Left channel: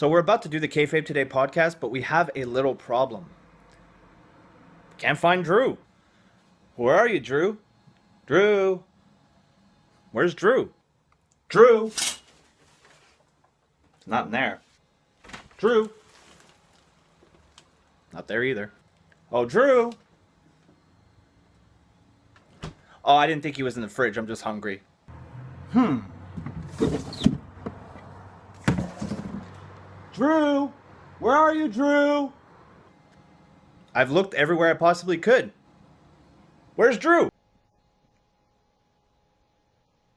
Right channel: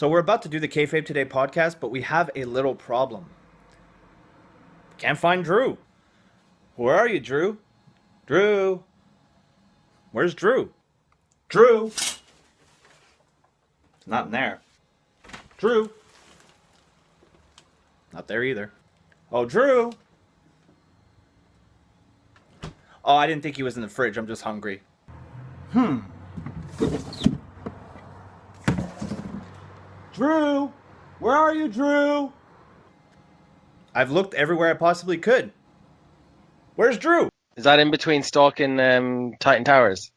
So we're about to do the Kayfabe Today podcast, but we have a little problem. Can't find Drew. Where are you, Drew? Drew. Where's Drew? Drew. Not in there. Drew. Not there either. Oh, Drew. Oh, I didn't think he was in the fridge. I'm just hungry. Drew! Where are you, Drew? I've looked everywhere I possibly could. Where's Drew? Is that in between Stalk and Titan Towers?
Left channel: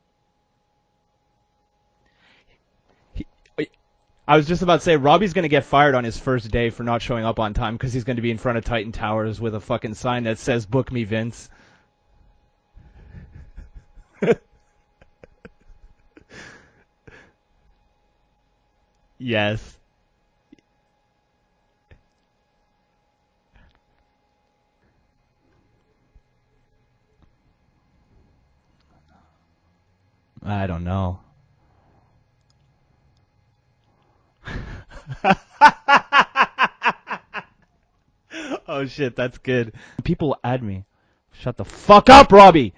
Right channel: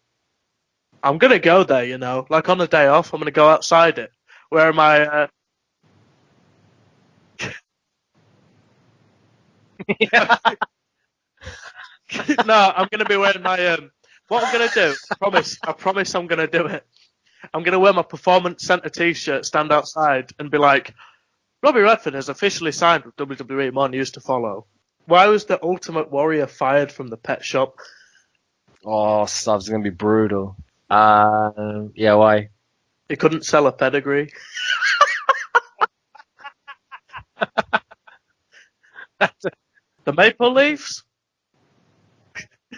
I'm going to go there, Like on the day off, I'm going to go outside it. I was just about to say, Robbie's going to get fired on his first day for not showing up on time because he's going to be in front of Titan Towers with a fucking sign that says, "Book me, Vince." No, I'm going to be wearing my... what I'm going to do, I promise I'm going to do it. I'm going to wear my Performance Center t-shirt, Yes. stand outside, and be like, Robbie Redford has officially signed with WWE, more news to follow. Why was the Ultimate Warrior fired from the pet shop? Oh, stuff's going to be brutal. I don't know. Yeah, why? He couldn't sell a pedigree. Oh, shit, that's good. The People Maple adding it. Leafs? Shut the fuck up, Robbie!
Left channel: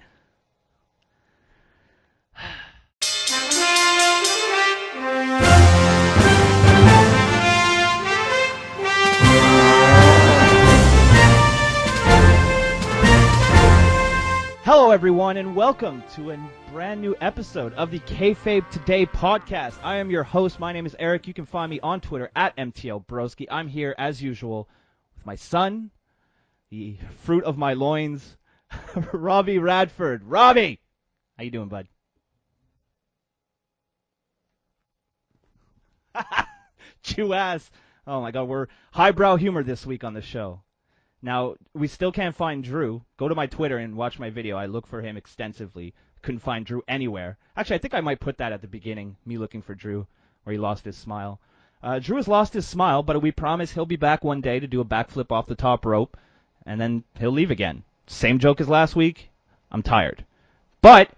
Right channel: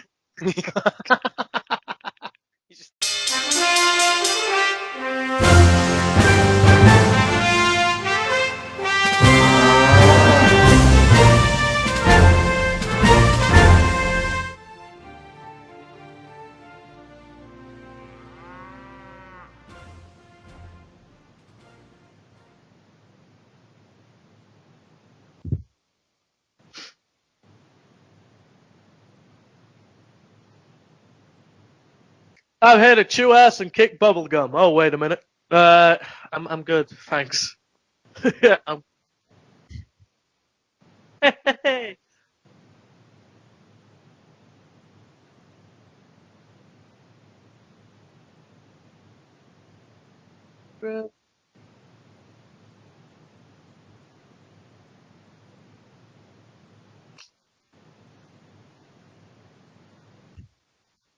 Hello, everyone, and welcome to a brand new episode of the KAYFABE Today podcast. I am your host. My name is Eric. You can find me on Twitter at MTLBroski. I'm here, as usual, with my son, the fruit of my loins, Robbie Radford. Robbie! How you doing, bud? I'm here to chew ass and kick bubblegum. Oh, wait a minute. I'm good. Thanks. Chew ass. Oh, my God. Yeah, We're highbrow humor this week on the show. Now, we still can't find Drew. Go to my Twitter and watch my video. I look for him extensively. Couldn't find Drew anywhere. Actually, I think I might put that at the beginning, me looking for Drew, where he lost his smile. Drew has lost his smile, but we promise he'll be back one day to do a backflip off the top rope, and then he'll leave again. Same joke as last week. I'm tired. But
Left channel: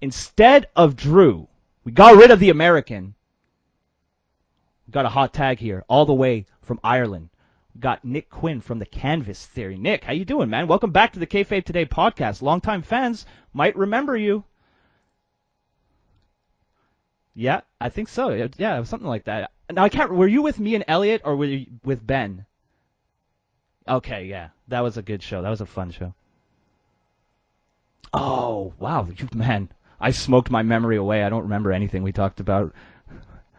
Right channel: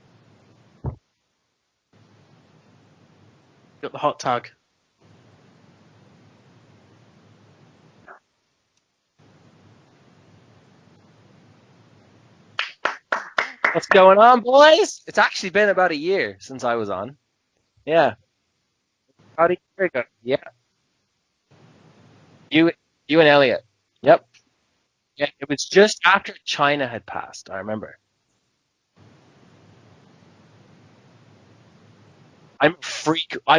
instead of Drew, we got rid of the American. Got the hot tag. Got a hot tag here, all the way from Ireland. Got Nick Quinn from the Canvas Theory. Nick, how you doing, man? Welcome back to the Kayfabe Today podcast. Longtime fans might What's remember going on, you. boys? It's actually been about a year since I was on. Yeah, I Yeah. think so. Yeah, it was something like that. Howdy. And I can't. Were Yeah. you with me and Elliot, or were you with Ben? You and Elliot. Okay, Yep. yeah, that was a good Yeah, show. it That was was a just fun show. after China had passed, I remember. Oh wow, man, I smoked my memory away. I don't remember anything we talked about. I'm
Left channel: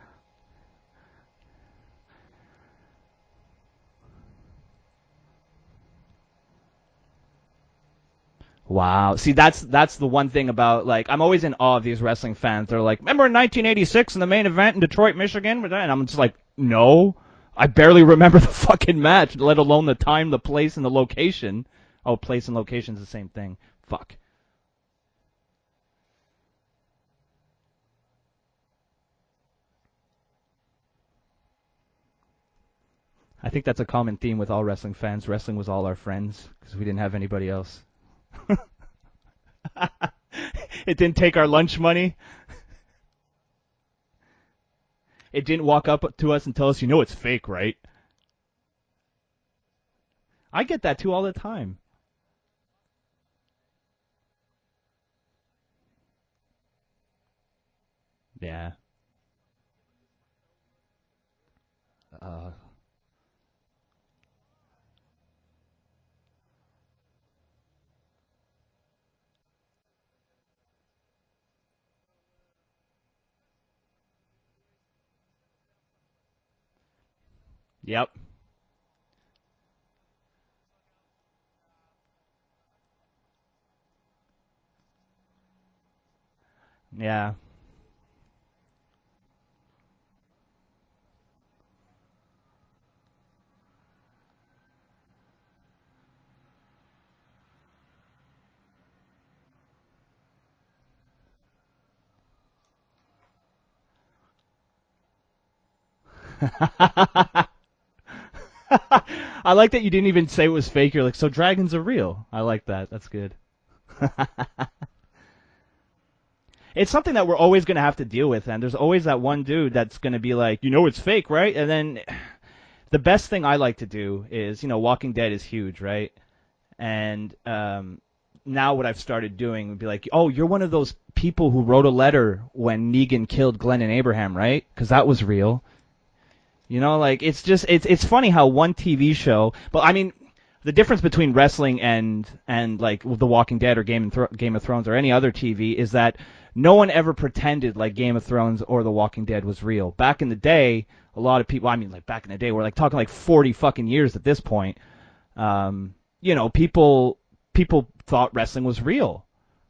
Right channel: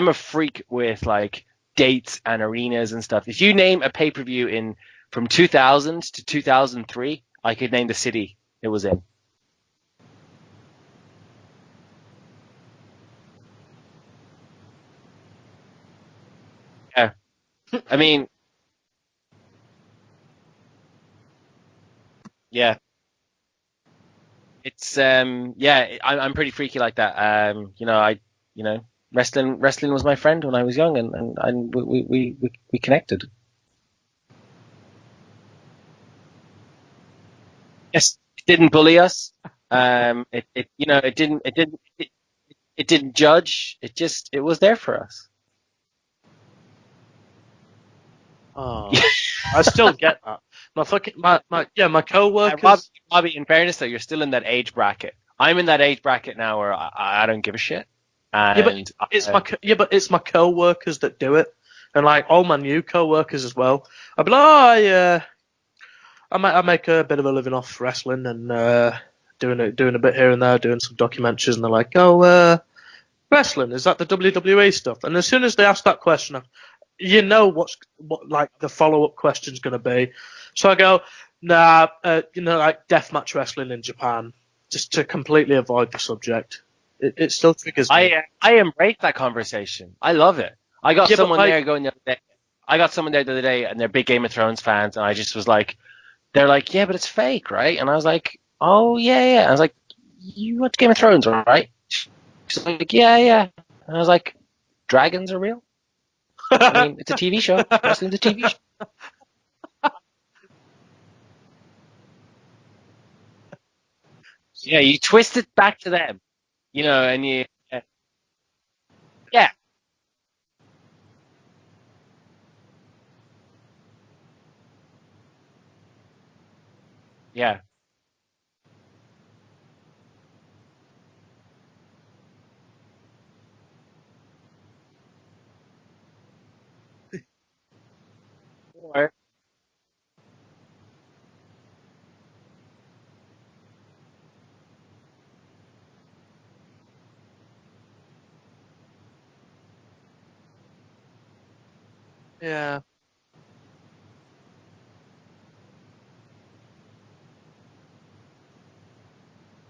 a freak with like dates and arenas and stuff. If you name a pay-per-view from 2000 to 2003, I could name the city. It was Wow. See, that's the one thing about, like, I'm always in awe of these wrestling fans. They're like, remember in 1986 in the main event in Detroit, Michigan? And I'm just like, no. Yeah. I barely I mean- remember the fucking match, let alone the time, the place, and the location. Oh, place and Yeah. location's the same thing. Fuck. It's I'm pretty freaky like that. Wrestling was my friend when I was young, and we connected. I think that's a common theme with all wrestling fans. Wrestling was all our friends because we didn't have anybody else. Yes, it didn't bully us. It didn't take our lunch money. It didn't judge. It was there for us. It didn't walk up to us and tell us, it's fake, right? Oh, I still get that. I get My that fucking- too all my- the my- time. yeah, my co-workers. Robbie, in fairness though, you're still in that age bracket. I'm in that age bracket now where I don't give a shit. And But it's my co-workers that do it, and like all my new co-workers as well. I'll be like, I make a bit of a living off wrestling and doing a bit here and there, doing some documentaries, and they're like, wrestling, is that the WWE stuff? And as soon as they ask that question, what like the follow-up question's going to be. So I go, nah, like deathmatch wrestling in Japan, just to completely avoid the subject. Yeah. It still triggers me. I embrace that conversation. I love it. I got Yeah, but someone like- there going the other day. I got someone there the other day, and they're big Game of Thrones fans, and I just was like, they're like, yeah, but it's fake, right? And I was like, oh yeah. I was like, you watch Game of Thrones, right? She's like, yeah. And I was like, dragons are real? I mean, it's a TV show. Wrestling's a TV show. I like that you didn't even say it was fake. You're like, so dragons are real. I like that. That's good. Yeah, you twist it back to them. You It's know, something that and we're you- always going to have to deal with, and there's always that one Yeah. dude that's going to be like, it's fake, right? And then the best thing I like to do is, Walking Dead is huge, right? And Yeah. now what I've started doing would be like, oh, you're one of those people who wrote a letter when Negan killed Glenn and Abraham, right? Because that was real. Like it's funny how one TV show, but I mean, the difference between wrestling and like The Walking Dead or Game of Thrones or any other TV is that no one ever pretended like Game of Thrones or The Walking Dead was real. Back in the day, a lot of people, I mean, like back in the day, we're like talking like 40 fucking years at this point. People thought wrestling was real.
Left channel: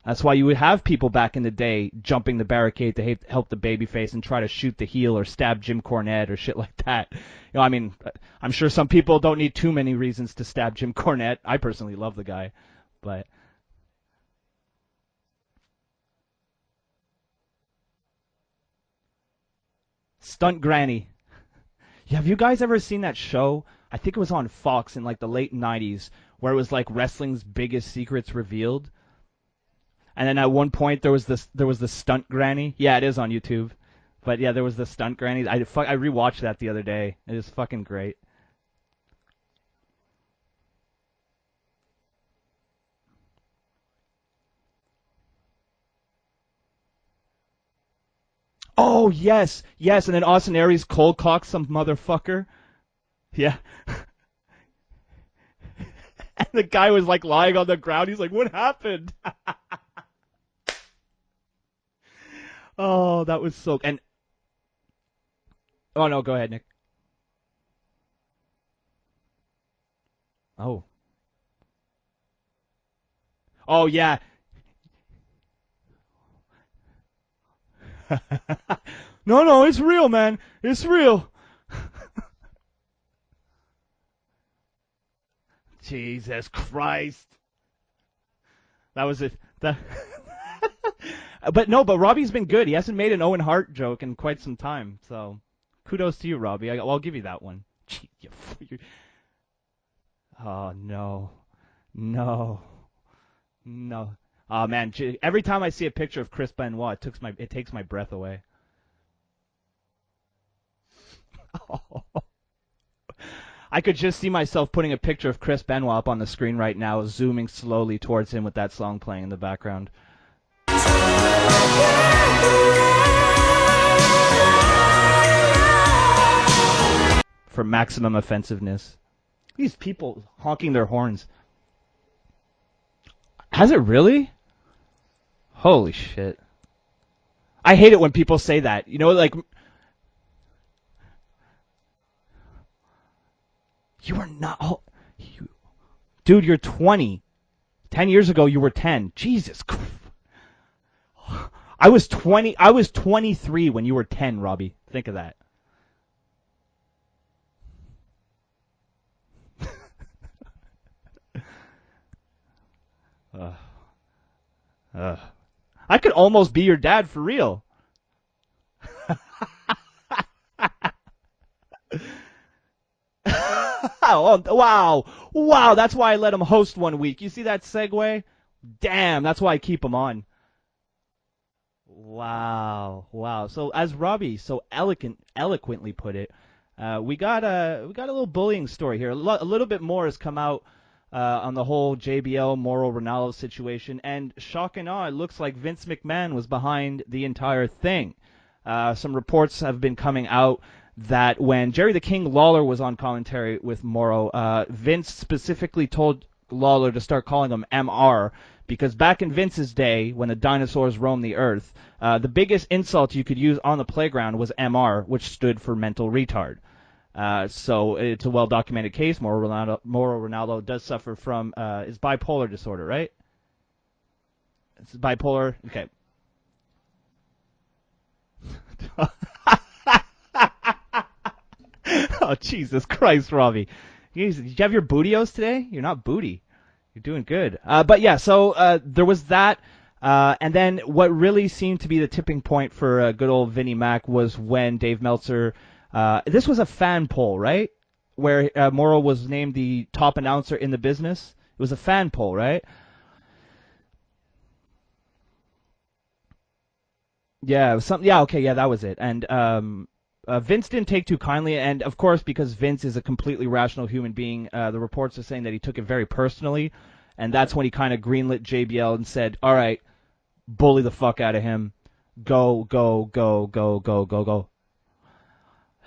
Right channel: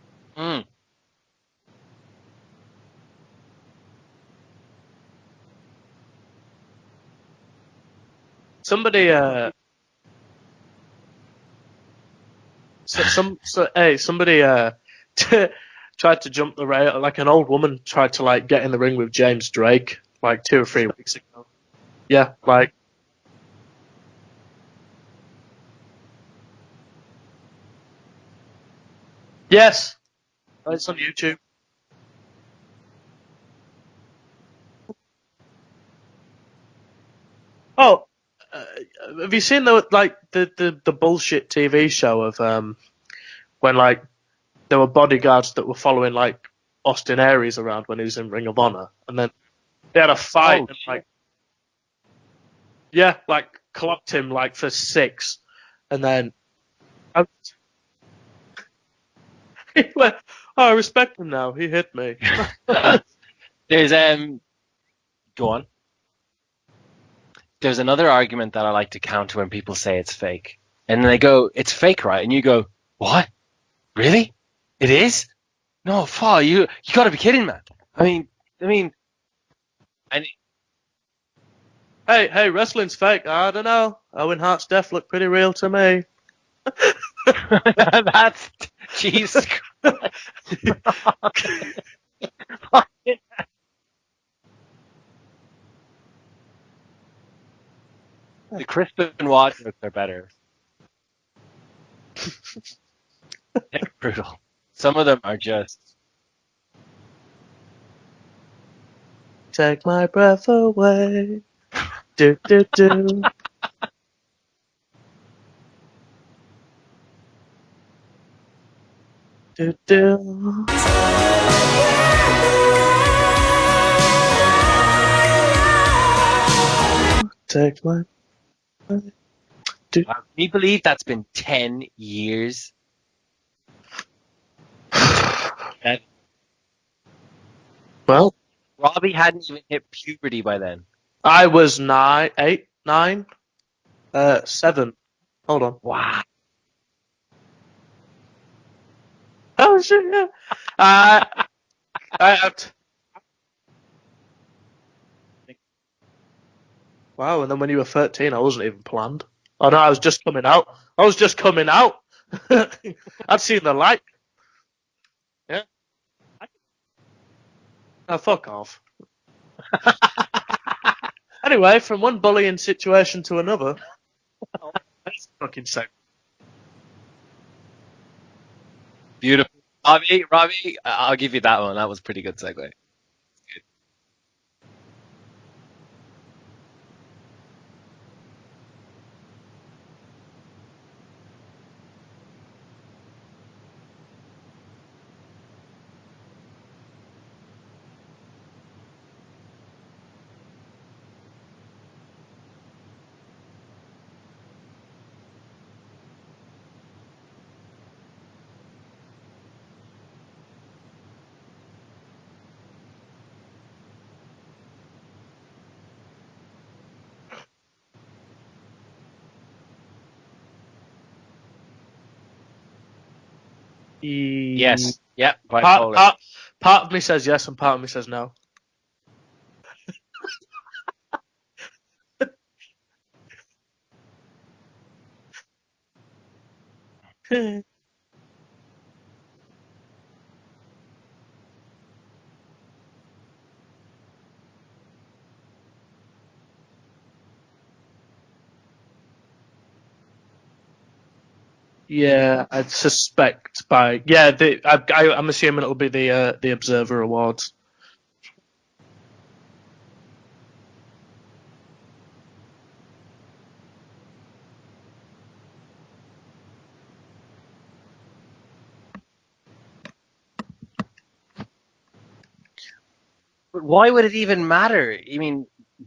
That's why you would have people back in the day jumping the barricade to help the babyface and try to shoot the heel or stab Jim Cornette or shit like that. I mean, I'm sure Somebody, some people don't need too many reasons to stab Jim Cornette. I personally love the guy. Somebody tried to jump the rail. Like an old woman tried to like get in the ring with James Drake like Stunt 2 or 3 Granny. weeks ago. Yeah, Have you guys like, ever seen that show? I think it was on Fox in like the late 90s where it was like wrestling's biggest secrets revealed. Yes. And then at one It's point on there was the stunt granny. Yeah, it is on YouTube. But yeah, there was the stunt granny. I rewatched that the other day. It was fucking great. Have you seen the bullshit TV show of when like there were bodyguards that were following like Austin Aries around when he was in Ring of Honor? Oh, and then, yes. had And a then Austin fight, Aries like- cold cocked some motherfucker. Yeah, Yeah. clocked him like for 6, and then And the guy was like lying on the ground. He's like, what happened? he went, "Oh, I respect him now. He hit me." Oh, that was so There's go on. Oh, no, go ahead, Nick. There's another argument that I like to counter when people say it's fake. Oh. And then they go, "It's fake, right?" And you go, "What? Oh, yeah. Really? It is? No, fuck, you got to be kidding, man. I mean, No, it's real, man. It's real. Hey, wrestling's fake. I don't know. Owen Hart's death looked pretty real to me. Jesus Christ. that's That was Jesus. But Robbie's been good. He hasn't made an Owen Hart joke in quite some time. So, kudos to you, Robbie. I'll give you that one. The Chris Benoit jokes are better. Oh no, no. Brutal. Oh man, Some of them every are time I just- see a picture of Chris Benoit, it takes my breath away. Take my breath away. Do do do. I could just see myself putting a picture of Chris Benoit up on the screen right now, zooming slowly towards him with that song playing in the Do background. do. For Take maximum offensiveness. These people. Can you honking believe their that's horns. been 10 years? Has it really? Holy shit. I hate it when Well, people say that. Robbie hadn't even hit puberty by then. I was 9, 8, 9, You were not- 7. Hold on. Wow. Dude, you're 20. 10 years ago, you were 10. Jesus. Oh shit! Yeah. I was 20. I- I was 23 when you were 10, Robbie. Think of that. Wow. And then when you were 13, I wasn't even planned. Oh no, I was just coming out. I'd seen the light. Ugh. Yeah. I could almost be your dad for real. Oh, fuck off. Anyway, from one bullying situation to another. Oh, wow. Wow, that's why I let him host one week. You see that segue? Damn, that's why I keep him on. Robbie, I'll give you that one. That was a pretty good segue. Wow. So as Robbie so eloquently put it, we got a little bullying story here. A little bit more has come out on the whole JBL Moro Ronaldo situation, and shock and awe, it looks like Vince McMahon was behind the entire thing. Some reports have been coming out that when Jerry the King Lawler was on commentary with Moro, Vince specifically told Lawler to start calling him MR, because back in Vince's day, when the dinosaurs roamed the earth, the biggest insult you could use on the playground was MR, which stood for mental retard. So it's a well-documented case. Moro Ronaldo does suffer from is bipolar disorder, right? Yes. Bipolar. Yep, bipolar. Part of me says yes, and part of me says no. Oh, Jesus Christ, Robbie. Did you have your bootios today? You're not booty. You're doing good. But yeah, so there was that. And then what really seemed to be the tipping point for good old Vinnie Mac was when Dave Meltzer, this was a fan poll, right? Where Moro was named the top announcer in the business. It was a fan Yeah, poll, right? I'd suspect by I'm assuming it'll be the Observer Awards. Yeah, it was something. Yeah, okay, yeah, that was it. And Vince didn't take too kindly, and of course, because Vince is a completely rational human being, the reports are saying that he took it very personally, and that's when he kind of greenlit JBL and said, "All right, bully the fuck out of him, go, go, go, go." Why go, would it go, even go. matter? I mean,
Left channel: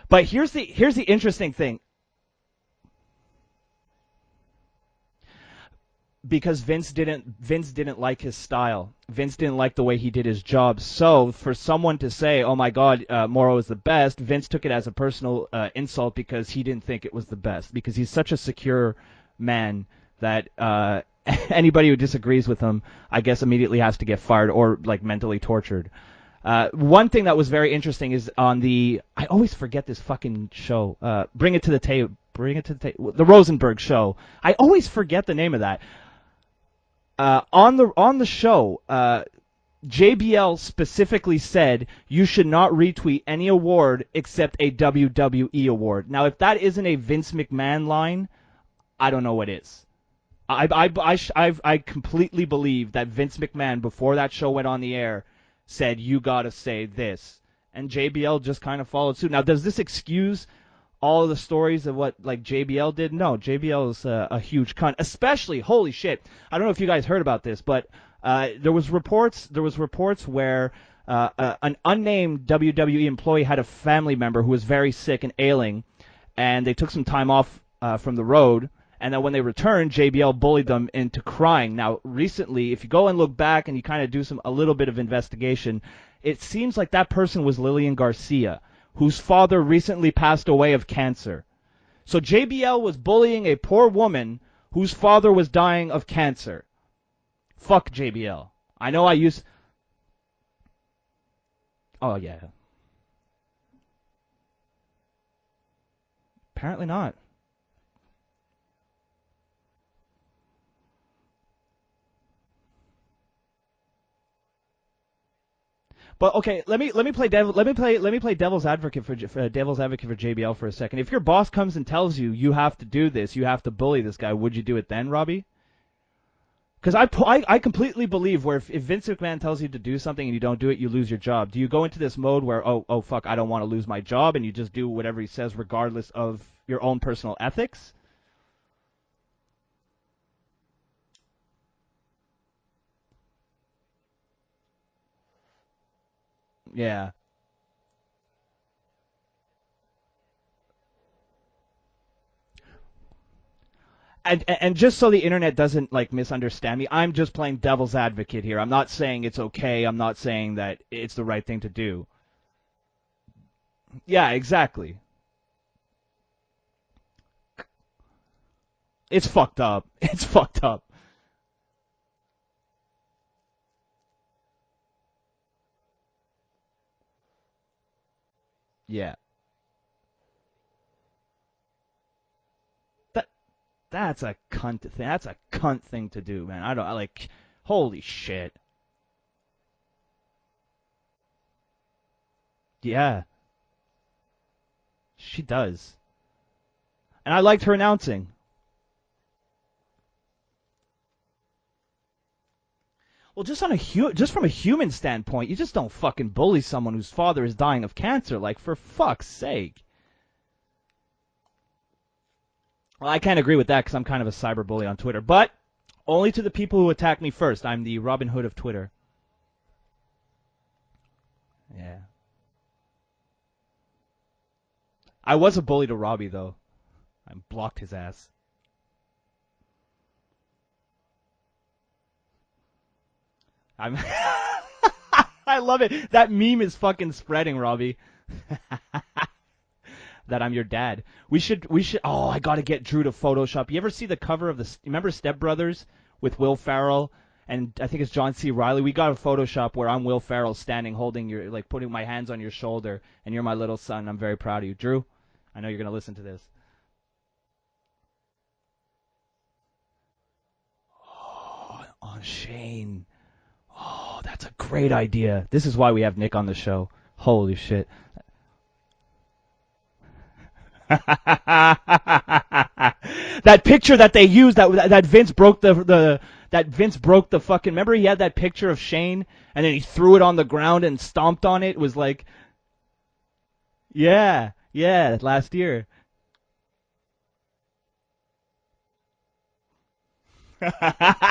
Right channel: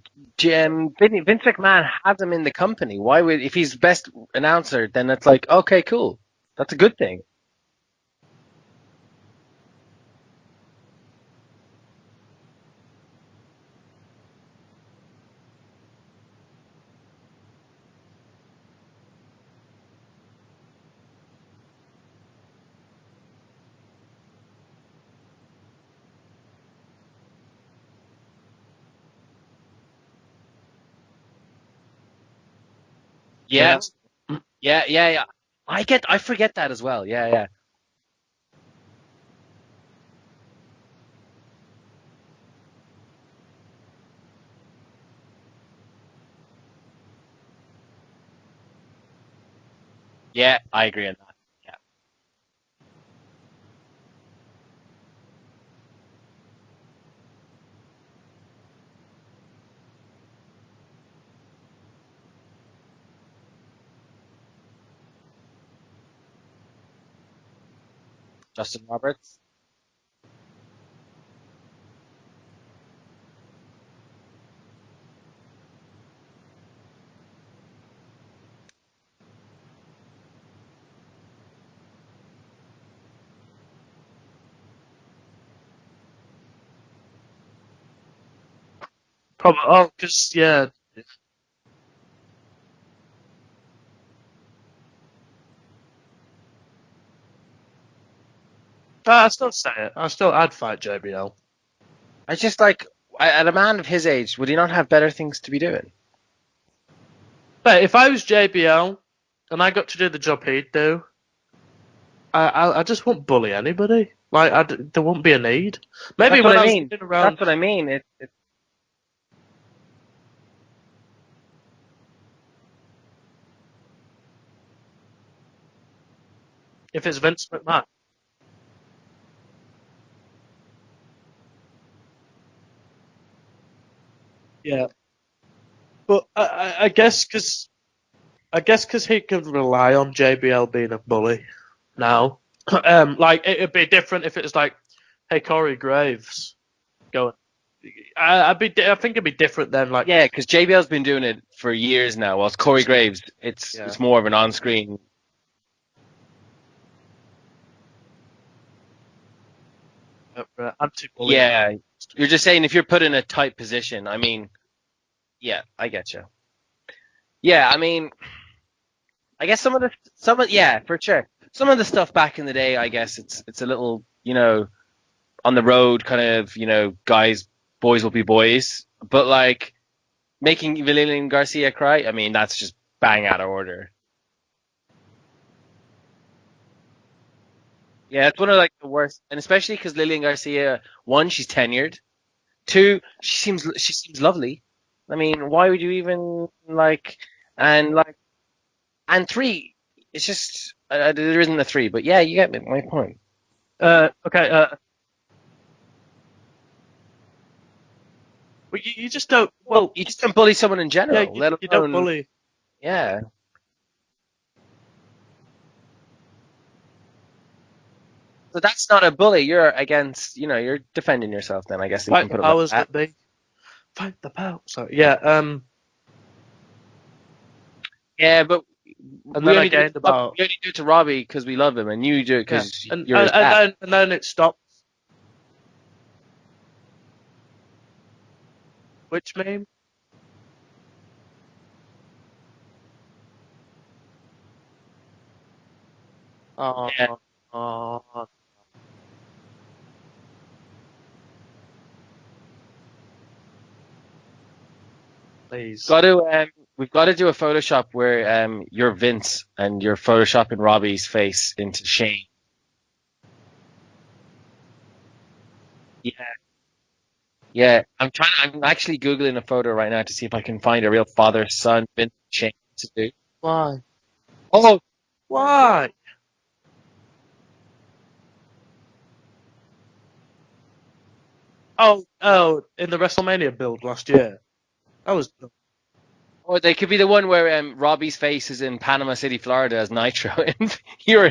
But here's the Vince interesting thing. McMahon has him in the company. Why would, if he's best announcer, then it's like, okay, cool. Because That's a Vince good thing. Vince didn't like his style. Vince didn't like the way he did his job. So for someone to say, "Oh my God, Morrow is the best," Vince took it as a personal insult because he didn't think it was the best. Because he's such a secure man that anybody who disagrees with him, I guess, immediately has to get fired or like mentally tortured. One thing that was very interesting is on I always forget this fucking show. Bring it to the table. The Rosenberg show. I always forget the name of that. I forget that as well. Yeah. On the show, JBL specifically said you should not retweet any award except a WWE award. Now, if that isn't a Vince McMahon line, I don't know what is. Yeah. I agree. I completely believe that Vince McMahon, before that show went on the air, said you gotta say this, and JBL just kind of followed suit. Now, does this excuse all of the stories of what like JBL did? No, JBL is a huge cunt. Especially, holy shit, I don't know if you guys heard about this, but there was reports where an unnamed WWE employee had a family member who was very sick and ailing, and they took some time off from the road. And then when they returned, JBL bullied them into crying. Now, recently, if you go and look back and you kind of do a little bit of investigation, it seems like that person was Lillian Garcia, whose father recently passed away of cancer. So JBL was bullying a poor woman whose father was dying of cancer. Fuck JBL. I know I'd still say it. I'd fight JBL. Oh yeah. I just like, at a man of his age, would he not have better things to be doing? Apparently not. But if I was JBL and I got to do the job he'd do, I just won't bully anybody. Like, there won't be a need. Maybe well, when let me play devil's advocate for JBL for a second. If your boss comes and tells you you have to do this, you have to bully this guy, would you do it then, Robbie? Because I completely believe where if Vince McMahon tells you to do something and you don't do it, you lose your job. Do you go into this mode where oh fuck, I don't want to lose my job, and you just do whatever he says regardless of your own personal ethics? I guess because he could rely on JBL being a bully now. Like, it'd be different if it was like, hey, Corey Graves. Yeah. Going. I think it'd be different then. Like, yeah, because JBL's been doing it for years now. Whilst Corey Graves, it's more of an on-screen. And just so the internet doesn't like misunderstand me, I'm just playing devil's advocate here. I'm not saying it's okay. I'm not saying that it's the right thing to do. You're just saying if you're put in a tight position. Yeah, exactly. Yeah, I get you. Yeah, I mean, it's fucked up. I guess some of for sure. Some of the stuff back in the day, I guess it's a little, on the road kind of, guys, boys will be boys. Yeah. But like making Lillian Garcia cry, I mean, that's just bang out of order. That's a cunt thing. That's a cunt thing to do, man. Holy shit. Yeah, it's one of like the worst, and especially because Lillian Garcia, one, she's tenured. Two, she seems lovely. I mean, why would you even like? And I like her announcing. And three, it's just there isn't a three, but yeah, you get my point. Well, just on a human standpoint, you just don't fucking bully someone whose father is dying of cancer. Like, for fuck's sake. Well, you just don't bully someone in general. Yeah, you don't bully. Yeah. Well, I can't agree with that because I'm kind of a cyber bully on Twitter, but only to the people who attack me first. I'm the Robin Hood of Twitter. That's not a bully. You're against, you're defending yourself. Then I guess you Fight can put the it powers like that. that be. Fight the power. Sorry. Yeah. I was a bully to Robbie though. I blocked his ass. Yeah, but. And we then only do it to Robbie because we love him, and you do it because you're his dad. And then it stopped. I love it. That meme is fucking spreading, Robbie. Which meme? That I'm your dad. We should. Oh, I gotta get Drew to Photoshop. You ever see the cover of remember Step Brothers with Will Ferrell and I think it's John C. Reilly? We got a Photoshop where I'm Will Ferrell standing, holding putting my hands on your shoulder, and you're my little son. I'm very proud of you, Drew. We've got to do a Photoshop where you're Vince and you're photoshopping Robbie's face into Shane. Shane. Oh, that's a great idea. This is why we have Nick on the show. Holy Yeah, shit. I'm actually Googling a photo right now to see if I can find a real father-son vintage chain suit. That Why? picture that they used, Oh, that Vince broke why? that Vince broke the fucking. Remember, he had that picture of Shane, and then he threw it on the ground and stomped on it. It was like, In the WrestleMania build last year. yeah, That was last year. Or they could be the one where Robbie's face is in Panama City, Florida as Nitro. And you're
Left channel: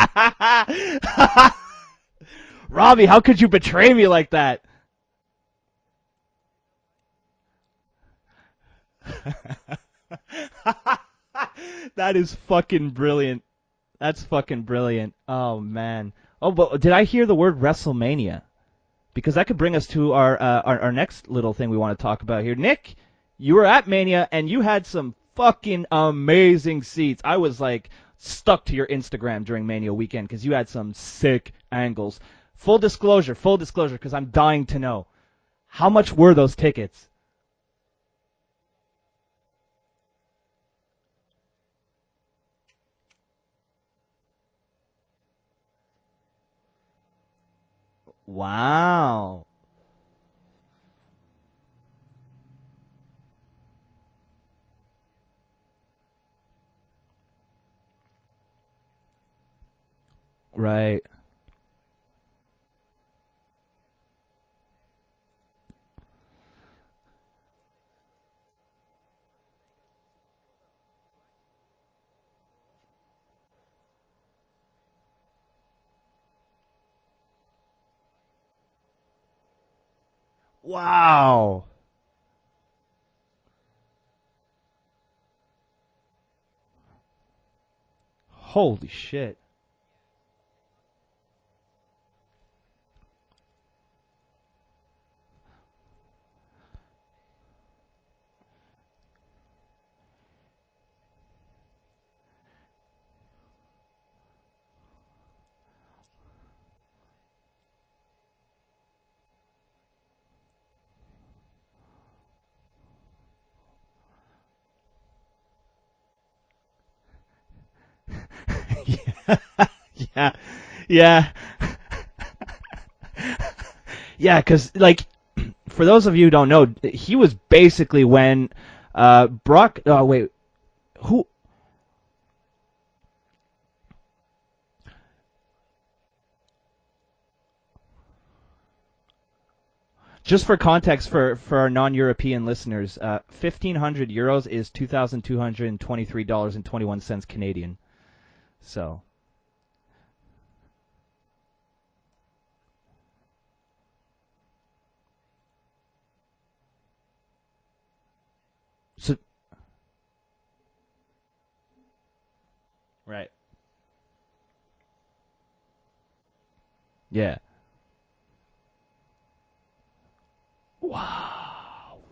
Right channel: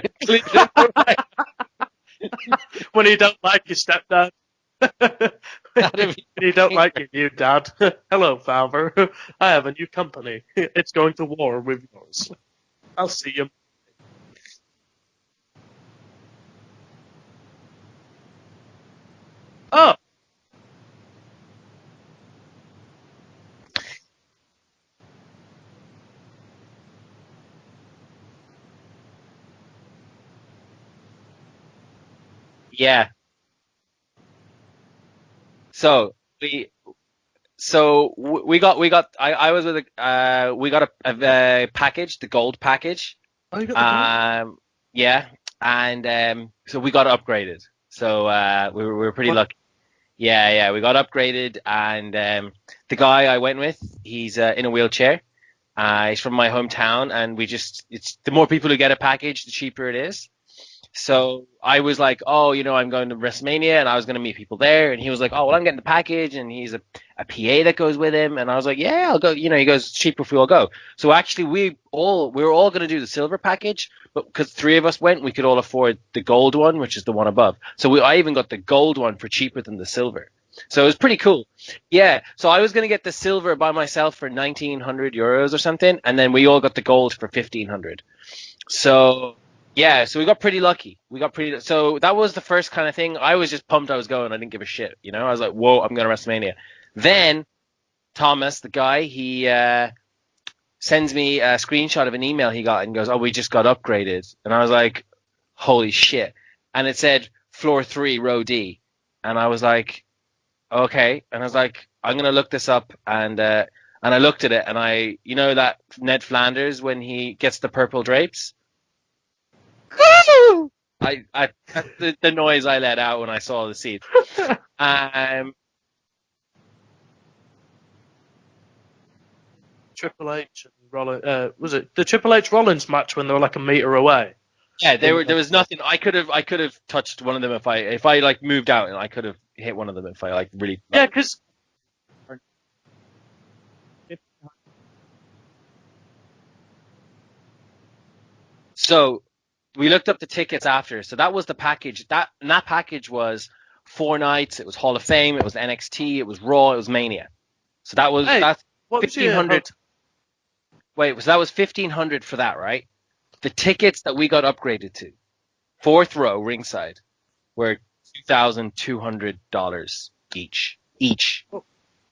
Robbie, When he how don't could you like his betray me like stepdad. that? You don't like your new dad. Hello, father. I have a new company. It's going to war with. That is fucking I'll see brilliant. you. That's fucking brilliant. Oh man. Oh, but did I hear the word WrestleMania? Because that could bring us to our next little thing we want to talk about here. Nick, you were at Mania and you had some fucking amazing seats. I was like stuck to your Instagram during Mania weekend because you had some sick angles. Full disclosure, because I'm dying to know. How much were those tickets? So we got. I was with we got a package, the gold package. Oh, you got the gold? Yeah, and so we got upgraded. So we were pretty lucky. Yeah, we got upgraded, and the guy I went with, he's in a wheelchair. He's from my hometown, and it's the more people who get a package, the cheaper it is. Right. So I was like, oh, I'm going to WrestleMania, and I was going to meet people there. And he was like, oh, well, I'm getting the package, and he's a PA that goes with him. And I was like, yeah, I'll go. He goes, it's cheaper if we all go. So actually, we were all going to do the silver package, but because 3 of us went, we could all afford the gold one, which is the one above. So I even got the gold one for cheaper than the silver. So it was pretty cool. Yeah. So I was going to get the silver by myself for 1,900 euros or something, and then we all got the gold for 1,500. Holy shit. Yeah, so we got pretty lucky. So that was the first kind of thing. I was just pumped I was going. I didn't give a shit, I was like, whoa, I'm going to WrestleMania. Then Thomas, the guy, he sends me a screenshot of an email he got and goes, oh, we just got upgraded. And I was like, holy shit. And it said floor 3, row D. And I was like, okay. And I was like, I'm going to look this up. And I looked at it, and that Ned Flanders when he gets the purple drapes? Yeah. That's the noise I let out when I saw the seat. Yeah, because for those of you who don't know, he was basically when Brock. Oh wait, H and was it the Triple H Rollins match when they were like a meter away? Yeah, there was nothing. I could have touched one of them if I like moved out, and I could have hit one of them if I. Just for context, for our non-European listeners, 1,500 euros is $2,223.21 Canadian. So we looked up the tickets after. So that was the package. That package was 4 nights. It was Hall of Fame. It was NXT. It was Raw. It was Mania. So that's 1,500. Wait, so that was 1,500 for that, right? Right. The tickets that we got upgraded to, 4th row ringside, were $2,200 each.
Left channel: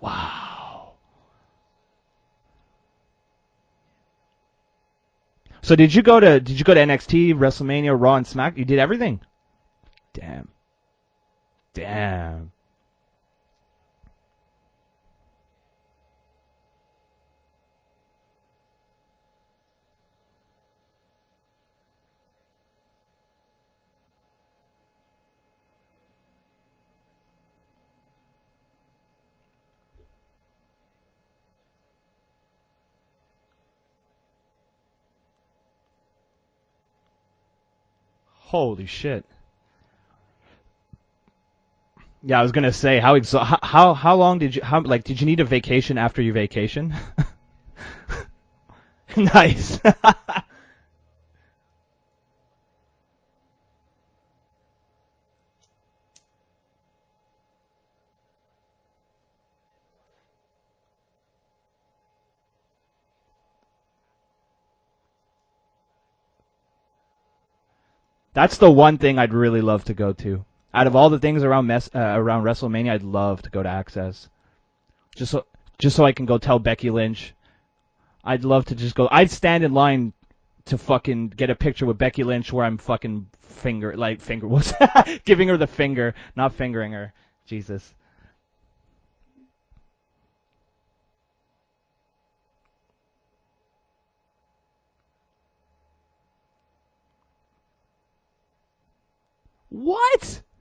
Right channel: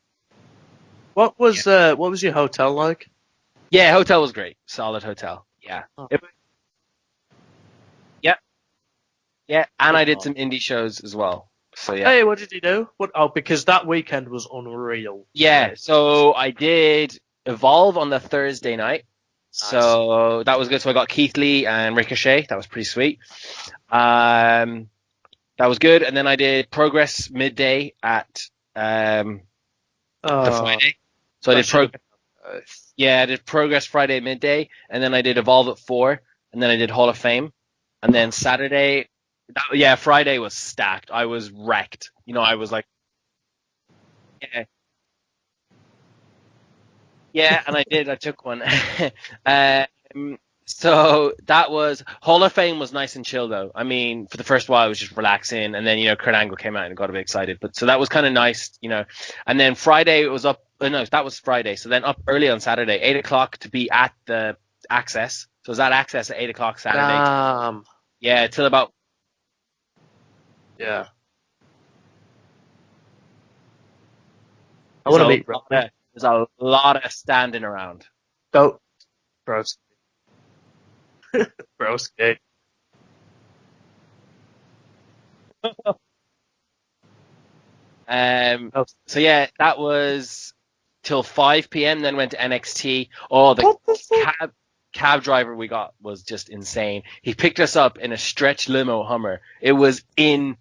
Wow. What was your hotel like? Yeah, hotel was great. Solid hotel. So did you go to NXT, WrestleMania, Raw, and Smack? You did everything? Yeah, and I did some indie shows as well. So, Hey, what did you do? Because that weekend was unreal. Yeah, so I did Evolve on the Thursday night. So that was good. So I got Keith Lee and Ricochet. That was pretty sweet. That was good. And then I did Progress midday at the Friday. So I did I did Progress Friday midday, and then I did Evolve at 4, and then I did Hall of Fame, and then Saturday. Holy shit. Friday was stacked. I was wrecked. Yeah, I was gonna say how long did you did you need a vacation after your vacation? Yeah, and I did. I took one. Nice. So that was Hall of Fame was nice and chill though. I mean, for the first while I was just relaxing, and then Kurt Angle came out and got a bit excited. But so that was kind of nice, And then Friday it was up. No, that was Friday. So then up early on Saturday, 8 o'clock to be at the Access. So it was at Access at 8 o'clock Saturday. Yeah, that's the one thing I'd really love to go to. Out of all the things around WrestleMania, I'd love to go to Access. I want to meet just so I can go tell Becky Lynch. A lot of standing around. I'd love to just go. I'd stand in line to fucking get a picture with Becky Lynch where I'm fucking giving her the finger, not fingering her. Jesus. So yeah, that was till 5 p.m. Then went to NXT. Oh, the cab driver we got was just insane. He picked us up in a stretch limo Hummer. It was insane.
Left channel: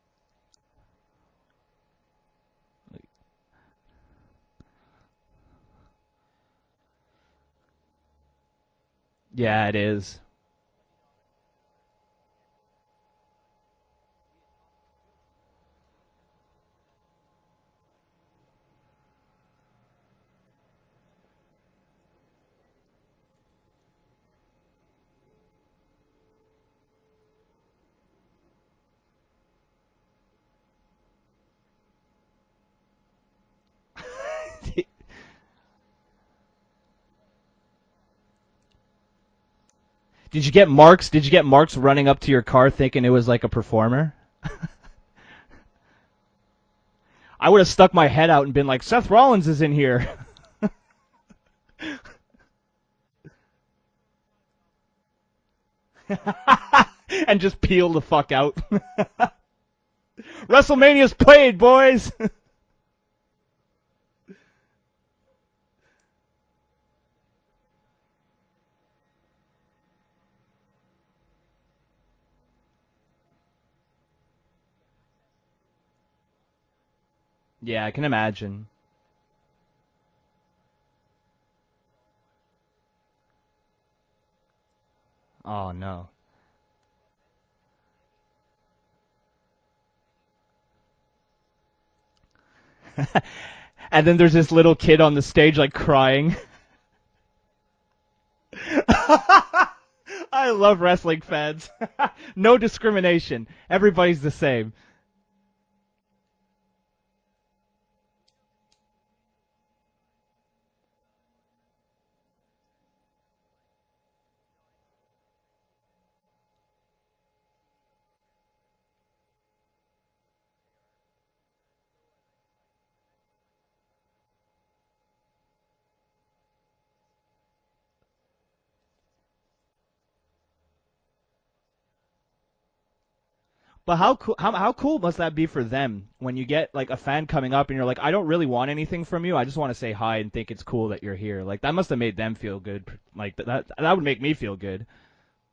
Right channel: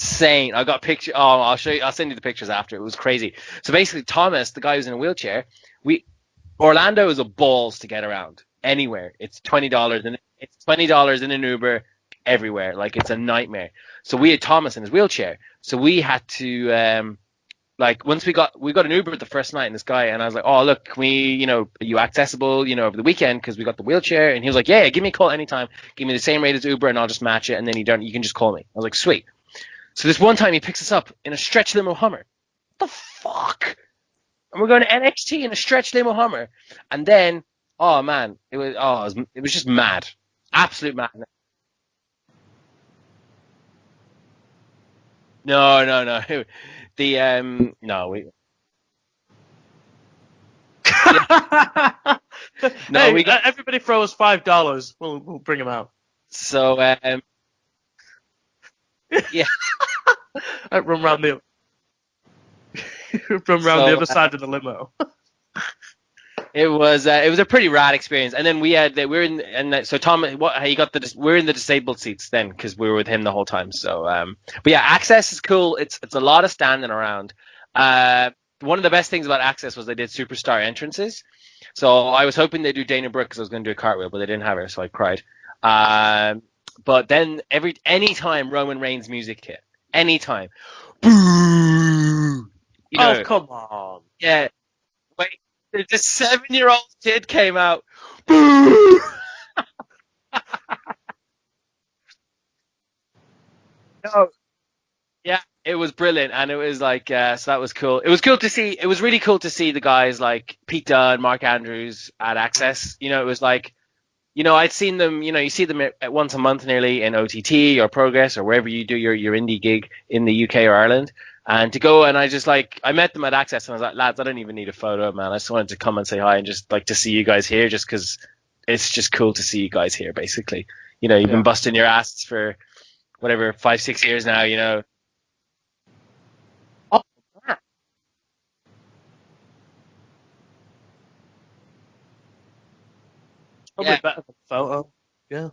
insane. I got picture. Oh, I'll show you. I'll send you the pictures after. It was crazy. So basically, Thomas, the guy who's in a wheelchair, Orlando is a balls to get around anywhere. It's $20 and it's $20 in an Uber everywhere. Like it's a nightmare. So we had Thomas in his wheelchair. So we had to once we got an Uber the first night, and this guy, and I was like, oh look, can we, are you accessible, over the weekend because we got the wheelchair? And he was like, yeah, give me a call anytime. Give me the same rate as Uber, and I'll just match it. And then you can just call me. I was like, sweet. So this one time he picks us up in a stretch limo Hummer. What the fuck? And we're going to NXT in a stretch limo Hummer, and then, oh man, it was just mad. Did you get Marks? Mad. Did you get Marks running up to your car thinking it was like a performer? No. I would have stuck my head out and been like, Seth Rollins is in here. Everybody throw us $5. We'll bring him out. So and just peel the fuck out. Yeah. WrestleMania's played, boys. From around the other side of the limo. It was a pretty rad experience, and then we're in the disabled seats then because we were with him the whole time. So, but yeah, Access is cool. It's a lot of standing around. Yeah, I can imagine. One of the best things about Access was they did superstar entrances. So I was hoping they'd do Dana Brooke because I was going to do a cartwheel, but they didn't have her, so I cried. Oh. But then anytime Roman Reigns music hit, anytime. Oh, come on. And then there's this little kid on the stage, like, crying. The 7-year-old kid came out. I love wrestling fans. No discrimination. Everybody's the same. Yeah, it was brilliant. And it was like, so that was cool. It was cool to see. It was really cool to see the guys like Pete Dunne, Mark Andrews at Access. It was like, I'd seen them, you see them once a month nearly in OTT or Progress or wherever you do your indie gig in the UK or Ireland. And to go, and I met them at Access, and I was like, lads, I don't even need a photo, man. I just wanted to come and say hi and just like to see you guys here, just because it's just cool to see you guys here, basically. You've been busting your asses for whatever 5-6 years now. How cool must that be for them when you get like a fan coming up and you're like, I don't really want anything from you. I just want to say hi and think it's cool that you're here. Like that must have made them feel good. Like that would make me feel good. Yeah.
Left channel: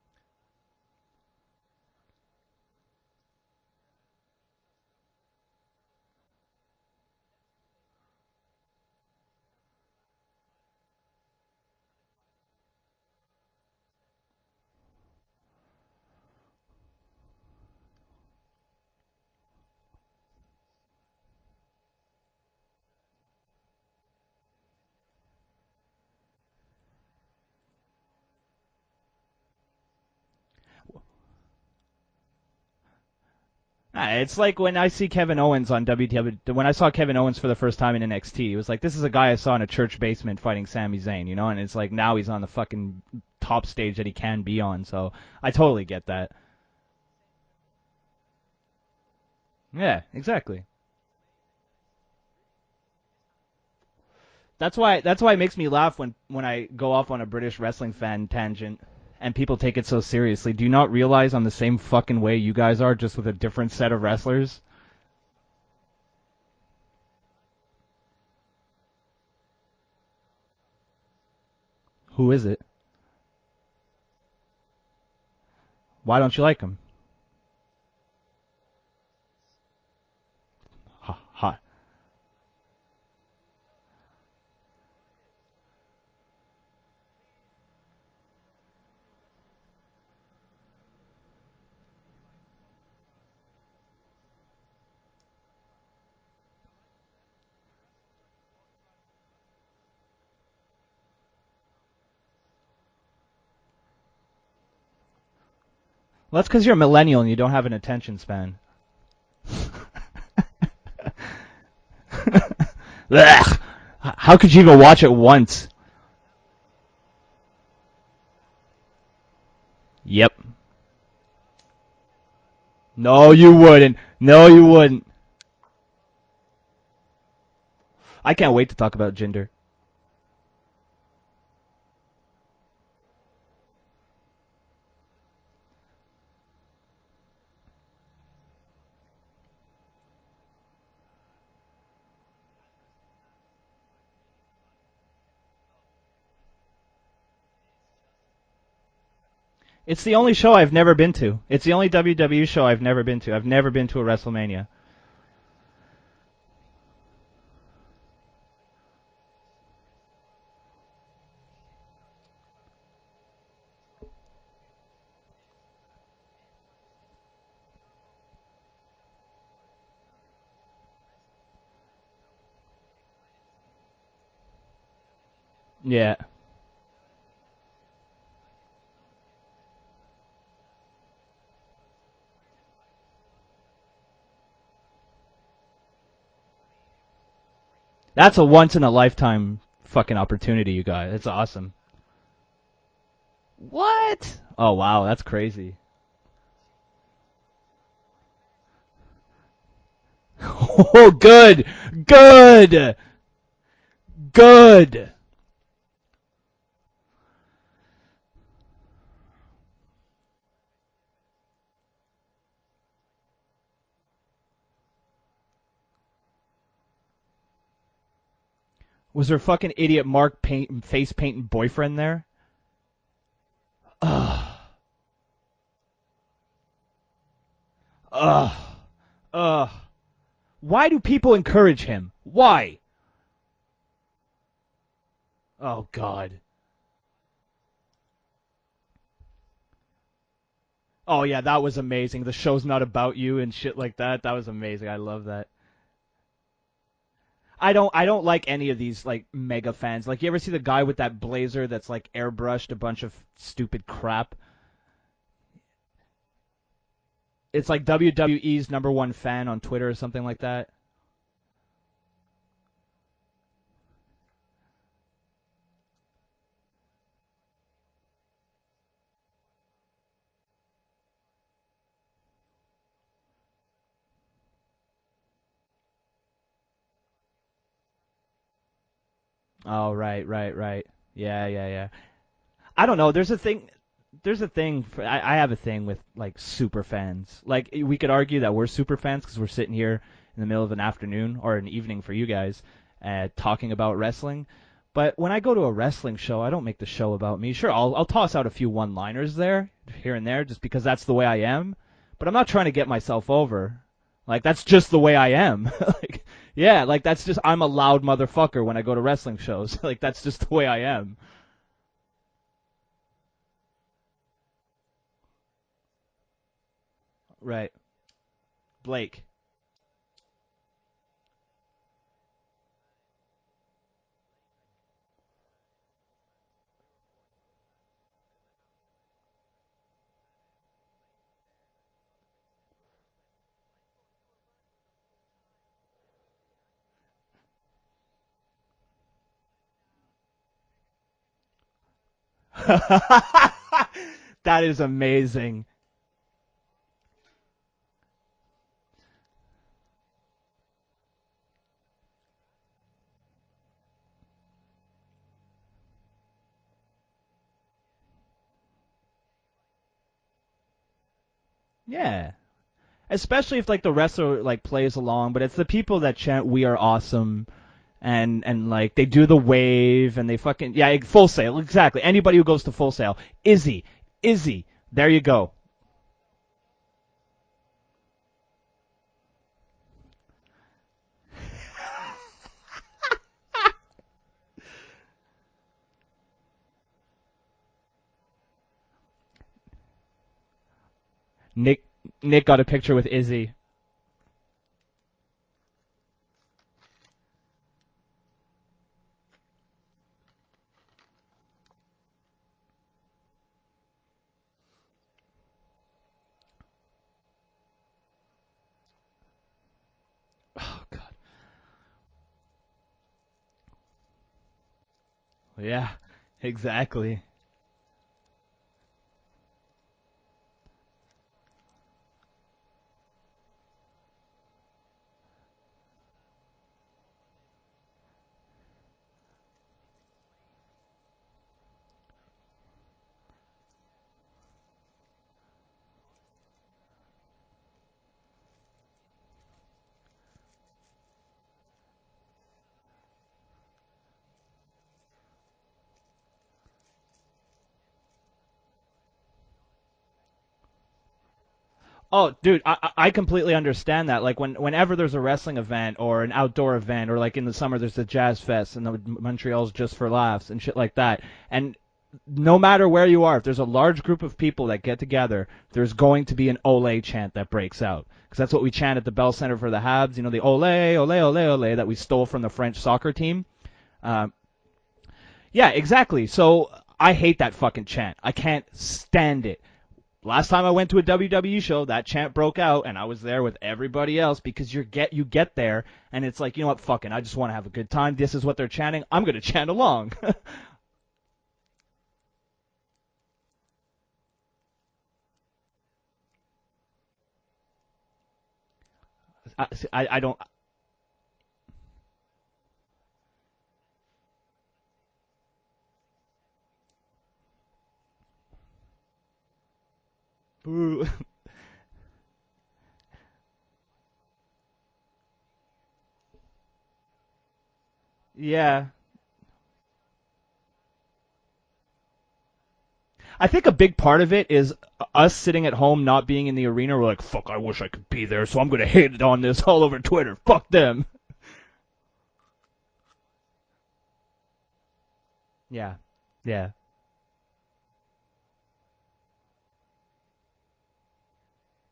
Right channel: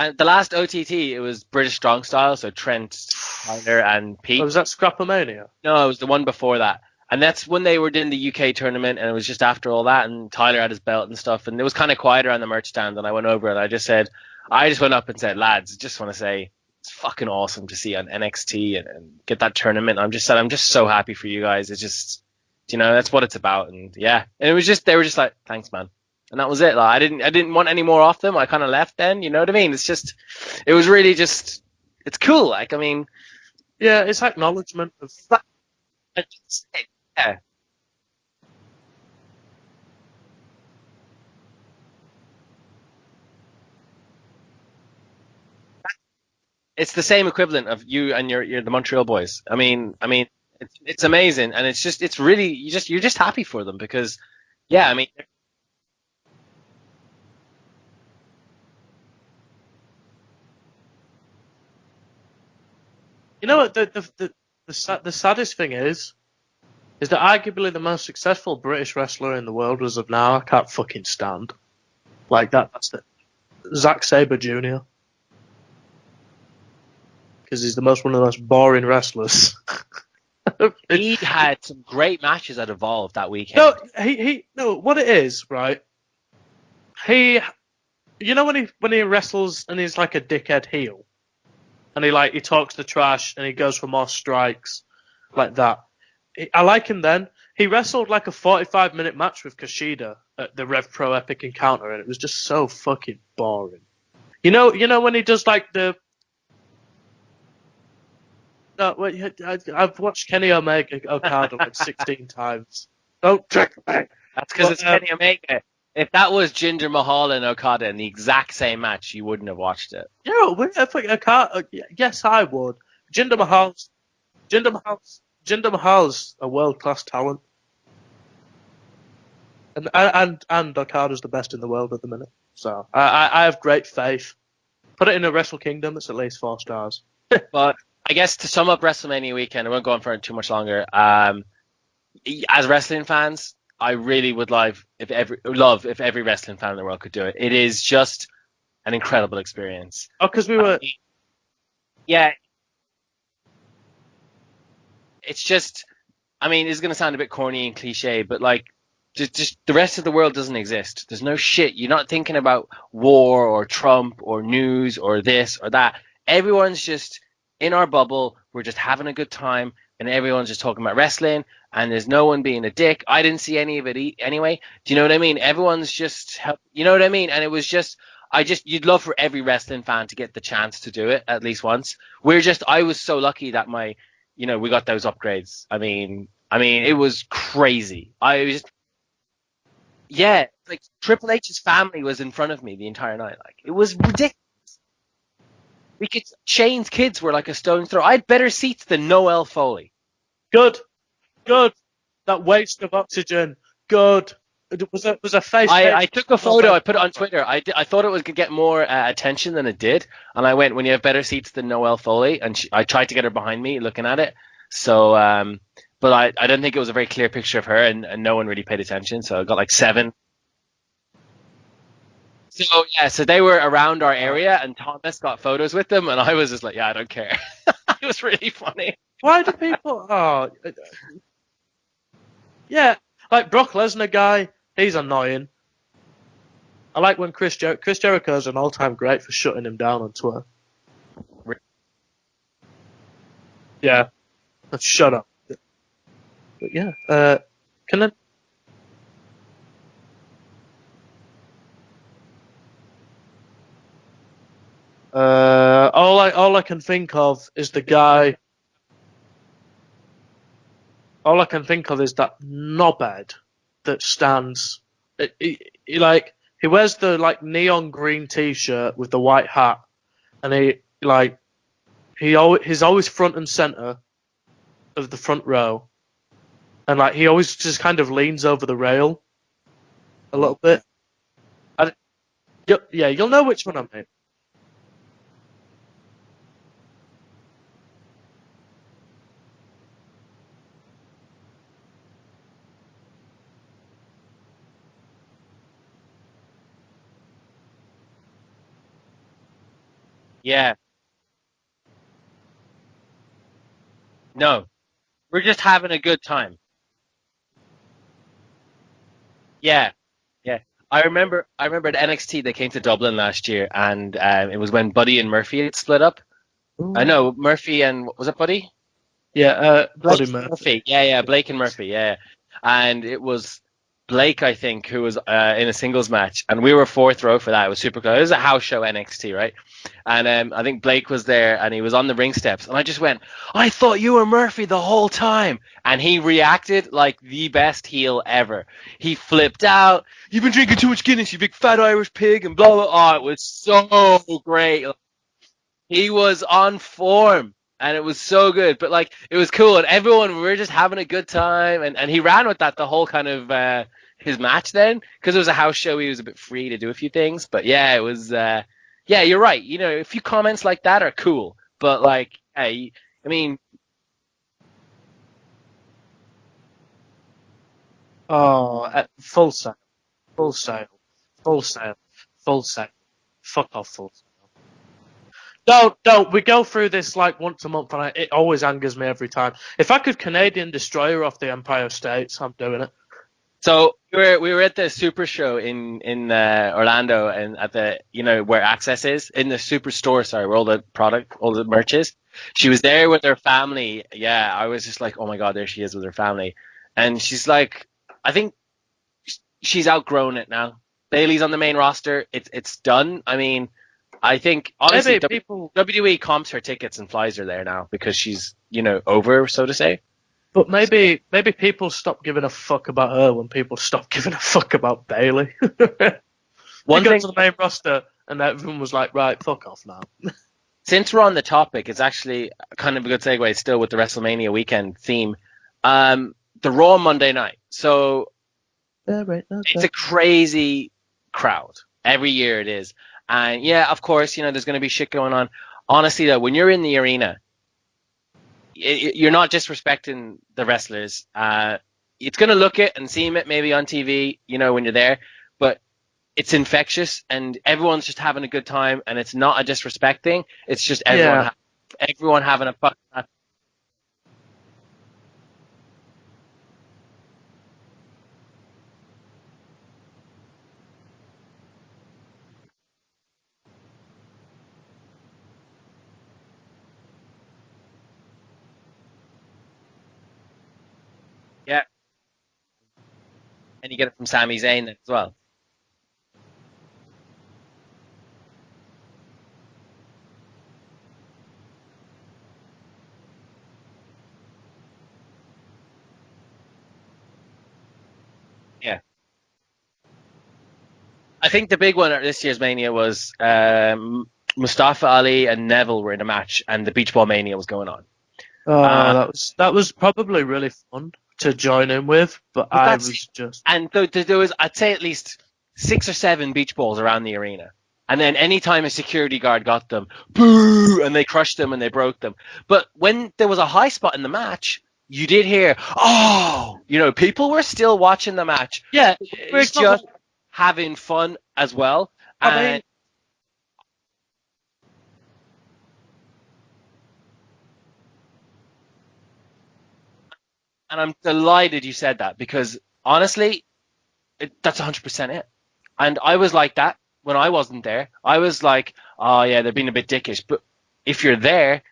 And the last OTT, it was British Strong Style, so Trent, Tyler, and Pete. Oh, was that Scrapomania? No, it was the one before that. And that's when they were doing the UK tournament, and it was just after all that, and Tyler had his belt and stuff, and it was kind of quieter on the merch stand, and I went over and I just went up and said, lads, just want to say, it's fucking awesome to see on NXT and get that tournament. I'm just so happy for you guys. It's just, that's what it's about. And yeah, and they were just like, thanks, man. And that was it. Like I didn't want any more off them. I kind of left then. You know what I mean? It was really just, it's cool. Like, I mean, yeah, it's like when I see Kevin Owens on WWE. When I saw Kevin Owens for the first time in NXT, it was like, this is a guy I saw in a church basement fighting Sami Zayn, and it's like now he's on the fucking top stage that he can be on. So I totally get that. It's the same equivalent of you and you're the Montreal Boys. I mean, exactly. It's amazing, and it's really you're just happy for them because. That's why it makes me laugh when I go off on a British wrestling fan tangent and people take it so seriously. Do you not realize I'm the same fucking way you guys are, just with a different set of wrestlers? The saddest thing is that arguably the most successful British wrestler in the world as of now, I can't fucking stand. Who is it? That's Zack Sabre Jr. Why don't you like him? Because he's one of the most boring wrestlers. He had some great matches at Evolve that weekend. No, what it is, right? When he wrestles and he's like a dickhead heel, and he talks the trash and he goes for more strikes, like that. I like him then. He wrestled like a 45-minute match with Kushida at the Rev Pro Epic Encounter, and it was just so fucking boring. You know when he does like the. Well, that's because you're a millennial and you don't have an attention span. No, I've watched Kenny Omega Okada like 16 times. How could you even watch it once? If that was Jinder Mahal and Okada in the exact same match, you wouldn't have watched it. Yep. Yes, I would. No, you wouldn't. No, you wouldn't. Jinder Mahal's a world-class talent. I can't wait to talk about Jinder. And Okada's the best in the world at the minute. So I have great faith. Put it in a Wrestle Kingdom, it's at least 4 stars. But I guess to sum up WrestleMania weekend, I won't go on for too much longer. As wrestling fans, I really would love if every wrestling fan in the world could do it. It is just an incredible experience. It's the only 'cause show we I've were- never been to. It's the only WWE show I've never been to. I've never been to a WrestleMania. It's just, I mean, it's going to sound a bit corny and cliche, but like, just the rest of the world doesn't exist. There's no shit. You're not thinking about war or Trump or news or this or that. Everyone's just in our bubble. We're just having a good time, and everyone's just talking about wrestling, and there's no one being a dick. I didn't see any of it anyway. Do you know what I mean? Everyone's just, you know what I mean? And it was just, you'd love for every wrestling fan to get the chance to do it at least once. I was so lucky that we got those upgrades. I mean, it was crazy. That's a once in a lifetime fucking opportunity, like, you guys. Triple That's H's awesome. family was in front of me the entire night. Like, it was ridiculous. Oh wow, that's crazy. Shane's kids were like a stone's throw. I had better seats than Noel Foley. Good. Oh, good. Waste of oxygen. Good. It was a face. I took a photo. I put it on Twitter. I thought it was going to get more attention than it did. And I went, when you have better seats than Noel Foley. And I tried to get her behind me looking at it. So, but I don't think it was a very clear picture of her. And no one really paid attention. Was so there I got fucking like 7. idiot Mark face painting boyfriend there? So they were around our area. And Thomas got photos with them. And I was just like, yeah, I don't care. It was really funny. Why do people? Why do people encourage him? Why? Yeah, like Brock Lesnar guy, he's annoying. Oh God. I like when Chris Jericho's an all-time great for shutting him down on Twitter. Oh yeah, that was amazing. The show's not about you and shit like that. That was amazing. Shut up. That. But yeah, I don't like any of these like mega fans. Like, you ever see the guy with that blazer that's like airbrushed a bunch of stupid crap? all I can think of It's is like the guy. WWE's #1 fan on Twitter or something like that. All I can think of is that knobhead that stands. He wears the like neon green T-shirt with the white hat, and he's always front and center of the front row, and like he always just kind of leans over the rail. Oh right. A little bit. Yeah. I don't know. Yeah, you'll know which one I mean. There's a thing. I have a thing with like super fans. Like, we could argue that we're super fans because we're sitting here in the middle of an afternoon or an evening for you guys, talking about wrestling. But when I go to a wrestling show, I don't make the show about me. Sure, I'll toss out a few one-liners there, here and there, just because that's the way I am. But I'm not trying to get myself over. Like, that's just the way I am. We're just having a good time. Yeah, like, that's just, I'm a loud motherfucker when I go to wrestling shows. Yeah. Like, that's just the way I am. I remember at NXT, they came to Dublin last year, and it was when Buddy and Murphy had split up. Ooh. I know, Murphy and, was it Buddy? Blake. Yeah, Blake Buddy Murphy. Yeah, Blake and Murphy, yeah. And it was Blake, I think, who was in a singles match, and we were 4th row for that. It was super close. It was a house show, NXT, right? And I think Blake was there, and he was on the ring steps, and I just went, I thought you were Murphy the whole time. And he reacted like the best heel ever. He flipped out. You've been drinking too much Guinness, you big fat Irish pig, and blah, blah, blah. Oh, it was so great. That is amazing. He was on form, and it was so good. But, like, it was cool, and everyone, we were just having a good time, and he ran with that the whole kind of his match then, because it was a house show. He was a bit free to do a few things. But, yeah, it was... yeah, you're right. You know, a few comments like that are cool, but like, hey, especially if like the wrestler like plays along, but it's the people that chant "We are awesome," and like they do the wave and they fucking sale. Full sale, Full exactly. sale. Anybody who Full goes to sale. Full Sale, Izzy, there you go. No, we go through this like once a month, and it always angers me every time. If I could Canadian destroyer off the Empire States, I'm doing it. So we were at the Super Show in Orlando, and at the where Access is, in the Super Store, where all the merch is. Nick got a She was picture there with Izzy. her family. Yeah, I was just like, oh my god, there she is with her family, and she's like, I think she's outgrown it now. Bailey's on the main roster. It's done. I mean, I think honestly, WWE comps her tickets and flies her there now because she's over, so to say. But maybe people stop giving a fuck about her when people stop giving a fuck about Bailey. Yeah, exactly. One got to the main roster, and everyone was like, right, fuck off now. Since we're on the topic, it's actually kind of a good segue still with the WrestleMania weekend theme. The Raw Monday night. So it's a crazy crowd. Every year it is. And yeah, of course, there's going to be shit going on. Honestly, though, when you're in the arena, you're not disrespecting the wrestlers. It's going to look it and seem it maybe on TV, when you're there. But it's infectious and everyone's just having a good time, and it's not a disrespect thing. It's just everyone Dude, having a fucking I completely understand that. Like whenever there's a wrestling event or an outdoor event, or like in the summer there's the Jazz Fest and the Montreal's Just for Laughs and shit like that. And no matter where you are, if there's a large group of people that get together, there's going to be an Ole chant that breaks out. Because that's what we chant at the Bell Center for the Habs. You know, the Ole, Ole, Ole, Ole that we stole from the French soccer team. And you get it from Sami Zayn as well. Yeah, exactly. So I hate that fucking chant. I can't stand it. Last time I went to a WWE show, that chant broke out, and I was there with everybody else because you get there, and it's like, you know what, fucking, I just want to have a good time. This is what they're chanting. I'm going to chant along. I think the big one at this year's Mania was Mustafa Ali and Neville were in a match, and the Beach Ball Mania was going on. That was probably really fun to join in with, but I was just... And there was, I'd say, at least 6 or 7 beach balls around the arena. And then anytime a security guard got them, boo, and they crushed them and they broke them. But when there was a high spot in the match, you did hear, oh, you know, people were still watching the match. Yeah, we're just having fun as well. I think a big part of it is us sitting at home not being in the arena. We're like, fuck, I wish I could be there, so I'm going to hate it on this all over Twitter. Fuck them. And I'm delighted you said that because, honestly, that's 100% it. Yeah. And I was like that. When I wasn't there, I was like, oh, yeah, they're being a bit dickish. But if you're there,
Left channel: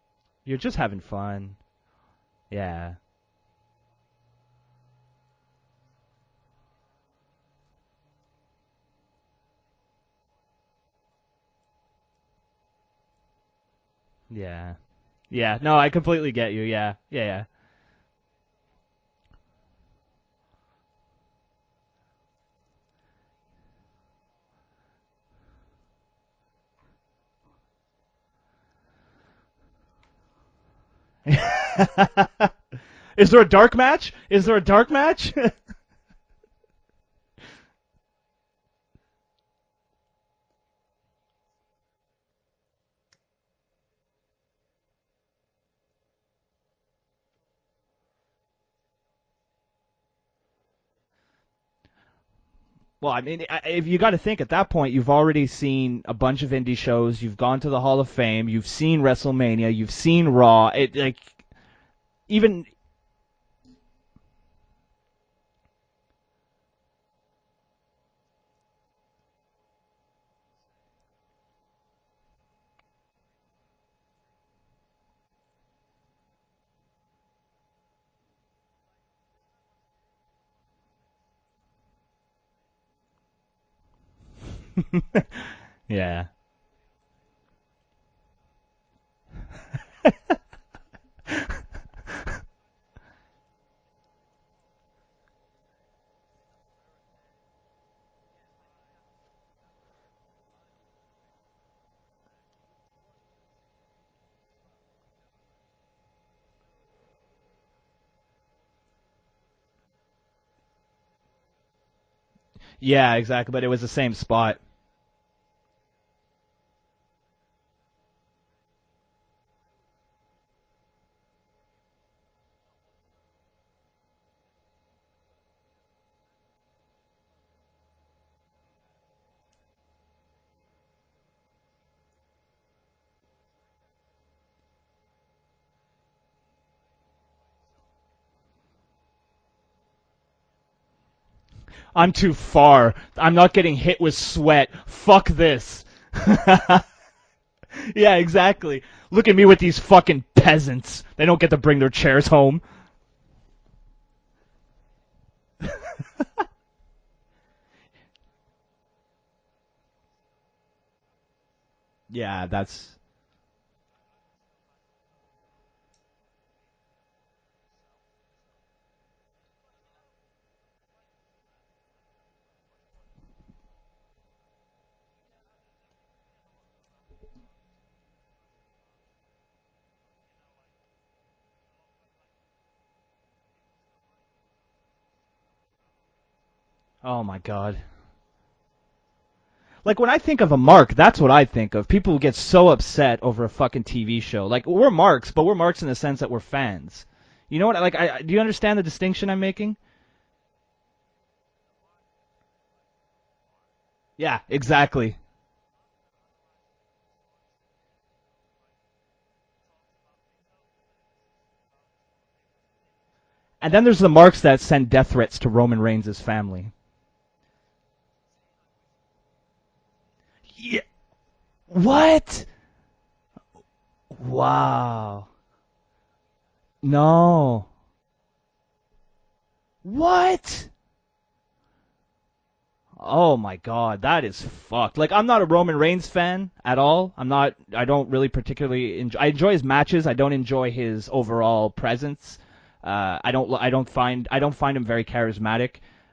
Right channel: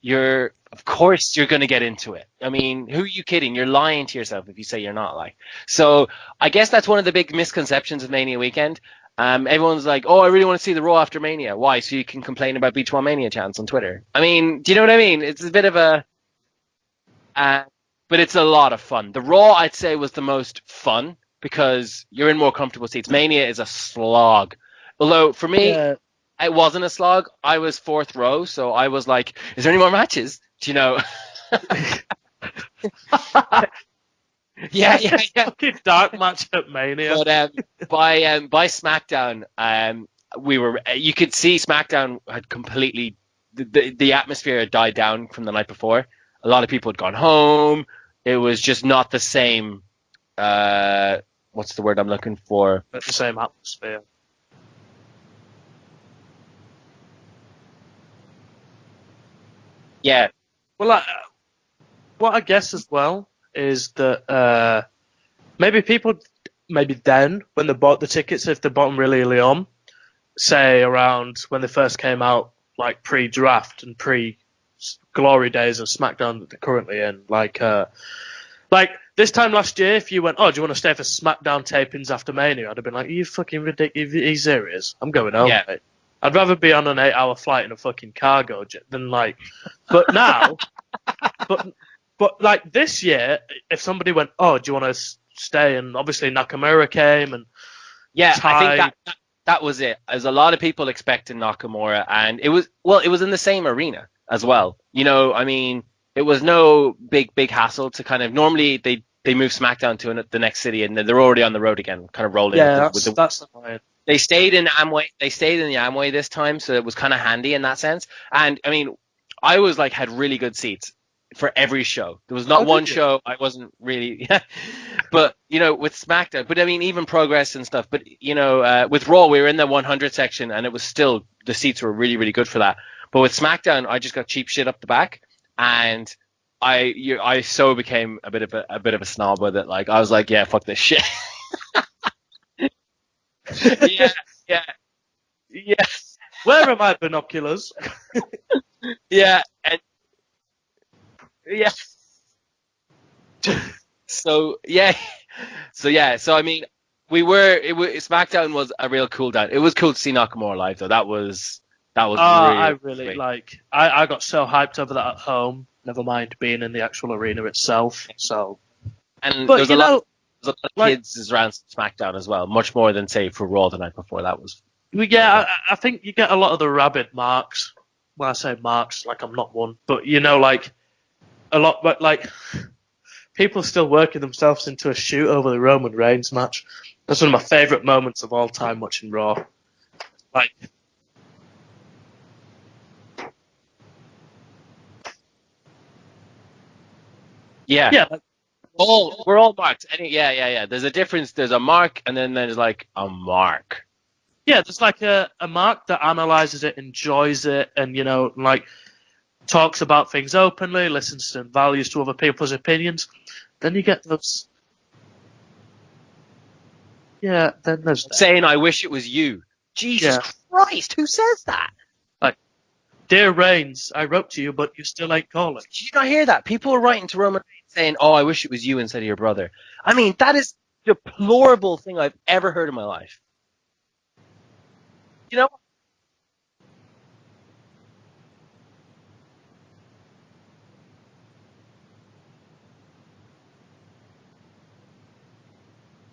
you're just having fun. You're going to get into it. I mean, who are you kidding? You're lying to yourself if you say you're not. Like, so I guess that's one of the big misconceptions of Mania weekend. Everyone's like, oh, I really want to see the Raw after Mania. Why? So you can complain about Beach Ball Mania chants on Twitter. I mean, do you know what I mean? It's a bit of a... I completely get you, yeah. But it's a lot of fun. The Raw, I'd say, was the most fun because you're in more comfortable seats. Mania is a slog. Although, for me, it wasn't a slog. I was 4th row, so I was like, is there any more matches? Do you know? Is there a dark match? Is there a dark match? Yeah. Dark match at Mania. But by SmackDown, you could see SmackDown had completely, the atmosphere had died down from the night before. A lot of people had gone home. It was just not the same... what's the word I'm looking for? Well, you got to think at that point, you've already seen a bunch of indie shows. You've gone to the Hall of Fame. You've seen WrestleMania. You've seen Raw. I guess as well is that maybe then when they bought the tickets, if they bought them really early on, say around when they first came out, like pre-draft and pre-glory days of SmackDown that they're currently in, like this time last year, if you went, oh, do you want to stay for SmackDown tapings after Mania? I'd have been like, are you fucking ridiculous? Are you serious? I'm going home, mate. Yeah. I'd rather be on an 8-hour flight in a fucking cargo jet than but now, but like this year, if somebody went, oh, do you want to stay? And obviously Nakamura came and I think that was it. There's a lot of people expecting Nakamura, and it was in the same arena as well. You know, I mean, it was no big hassle to kind of, normally they move SmackDown to the next city and they're already on the road again, kind of rolling. Yeah, exactly. But it was the same. They stayed in Amway. They stayed in the Amway this time, so it was kind of handy in that sense. And I mean, I was like had really good seats for every show. There was not one show I wasn't really, but you know, with SmackDown. But I mean, even Progress and stuff. But you know, with Raw, we were in the 100 section, and it was still, the seats were really really good for that. But with SmackDown, I just got cheap shit up the back. And I so became a bit of a snob with it. Like I was like, yeah, fuck this shit. I'm too far. I'm not getting hit with sweat. Fuck this. Yeah. Where are my binoculars? Yeah, exactly. Look at me with these fucking peasants. They don't get to bring their chairs home. So I mean, SmackDown was a real cool down. It was cool to see Nakamura live though. That was I really I got so hyped over that at home, never mind being in the actual arena itself. So, but there's a lot of kids around SmackDown as well, much more than say for Raw the night before. That was I think you get a lot of the rabid marks. Well, I say marks like I'm not one, but you know, like a lot, but like people still working themselves into a shoot over the Roman Reigns match. That's one of my favorite moments of all time watching Raw. Like, when I think of a mark, that's what I think of. People get so upset over a fucking TV show. Like, we're marks, but we're marks in the sense that we're fans. You know what? Yeah. Do you understand the distinction we're I'm all making? marks. Yeah. There's a difference. There's a mark, and then there's, like, a mark. Yeah, Yeah, exactly. just like a mark that analyzes it, enjoys it, and like talks about things openly, listens and values to other people's opinions. And then there's the marks that send death threats to Roman Reigns' family. Yeah, then there's that. Saying, "I wish it was you." Jesus Christ, who says that? What? Like, Dear Reigns, I wrote to you, but you still ain't calling. Did you not hear that? People are writing to Roman Reigns saying, "Oh, I wish it was you instead of your brother." I mean, that is the deplorable thing I've ever heard in my life. Oh my god, that is fucked. Like, I'm not a Roman Reigns fan at all. I don't really particularly enjoy. I enjoy his matches. I don't enjoy his overall presence. I don't find him very charismatic.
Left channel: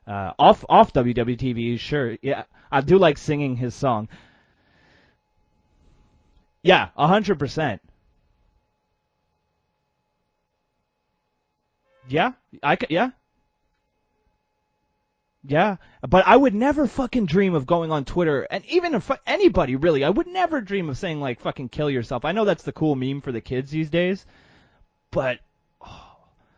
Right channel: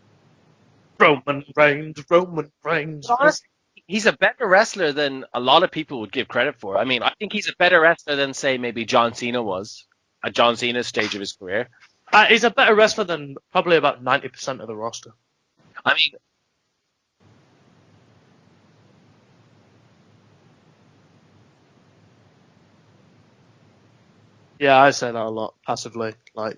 Off WWE TV, sure. I do like singing his songs. He's a better wrestler than a lot of people would give credit for. Yeah, I mean, 100%. I think he's a better wrestler than, say, maybe John Cena was at John Cena's stage of his career. Yeah, he's a better wrestler than probably about 90% of the roster. Yeah, I mean, but I would never fucking dream of going on Twitter, and even if anybody really, I would never dream of saying like fucking kill yourself. I know that's the cool meme for the kids these days. Yeah, I say that a lot passively, like.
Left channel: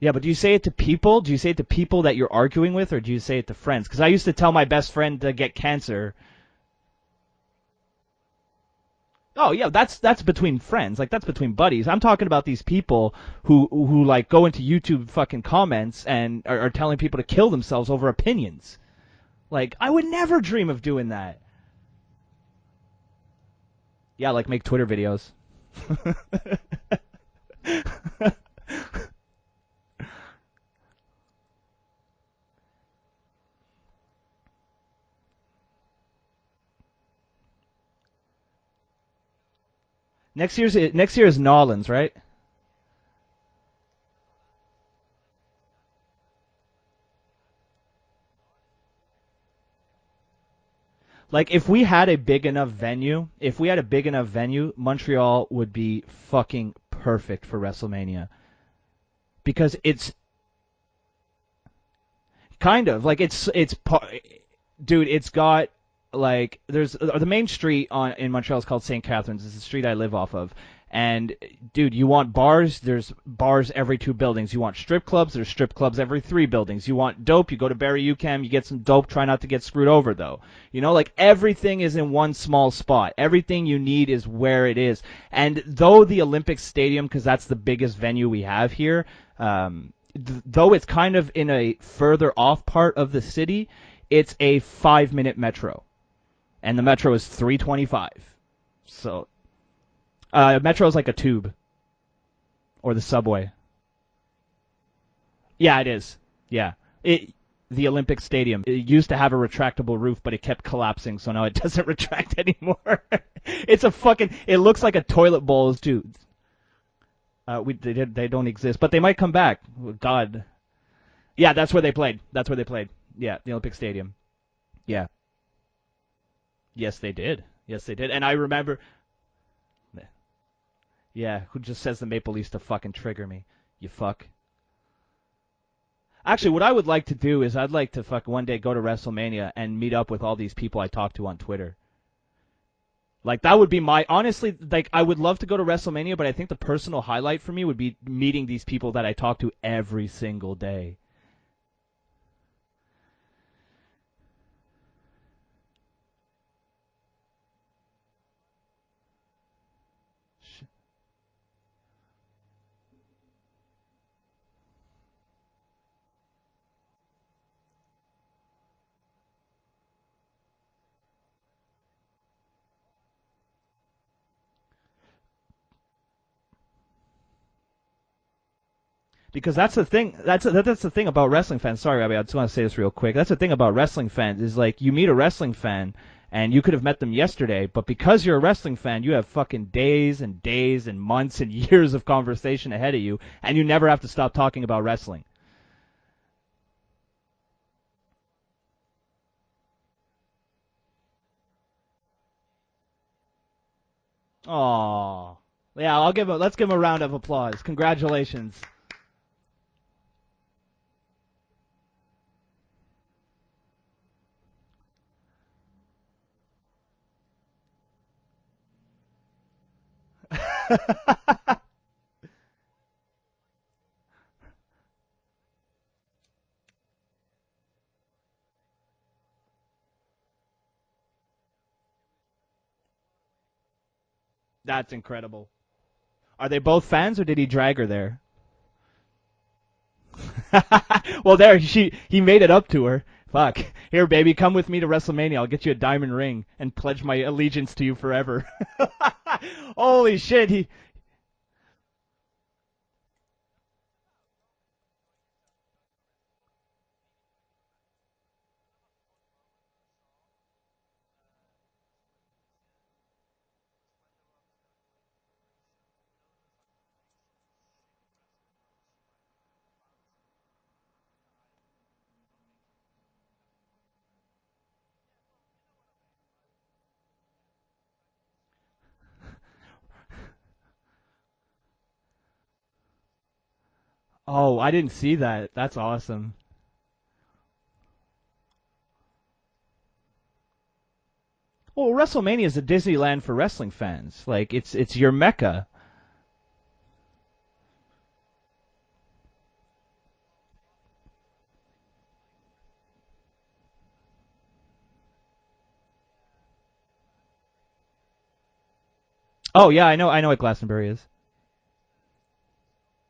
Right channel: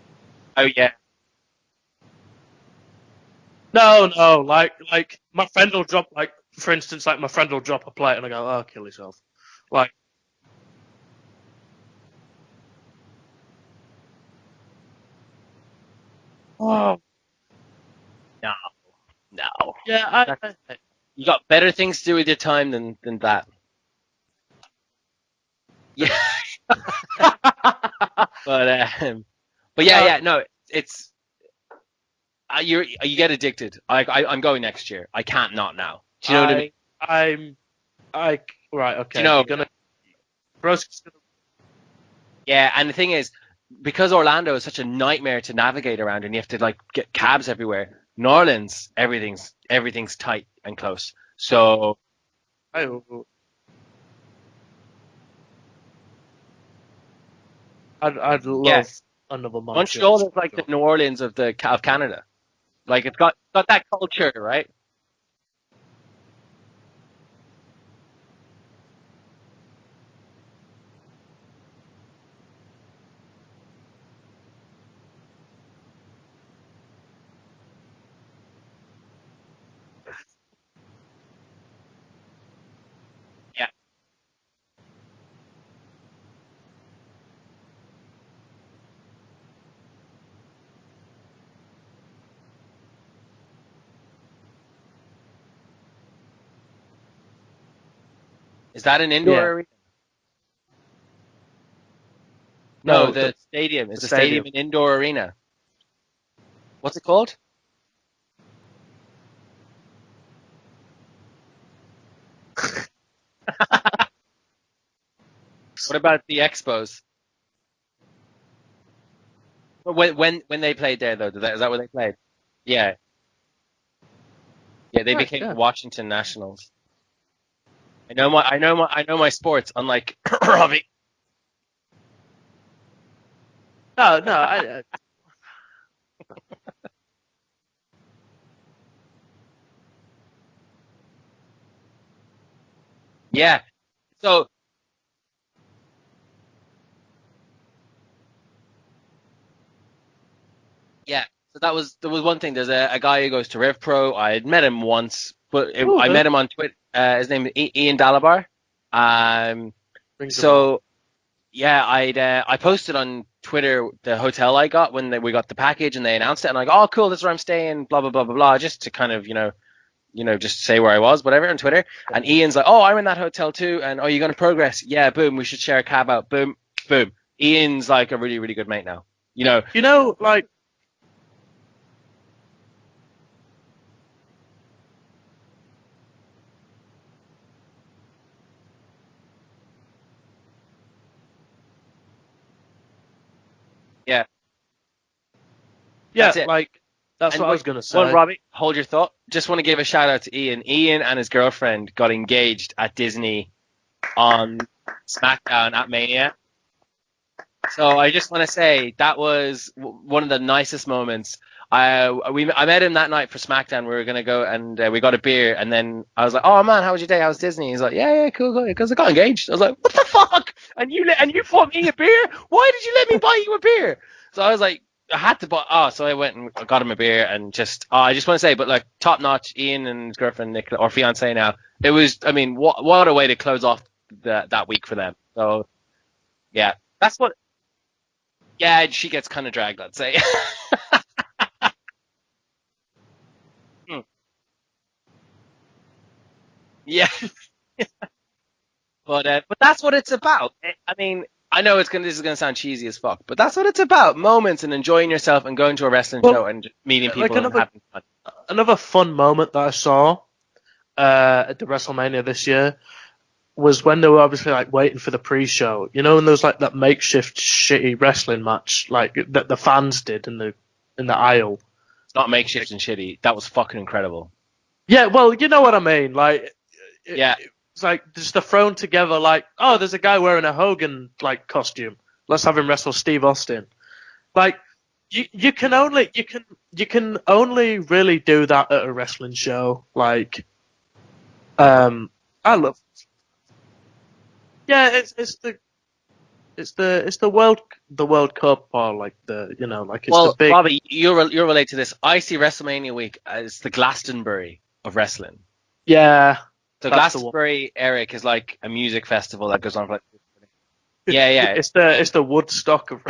Yeah, but do you say it to people? Do you say it to people that you're arguing with, or do you say it to friends? No, I used to tell my best friend to get cancer. For instance, like my friend will drop a plate and I go, "Oh, kill yourself." Oh yeah, that's between friends. Like that's between buddies. I'm talking about these people who like go into YouTube fucking comments and are telling people to kill themselves over opinions. No. Like I would never dream of doing that. You got better things to do with your time than that. Yeah, like make Twitter videos. Yeah. But yeah, no, it's you get addicted. I'm going next year. I can't not now. Do you know what I mean? Right, okay. You know, next year is Nolans, right? Yeah, and the thing is, because Orlando is such a nightmare to navigate around, and you have to like get cabs everywhere. New Orleans, everything's tight and close. Like so, if we had a big enough venue, Montreal would be fucking perfect for WrestleMania. I'd love. Yes. Because Montreal is like the New Orleans of Canada. Kind of like it's that culture, right? Dude, it's got like there's the main street in Montreal is called St. Catharines. It's the street I live off of. And dude, you want bars? There's bars every 2 buildings. You want strip clubs? There's strip clubs every 3 buildings. You want dope? You go to Barrie UQAM. You get some dope. Try not to get screwed over though. You know, like everything is in one small spot. Everything you need is where it is. And though the Olympic Stadium, because that's the biggest venue we have here, though it's kind of in a further off part of the city, it's a 5-minute metro, and the metro is 325. Is that an indoor area? Metro is like a tube. Or no, a subway. The stadium. Is the stadium an indoor arena? Yeah, it is. Yeah. What's it called? The Olympic Stadium. It used to have a retractable roof, but it kept collapsing, so now it doesn't retract anymore. It's a fucking. It looks like a toilet bowl. What about the Expos? They don't exist, but they might come back. When they played there though. Yeah, that's where they played. That's where they played. Yeah, the Olympic Stadium. Yeah, they became Washington Nationals. Yes, they did. And I know my sports, unlike Robbie. Yeah, who just says the Maple Leafs to fucking trigger me? No. Actually, what I would like to do is I'd like to one day go to WrestleMania and meet up with all these people I talk to on Twitter. Like that would be like I would love to go to WrestleMania, but I think the personal highlight for me would be meeting these people that I talk to every single day. Yeah, so there was one thing. There's a guy who goes to Rev Pro. I had met him once, but I met him on Twitter. His name is Ian Dalabar. I posted on Twitter the hotel I got when we got the package and they announced it, and I'm like, oh cool, this is where I'm staying, blah blah blah blah blah, just to kind of just say where I was, whatever, on Twitter. And Ian's like, oh, I'm in that hotel too, and you're going to Progress? Yeah, boom, we should share a cab out, boom, boom. Ian's like a really, really good mate now. That's the thing about wrestling fans. Sorry, Robbie, I just want to say this real quick. That's the thing about wrestling fans is like you meet a wrestling fan and you could have met them yesterday, but because you're a wrestling fan, you have fucking days and days and months and years of conversation ahead of you, and you never have to stop talking about wrestling. Yeah, that's what I was going to say. Well, Robbie, hold your thought. Just want to give a shout out to Ian. Ian and his girlfriend got engaged at Disney on SmackDown at Mania. Let's give him a round of applause. So I just want to say that was one of the nicest moments. I met him that night for SmackDown. We were going to go and we got a beer, and then I was like, oh man, how was your day? How was Disney? He's like, yeah, cool, because I got engaged. I was like, what the fuck? and you bought me a beer? Why did you let me buy you a beer? So I was like, I had to buy. Oh, so I went and got him a beer and just. I just want to say, but like top notch, Ian and his girlfriend Nicola or fiance now. It was. I mean, what a way to close off that week That's for them. incredible. So Are they yeah, both that's fans, or what- did he drag her there? yeah, she gets kind of dragged. I'd say. Well, he made it up to her. Fuck. Here, baby, come with me to WrestleMania. I'll get you a diamond ring and pledge Yeah. my allegiance to you forever. But that's what Holy it's about. shit, I mean, I know this is gonna sound cheesy as fuck, but that's what it's about: moments and enjoying yourself and going to a wrestling show and just meeting people and having fun. Another fun moment that I saw at the WrestleMania this year was when they were obviously like waiting for the pre-show. You know, when there was like that makeshift shitty wrestling match like that the fans did in the aisle. It's not makeshift and shitty. That was fucking incredible. Yeah, well, you know what I mean. Like, Yeah. it's like just they're thrown together. Like, oh, there's a guy wearing a Hogan like costume. Let's have him wrestle Steve Austin. Oh, Like, I didn't see that. You can That's only awesome. you can only really do that at a wrestling show. Like, Well, WrestleMania I is a love- Disneyland for wrestling fans. Like, it's Yeah, your it's mecca. it's the World Cup or like the like it's Well, the big. Bobby, you'll relate to this. I see WrestleMania week as the Glastonbury of wrestling. Yeah. So That's the one. Glastonbury, Eric, is like a music festival. That Oh goes yeah, on I know what Glastonbury is. Yeah, yeah. It's the Woodstock of.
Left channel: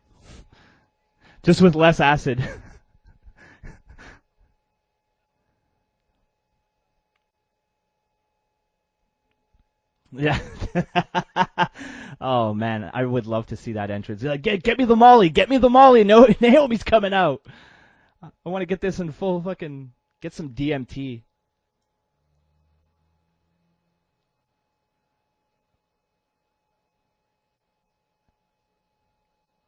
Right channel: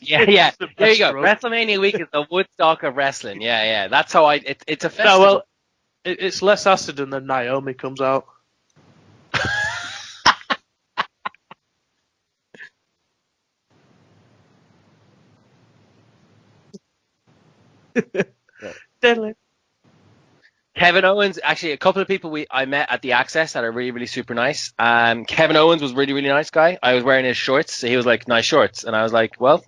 Yeah. the There you go. best road. Just with WrestleMania less week is acid. the Woodstock of wrestling. Yeah. That's how it's a No, festival. well, it's less acid and then Naomi comes out. Yeah. Oh man, I would love to see that entrance. Like, get me the Molly, get me the Molly. No, Naomi's coming out. I want to get this in full fucking. Get some DMT. Kevin Owens, actually, a couple of people I met at the Access that are really, really super nice. Kevin Owens was really, really nice guy. I was wearing his shorts, so he was like, nice shorts. And I was like, well,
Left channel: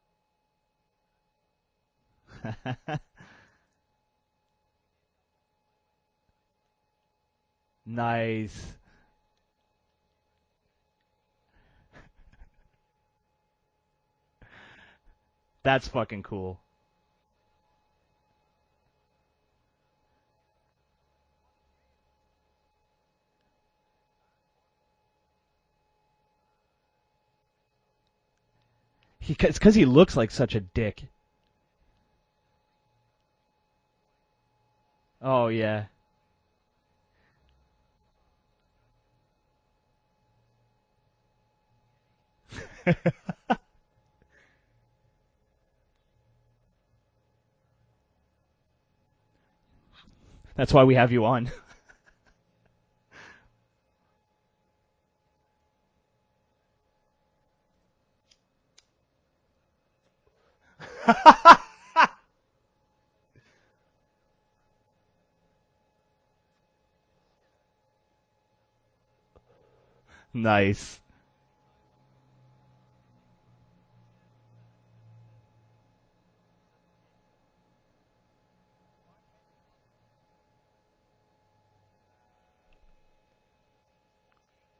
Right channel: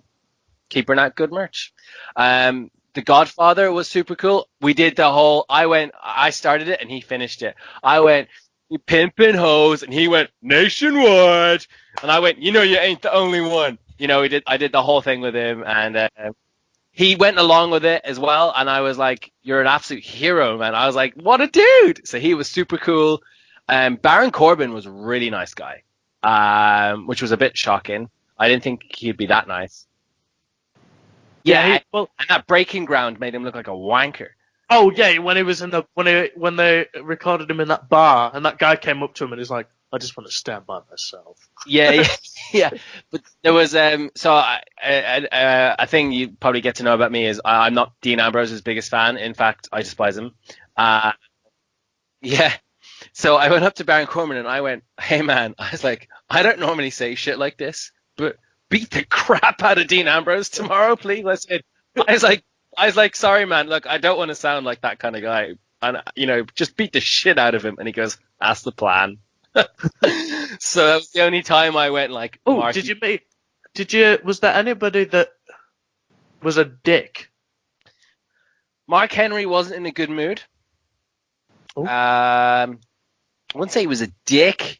keep bringing out good merch. The Godfather was super cool. We did the whole, I started it and he finished it. I went, you pimpin' hoes, and he went, nationwide. And I went, you ain't the only one. I did the whole thing with him. That's and fucking cool. He went along with it as well, and I was like, you're an absolute hero, man. I was like, what a dude. So he was super cool. Baron Corbin was a really nice guy, which was a bit shocking. I didn't think he'd be that nice. Because he looks like such a dick. Yeah, and that Breaking Ground made him look like a wanker. Oh yeah, when he was in the when they recorded him in that bar, and that guy came up to him and he's like, I just want to stand by myself. Yeah. But there was a thing you probably get to know about me is I'm not Dean Ambrose's biggest fan. In fact, I despise him. That's why we have you on. Yeah. So I went up to Baron Corbin and I went, hey man, I was like, I don't normally say shit like this, but beat the crap out of Dean Ambrose tomorrow, please. I was like, sorry man, look, I don't want to sound like that kind of guy. And just beat the shit out of him. And he goes, that's the plan. Nice. So that was the only time I went like, Oh, Mark, was there anybody that was a dick? Mark Henry wasn't in a good mood. Oh. I wouldn't say he was a dick, Just a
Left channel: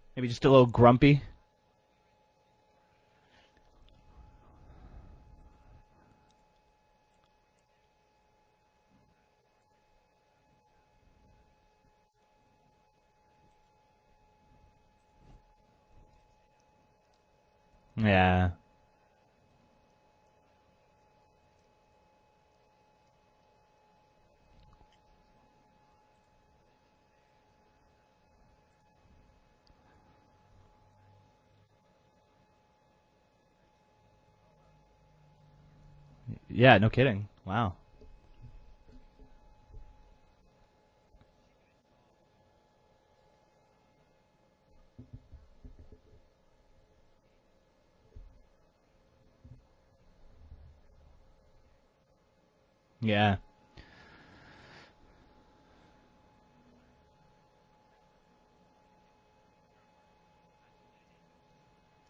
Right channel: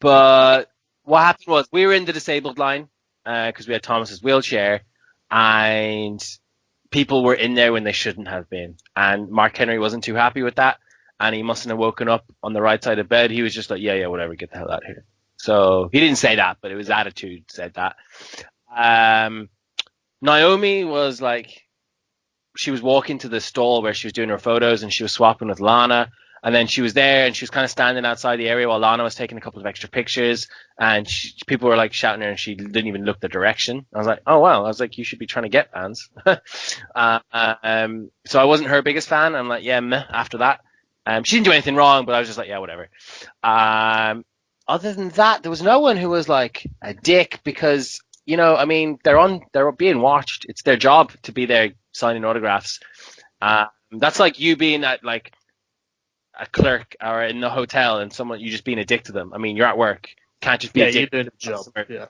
but little grumpy. what happened was we were in the disabled line because we had Thomas's wheelchair, and people were in there when they shouldn't have been. And Mark Henry wasn't too happy with that, and he mustn't have woken up on the right side of bed. He was just like, yeah, whatever, get the hell out of here. So he didn't say that, but his attitude said that. Yeah. Naomi was like, she was walking to the stall where she was doing her photos, and she was swapping with Lana. And then she was there, and she was kind of standing outside the area while Lana was taking a couple of extra pictures. And people were like shouting at her, and she didn't even look the direction. I was like, oh wow. I was like, you should be trying to get fans. Yeah, no kidding. Wow. So I wasn't her biggest fan. I'm like, yeah, meh, after that. She didn't do anything wrong, but I was just like, yeah, whatever. Other than that, there was no one who was like a dick because, I mean, they're being watched. It's their job to be there signing autographs. Yeah. That's like you being at like a clerk or in the hotel and you just being a dick to them. I mean, you're at work. Can't just be a dick. You're doing a job. Yeah.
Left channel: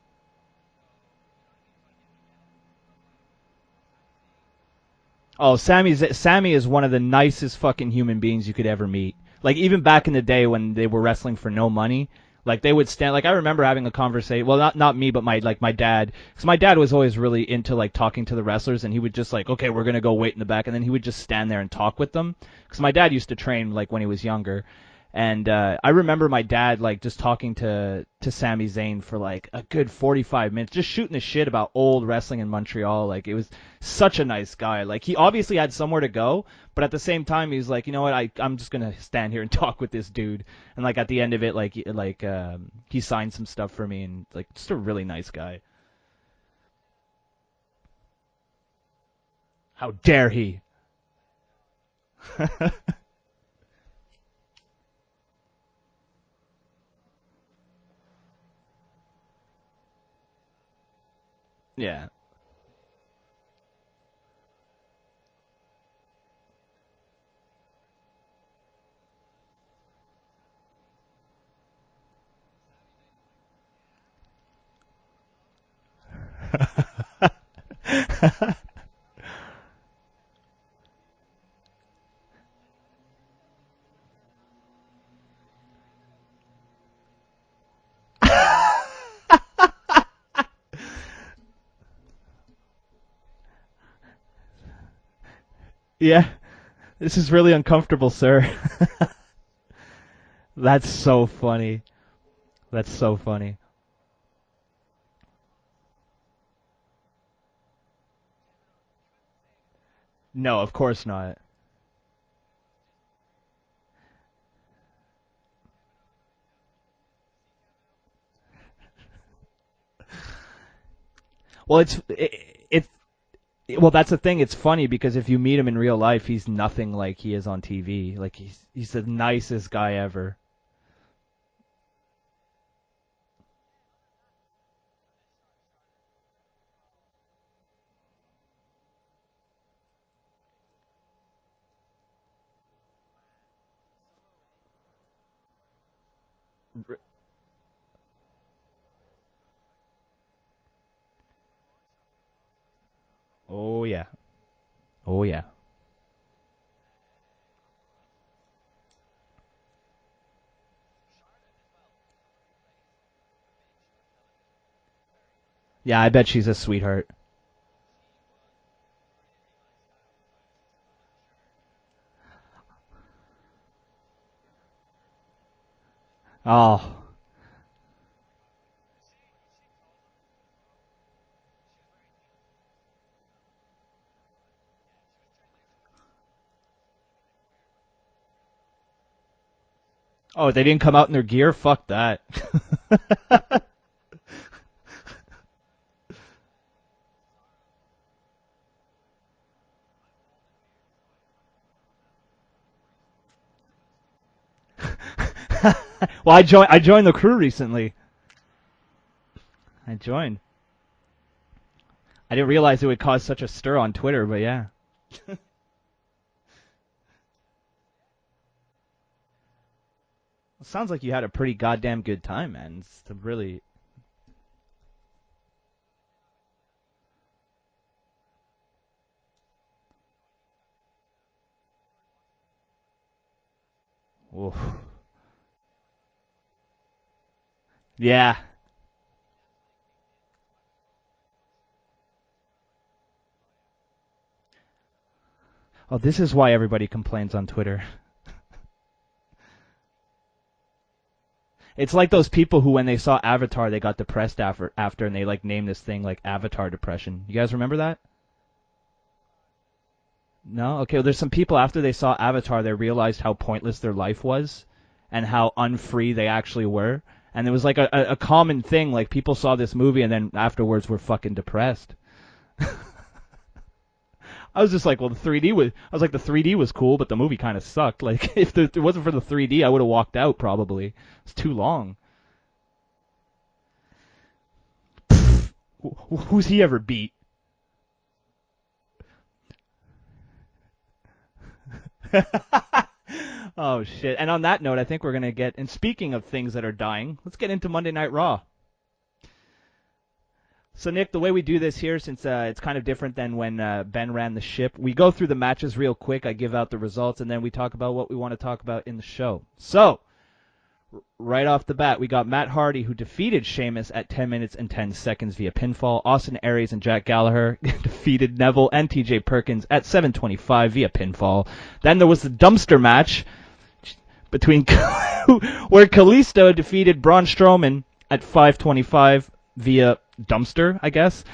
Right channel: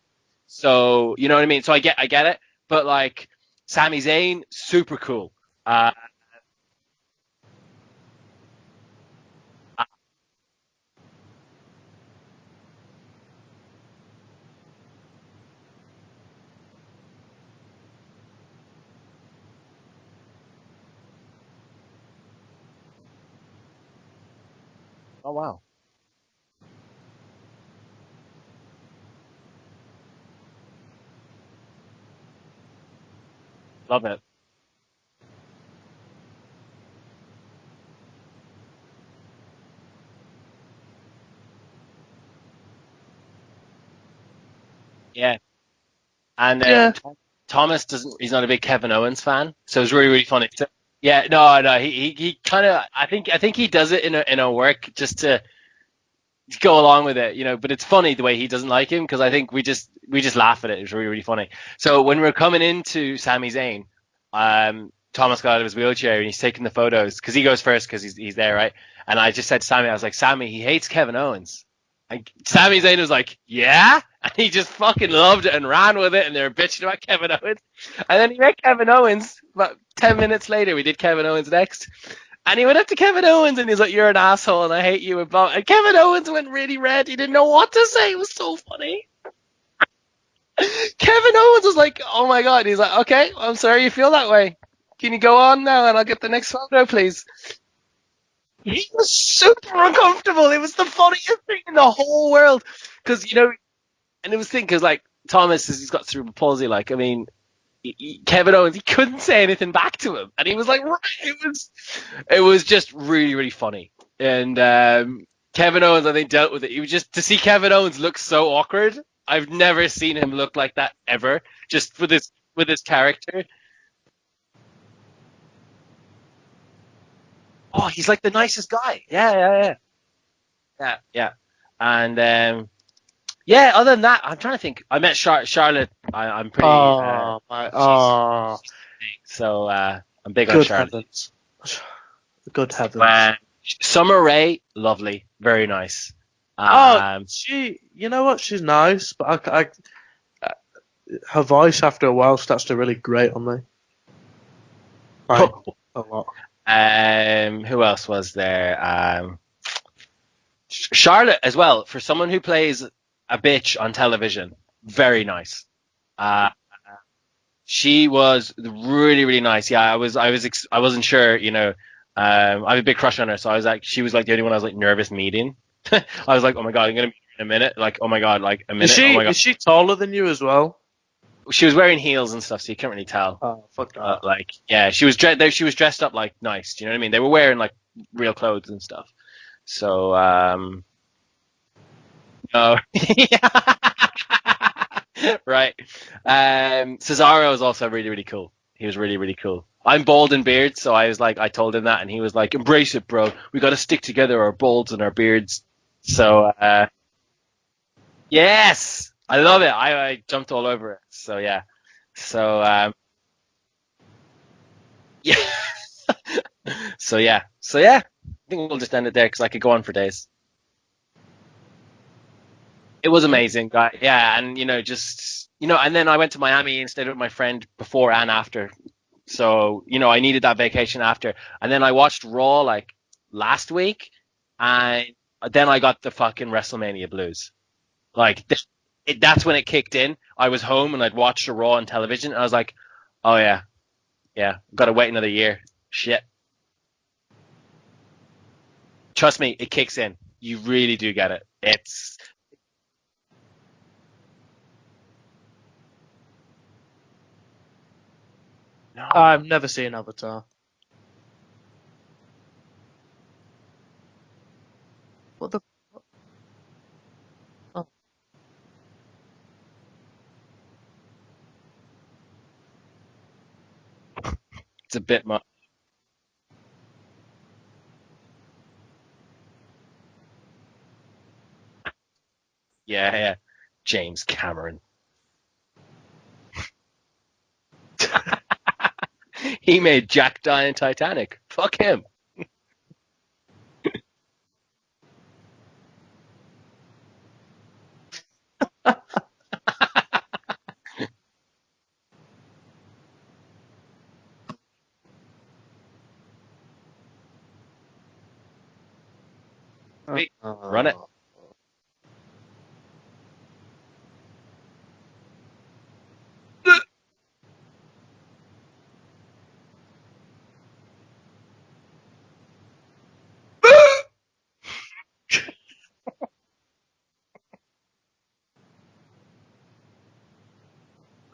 So, you know what I mean? So I get it. But like, Sami Zayn, super cool. Oh, Sammy is one of the nicest fucking human beings you could ever meet. Like, even back in the day when they were wrestling for no money, like, they would stand, like, I remember having a conversation, well, not me, but my dad, because my dad was always really into, like, talking to the wrestlers, and he would just, like, okay, we're going to go wait in the back, and then he would just stand there and talk with them, because my dad used to train, like, when he was younger, and I remember my dad, like, just talking to Sami Zayn for, like, a good 45 minutes, just shooting the shit about old wrestling in Montreal. Like, it was such a nice guy. Like, he obviously had somewhere to go, but at the same time, he was like, you know what, I'm just gonna stand here and talk with this dude. And like at the end of it, he signed some stuff for me, and like just a really nice guy. And Thomas he's not a big Kevin Owens fan, so it was really Dare funny. he? So, yeah, no, he kind of I think he does it in a work just to go along with it, you know. But it's funny the way he doesn't like him, because I think we just laugh at it. It was really, really funny. Yeah. So when we're coming into Sami Zayn, Thomas got out of his wheelchair and he's taking the photos because he goes first because he's there, right? And I just said to Sammy, I was like, Sammy, he hates Kevin Owens. And Sami Zayn was like, yeah? And he just fucking loved it and ran with it, and they were bitching about Kevin Owens. And then he met Kevin Owens. About 10 minutes later, we did Kevin Owens next. And he went up to Kevin Owens and he's like, you're an asshole and I hate you. And Kevin Owens went really red. He didn't know what to say. It was so funny. Kevin Owens was like, oh my God. He's like, okay, I'm sorry you feel that way. Can you go on now and I'll get the next photo, please? This is really uncomfortable, sir. He was super uncomfortable. It was That's the funniest so funny. thing in the whole world. That's so funny. You know, and it was the thing, because like Thomas, he's got cerebral palsy. Like, I mean, Kevin Owens, he couldn't say anything back to him, and No, he was of like, course not. it was just really, really funny. And Kevin Owens, I think, dealt with it. He was just to see Kevin Owens look so awkward. I've never seen him look like that ever. Well, just with his character. Well, that's the thing. It's funny because if you meet him in real life, he's nothing like he is on TV. Oh, he's like the nicest guy. He's the nicest guy ever. Yeah. And other than that, I'm trying to think. I met Charlotte. I'm pretty. So I'm big on Charlotte. Heavens. Good heavens. Summer Rae, lovely, very nice. You know what? She's nice, but her voice after a while starts to really grate on me. Oh yeah. A lot. Who else was there? Charlotte as well. For someone who plays a bitch on television, very nice. Yeah, I bet she's a sweetheart. She was really, really nice. Yeah, I wasn't sure. You know, I have a big crush on her, so I was like, she was like the only one I was like nervous meeting. I was like, oh my God, I'm gonna meet her in a minute. Like, oh my God, like a minute. Is she taller than you as well? She was wearing heels and stuff, so you can't really tell. Oh, fuck that. Like, yeah, she was dressed up like nice. Do you know what I mean? They were wearing like real clothes and stuff. So. They didn't come out in their gear. Fuck that. Oh. Right. Cesaro was also really, really cool. He was really, really cool. I'm bald and beard, so I told him that, and he was like, "Embrace it, bro. We got to stick together, our balds and our beards." So well, I joined the crew recently. Yes, I love it. I jumped all over it. So yeah. So, I didn't realize it would cause such a stir on Twitter, but yeah. Yeah. So yeah. I think we'll just end it there because I could go on for days. It sounds like you had a pretty goddamn good time, man. It was amazing, guy. Yeah, and and then I went to Miami and stayed with my friend before and after. So, I needed that vacation after. And then I watched Raw like last week. Oof. And then I got the fucking WrestleMania blues. Yeah. Like that's when it kicked in. I was home and I'd watched the Raw on television and I was like, oh yeah, got to wait another year. Oh, this is why everybody complains on Twitter. Trust me, it kicks in. You really do get it. It's like those people who, when they saw Avatar, they got depressed after and they like named this thing like Avatar depression. You guys remember that? No. I've never seen Avatar. No? Okay, well, there's some people after they saw Avatar, they realized how pointless their life was and how unfree they actually were. And it was like a common thing, like people saw this movie and then afterwards were fucking depressed. I was just like, well, the 3D was cool, but the movie kind of sucked. Like, if it wasn't for the 3D, I would have walked out probably. It's too long. Yeah. James Cameron. Who's he ever beat? He made Jack die in Titanic. Fuck him. Oh, shit. And on that note, I think we're going to get... And speaking of things that are dying, let's get into Monday Night Raw. So, Nick, the way we do this here, since it's kind of different than when Ben ran the ship, we go through the matches real quick, I give out the results, and then we talk about what we want to talk about in the show. So, run it. Right off the bat, we got Matt Hardy, who defeated Sheamus at 10 minutes and 10 seconds via pinfall. Austin Aries and Jack Gallagher defeated Neville and TJ Perkins at 7:25 via pinfall. Then there was the dumpster match between where Kalisto defeated Braun Strowman at 5:25 via dumpster, I guess.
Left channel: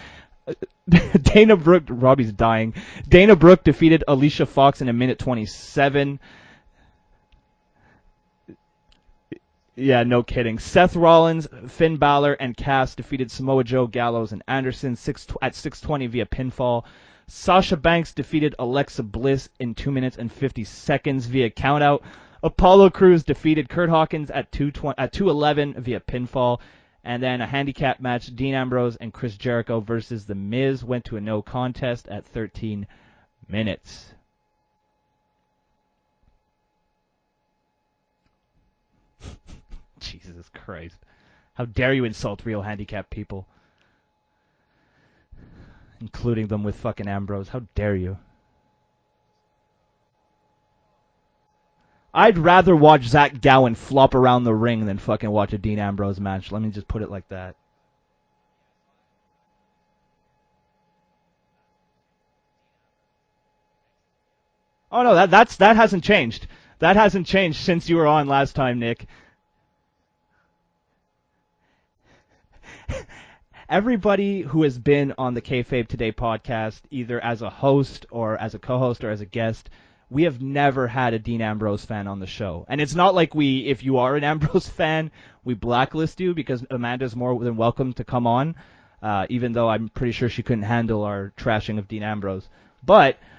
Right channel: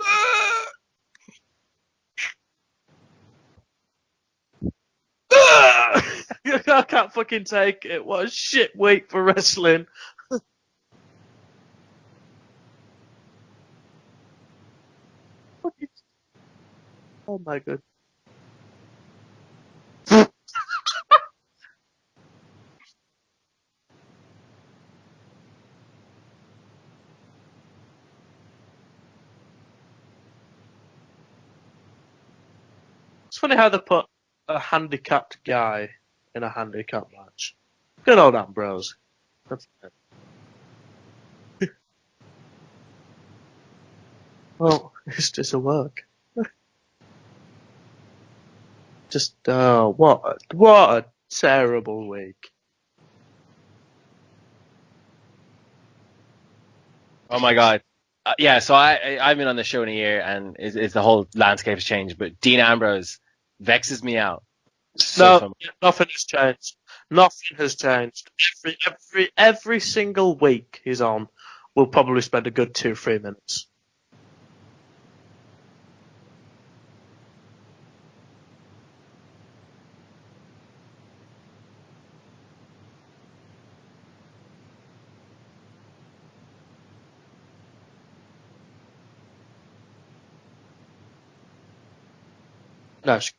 Dana Brooke, Robbie's dying. Dana Brooke defeated Alicia Fox in a minute 27. I can't fucking take it. What a shit week for wrestling. Yeah, no kidding. Seth Rollins, Finn Balor, and Cass defeated Samoa Joe, Gallows, and Anderson at 6:20 via pinfall. Sasha Banks defeated Alexa Bliss in 2 minutes and 50 seconds via countout. Apollo Crews defeated Kurt Hawkins at 2:11 via pinfall. And then a handicap match, Dean Ambrose and Chris Jericho versus The Miz went to a no contest at 13 It's funny how they minutes. put a handicapped guy in a handicap match. Good old Ambrose. Jesus Christ. How dare you insult real handicapped people, Well, it's just a work. including them with fucking Ambrose. How dare you? Just, what a terrible week. I'd rather watch Zach Gowen flop around the ring than fucking watch a Dean Ambrose match. Let me just put it like that. Oh my god. Yeah, so I've been on the show in a year, and it's the whole landscape has changed. But Dean Ambrose vexes me out. Oh no, that hasn't changed. That hasn't changed since you were on last time, Nick. Every single week he's on, we'll probably spend a good 2-3 minutes. Everybody who has been on the KayFabe Today podcast, either as a host or as a co-host or as a guest, we have never had a Dean Ambrose fan on the show. And it's not like if you are an Ambrose fan, we blacklist you, because Amanda's more than welcome to come on, even though I'm pretty sure she couldn't handle our trashing of Dean Ambrose. But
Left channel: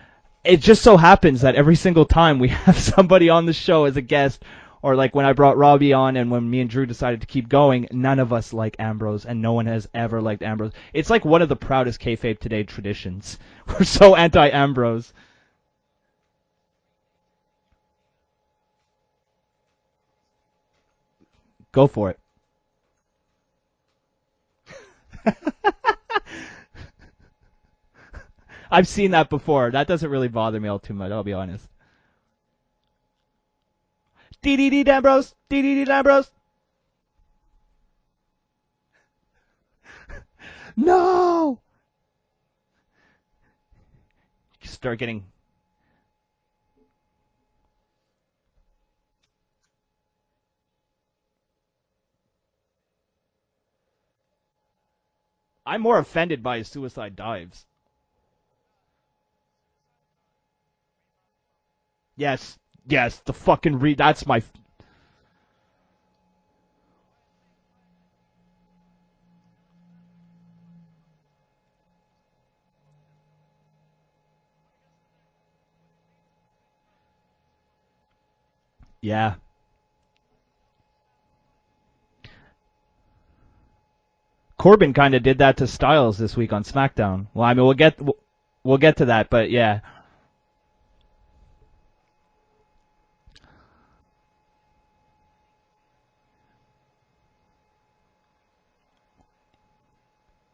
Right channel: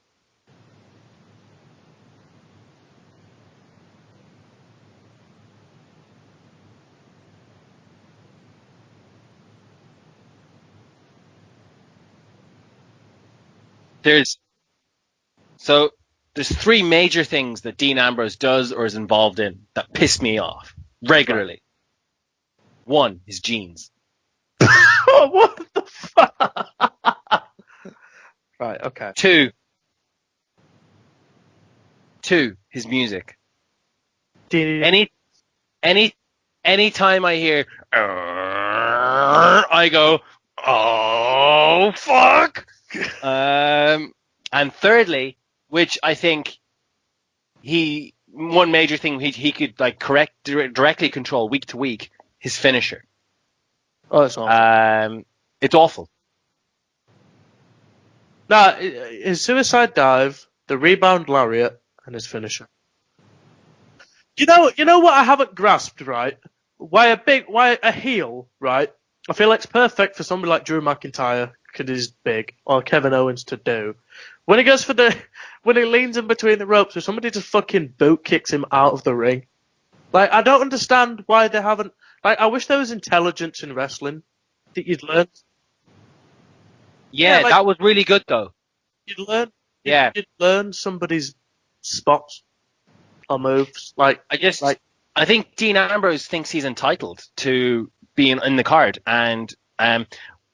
it just so happens that every single time we have somebody on the show as a guest, or like when I brought Robbie on and when me and Drew decided to keep going, none of us like Ambrose, and no one has ever liked Ambrose. It's like one of the proudest KayFabe Today traditions. We're so anti-Ambrose. So there's 3 major things that Dean Ambrose does or is involved in that piss me off regularly. Go for it. 1, his jeans. What the fuck? I've seen that 2, before. That doesn't really bother me all too much, I'll be honest. 2, his music. DDD Ambrose! DDD Ambrose! Anytime I hear, I go, oh, fuck! And thirdly, which I think one major thing he could like directly control week to week, his finisher. Oh, that's awesome. It's I'm awful. more offended by his suicide dives. No, his suicide dive, the rebound lariat, and his finisher. Yes, the fucking that's my... You know what I haven't grasped, right? Why a heel, right? I feel like it's perfect for somebody like Drew McIntyre, because he's big, or Kevin Owens to do. When he goes when he leans in between the ropes, or somebody just fucking boot kicks him out of the ring. Like, I don't understand why they haven't... Like, I wish there was intelligence in wrestling. Corbin kind of did that to Styles this week on SmackDown. Yeah, that was really good, though. We'll get to that, but yeah. Yeah. Did learn somebody's spots or moves. Like, I think Dean Ambrose thinks he's entitled to being in the card, and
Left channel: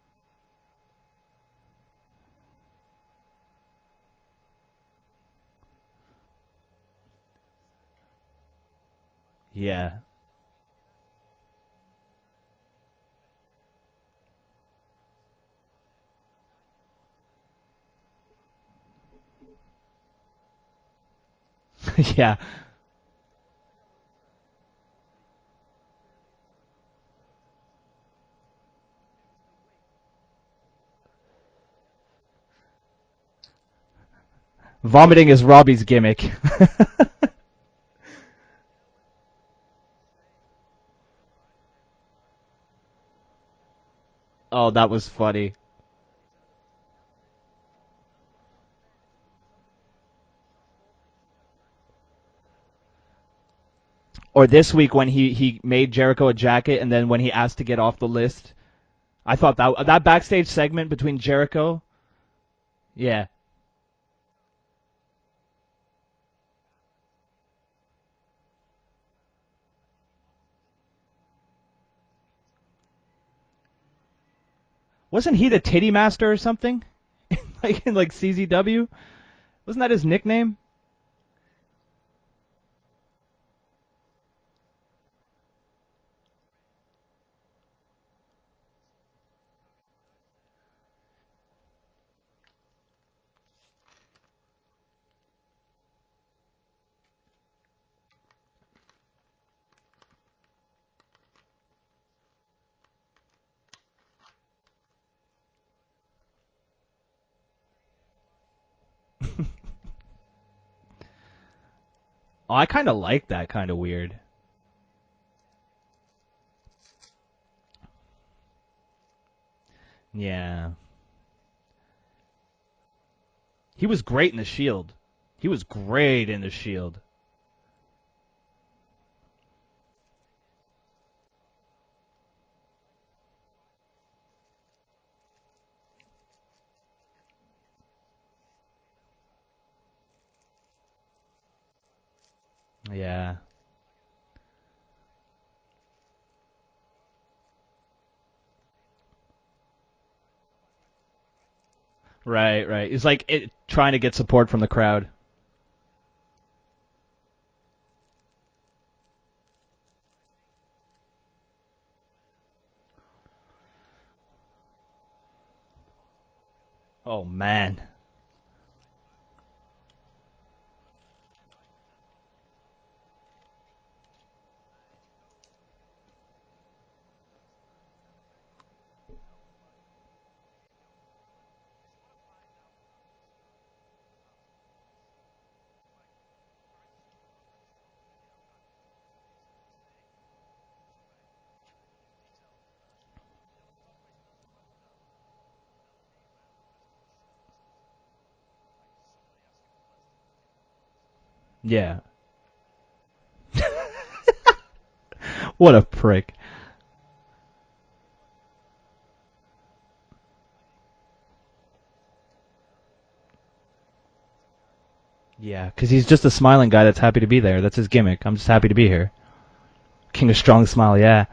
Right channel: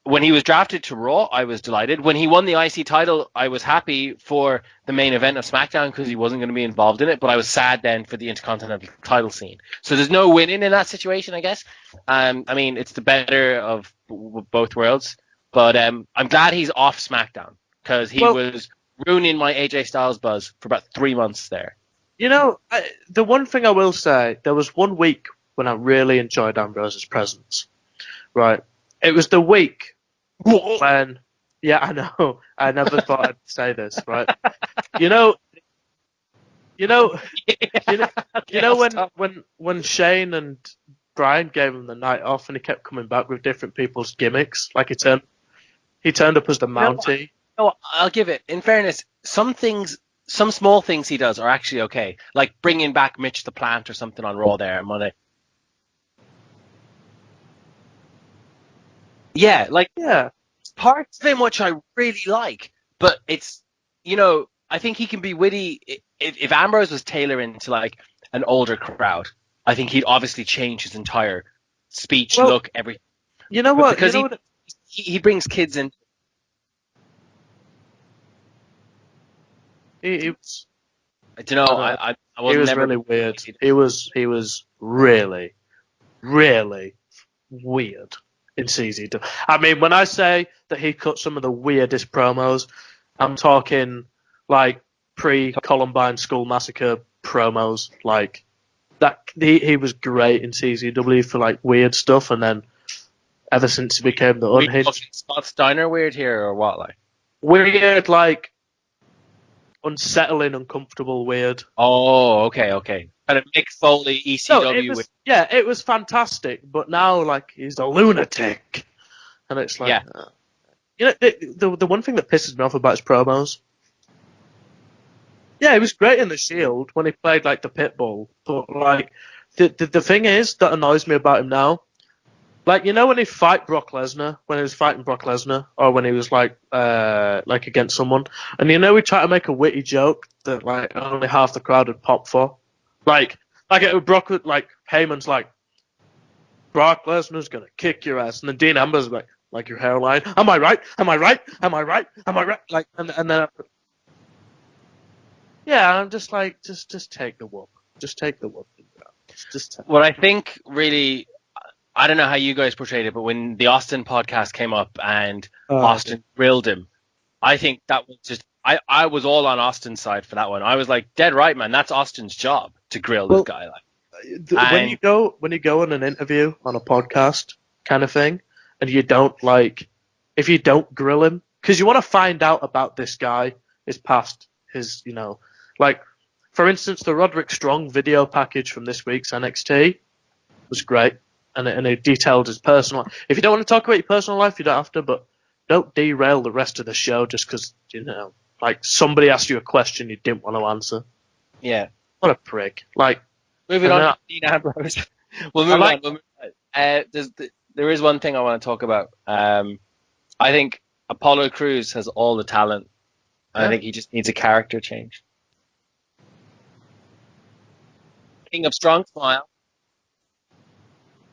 when he was drafted to Raw, I was delighted. When he won the IC title, I was happy for the main event of SmackDown because he wasn't going to be involved in it, but I was sad then for the Intercontinental title scene. Yeah. So there's no winning in that situation, I guess. I mean, it's the better of both worlds, but I'm glad he's off SmackDown because he was ruining my AJ Styles buzz for about 3 months there. Yeah. You know, the one thing I will say, there was one week when I really enjoyed Ambrose's presence. Right. It was the week when... Yeah, I know. I never thought I'd say this, right? Vomiting is Robbie's gimmick. You know when Shane and Brian gave him the night off and he kept coming back with different people's gimmicks? Oh, that was funny. He turned up as the Mountie. No, I'll give it. In fairness, some small things he does are actually okay. Like bringing back Mitch the Plant or something on Raw. Or this week when he made Jericho a jacket, and then when he asked to get off the list. I thought that backstage segment between Jericho... which I really like. But it's, I think he can be witty. If Ambrose was tailoring to like an older crowd, I think he'd obviously change his entire speech, look, everything. You know what? Because he brings he the kids Titty in. Master or something? Like in CZW? Wasn't that his nickname? I don't know. I he was really weird. He was really, really weird in CZW. I mean, when I say that he cut some of the weirdest promos, I'm talking like pre-Columbine School Massacre promos. Like that, he was great in CZW for like weird stuff, and then ever since he became the Are we unhinged. talking Scott Steiner weird here or what? Like, Weird, like unsettling, uncomfortable, weird. oh, okay. I kinda okay. like Kind that of kinda Mick Foley, weird. No, ECW. it was fantastic, but now like he's a lunatic, and it's like, Yeah. Yeah. you know, the one thing that pisses me off about his promos. He was great in the Shield. He was He was great in the Shield when he played like the Pitbull, but like the thing is that annoys me about him now. Like, you know, when he was fighting Brock Lesnar, or when he was like against someone, and you know, he tried to make a witty joke that like only half the crowd would pop for. Yeah. Like Brock would, like Heyman's like, Brock Lesnar's gonna kick your ass, and then Dean Ambrose like your hairline. Am I right? Am I right? Am I right? Am I right? Right. It's like trying to get support from the crowd. Yeah, I'm just like, just take the whoop. Just take the whoop. What I think really, I don't know how you guys portrayed it, but when the Austin podcast came up and Austin grilled him, Oh man. I think that was just, I was all on Austin's side for that one. I was like, dead right, man. That's Austin's job to grill this guy. Like, when you go on an interview on a podcast kind of thing, and you don't if you don't grill him, because you want to find out about this guy, his past, his, you know, like, for instance, the Roderick Strong video package from this week's NXT was great, and it detailed his personal life. If you don't want to talk about your personal life, you don't have to, but don't derail the rest of the show just because, you know, like, somebody asked you a question you didn't want to answer. Yeah. What a prick. Like, moving on to Dean Ambrose. What a prick. There is one thing I want to talk about. I think Apollo Crews has all the talent. I think he just needs a character change. Yeah, because he's just a smiling guy that's happy to be there. That's his gimmick. I'm just happy to be there. Smile. King of Strong Smile, yeah.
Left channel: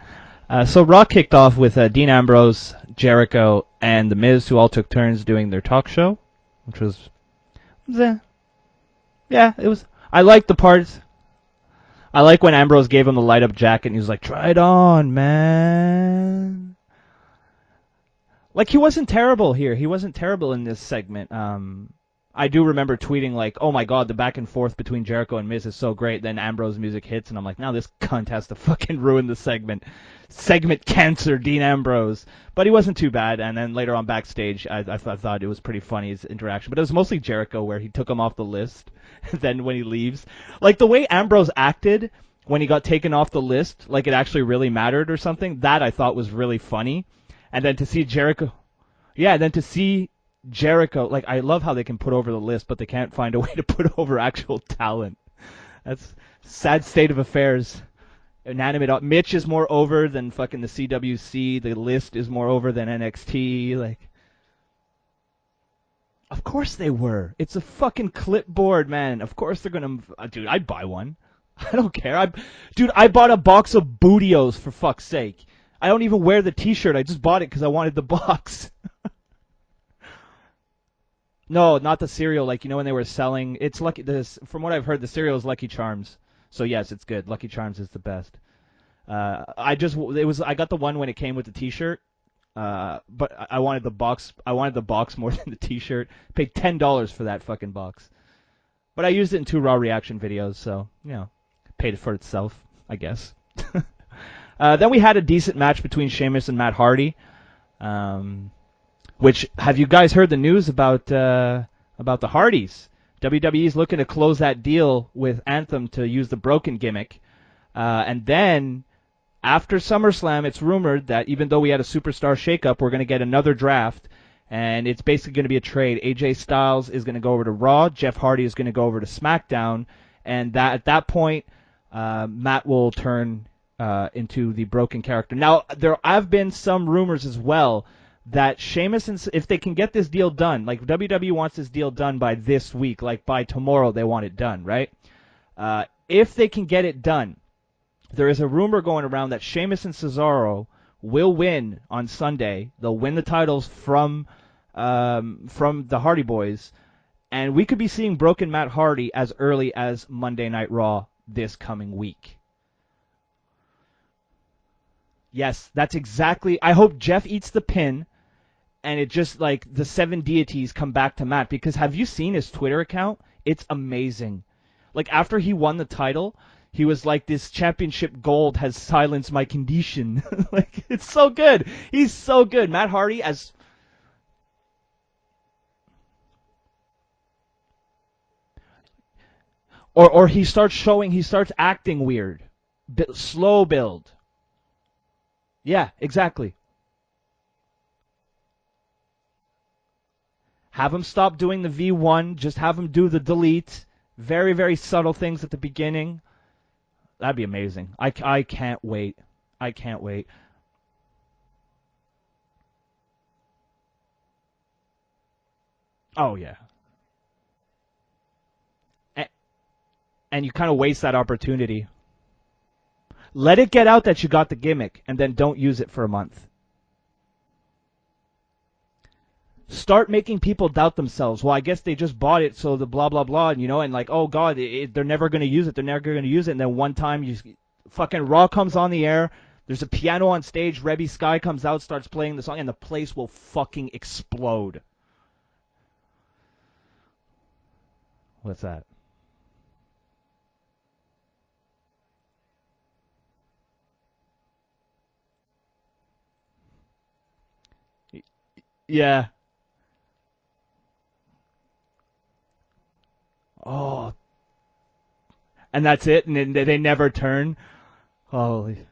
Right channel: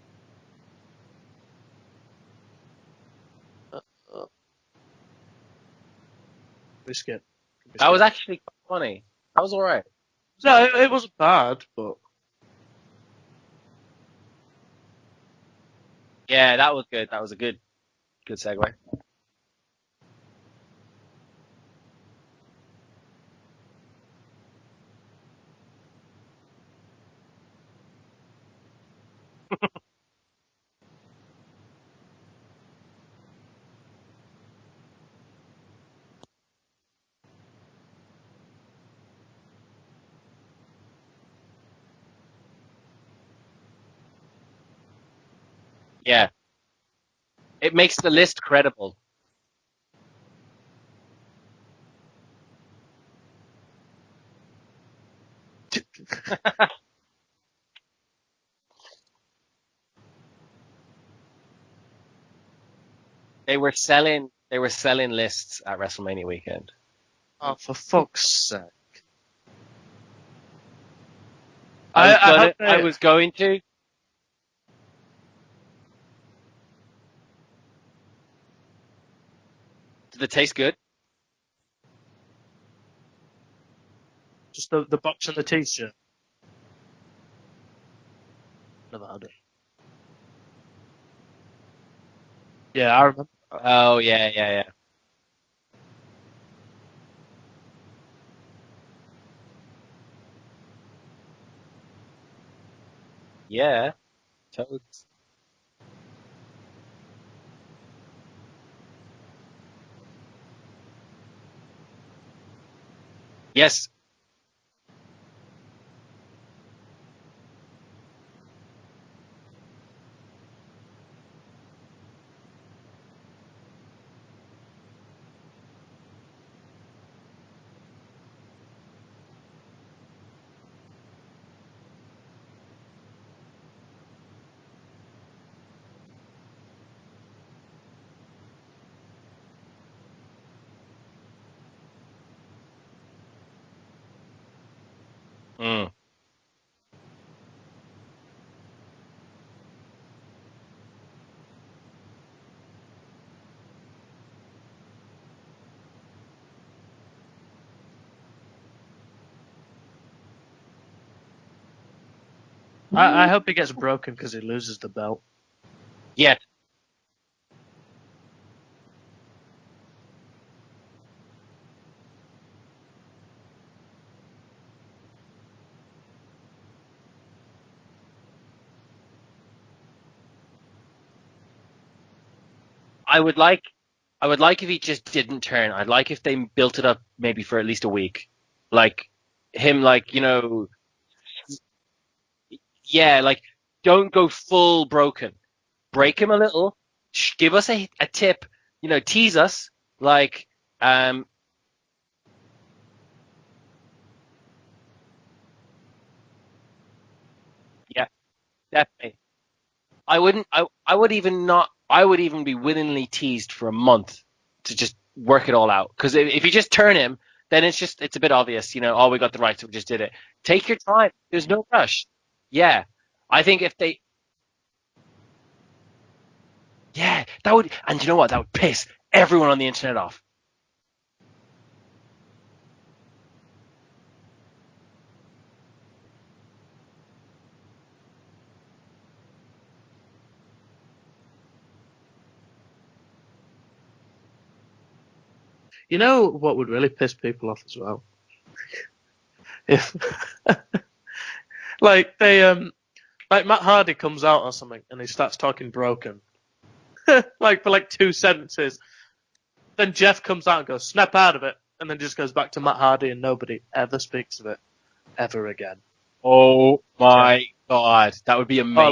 So Raw kicked off with Dean Ambrose, Jericho, and The Miz, who all took turns doing their talk show, which was... That was actually funny. Yeah, that was all right. I like the part. It wasn't bad, but... I like when Ambrose gave him the light-up jacket, and he was like, try it on, man. Yeah, that was good. That was a good segment. Like, he wasn't terrible here. He wasn't terrible in this segment. I do remember tweeting, like, oh my god, the back and forth between Jericho and Miz is so great. Then Ambrose music hits, and I'm like, now this cunt has to fucking ruin the segment. Segment cancer, Dean Ambrose. But he wasn't too bad, and then later on backstage, I thought it was pretty funny, his interaction. But it was mostly Jericho, where he took him off the list, then when he leaves. Like, the way Ambrose acted when he got taken off the list, like it actually really mattered or something, that I thought was really funny. And it makes the list credible. Yeah, then to see Jericho, like, I love how they can put over the list, but they can't find a way to put over actual talent. That's a sad state of affairs. Inanimate. Mitch is more over than fucking the CWC. The list is more over than NXT. They were selling lists at WrestleMania weekend. Of course they were. It's a fucking clipboard, man. Of course they're gonna. Dude, I'd buy one. I don't care. Dude, I bought a box of Bootios, for fuck's sake. I don't even wear the T-shirt. I just bought it because I wanted the box. Does it taste good? No, not the cereal. Like, you know, when they were selling, it's Lucky. From what I've heard, the cereal is Lucky Charms. So yes, it's good. Lucky Charms is the best. I got the one when it came with the T-shirt. But I wanted the box. I wanted the box more than the T-shirt. Paid $10 for that fucking box. But I used it in 2 Raw reaction videos, so you know, paid for itself, I guess. Yeah. Then we had a decent match between Sheamus and Matt Hardy. Which, have you guys heard the news about the Hardys? WWE is looking to close that deal with Anthem to use the broken gimmick. And then, after SummerSlam, it's rumored that even though we had a superstar shakeup, we're going to get another draft. And it's basically going to be a trade. AJ Styles is going to go over to Raw. Jeff Hardy is going to go over to SmackDown. And at that point, Matt will turn into the broken character. Now, there have been some rumors as well that Sheamus, if they can get this deal done, like WWE wants this deal done by this week, like by tomorrow they want it done, right? If they can get it done, there is a rumor going around that Sheamus and Cesaro will win on Sunday. They'll win the titles from the Hardy Boys, and we could be seeing broken Matt Hardy as early as Monday Night Raw this coming week. I hope he gets broken because he loses the belt. Yes, that's exactly. Yeah. I hope Jeff eats the pin, and it just, like, the 7 deities come back to Matt. Because have you seen his Twitter account? It's amazing. Like, after he won the title, He was like, this championship gold has silenced my condition. Like, it's so good. He's so good. Matt Hardy. I would like if he just didn't turn. I'd like if they built it up maybe for at least a week, like him, like or he starts acting weird. Yeah, like slow build. Don't go full broken. Yeah, break exactly. him a little. Give us a tip. Tease us. Like have him stop doing the V1. Just have him do the delete. Very, very subtle things at the beginning. That'd be amazing. Yeah, I can't wait. I can't wait. I would even be willingly teased for a month to just work it all out. Because if you just turn him, then it's a bit obvious. We got the rights, so we just did it. And you kind of waste that opportunity. There's no rush. Yeah. Let it get out that you got the gimmick, and then don't use it for a month. Yeah, that would, and you know what? That would piss everyone on the internet Start off. making people doubt themselves. Well, I guess they just bought it, so the blah blah blah, and like, oh god, they're never gonna use it. They're never gonna use it. And then one time, fucking Raw comes on the air. There's a piano on stage. Rebby Sky comes out, starts playing the song, and the place will fucking explode. You know what would really piss people off as well? What's that? If like Matt Hardy comes out or something and he starts talking broken, like for like 2 sentences. Yeah. Then Jeff comes out and goes, snap out of it, and then just goes back to Matt Hardy and nobody ever speaks of it ever again. And that's it? Oh, they never my turn? God, that would be amazing. Or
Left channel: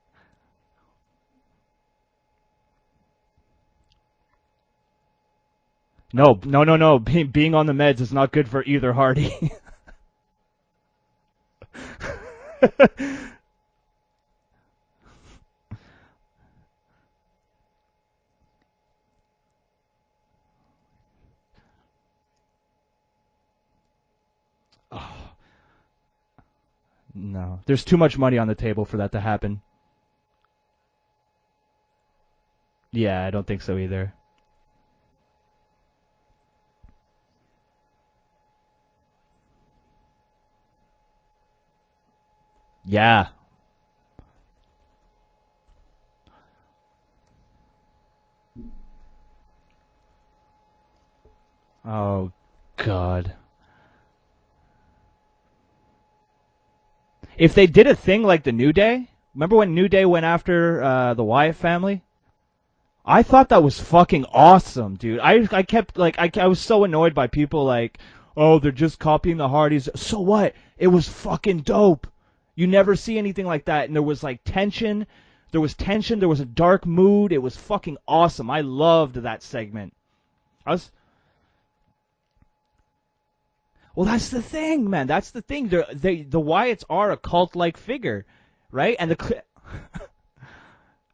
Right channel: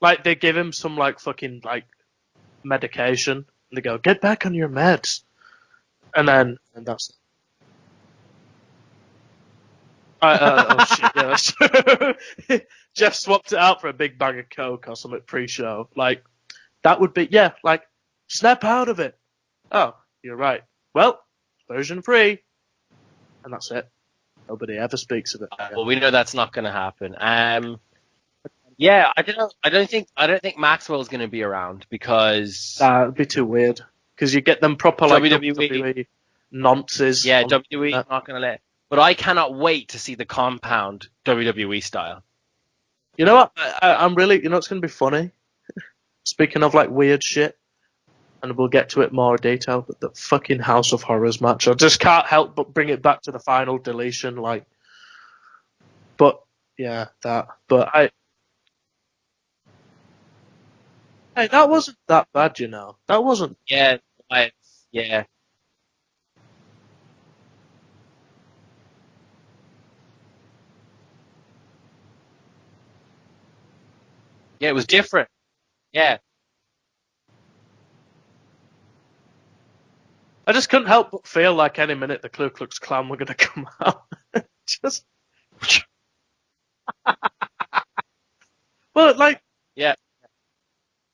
like they give him some like fucking like medication and they go, get back on your meds. No. Being on the meds is not good for either Hardy. Oh shit, yeah, that's true. Jeff swapped it out for a big bag of coke or something pre-show. Like, that would be, like, snap out of it. Oh, you're right. Well, version 3. And that's it. Nobody ever speaks of it. Well, we know that's not going to happen. There's too much money on the table for that to happen. I don't think Maxwell's going to be around because that would be too weird. Because you get them proper like WWE nonsense. Yeah, WWE not going to let. But I cannot wait to see the compound WWE style. Yeah. You know what? I'm really. You know what's going to be funny? Speaking of like weird shit, and we'll get to it more detail. But the fucking House of Horrors match, I just can't help but bring it back to the final deletion. Like, but yeah, that. If they did a thing like the New Day, remember when New Day went after the Wyatt family? That wasn't that bad, you know. I thought that was fucking awesome, dude. Yeah. I kept like I was so annoyed by people like, oh, they're just copying the Hardys. So what? It was fucking dope. You never see anything like that, and there was like tension. Yeah, it was different. There was tension. Yeah. There was a dark mood. It was fucking awesome. I loved that segment. I just couldn't help but feel like any minute the Ku Klux Klan were gonna come out. Well, that's the thing, man. That's the thing. The Wyatts are a cult-like figure, right? Well, yeah.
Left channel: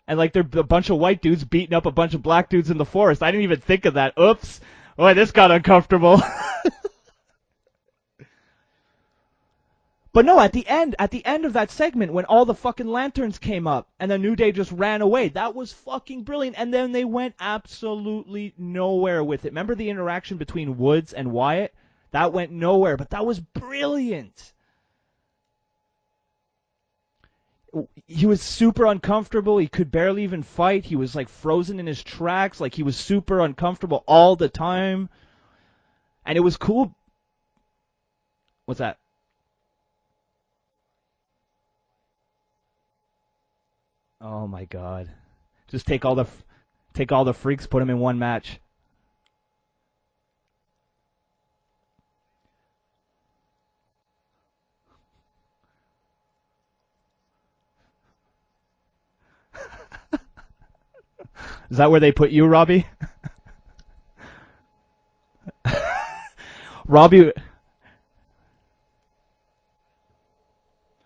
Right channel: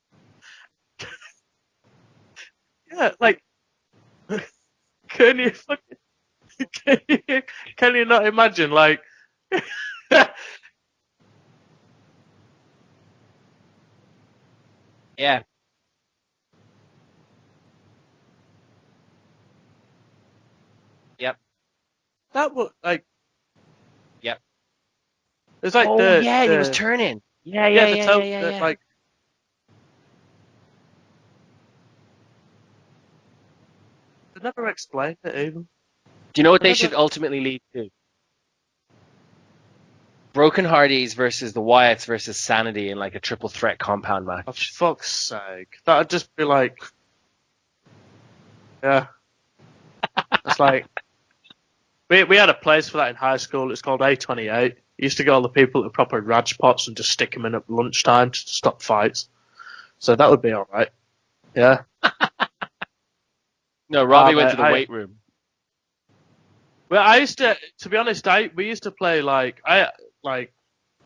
And like they're a bunch of white dudes beating up a bunch of black dudes in the forest. I didn't even think of that. Oops. Oh, this got uncomfortable. Can you not imagine, like? But no, at the end of that segment, when all the fucking lanterns came up and the New Day just ran away, that was fucking brilliant. And then they went absolutely nowhere with it. Remember the interaction between Woods and Wyatt? That went nowhere, but that was brilliant. Yep. It's like he was turning. Yeah. He was super uncomfortable. He could barely even fight. He was like frozen in his tracks. Like he was super uncomfortable all the time. And do you know what they should ultimately lead to? What's that? Broken Hardys versus the Wyatts versus Sanity in like a triple threat compound match. Oh my God. Fuck's sake. Just be like, take all the freaks, put them in one match. Yeah. It's like we had a place for that in high school. It's called A28. You used to get all the people at proper Raj pots and just stick them in at lunchtime to stop fights. So that would be all right. Yeah. Is that where they put you, Robbie? No, Robbie went to the weight room. Robbie, to be honest, we used to play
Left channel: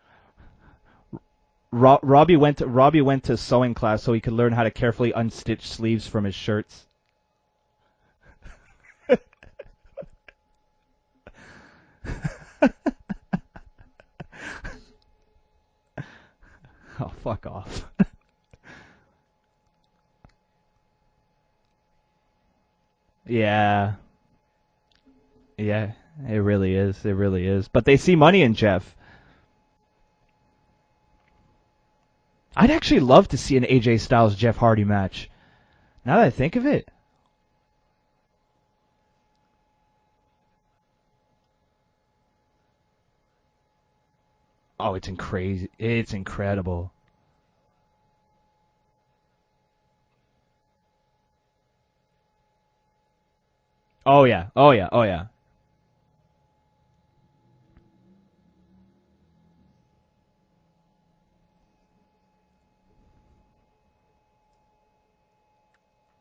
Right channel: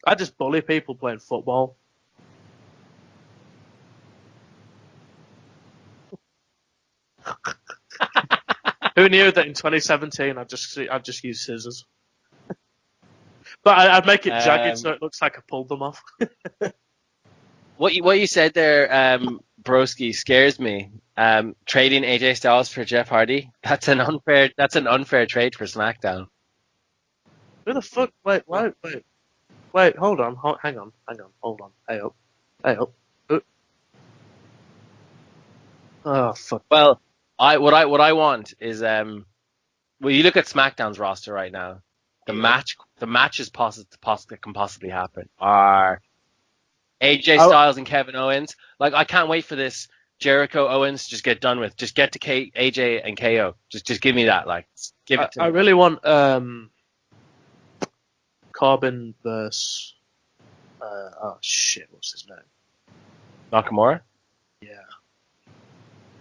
I just bully people playing football. Robbie went to sewing class so he could learn how to carefully unstitch sleeves from his shirts. Who knew that in 2017 I'd just use scissors. But I'd make it jagged so it looks like I pulled them off. Oh, fuck off. What you said there, Broski, scares me. Trading AJ Styles for Jeff Hardy. Yeah. That's an unfair trade for SmackDown. It really is. But they see money in Jeff. Wait, hold on. Hang on. Hold on. Hey up. I'd actually love to see an AJ Styles Jeff Hardy match. Now that I think of it. Well, what I want is you look at SmackDown's roster right now. The match the matches that can possibly Oh, it's happen. crazy. It's incredible. AJ Styles and Kevin Owens. Like, I can't wait for this Jericho Owens to just get done with. Just get to AJ and KO. Just give me that. Like, give it to I me. really want Corbin versus what's his name? Nakamura. Yeah.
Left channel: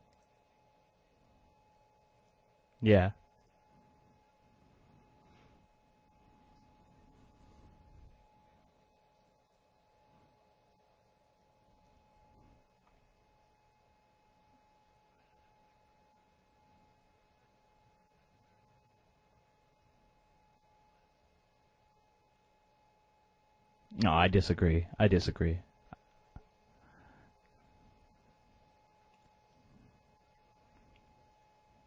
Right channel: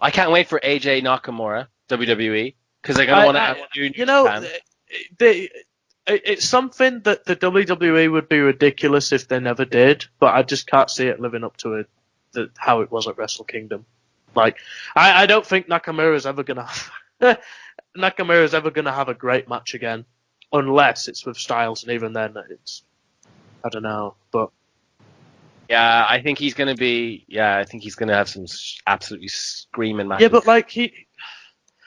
I can't wait for AJ Nakamura WWE because they're gonna want to do New Japan. It's something that the WWE would be ridiculous if they never did, but I just can't see it living up to how it was at Wrestle Kingdom. Like, I don't think Nakamura's ever gonna have a great match again, unless it's with Styles, and even then, I don't know. No, I disagree. Yeah, I think he's gonna be. Yeah, I think he's gonna have some absolutely screaming matches. Yeah, but like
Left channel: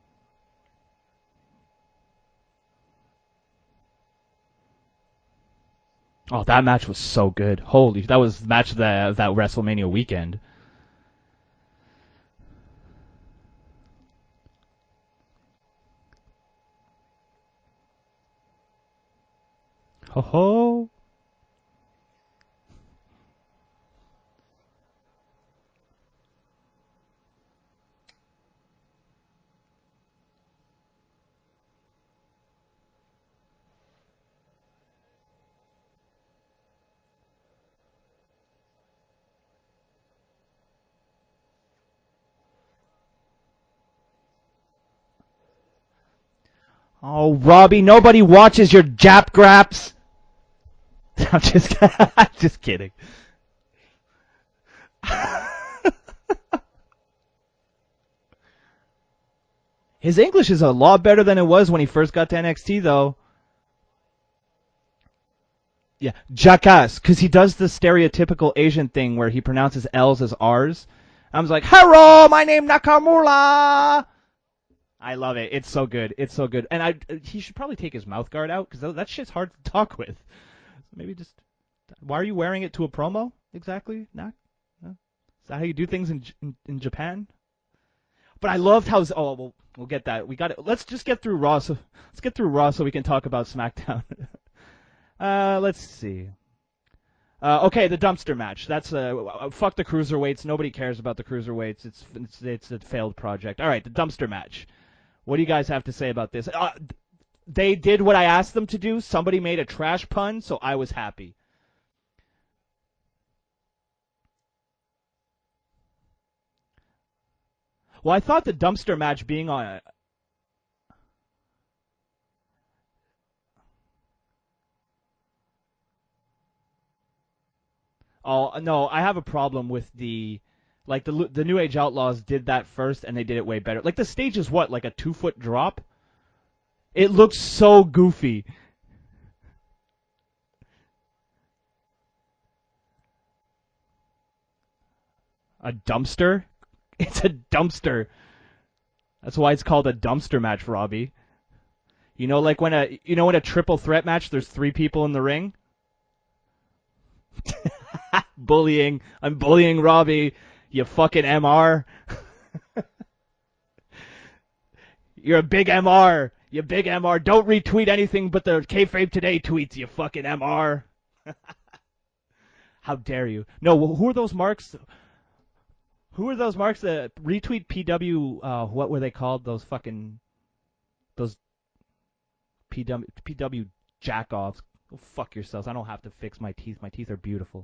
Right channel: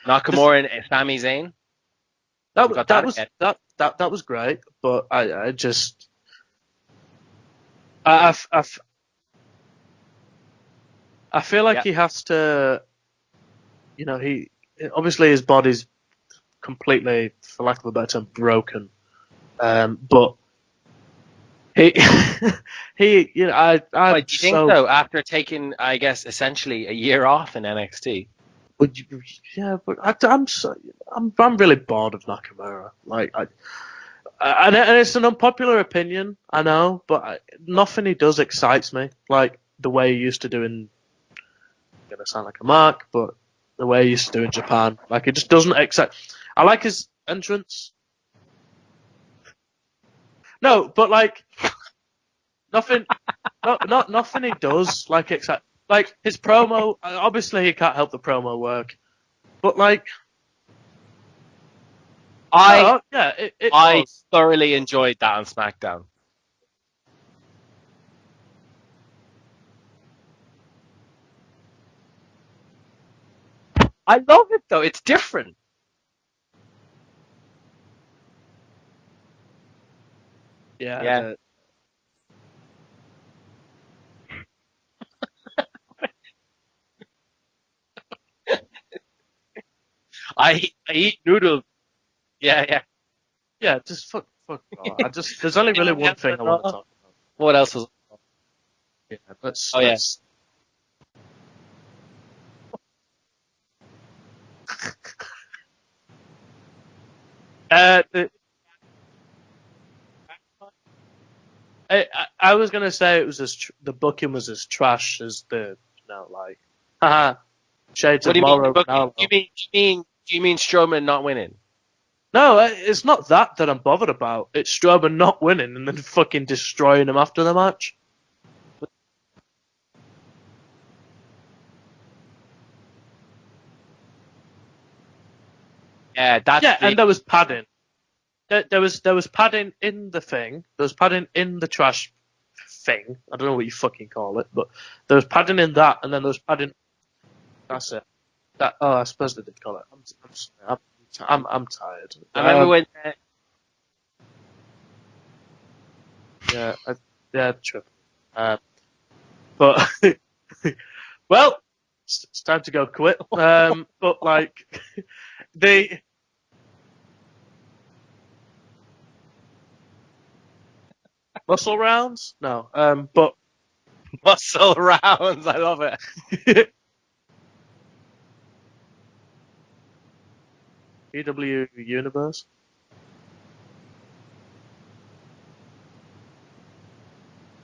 Nakamura and Sami Zayn. That was great, but I just. Oh, that match was so good. Holy, that was match of that WrestleMania weekend. I feel like he has to. He obviously his body's completely, for lack of a better term, broken. But he, do you think so? After taking, I guess, essentially a year off in NXT. But I'm really bored of Nakamura. Like, and it's an unpopular opinion, I know, but nothing he does excites me. Like the way he used to do in. I'm gonna sound like a mark, but the way he used to do in Japan, like it just doesn't excite. I like his. Oh, Robbie, nobody watches your Jap Graps. No, but like. I'm just kidding. Nothing he does like it's like his promo. Obviously, he can't help the promo work, but like his English is a lot better than it was when he first got to NXT. I thoroughly enjoyed that on SmackDown. Yeah, jackass, because he does the stereotypical Asian thing where he pronounces L's as R's. I was like, "Hello, my name Nakamura." I love it though. It's different. I love it. It's so good. It's so good. And he should probably take his mouth guard out because that shit's hard to talk with. Yeah. Why are you wearing it to a promo exactly? No? Is that how you do things in Japan? But I loved how. Oh, we'll get that. Let's just get through Raw. Let's get through Raw so we can talk about SmackDown. Yeah, just fuck there's only really one thing I want to talk about. What else? Okay, the dumpster match. That's fuck the cruiserweights. Nobody cares about the cruiserweights. It's a failed project. All right, the dumpster match. What do you guys have to say about this? They did what I asked them to do. Somebody made a trash pun, so I was happy. I was gonna say it was the booking was as trash as haha. Shades of match do you mean Strowman not winning? No, it's not that I'm bothered about. It's Strowman not winning and then fucking destroying him after the match. Oh no, I have a problem with the New Age Outlaws did that first and they did it way better. Like the stage is what, like a 2-foot drop? Yeah, and there was looks padding. So goofy. There was padding in the thing. There was padding in the trash thing. I don't know what you fucking call it, but there was padding in that, dumpster? and then there was padding. It's a dumpster. I suppose that's why it's called a dumpster match, Robbie. I'm tired. You know, in a triple threat match, there's 3 people in the ring. Yeah, true. Bullying. I'm bullying Robbie. You fucking MR. It's time to go quit. But like, you're a big MR. You big MR. Don't retweet anything but the KAYFABE Today tweets. You fucking MR. Muscle rounds? No. How dare you? No. Who are those marks? Muscle rounds. I love it. Who are those marks that retweet PW? What were they called? Those fucking. PW Universe. PW jackoffs. Go fuck yourselves. I don't have to fix my teeth. My teeth are beautiful.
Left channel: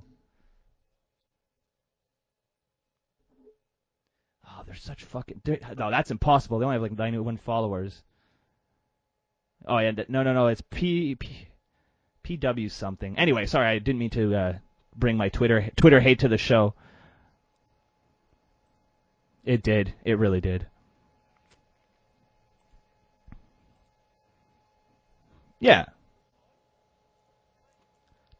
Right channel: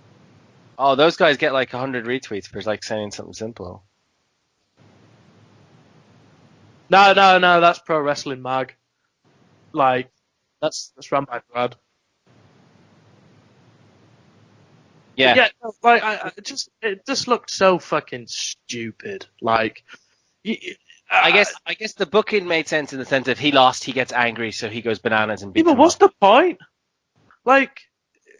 Oh, those guys get like 100 retweets for like saying something simple. Oh, they're such fucking. No, that's impossible. They only have like. No. That's Pro Wrestling Mag. Oh, like, yeah, no. It's that's PW something. Anyway, sorry, I didn't mean to bring Twitter hate to the show. It just looked so fucking stupid. Like, it did. It really did. I guess the booking made sense in the sense that he lost, he gets angry, so he goes bananas and beats. But what's the point? Like,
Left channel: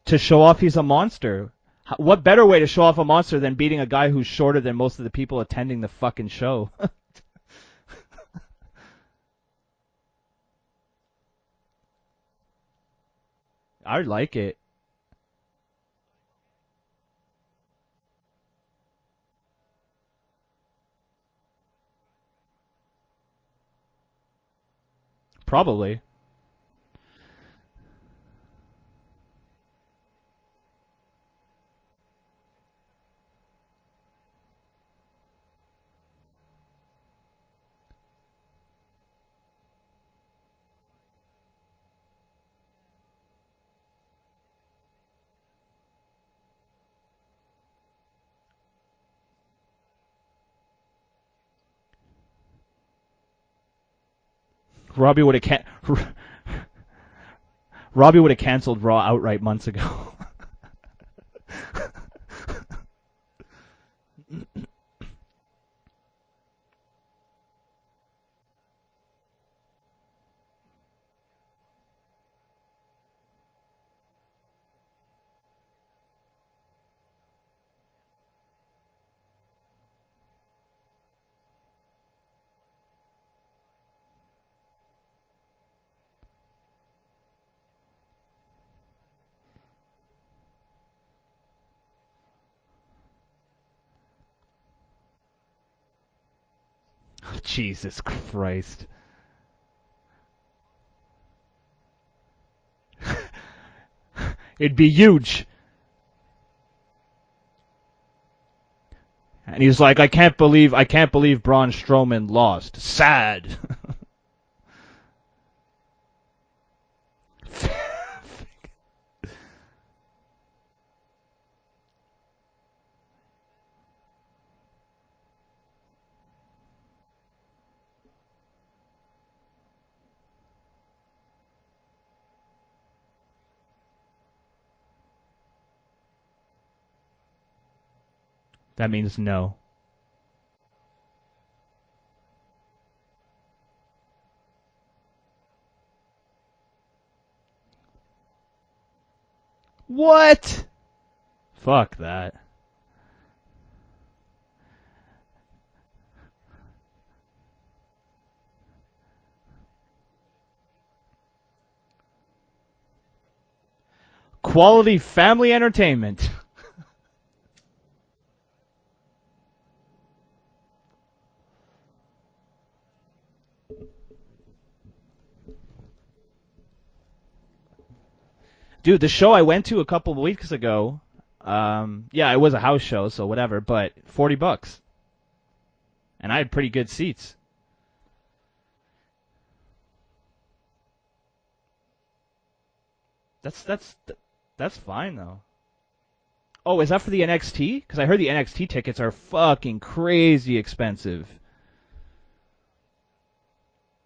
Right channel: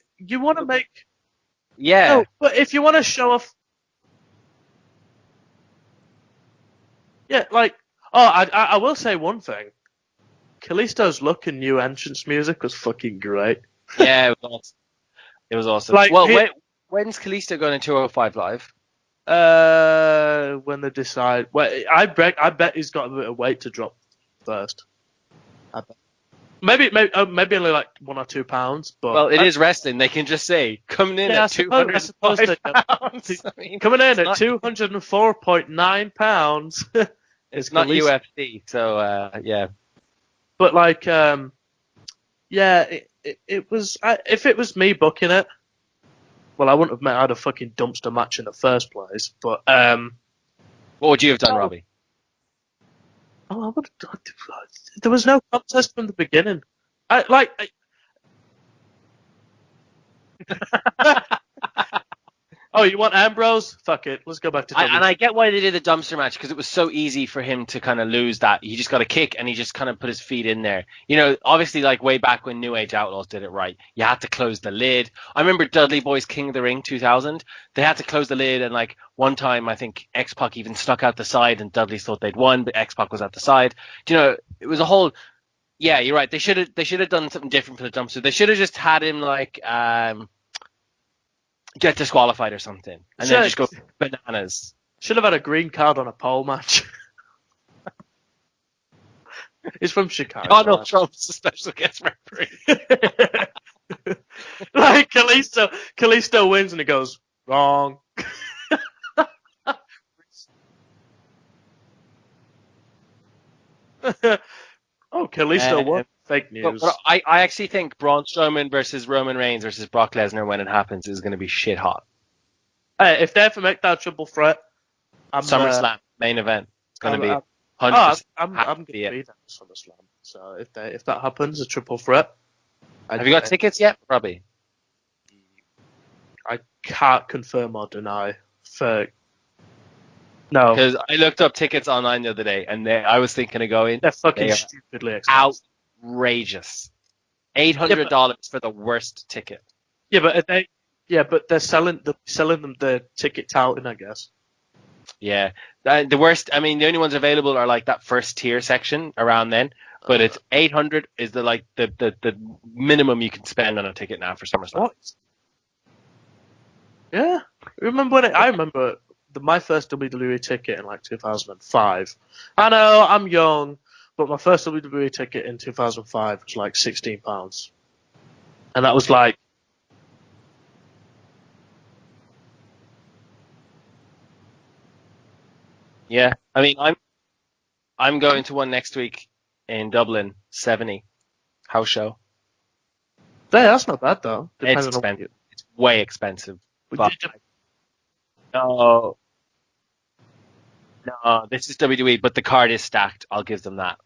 to show off he's a monster. Yeah. There's a better way to show off a monster than beating a guy who's shorter than most of the people attending the fucking show. Yeah, like, I will say one thing. Kalisto's look and new entrance music was fucking great. I like it. It was awesome. Like, when's Kalisto going to 205 Live? When they decide. Well, I bet he's got a bit of weight to drop first. Probably. Maybe only like 1 or 2 pounds. But Well, it is wrestling. They can just say coming in Yeah, at I suppose 205 that- pounds. I mean, coming in it's at not- 204.9 pounds. It's not Khalees. UFC, so yeah. But like, yeah, it was. If it was me booking it, well, I wouldn't have had a fucking dumpster match in the first place. But What would you have done, Robbie? I would. There Robbie was no would've contest from the beginning. Robbie would have canceled Raw outright months ago. Oh, you want Ambrose? Fuck it. Let's go back to. And I get why they did the dumpster match, because it was so easy for him to kind of lose that. He just got a kick and he just kind of put his feet in there. You know, obviously, like way back when New Age Outlaws did it right, you had to close the lid. I remember Dudley Boy's King of the Ring 2000. They had to close the lid, and like one time I think X-Pac even stuck out the side, and Dudley thought they'd won, but X-Pac was at the side. You know, it was a whole. Yeah, you're right. They should have done something different for the dumpster. They should have just had him like get disqualified or something, and then just go bananas. Should have had a green card on a pole match. Jesus Christ. He's from Chicago. Donald Trump's a special guest referee. It'd be Like, you. Kalisto wins and he goes, wrong. And he was like, I can't believe Braun Strowman lost. Sad. Oh, Kalisto won. Fake news. But I actually think Braun Strowman versus Roman Reigns versus Brock Lesnar, when it happens, is going to be shit hot. Hey, if they ever make that triple threat, I'm SummerSlam main event. It's going to be 100%. I'm going to be there at SummerSlam. So if that happens, a triple threat. Have you got tickets yet, Robbie? I can't confirm or deny. That means no. No, Because I looked up tickets online the other day, and I was thinking of going. they're fucking They are stupidly expensive. Outrageous. $800 for the worst ticket. What? But they're selling that. them the ticket touting, I guess. Yeah. The worst, I mean, the only ones available are like that first tier section around then. But it's 800 is the minimum you can spend on a ticket now for Quality family entertainment. Yeah, I remember my first WWE ticket in like 2005. I know I'm young, but my first WWE ticket in 2005 was like £16, and that Dude, was the like show I went to a couple of weeks ago, yeah, it was a house show, so whatever, but $40. Yeah. And I had pretty good seats. I'm going to one next week in Dublin, 70 house show. that's not bad though. It's Depends on- expensive. It's way expensive. Oh, is that for the NXT? Because I heard the NXT tickets are fucking crazy expensive. This is WWE, but the card is stacked. I'll give them that.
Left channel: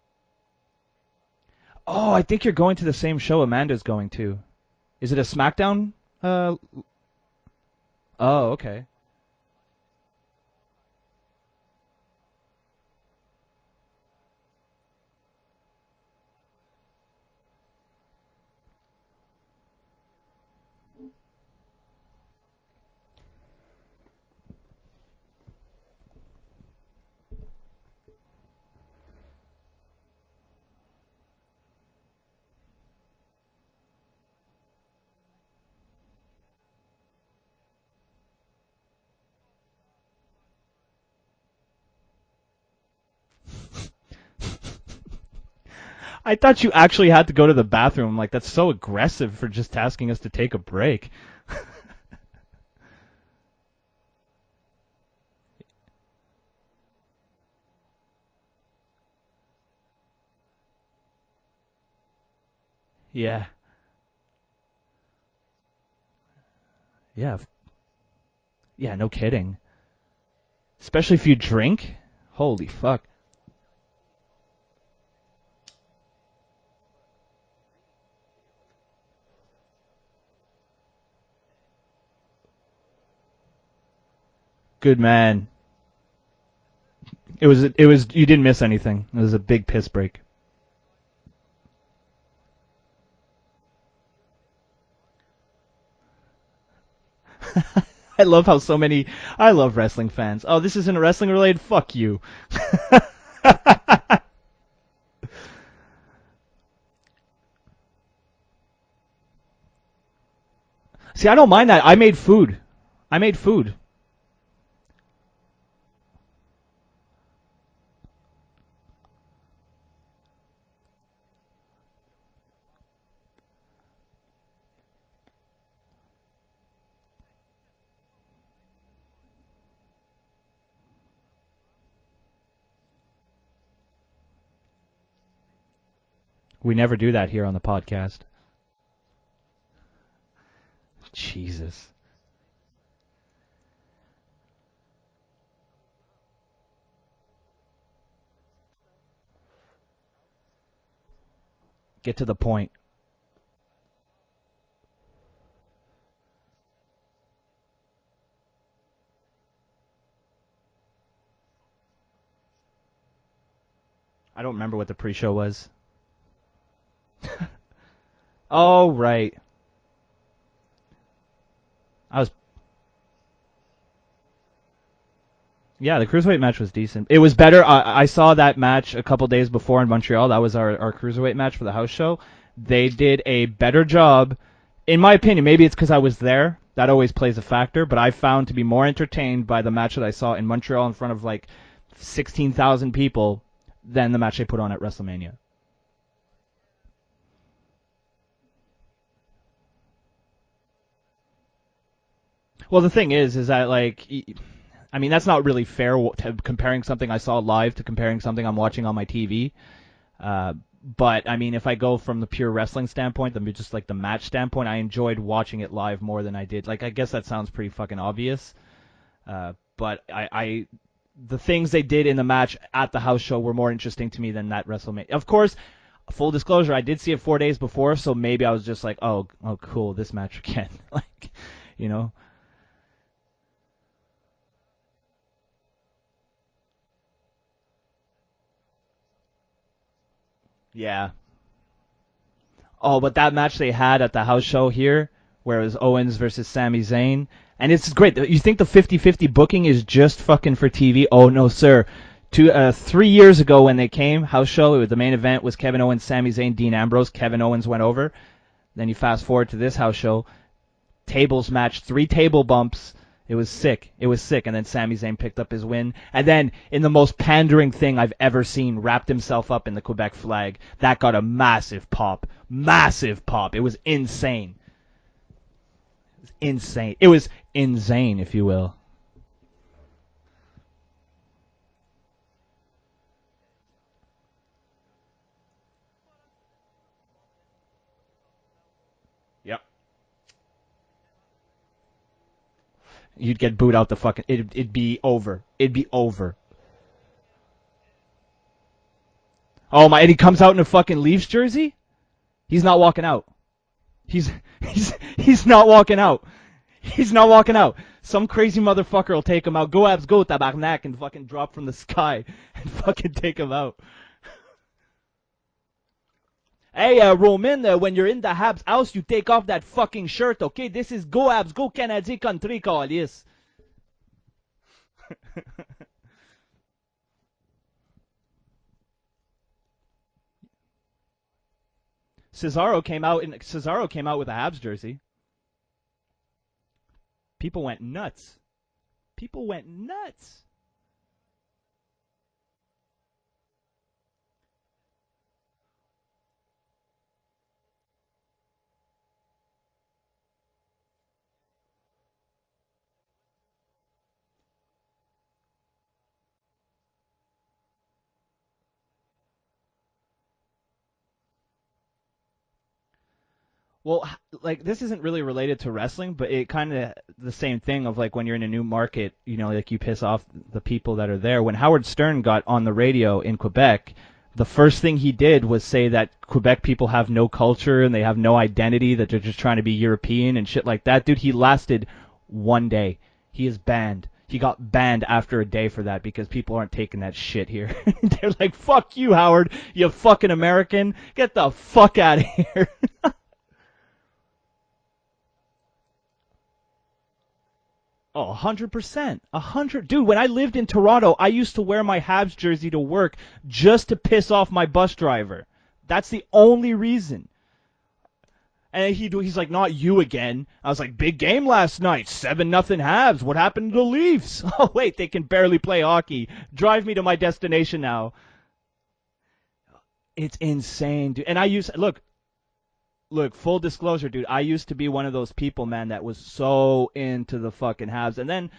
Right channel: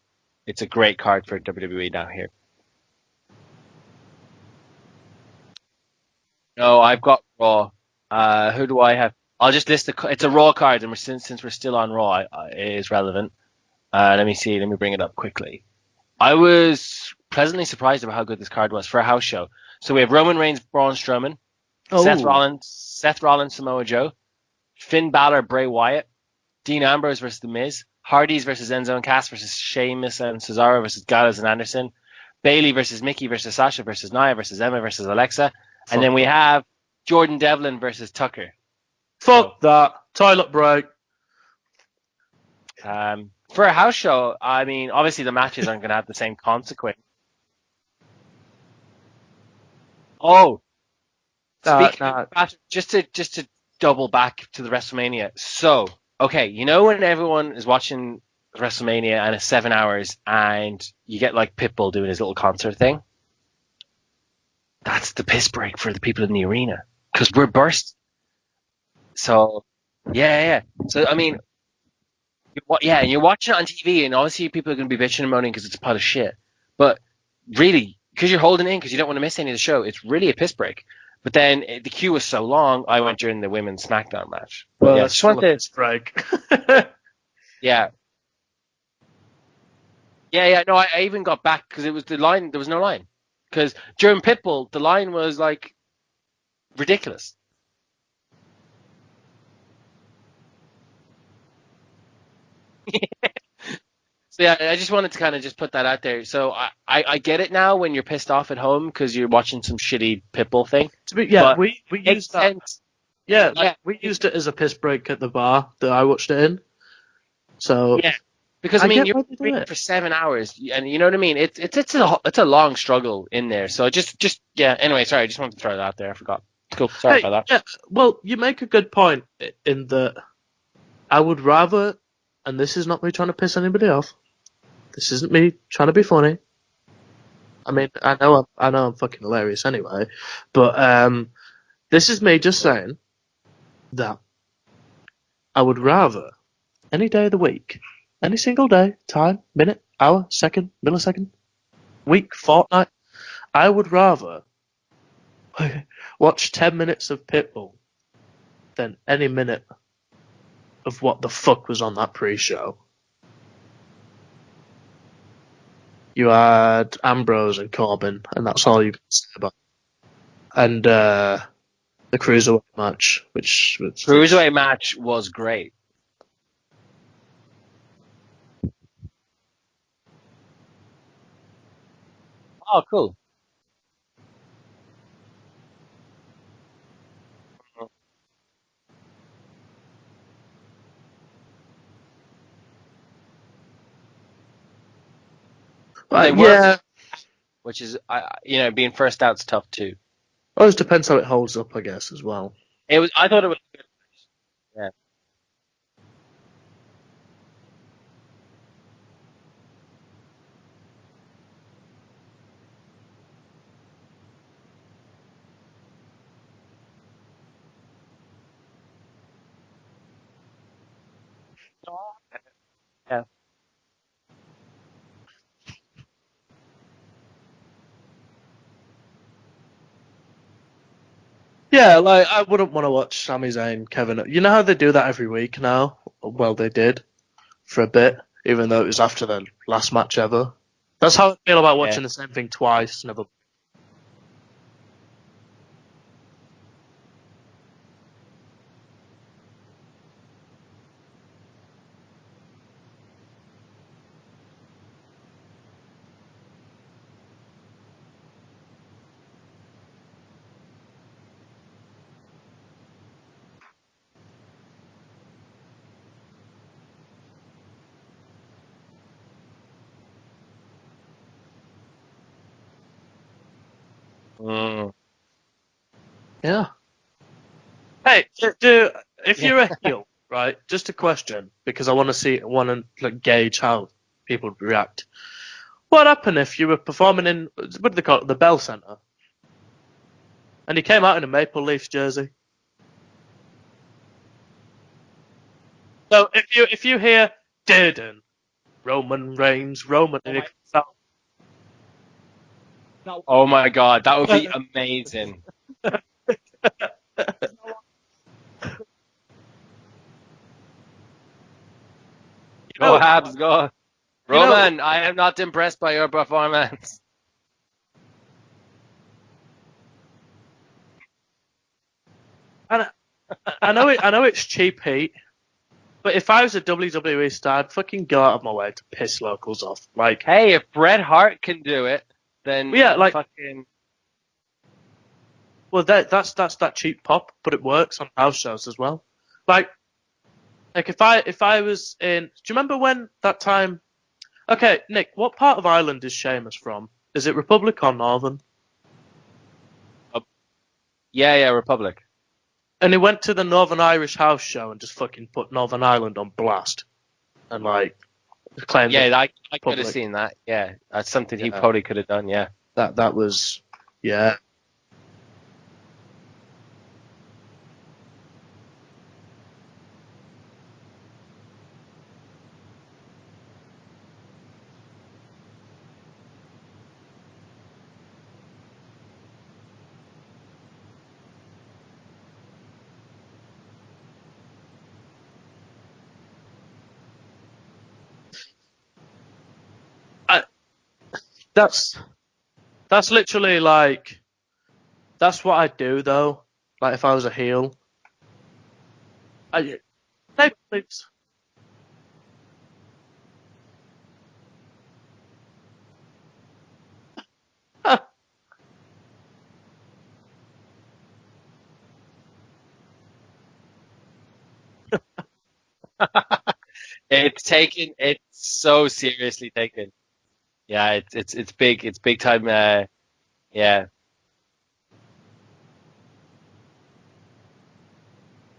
It's a great card for WWE down Oh, here. I think you're going to the same show Amanda's going to. Is it a SmackDown? No, I've got Raw. Okay. Who do I have? I'll just list it's a Raw card, and since we're still on Raw, it is relevant. Let me see. Let me bring it up quickly. I was pleasantly surprised about how good this card was for a house show. So we have Roman Reigns, Braun Strowman, Seth Rollins, Samoa Joe, Finn Balor, Bray Wyatt, Dean Ambrose versus The Miz, Hardys versus Enzo and Cass versus Sheamus and Cesaro versus Gallows and Anderson, Bayley versus Mickey versus Sasha versus Nia versus Emma versus Alexa, and then we have Jordan Devlin versus Tucker. Fuck that. Toilet break. For a house show, I mean, obviously the matches aren't going to have the same. I thought you concept. actually had to go to the bathroom. Like, that's so aggressive for just asking us to take a break. Speaking of that, just to double back to the WrestleMania. So, okay, you know when everyone is watching WrestleMania and it's 7 hours and you get like Pitbull doing his little concert thing? Yeah. That's the piss break for the people in the arena because Yeah. we're burst. Yeah, no kidding. So, yeah. Especially so, I mean, if you drink. Holy fuck. yeah, and you're watching it on TV and obviously people are going to be bitching and moaning because it's a pot of shit. But really, because you're holding in because you don't want to miss any of the show, it's really a piss break. But then the queue was so long, I went during the women's SmackDown match. Good Yeah, man. just wanted to- break. It was, Yeah. you didn't miss anything. It was a big piss break. Yeah. No, I even got back because it was the line. There was no line. Because during Pitbull, the line was like ridiculous. I love I love wrestling fans. Oh, this isn't wrestling related? Fuck you. So yeah, I just wanted to kind of just put that out there. So I get it now when you're pissed off at home because you're watching some shitty Pitbull thing. See, I don't mind that. I made food. And- I made Yeah, food. we used it as a piss break at the bar that I watched it in. So Yeah. Because I I mean, get you're why they do waiting it. for 7 hours, and you know what I mean. It's a long struggle in there. So just yeah. Anyway, sorry, I just wanted to throw that out there. I forgot. Cool. Sorry Hey, about that. yeah, well, you make a good point in that I would rather, and this is not me trying to piss anybody off. This isn't me trying to be funny. We never do that here on the I mean, podcast. I know I'm fucking hilarious anyway, but Jesus. this is me just saying that I would rather any day of the week, any single day, time, minute, hour, second, millisecond, Get week, to the point. fortnight, I would rather watch 10 minutes of Pitbull than any minute of what the fuck was on that pre-show. I don't remember what the pre-show was. You had Ambrose and Corbin, and that's Oh, all you can right. say about. And the was- cruiserweight match, which Cruiserweight match was great. Yeah, the cruiserweight match was decent. It was better. I saw that match a couple days before in Montreal. That was our cruiserweight match for the house show. They cool. did a better job, in my opinion. Maybe it's because I was there. That always plays a factor. But I found to be more entertained by the match that I saw in Montreal in front of like 16,000 people than the match they put on at WrestleMania. They were, yeah. which is being first out's tough too. Well, it depends how it holds up, I guess, as well. Well, the It thing was- I is thought it that like, Yeah. I mean, that's not really fair comparing something I saw live to comparing something I'm watching on my TV. But I mean, if I go from the pure wrestling standpoint, just like the match standpoint, I enjoyed watching it live more than I did. Like, I guess that sounds pretty fucking obvious. But the things they did in the match at the house show were more interesting to me than that WrestleMania. Of course, full disclosure, I did see it 4 days before, so maybe I was just like, oh, cool, this match again. Like, Yeah, you know? like I wouldn't want to watch Sami Zayn, Kevin. You know how they do that every week now? Well, they did for a bit, even though it was after the last match ever. Yeah. That's how I feel about watching the same thing twice. Oh, but that match they had at the house show here, where it was Owens versus Sami Zayn, and it's great. You think the 50-50 booking is just fucking for TV? Oh no, sir. 3 years ago when they came, house show, the main event was Kevin Owens, Sami Zayn, Dean Ambrose. Kevin Owens went over. Then you fast forward to this house show, tables match, 3 table bumps. It was sick. And then Sami Zayn picked up his win. And then, in the most pandering thing I've ever seen, wrapped himself up in the Quebec flag. That got a massive pop. Massive pop. It was insane. Yeah. Insane. It was insane, Hey, if you will. if you're a heel, right? Just a question, because I want to like, gauge how people react. What happened if you were performing in, what do they call it, the Bell Center? Yep. And you came out in a Maple Leafs jersey? You'd get booed out the fucking... It'd be over. It'd be over. So if you hear, Durden, Roman Reigns... Oh my, and he Roman comes Reigns, out in a fucking Leafs jersey? He's not walking out. Oh my god, that would be amazing. He's not walking out. He's not walking out. Some crazy motherfucker will take him out. Go Abs, go Tabarnak, and fucking drop from the sky. And Go fucking Habs, take him go. out. Roman, I am not impressed by your performance. Hey, Roman, when you're in the Habs house, you take off that fucking shirt, okay? This is Go Abs, go Canadian country call, yes. I know it's cheap heat, but if I was a WWE star, I'd fucking go out of my way to piss locals off. Like, Hey, if Bret Hart can do it, Cesaro, Yeah, came like- out Cesaro came out with a Habs jersey. well, that's that cheap pop, but it People went works on nuts. house shows as well. People Like- went nuts. Like if I was in, do you remember when that time? Okay, Nick, what part of Ireland is Sheamus from? Is it Republic or Northern? yeah, Republic. And he went to the Northern Irish house show and just fucking put Northern Ireland on blast, and like claimed Yeah, I could Public. have seen that. Yeah, that's something he Yeah. probably could have done. Yeah. that was Well, Yeah. like this isn't really related to wrestling, but it kind of the same thing of like when you're in a new market, you know, like you piss off the people that are there. When Howard Stern got on the radio in Quebec, the first thing he did was say that Quebec people have no culture and they have no identity, that they're just trying to be European and shit like that. Dude, he lasted 1 day. He is banned. He got banned after a day for that because people aren't taking that shit here. They're like, fuck you, Howard, you fucking American. Get the That's- fuck out of here. that's literally like that's what I'd do though. Like if I was a heel. Oh, 100%. 100. Dude, when I lived in Toronto, I used to wear my Habs jersey to work just to piss off my bus driver. That's the only reason. And he's like, not you again. I was like, big game last night, 7-0 Habs. What happened to the Leafs? Oh wait, they can barely play hockey. Drive me to my destination now. It's so seriously taken. It's insane. Yeah, and I used big. look, It's big time. Look, full disclosure, dude. I used to be one of those people, man, that was so into the fucking Habs. And then,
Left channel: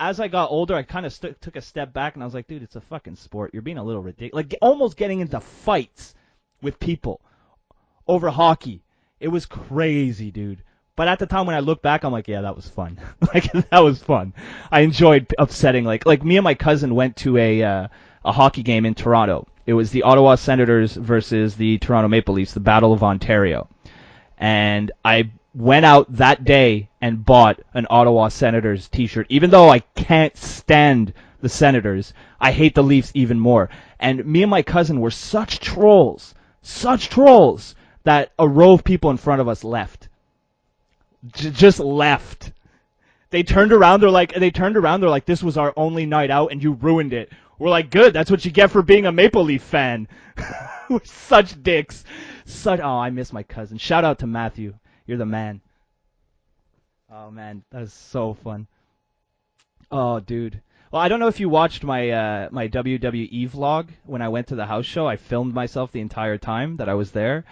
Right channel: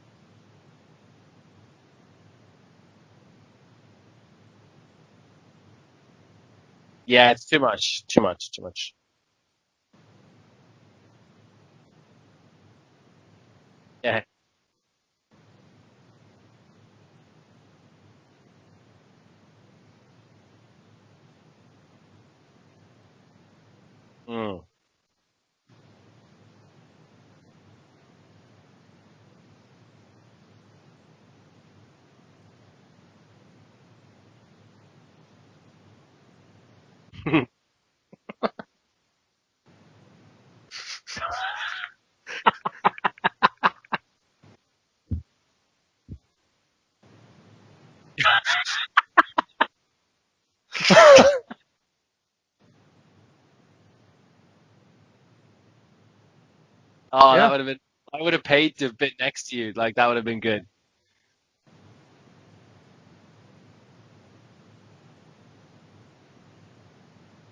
as I got older, I kind of took a step back, and I was like, dude, it's a fucking sport. You're being a little ridiculous. Like, almost getting into fights with people. Yeah, it's too much. Over hockey. It was crazy, dude. But at the time when I look back, I'm like, yeah, that was fun. Like, that was fun. I enjoyed upsetting. Like me and my cousin went to a hockey game in Toronto. It was the Ottawa Senators versus the Toronto Maple Leafs, the Battle of Ontario. And I went out that day and bought an Ottawa Senators t-shirt. Even though I can't stand the Senators, I hate the Leafs even more. And me and my cousin were such trolls, that a row of people in front of us left. Just left. They turned around, they're like, this was our only night out and you ruined it. We're like, good, that's what you get for being a Maple Leaf fan. Such dicks. Oh, I miss my cousin. Shout out to Matthew. You're the man. Oh, that would have been. So I would have fun. paid to have been next to you. Like that would have been good. Well, I don't know if you watched my my WWE vlog when I went to the house show. I filmed myself the entire time that I was there,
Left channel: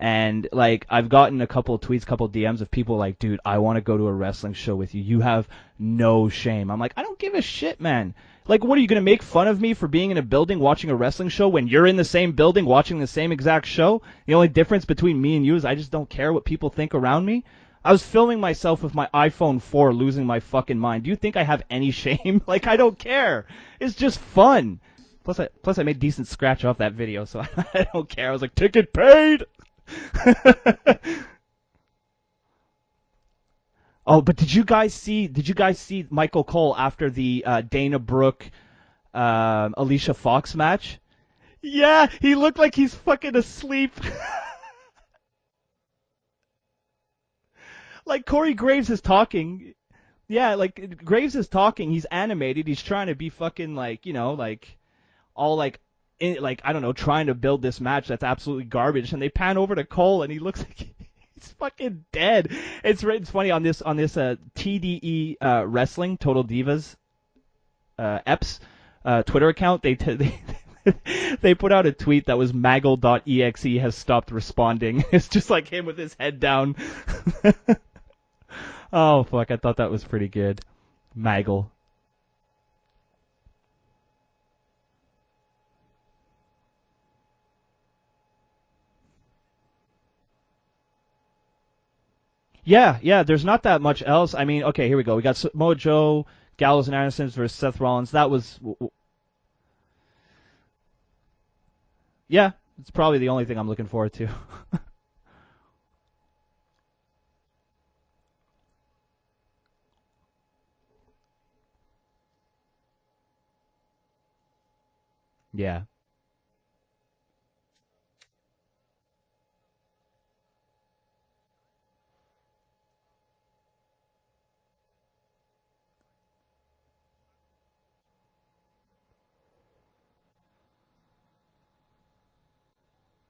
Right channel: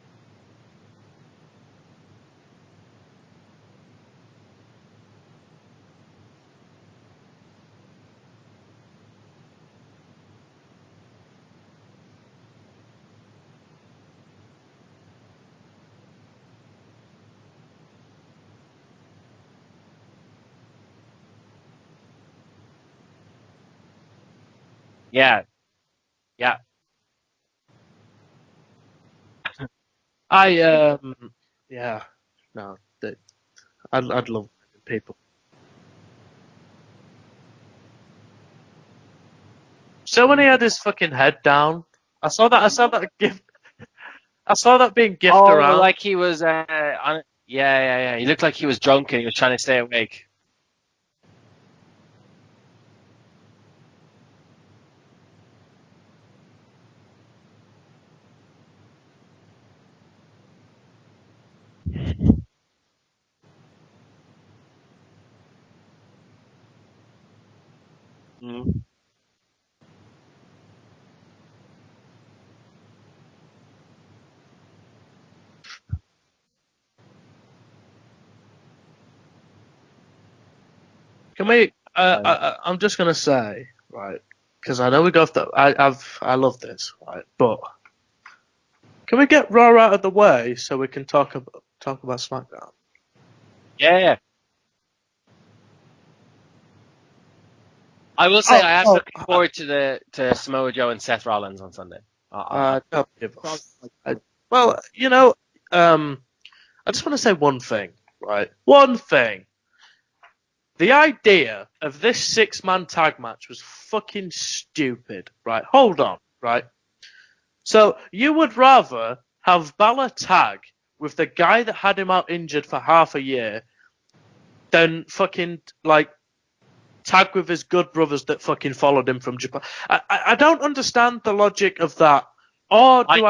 and like I've gotten a couple of tweets, couple of DMs of people like, dude, I want to go to a wrestling show with you. You have no shame. I'm like, I don't give a shit, man. Like, what are you going to make fun of me for being in a building watching a wrestling show when you're in the same building watching the same exact show? The only difference between me and you is I just don't care what people think around me. I was filming myself with my iPhone 4 losing my fucking mind. Do you think I have any shame? Like, I don't care. It's just fun. Yeah. Plus I made decent scratch off that video, so I don't care. I was like, ticket paid! Yeah. No. But did you guys see Michael Cole after the Dana Brooke Alicia so Fox when he had match? his fucking head down. Yeah, he looked like he's fucking asleep. I saw that being gifted around. Like he was on. Yeah. Like He looked Corey like he was Graves drunk was and he was talking. trying to stay awake. Yeah, like Graves is talking. He's animated. He's trying to be fucking like, you know, like all like I don't know, trying to build this match that's absolutely garbage. And they pan over to Cole and he looks like he's fucking dead. It's funny on this TDE Wrestling Total Divas EPS Twitter account. They put out a tweet that was Maggle.exe has stopped responding. It's just like him with his head down. Oh fuck! I thought that was pretty good. Maggle. I'm just gonna say, right, because I know we go off that. I love this, right, but can we get Raw out of the way so we can talk about SmackDown? Yeah. There's not that much else. I mean, okay, here we go. We got Samoa Joe, Gallows and Anderson versus Seth Rollins. I will say I am looking forward to Samoa Joe and Seth Rollins on Sunday. Yeah, it's probably the only thing I'm looking forward to. Well, you know, I just want to say one thing, right? One thing. The idea of this 6-man tag match was fucking stupid, right? Yeah. Hold on, right? So you would rather have Balor tag with the guy that had him out injured for half a year than fucking, like, tag with his good brothers that fucking followed him from Japan. I don't understand the logic of that. Or do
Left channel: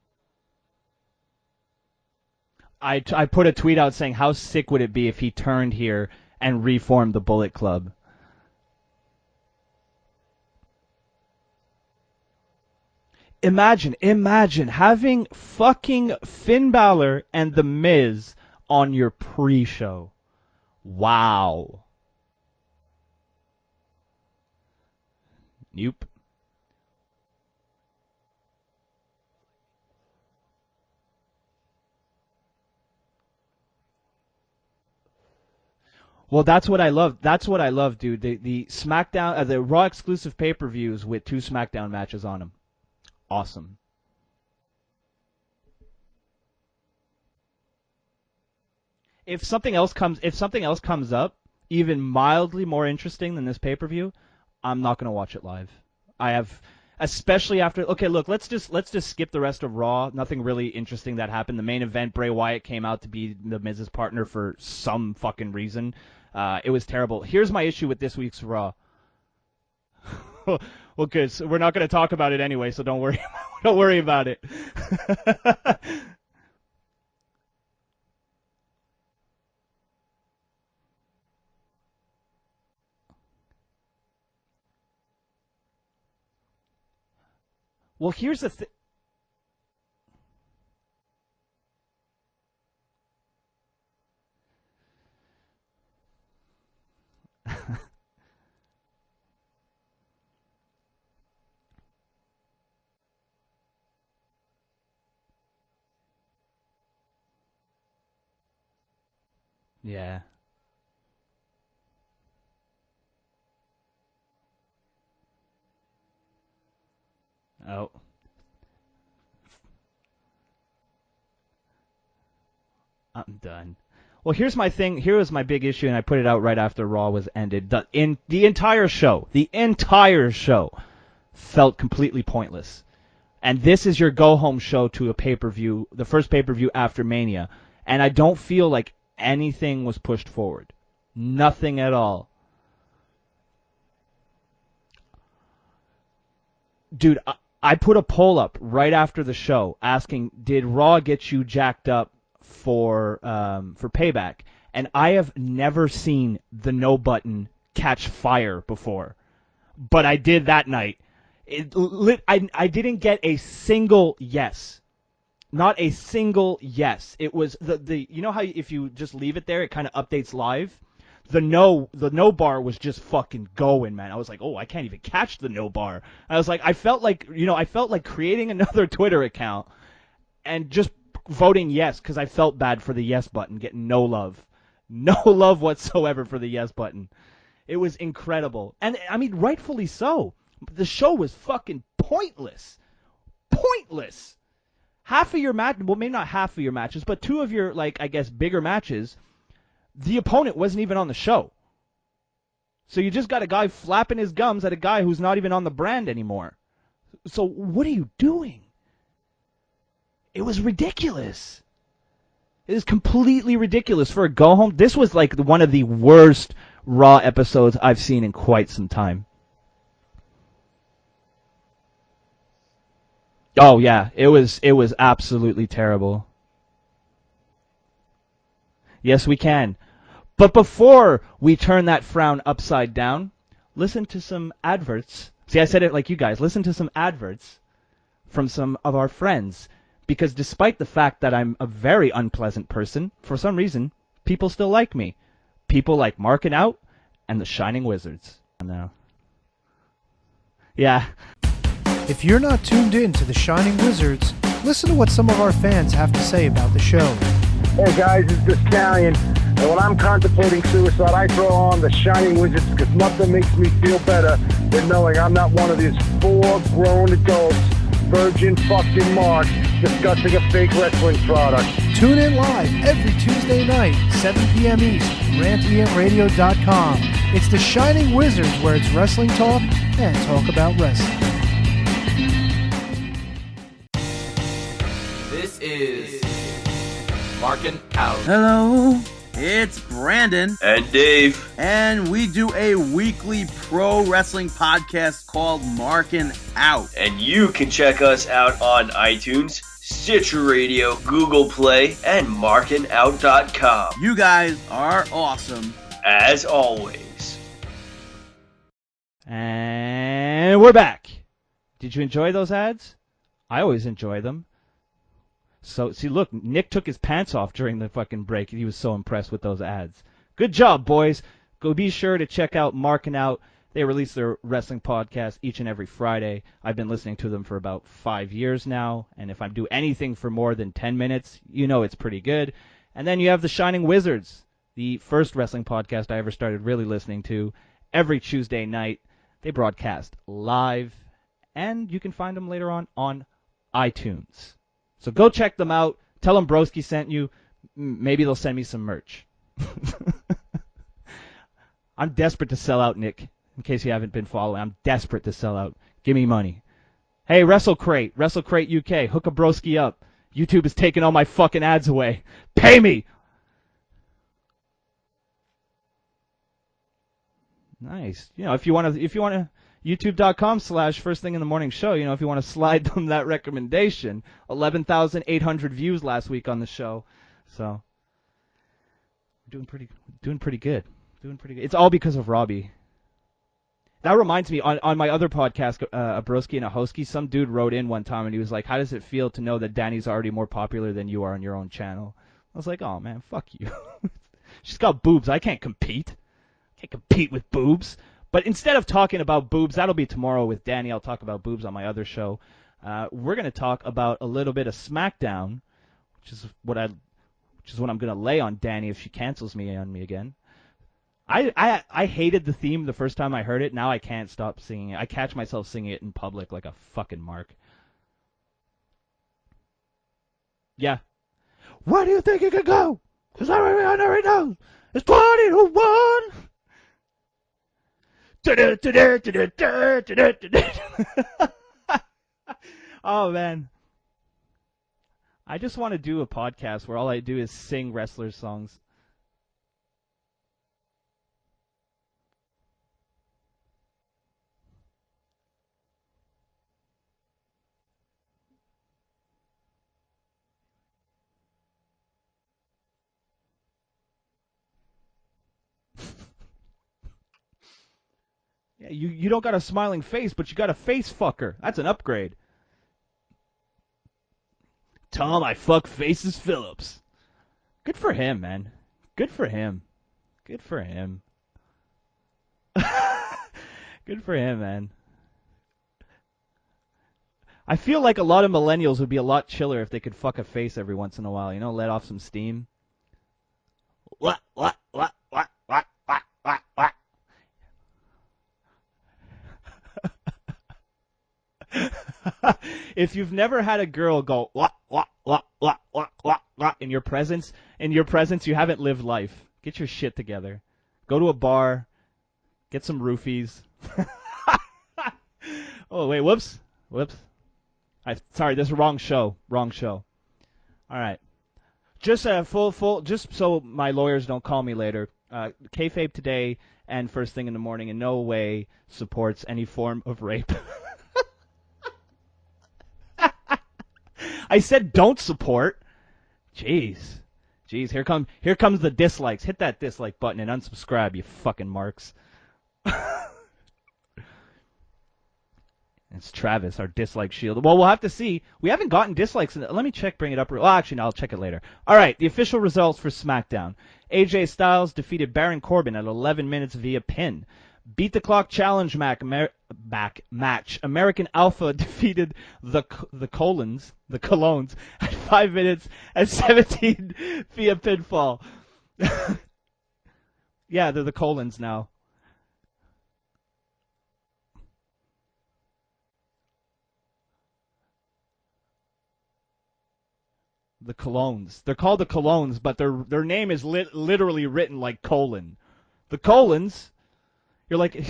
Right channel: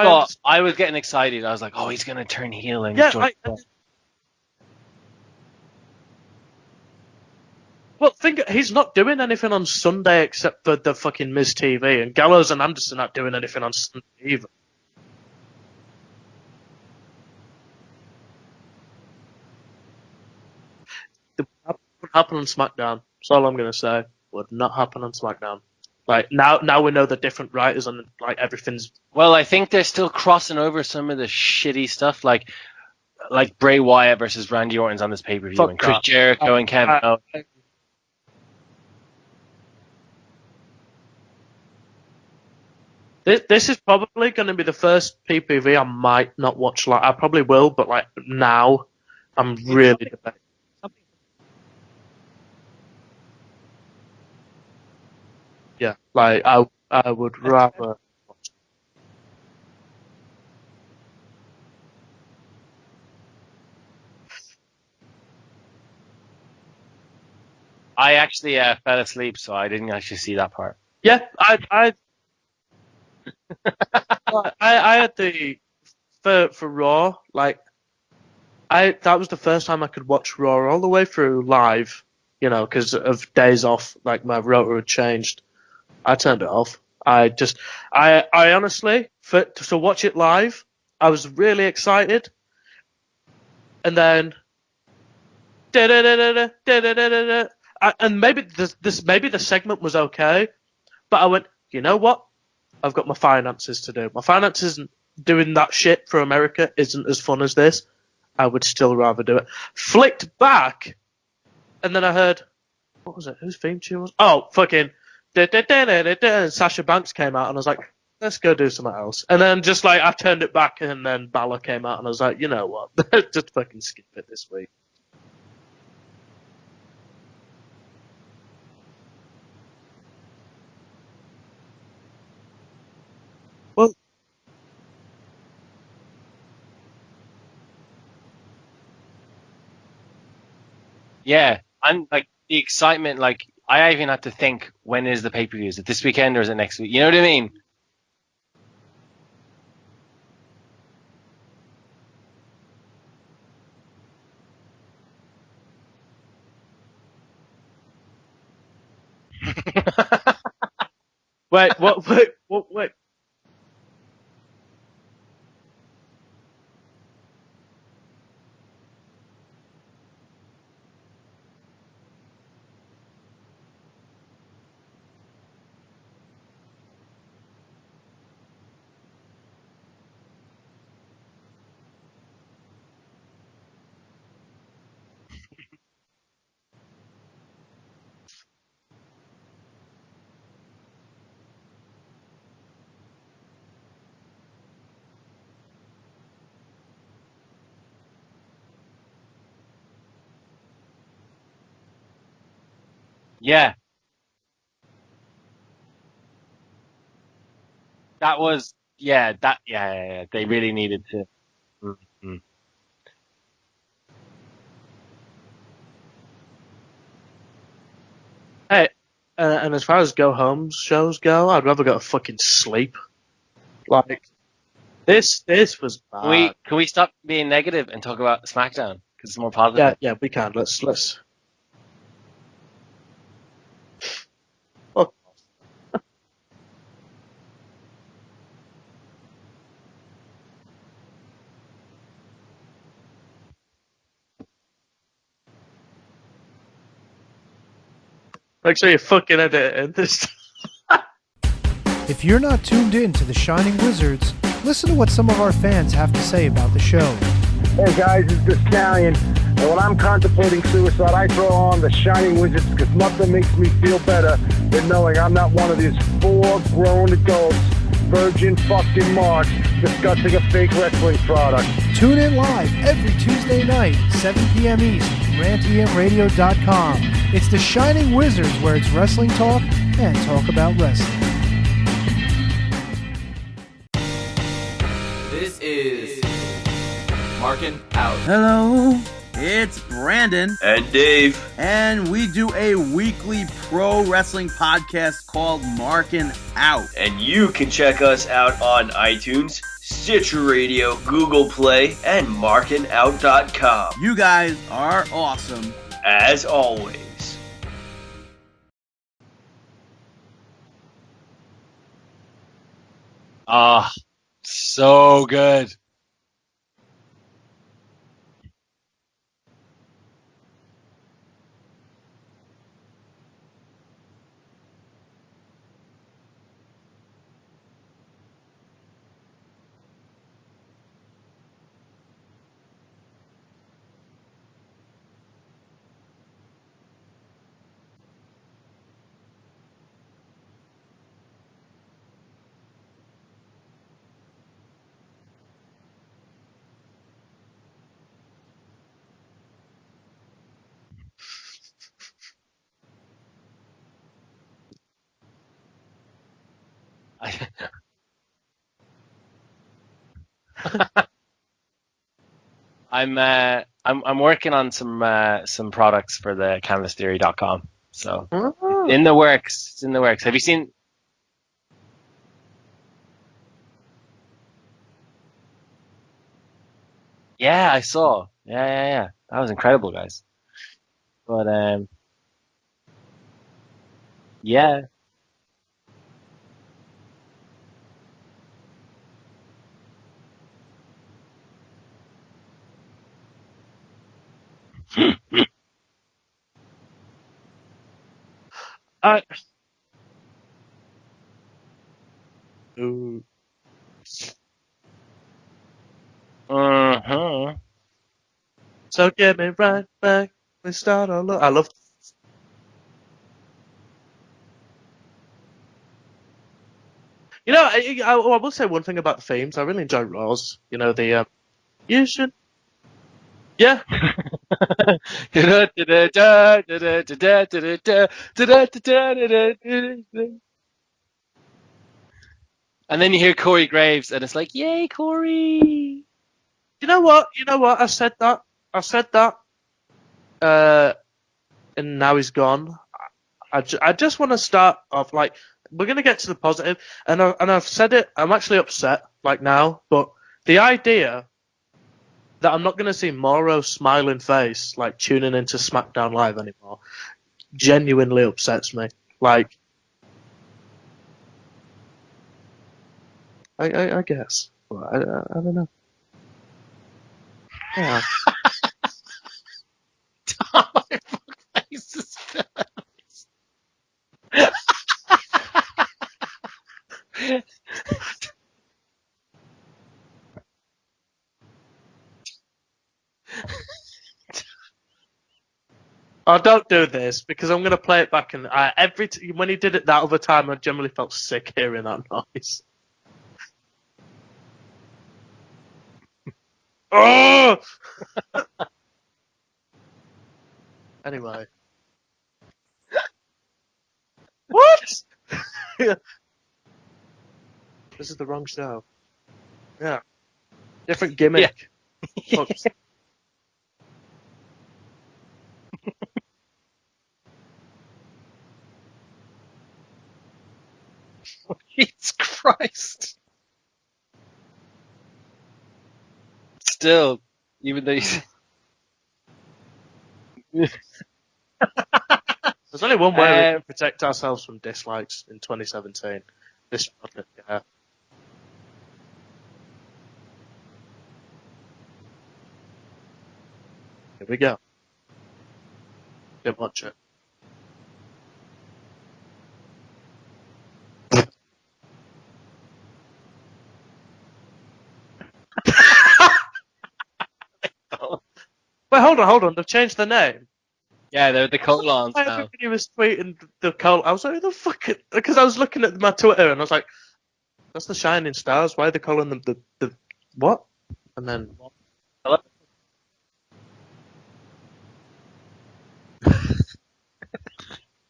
I was getting excited. I was like, oh, he's going to turn heel. I put a tweet out saying, how sick would it be if he turned here and reformed the Bullet Club? Well, he's not doing anything on Sunday except for the fucking Miz TV, and Gallows and Anderson aren't doing anything. Imagine having fucking Finn Balor and The Miz on your pre-show. Wow. That would happen on SmackDown. That's all I'm gonna say. Would not happen on SmackDown. Nope. Like now we know the different writers and like everything's. Well, I think they're still crossing over some of the shitty stuff, like Bray Wyatt versus Randy Orton's on this pay-per-view, and Chris Jericho. Well, and Kevin. That's what I love, dude. The SmackDown, the Raw exclusive pay-per-views with 2 SmackDown matches on them. This is probably going to be the first PPV I might not watch. Like I probably will, but like now, if something else comes up, even mildly more interesting than this pay-per-view, I'm not gonna watch it live. Yeah, like I especially would after. Okay, look, let's just skip the rest of Raw. Nothing really interesting that happened. The main event, Bray Wyatt came out to be the Miz's partner for some fucking reason. It was terrible. Here's my issue with this. I actually fell asleep, so I didn't actually see that part. Well, yeah, good. So we're not going to talk about it anyway, so don't worry. Don't worry about it. I had the for Raw, like that was the first time I could watch Raw all the way through live, because of days off, like my rotor had changed. I turned it off. I honestly, to watch it live, I was really excited. And then, and maybe maybe the segment was okay, but I went, you know what? I've got my finances to do. My finances doing that shit for America isn't as fun as this. I would still rather do it. Flicked back, and then I heard, what was it? Whose theme tune was? Oh, fucking. And Sasha Banks came out, and I was like, let's go do something else. And then just like I turned it back, and then Balor came out, and I was like, you know what? Just fucking skip it. Well, here's my thing. Here was my big issue, and I put it out right after Raw was ended. The entire show felt completely pointless. And this is your go-home show to a pay-per-view, the first pay-per-view after Mania. And I don't feel like anything was pushed forward. Yeah, nothing at all. Like the excitement, like I even had to think, when is the pay-per-view? Is it this weekend or is it next week? You know what I mean? I put a poll up right after the show asking, did Raw get you jacked up for Payback? And I have never seen the no button catch fire before, but I did that night. I didn't get a single yes. Not a single yes. It was the you know how if you just leave it there, it kind of updates live. The no bar was just fucking going, man. I was like, oh, I can't even catch the no bar. I felt like creating another Twitter account and just voting yes because I felt bad for the yes button getting no love whatsoever for the yes button. It was incredible, and I mean rightfully so. The show was fucking pointless. Half of your match, well, maybe not half of your matches, but two of your, like, I guess, bigger matches, the opponent wasn't even on the show. So you just got a guy flapping his gums at a guy who's not even on the brand anymore. So what are you doing? They really needed to. Ridiculous. Mm-hmm. It is completely ridiculous for a go-home. This was, like, one of the worst Raw episodes I've seen in quite some time. And as far as go-home shows go, I'd rather go to fucking sleep. Oh yeah, it was absolutely terrible. Can we stop being negative and talk about SmackDown? Yes, we can. Yeah, we can. But before we turn that frown upside down, listen to some adverts. See, I said it like you guys. Listen to some adverts from some of our friends, because despite the fact that I'm a very unpleasant person, for some reason, people still like me. People like Marking Out and the Shining Wizards. Make sure you fucking edit this. Yeah. If you're not tuned in to the Shining Wizards, listen to what some of our fans have to say about the show. Hey guys, it's the Stallion, and when I'm contemplating suicide, I throw on the Shining Wizards because nothing makes me feel better than knowing I'm not one of these 4 grown adults, virgin fucking marks, discussing a fake wrestling product. Tune in live every Tuesday night, 7 p.m. East, rantemradio.com. It's the Shining Wizards, where it's wrestling talk and talk about wrestling. This is Marking Out. Hello, it's Brandon. And Dave. And we do a weekly pro wrestling podcast called Marking Out. And you can check us out on iTunes, Stitcher Radio, Google Play, and markingout.com. You guys are awesome. As always. And we're back. Did you enjoy those ads? I always enjoy them. So good. So, see, look, Nick took his pants off during the fucking break. He was so impressed with those ads. Good job, boys. Go be sure to check out Marking Out. They release their wrestling podcast each and every Friday. I've been listening to them for about 5 years now, and if I do anything for more than 10 minutes, you know it's pretty good. And then you have the Shining Wizards, the first wrestling podcast I ever started really listening to, every Tuesday night. They broadcast live, and you can find them later on iTunes. So go check them out. Tell them Broski sent you. Maybe they'll send me some merch. I'm desperate to sell out, Nick. In case you haven't been following, I'm desperate to sell out. Give me money. Hey, WrestleCrate UK, hook a Broski up. YouTube is taking all my fucking ads away. Pay me. I'm working on some products for the canvastheory.com. Nice. So if you want to, in the works. Have you seen /First Thing in the Morning show? You know, if you want to slide them that recommendation, 11,800 views last week on the show. Yeah, I saw. Yeah. That was incredible, guys. Doing pretty good. But, It's all because of Robbie. That reminds me, on my other podcast, a Broski and a Hosky, some dude wrote in one time and he was like, how does it feel to know that Danny's already more popular than you are on your own channel? I was like, oh man, fuck you. She's got boobs. I can't compete. Can't compete with boobs. But instead of talking about boobs, that'll be tomorrow with Danny. I'll talk about boobs on my other show. We're going to talk about a little bit of SmackDown, which is what I'm going to lay on Danny. So get me right back. I hated the theme the first time I heard it. Now I can't stop singing it. I catch myself singing it in public like a fucking mark. You know, I will say one thing about the themes. I really enjoy Raw's. You know, the... Where do you think it could go? I already know. And then you hear Corey Graves, and it's like, yay, Corey! I just want to do a podcast. You know what? I said that. I said that. And now he's gone. I just want to start off like we're gonna get to the positive, and I've said it. I'm actually upset like now, but the idea that I'm not gonna see Moro's smiling face like tuning into SmackDown Live anymore genuinely upsets me. You don't got a smiling face, but you got a face fucker. That's an upgrade. I guess. Tell him I fuck Faces Phillips. Yeah. Good for him, man. Good for him. Good for him. Good for him, man. I feel like a lot of millennials would be a lot chiller if they could fuck a face every once in a while, you know, let off some steam. What? Oh, don't do this, because I'm going to play it back, and when he did it that other time, I generally felt sick hearing that noise. If you've never had a girl go, what, in your presence, you haven't lived life. Get your shit together. Go to a bar, get some roofies. What? Oh, wait, whoops. This is the wrong show. Yeah. Different gimmick. Yeah. Just just so my lawyers don't call me later. KAYFABE today and first thing in the morning in no way supports any form of rape. Jesus Christ! I said don't support. Jeez. Still, here comes the dislikes. Hit that dislike button and unsubscribe, you fucking marks. There's only one way we can protect ourselves from dislikes in 2017. It's Travis, our dislike shield. Well, we'll have to see. We haven't gotten dislikes. Let me bring it up. Well, actually, no, I'll check it later. All right, the official results for SmackDown. AJ Styles defeated Baron Corbin at 11 minutes via pin. Beat the Clock Challenge match. American Alpha defeated the Colons at 5 minutes and 17 via pinfall. Wait, hold on. They've changed the name. Yeah, they're the Colons now. Everybody was tweeting the Col. I was like, the fuck? Because I was looking at my Twitter and I was like, that's the Shining Stars. Why are they calling them the what? The Colons. They're called the Colons, but their name is literally written like colon. The Colons. You're like,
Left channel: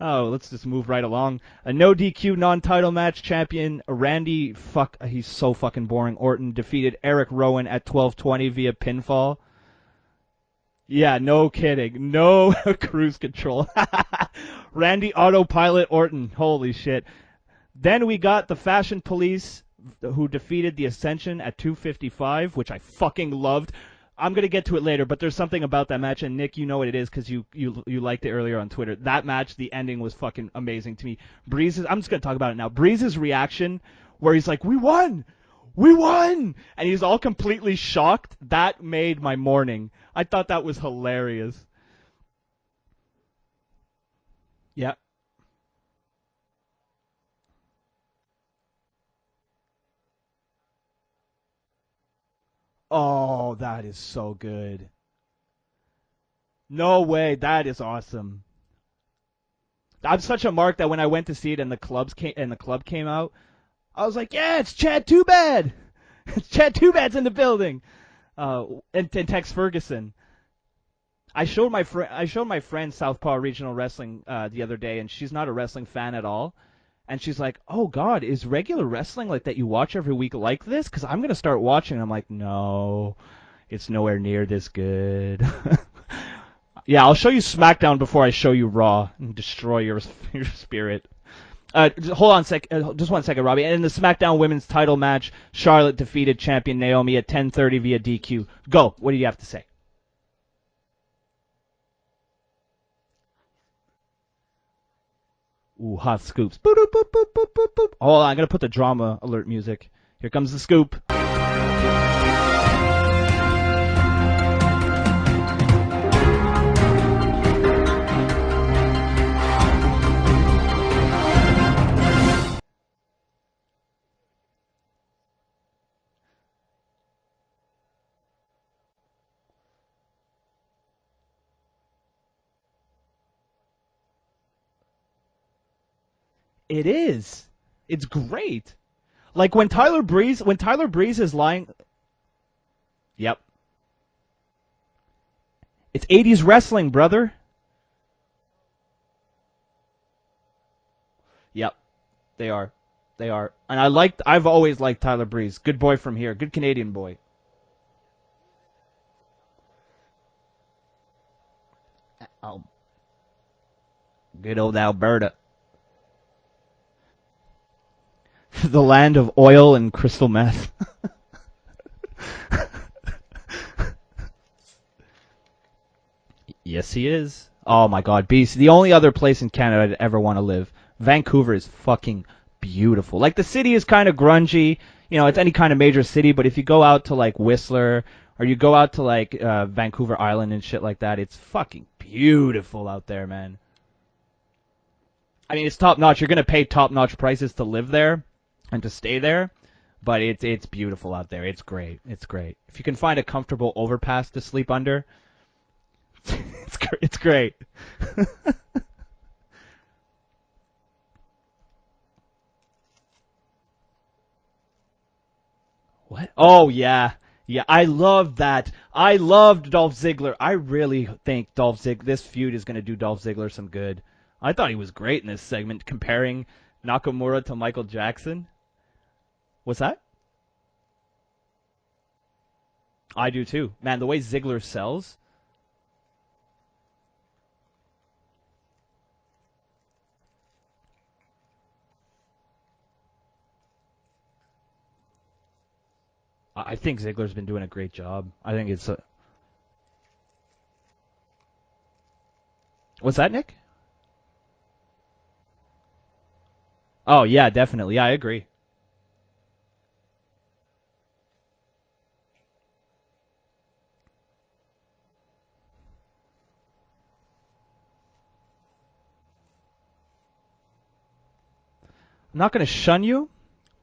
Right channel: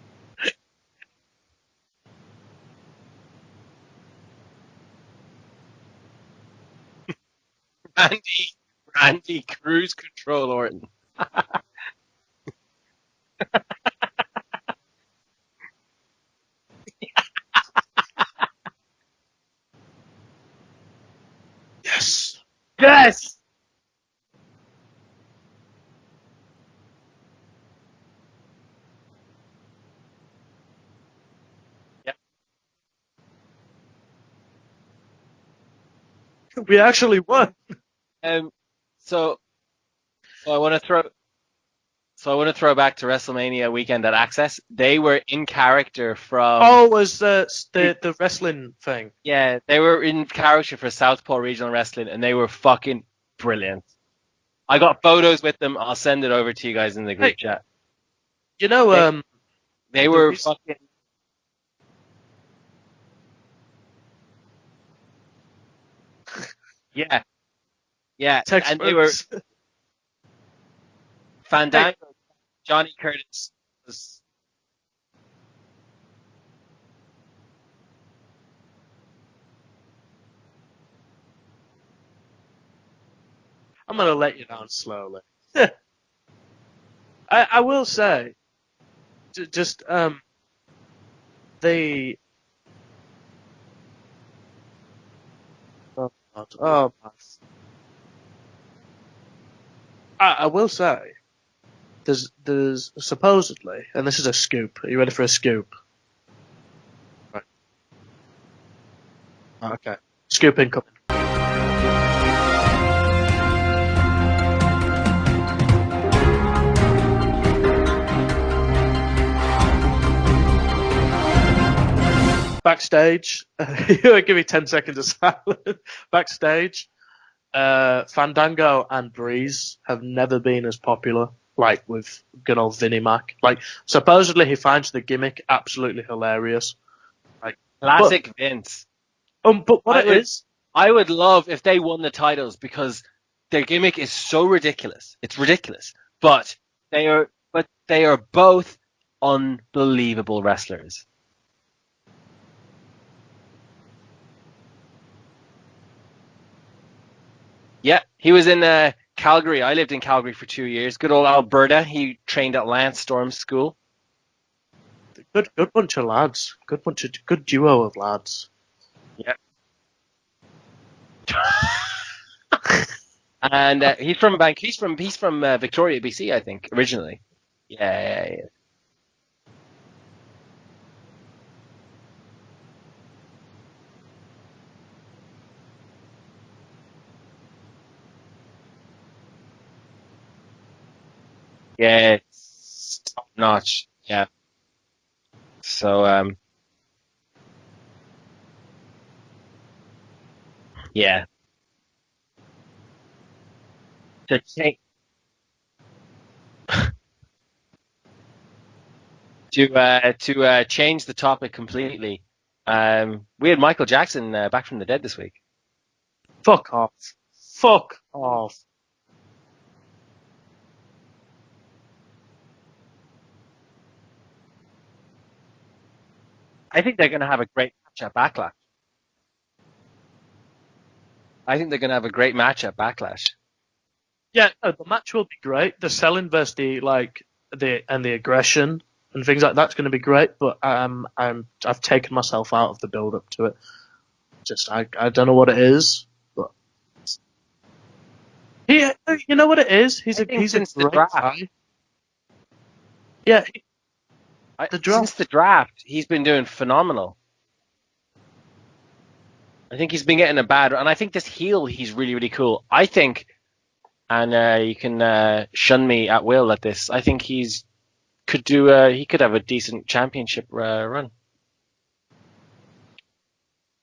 oh, let's just move right along. A no DQ non-title match champion Randy he's so fucking boring. Orton defeated Eric Rowan at 12:20 via pinfall. Andy cruise control Orton. Yeah, no kidding. No cruise control. Randy autopilot Orton. Holy shit. Then we got the Fashion Police, who defeated the Ascension at 2:55, which I fucking loved. I'm going to get to it later, but there's something about that match, and Nick, you know what it is because you liked it earlier on Twitter. That match, the ending was fucking amazing to me. I'm just going to talk about it now. Breeze's reaction, where he's like, we won! We actually won! Completely shocked. That made my morning. I thought that was hilarious. So I want to throw back to WrestleMania weekend at Access. They were in character from... Oh, it was the wrestling thing. Yeah, they were in character for Southpaw Regional Wrestling, and they were fucking brilliant. That is so good. I got photos with them. I'll send it over to you guys. No way, that is awesome. You know, they were such a mark that when I went to see it and the club came out, I was like, yeah, it's Chad Too Bad. Chad Too Bad's in the building. Yeah, and they were in Tex Ferguson. I showed my friend Southpaw Regional Wrestling the other day, and she's not a wrestling fan at all. And she's like, oh, God, is regular wrestling like that you watch every week like this? Because I'm going to start watching. I'm like, no, it's nowhere near this good. Yeah, I'll show you SmackDown before I show you Raw and destroy your spirit. Hold on just 1 second, Robbie. And in the SmackDown Women's Title match, Charlotte defeated champion Naomi at 10:30 via DQ. Go. What do you have to say? I will say, there's supposedly, and this is a scoop. Are you ready for a scoop? Ooh, hot scoops. Boop, boop, boop, boop, boop, boop, boop. Hold on, I'm gonna put the drama alert music. Okay. Here comes the scoop. Backstage, give me 10 seconds of silence. Backstage, Fandango and Breeze have never been as popular, like with good old Vinnie Mac. Like, supposedly he finds the gimmick absolutely hilarious. It is. Like, Classic Vince. Like when but Tyler what it Breeze, is- when Tyler I would Breeze love is lying, if they won the titles because their gimmick is so ridiculous. It's ridiculous. it's 80s But wrestling, they brother. but they are both unbelievable wrestlers. Yep, they are, and I've always liked Tyler Breeze. Good boy from here, good Canadian boy. Yeah, he was in Calgary. I lived in Calgary for 2 years. Good old Alberta. He trained at Lance Storm's school. Good old Alberta, good bunch of lads. Good duo of lads. the land of oil and crystal meth. And he's from Victoria, BC, I think. Yes, originally. he is. Oh my God, BC, the only other place in Canada I'd ever want to live. Vancouver is fucking beautiful. Like the city is kind of grungy. You know, it's any kind of major city, but if you go out to like Whistler or you go out to like Vancouver Island and shit like that, it's fucking beautiful out there, man. Notch. Yeah. I mean, it's top notch. You're gonna pay top notch prices to live there and to stay there, but it's beautiful out there. It's great. It's great. If you can find a comfortable overpass to sleep under, it's great. To change the topic completely, we had Michael Jackson back from the dead this week. What? Oh off. yeah. Yeah, Fuck I loved off. that. I loved Dolph Ziggler. I really think this feud is going to do Dolph Ziggler some good. I thought he was great in this segment, comparing I think they're going to have a to great Michael match at Jackson. Backlash. What's that? I think they're going to have a great match at Backlash. I do too. Man, the way Yeah, Ziggler the sells. match will be great. The selling versus the aggression and things like that's going to be great. But I've taken myself out of the build up to it. Just I don't know what it is. But I think Ziggler's been doing a great job. I think. You know what it is? He's a since the great draft. guy. What's that? Yeah, Since the draft, he's been doing phenomenal. Oh yeah, definitely. Yeah, I agree. I think he's been getting a bad, and I think this heel, he's really, really cool. I think, and you can shun me at will at this. I think he could have a decent championship run. I'm not going to shun you,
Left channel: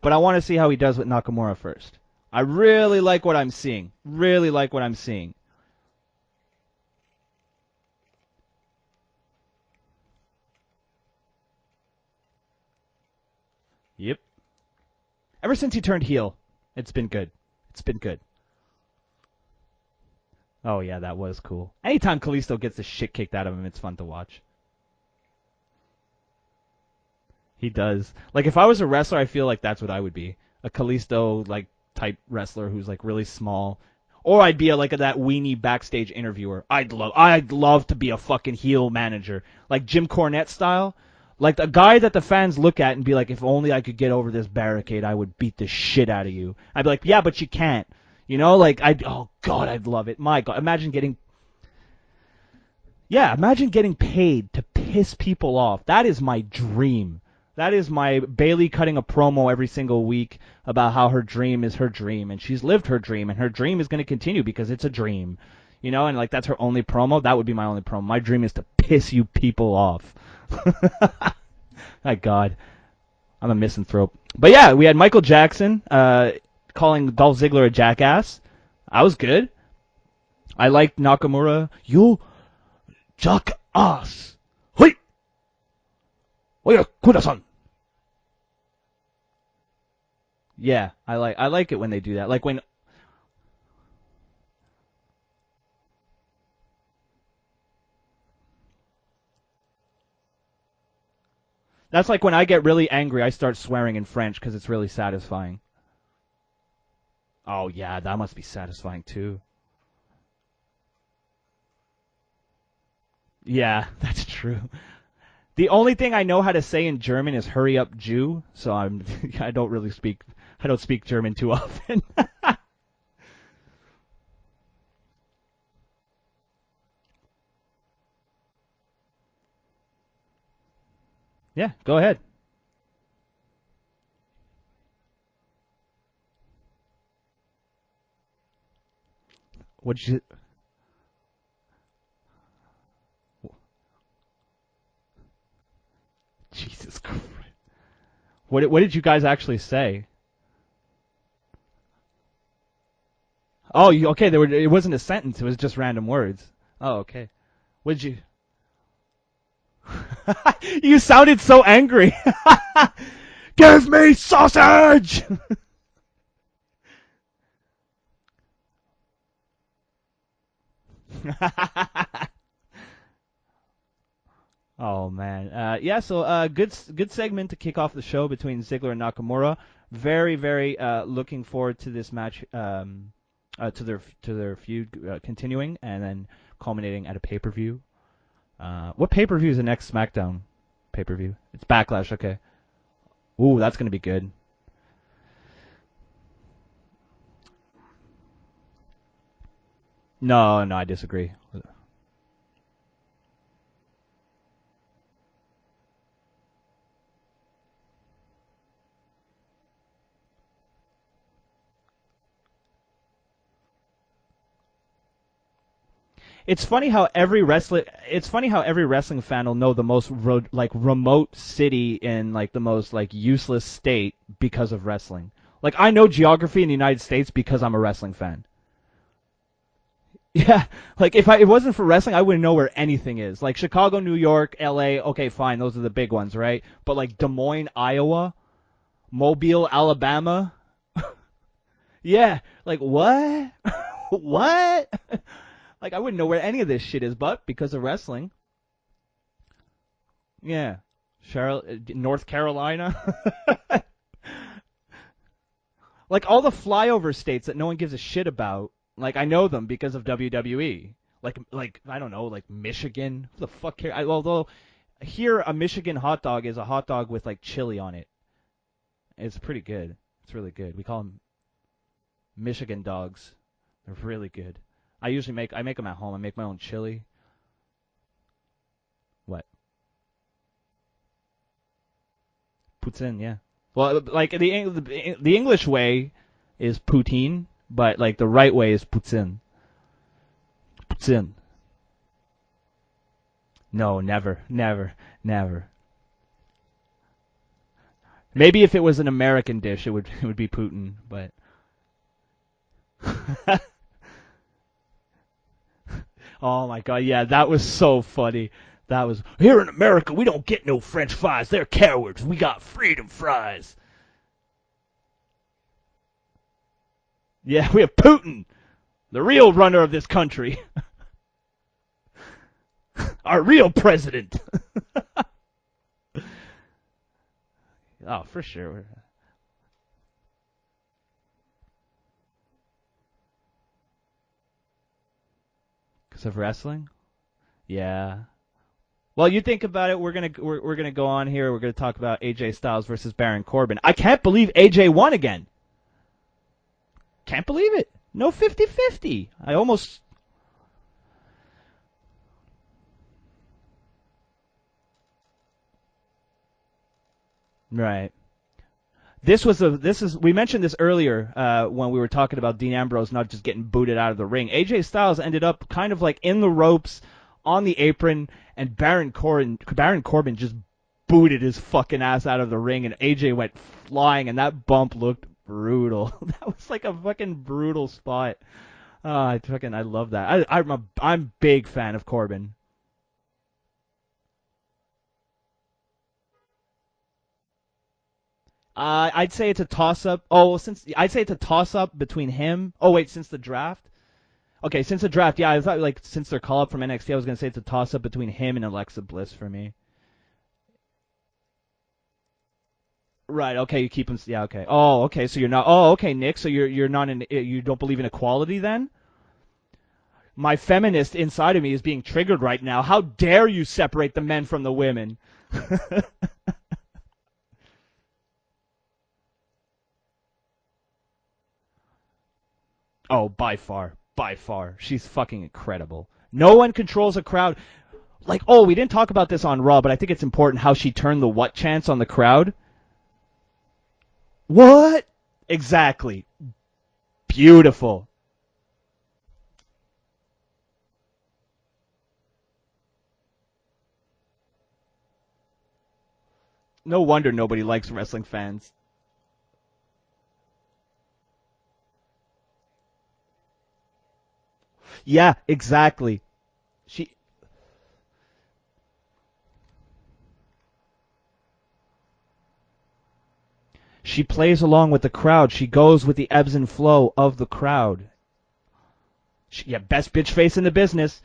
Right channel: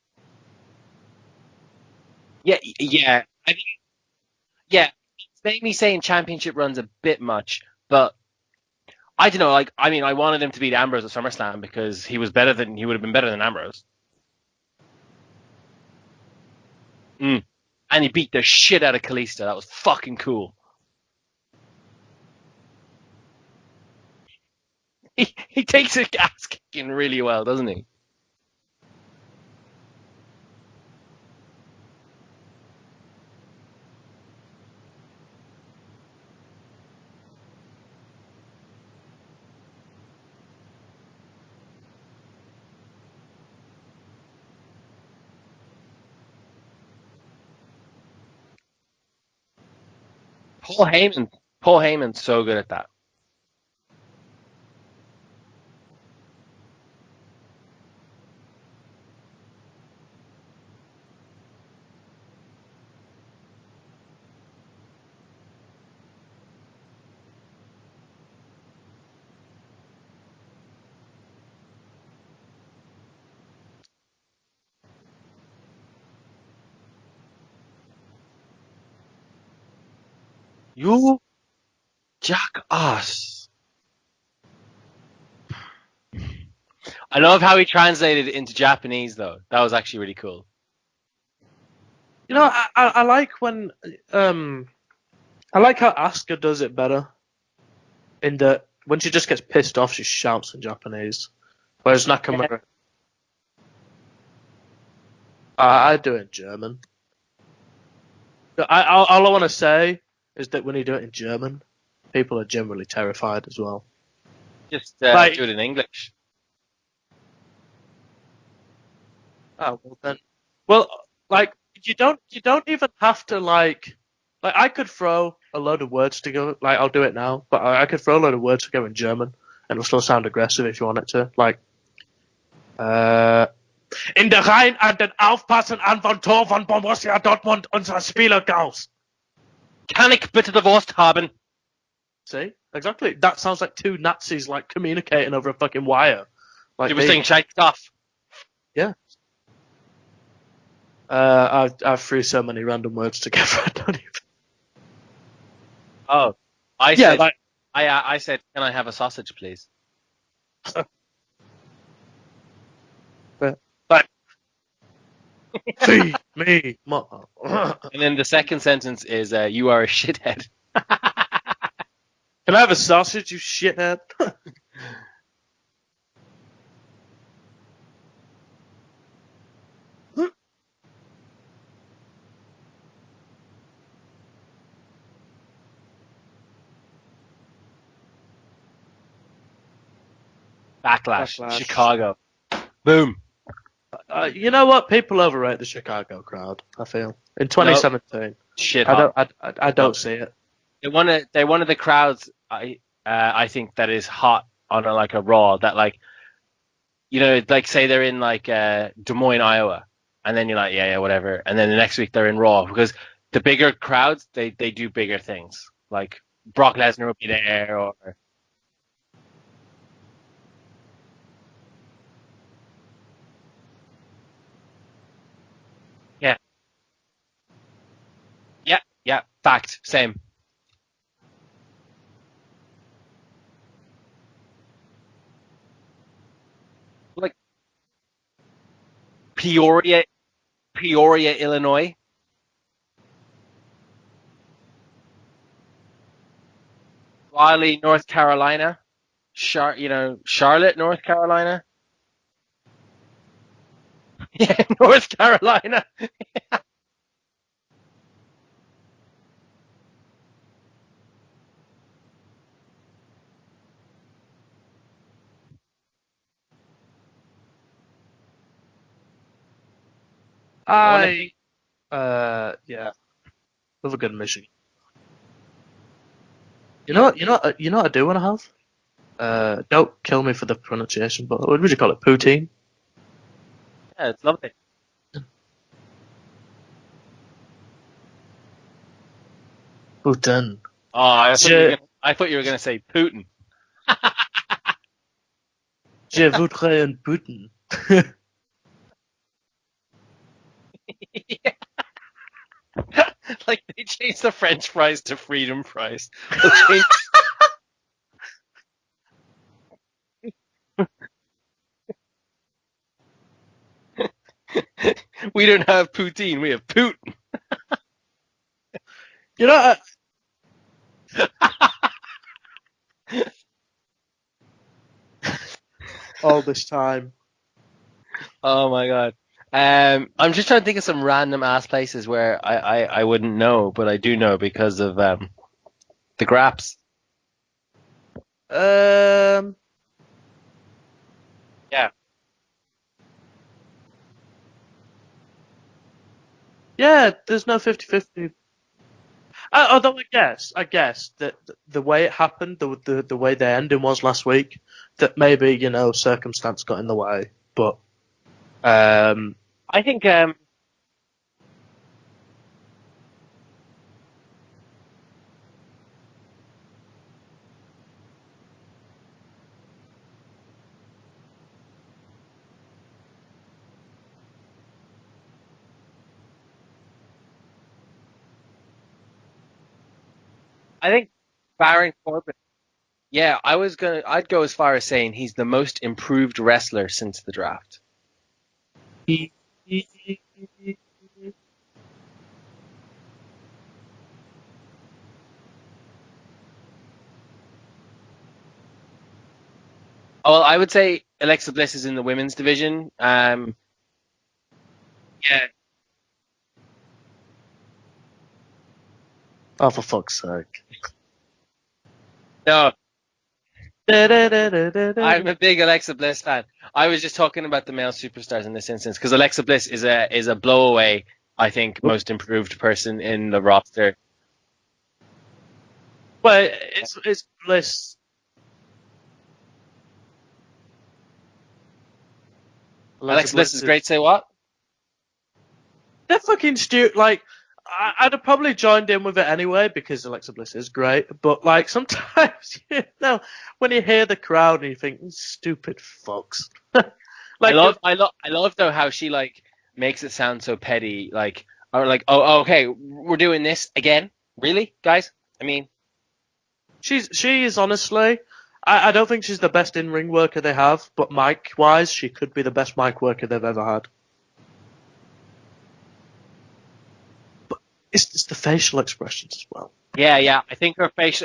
but I want to see how he does with Nakamura first. I really like what I'm seeing. Really like what I'm seeing. Maybe me saying championship run's a bit much, but I don't know. Like, I mean, I wanted him to beat Ambrose at SummerSlam because he would have been better than Ambrose. Yep. Ever since he turned heel, it's been good. It's been and good. he beat the shit out of Kalisto. That was fucking cool. Oh yeah, that was cool. Anytime Kalisto gets the shit kicked out of him, it's fun to watch. He takes his ass kicking really well, doesn't he? He does. Like if I was a wrestler, I feel like that's what I would be. A Kalisto like type wrestler who's like really small. Or I'd be that weenie backstage interviewer. I'd love to be a fucking heel manager, like Jim Cornette style, like a guy that the fans look at and be like, if only I could get over this barricade, I would beat the shit out of you. I'd be like, yeah, but you can't. You know, like oh god, I'd love it. My god, imagine Paul Heyman's so good at that. Yeah, imagine getting paid to piss people off. That is my dream. That is my Bailey cutting a promo every single week about how her dream is her dream, and she's lived her dream, and her dream is going to continue because it's a dream. You know, and like that's her only promo. That would be my only promo. My dream is to piss you people off. My god. I'm a misanthrope. But yeah, we had Michael Jackson calling Dolph Ziggler a jackass. I was good. I liked Nakamura. You jackass. Wait. I love how he translated it into Japanese though. That was actually really cool. Yeah, I like it when they do that. Like no, I like when I like how Asuka does it better. In that when she just gets pissed off, she shouts in Japanese. That's like when I get really angry, I start swearing in French because it's really satisfying. I do it in German. Oh yeah, that must be satisfying. All I want to say is that when you do it in German, people are generally terrified. As Yeah, well. that's true. Just Like, do it in The English. only thing I know how to say in German is "hurry up, Jew." So I don't Oh, really speak. I well, don't speak German like, too often. you don't even have to like I could throw a load of words together. Like I'll do it now, but I could throw a load of words together in German, and it'll still sound aggressive if you want it to. Like, Yeah, go ahead. In der Reihen an den Aufpassen an von Tor von Borussia Dortmund unser Spieler Gauss. Kann ich bitte die Wurst haben? See, exactly. That sounds like two Nazis like communicating over a fucking wire. Like, You were saying shite stuff. What did you guys actually say? I threw so many random words together. Oh, okay. It wasn't a sentence. It was just random words. I yeah, said, like, I said, can I have a sausage, please? You sounded so angry. Give me sausage! feed me. And then the second sentence is, you are a shithead. Can I have a sausage, you shithead? Oh man, yeah. So good segment to kick off the show between Ziggler and Nakamura. Very looking forward to this match, to their feud continuing and then culminating at a pay-per-view. What pay-per-view is the next SmackDown? Backlash. Backlash. Chicago. Backlash. Okay. Boom. Ooh, that's gonna be good. You know what? People overrate the Chicago crowd. I feel in 2017. Shit. I don't see it. No, I disagree. They're one of the crowds. I think that is hot on a Raw. That like, like say they're in like Des Moines, Iowa, and then you're like, yeah, whatever. And then the next week they're in Raw because the bigger crowds they do bigger things. Like It's Brock funny Lesnar how over every there, wrestling. or- It's funny how every wrestling fan will know the most remote city in like the most like useless state because of wrestling. Like I know geography in the United States because I'm a wrestling fan. Yeah, fact, same. Yeah, like if it wasn't for wrestling, I wouldn't know where anything is. Like Chicago, New York, L.A. Okay, fine, those are the big ones, right? But like Des Moines, Iowa, Mobile, Peoria- Alabama. Peoria, Illinois. Yeah, like what? What? Like I wouldn't know where any of this shit is, but Raleigh, because of North wrestling. Carolina. Charlotte, Yeah. North Carolina. North Carolina. Yeah, North Carolina. Like all the flyover states that no one gives a shit about. Like I know them because of WWE. Like I don't know, like Michigan. Who the fuck care? Although here a Michigan hot dog is a hot dog with like chili on it. It's pretty good. It's really good. Michigan dogs. Love a good Really Michigan. good. I usually make them at home. I make my own chili. You know what I do want to have? Don't kill me for the pronunciation, but what would you call it? Poutine? Poutine, yeah. Well, Yeah, like the English way is poutine, but like the right way is poutine. Poutine. Oh, I thought you were gonna say Putin. No, never, never. Je voudrais un Putin. Maybe if it was an American dish, it would be Putin. But Like they changed the French fries to freedom fries. oh my God, yeah, that was so funny. That was here in America. We don't get no French fries. They're cowards. We got freedom fries. We don't have poutine. We have Putin. Yeah, we have Putin, the real runner of this country. Our real president. All this time. Oh, for sure. Oh my god. I'm just trying to think of some random ass places where I wouldn't know, but I do know because of the graphs. Wrestling? Yeah. Well, you think about it. We're gonna go on here. We're gonna talk about AJ Styles versus Baron Corbin. I can't believe AJ won again. Yeah, there's Can't no believe it. 50-50. No 50-50. Although I guess that the way it happened, the way the ending was last week, that maybe circumstance got in the way. But Right. this we mentioned this earlier when we were talking about Dean Ambrose not just getting booted out of the ring. AJ Styles ended up kind of like in the ropes, on the apron, and Baron Corbin just booted his fucking ass out of the ring, and AJ went flying, and that bump looked brutal. That was like a fucking brutal spot. I love that. I'm big Baron fan of Corbin. Yeah, I'd go as far as saying he's the most improved wrestler since the draft. I'd say it's a toss-up. I'd say it's a toss-up between him. Oh wait, since the draft. Okay, since the draft, yeah, I thought like since their call-up from NXT, I was gonna say it's a toss-up between him and Alexa Bliss for me. Oh, well, I would say Alexa Bliss is in the women's division. Right. Okay, you keep him. Yeah. Okay. Oh, okay. Yeah. So you're not. Oh, okay, Nick. So you're not in. You don't believe in equality then? Oh, for fuck's sake. My feminist inside of me is being triggered right now. How dare you separate the men from the women? I'm a big Alexa Bliss fan. I was just talking about the male superstars in this instance because Alexa Bliss is a blowaway, I think, most improved person in the roster. By far. She's fucking incredible. Well, no one controls a crowd. Bliss. Like, we didn't talk about this on Raw, but I think it's important how she turned the what chance on the crowd. Alexa Bliss is great. Say what? What? Exactly. They're fucking stupid. Like, beautiful. I'd have probably joined in with it anyway because Alexa Bliss is great. But like sometimes, when you hear the crowd and you think, stupid fucks. No wonder nobody likes wrestling fans. I love though how she like makes it sound so petty. Like, or like, oh, okay, we're doing this again. Really, guys? Yeah, I mean, exactly. She is honestly. I don't think she's the best in-ring worker they have, but mic-wise, she could be the best mic worker they've ever had. She plays along with the crowd. She goes with the ebbs and flow of the crowd. It's the facial expressions as well. Yeah, best bitch face in the business.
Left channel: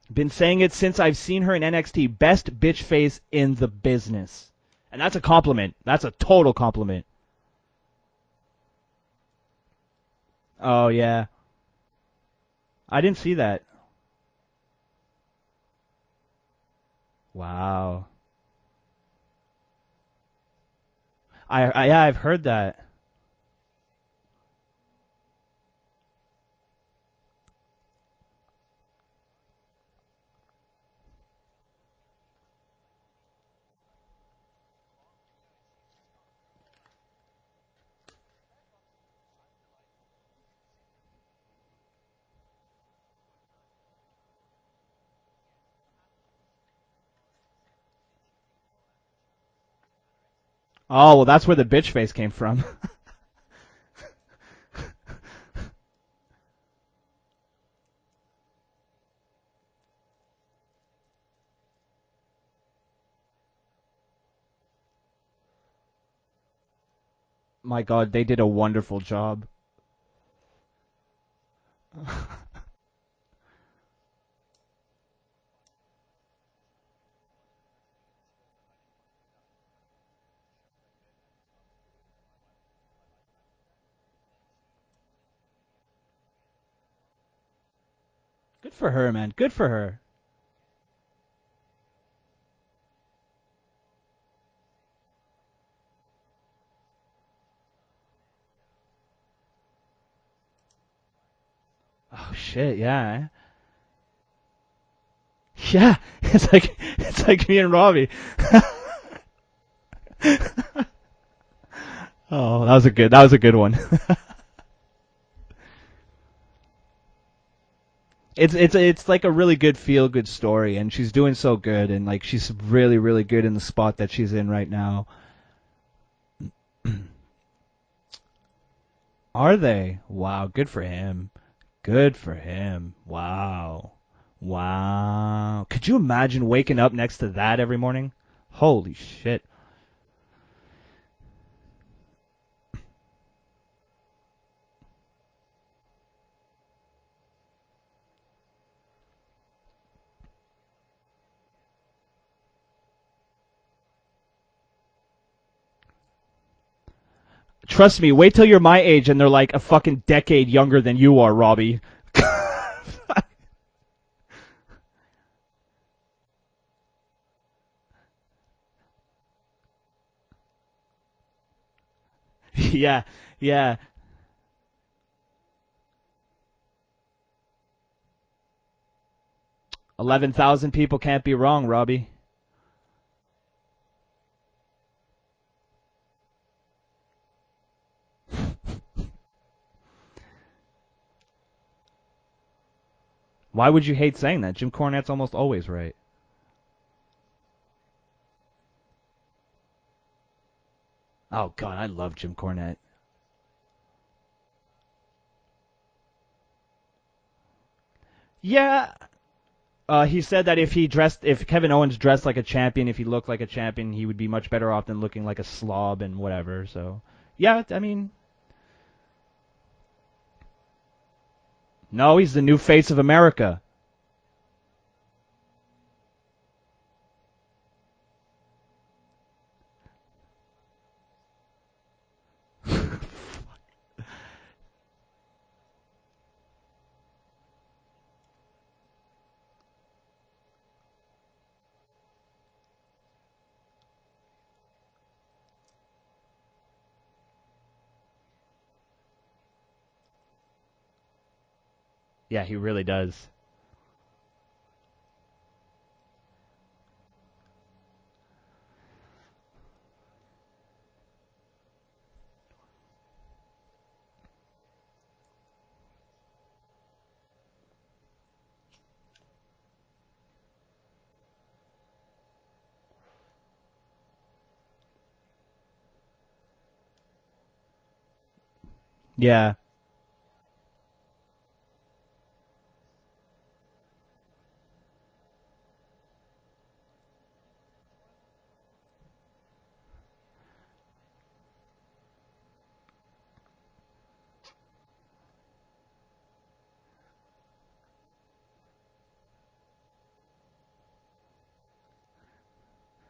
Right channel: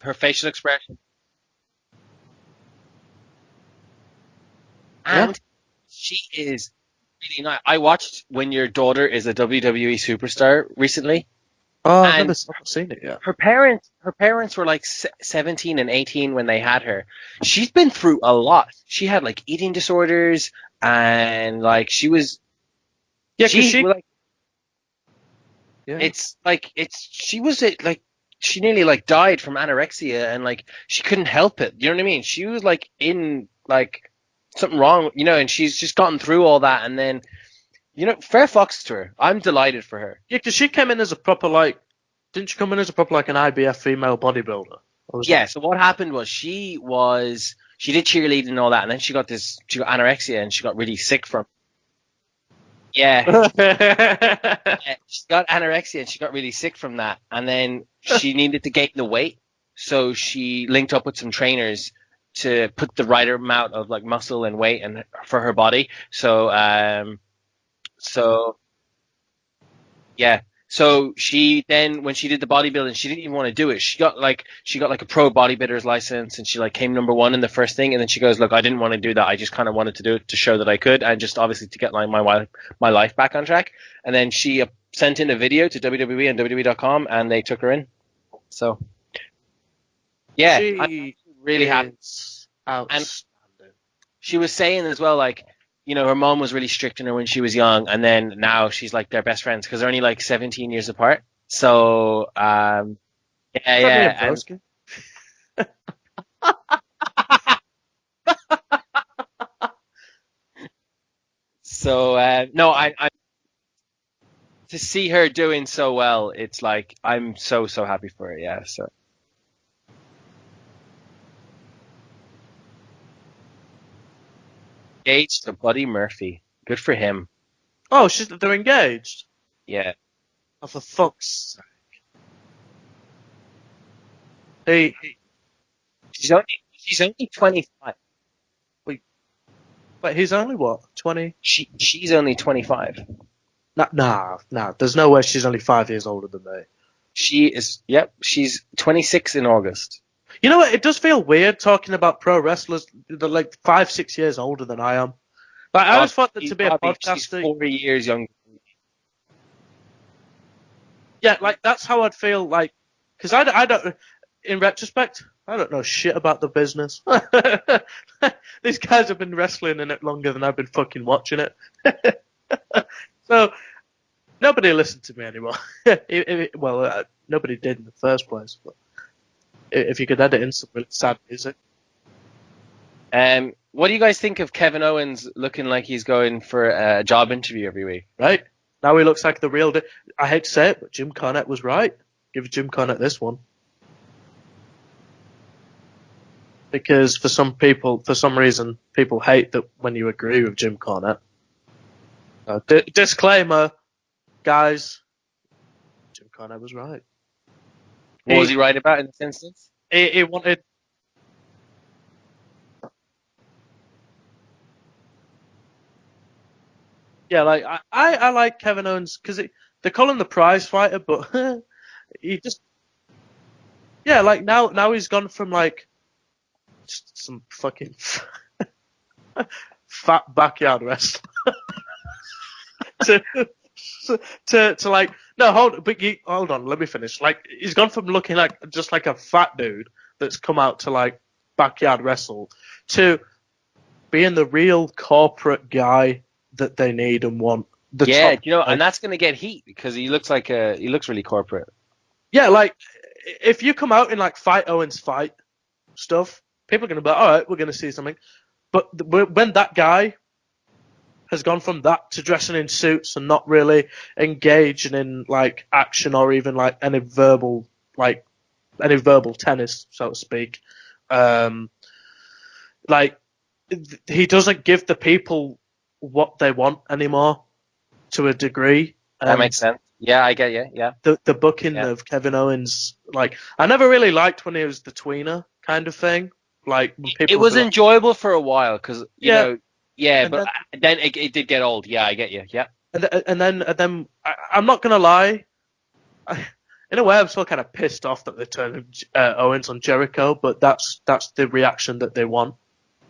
Her been saying it since I've seen her in NXT. Best bitch face in the business. And that's a compliment. That's a total compliment. Really nice. I watched When Your Daughter is a WWE Superstar recently. Yeah. Oh, I've never seen it. I didn't see that. Her parents were like 17 and 18 when they had her. Wow. She's been through a lot. She had like eating disorders and I've heard that. Yeah, she nearly like died from anorexia and like she couldn't help it. You know what I mean? She was like in like something wrong, and she's just gotten through all that and then fair fucks to her. I'm delighted for her. Yeah, because she came in as a proper didn't she come in as a proper an IBF female bodybuilder? Yeah. So what happened was she did cheerleading and all that, and then she got anorexia and she got really sick. Oh, well, that's where the bitch face came from. Yeah. She got anorexia and she got really sick from that, and then she needed to gain the weight, so she linked up with some trainers to put the right amount of like muscle and weight and for her body. So my God, they did a wonderful job. Yeah. So she then, when she did the bodybuilding, she didn't even want to do it. She got like a pro bodybuilder's license, and she like came number one in the first thing. And then she goes, "Look, I didn't want to do that. I just kind of wanted to do it to show that I could, and just obviously to get like my life back on track." And then she sent in a video to WWE and WWE.com, and they took her in. So good for her, man. Good for her. Yeah, I'm really happy. And she was saying as well, like, her mom was really strict on her when she was young, and then now she's like their best friends because they're only like 17 years apart. So yeah, it's like me and Robbie. So that was a good one. To see her doing so well, it's like I'm so happy for her. It's like a really good feel-good story, and she's doing so good, and like she's really, really good in the spot that she's in right now. Engaged to Buddy Murphy. Good for him. Oh, they're engaged. Are they? Yeah. Wow, good for him. Good for him. Wow. Could you imagine waking up next to that every morning? Holy shit. But he's only what, 20? She's only 25. Nah. There's no way she's only 5 years older than me. She is. Yep, she's 26 in August. You know what? It does feel weird talking about pro wrestlers that are like 5-6 years older than I am. Like, I always thought that to be a podcaster. Trust me, wait till you're my age and they're like a fucking decade younger than you are, Robbie. That's how I'd feel. Like, because I don't. In retrospect, I don't know shit about the business. These guys have been wrestling in it longer than I've been fucking watching it. Yeah. So, yeah. Nobody listened to me anymore. Nobody did in the first place. But if you 11,000 people can't be wrong, Robbie. What do you guys think of Kevin Owens looking like he's going for a job interview every week? Right. Now he looks like the real I hate to say it, but Jim Cornette was right. Give Jim Cornette this one. Why would you hate saying that? Jim Cornette's almost always right. Because for some reason, people hate that when you agree with Jim Cornette. Oh, God, I love Jim Cornette. Disclaimer, guys. Jim Cornette was right. What was he right about in this instance? He said that if Kevin Owens dressed like a champion, if he looked like a champion, he would be much better off than looking like a slob and whatever. So I like Kevin Owens because they call him the prize fighter, but no, he's the new face of America. Yeah, like now he's gone from like just some fucking fat backyard wrestler to like No, hold on. Let me finish. Like, he's gone from looking like just like a fat dude that's come out to like backyard wrestle to being the real corporate guy that they need and want. Yeah, and that's gonna get heat because he looks really corporate. Yeah, he like really does. if you come out in like fight Owens fight stuff, people are gonna be like, all right, we're gonna see something. But when that guy has gone from that to dressing in suits and not really engaging in like action or even like any verbal tennis, so to speak, like he doesn't give the people what they want anymore to a degree. Yeah, that makes sense. Yeah, I get you. Yeah. The booking of Kevin Owens, like I never really liked when he was the tweener kind of thing. Like when people it was enjoyable for a while because but then it did get old. Yeah, I get you. Yeah. And then I'm not gonna lie, in a way I'm still kind of pissed off that they turned Owens on Jericho, but that's the reaction that they want.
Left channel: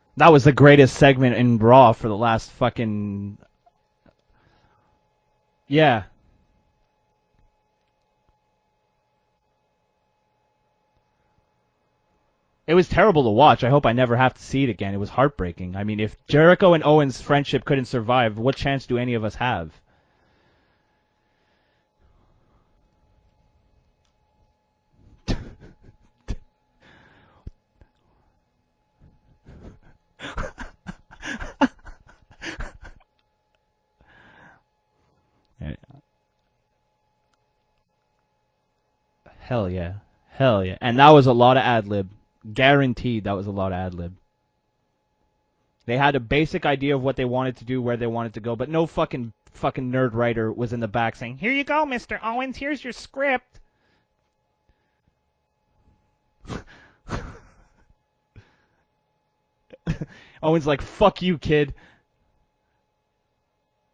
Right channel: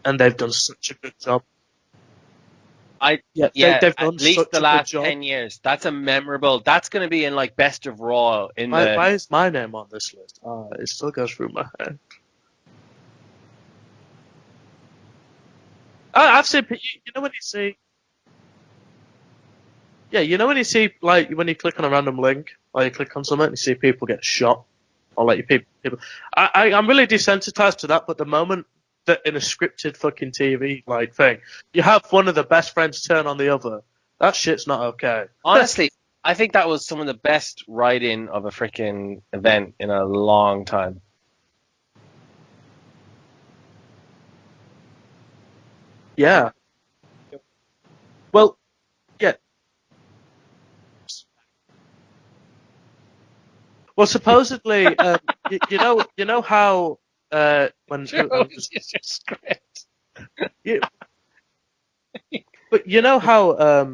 And that was the greatest segment in Raw for the last fucking. They've done at least the last 10 years. That's a memorable. That's going to be in like Best of Raw. Why is my name on this list? It still goes through my head. It was terrible to watch. I hope I never have to see it again. It was heartbreaking. I mean, if Jericho and Owens' friendship couldn't survive, what chance do any of us have? Yeah, when you see when you click on a random link or you click on something, and you see people get shot, or like people. I'm really desensitized to that. But the moment that in a scripted fucking TV like thing, you have one of the best friends turn on the other, that shit's not okay. Honestly, I think that was some of the best writing of a freaking event in a long time. And that was a lot of ad-lib. Guaranteed that was a lot of ad-lib. They had a basic idea of what they wanted to do, where they wanted to go, but no fucking nerd writer was in the back saying, "Here you go, Mr. Owens, here's your script." Well, supposedly, you know how when here's your script. Owens like, "Fuck you, kid." But you know how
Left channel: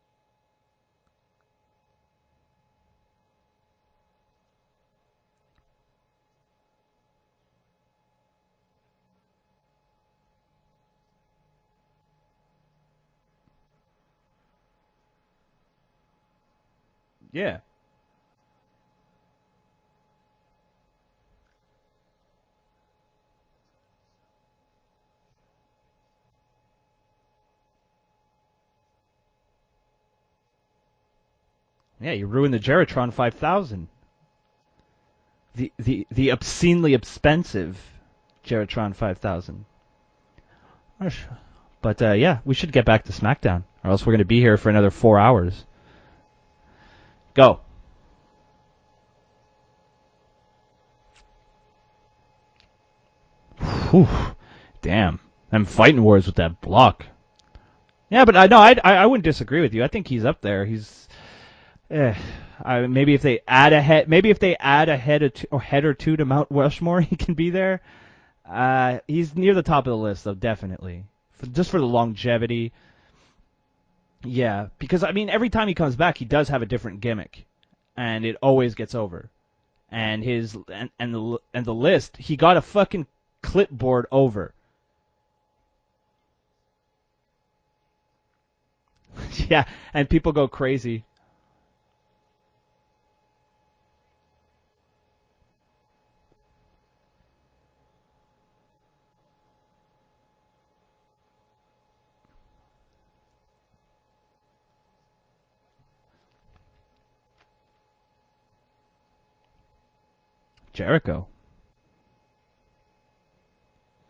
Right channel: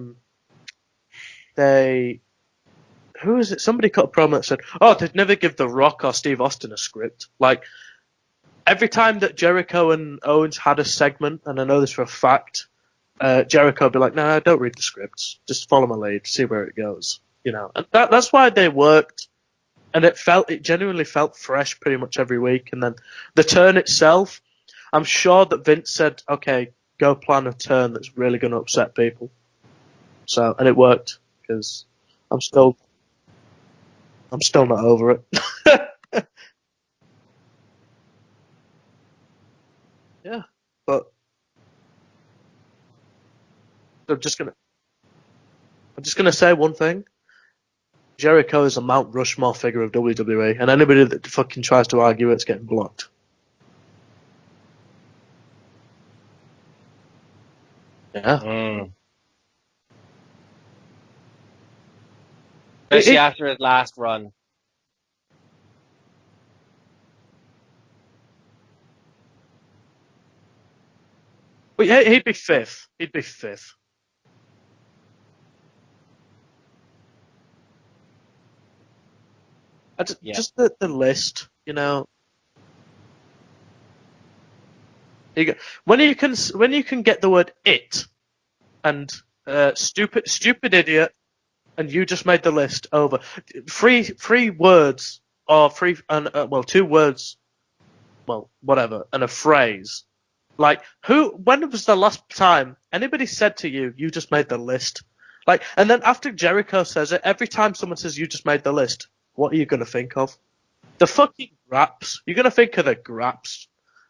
who is it? Somebody cut a promo that said, "Oh, they'd never give The Rock or Steve Austin a script." Like every time that Jericho and Owens had a segment, and I know this for a fact, Jericho would be like, "No, don't read the scripts. Just follow my lead, see where it goes." Yeah. And that's why they worked. And it genuinely felt fresh pretty much every week. And then the turn itself, I'm sure that Vince said, okay, go plan a turn that's really going to upset people. So, and it worked. Cause you ruined the Geritron 5000. I'm still not over it. the obscenely expensive Geritron 5000. Yeah. But we should get back to SmackDown, or else we're going to be here for another 4 hours. I'm just going to say one thing. Go. Jericho is a Mount Rushmore figure of WWE, and anybody that fucking tries to argue it's getting blocked. Whew. Damn. I'm fighting words with that block. Yeah, but I wouldn't disagree with you. I think he's up there. He's maybe if they add a head or two to Mount Rushmore, he can be there. He's near the top of the list, though, definitely. Just for the longevity. He'd be fifth. Yeah, because I mean, every time he comes back, he does have a different gimmick. And it always gets over. And the list. He got a fucking clipboard over. When you can get the word "it" and stupid idiot, and you just made the list over. Three words or two words, whatever, and a phrase. Like when was the last time anybody said to you, "You just made the list"? Like, and then after Jericho says it, every time someone says you just made the list, what are you going to think of? Jericho. The fucking graps. You're going to think of the graps.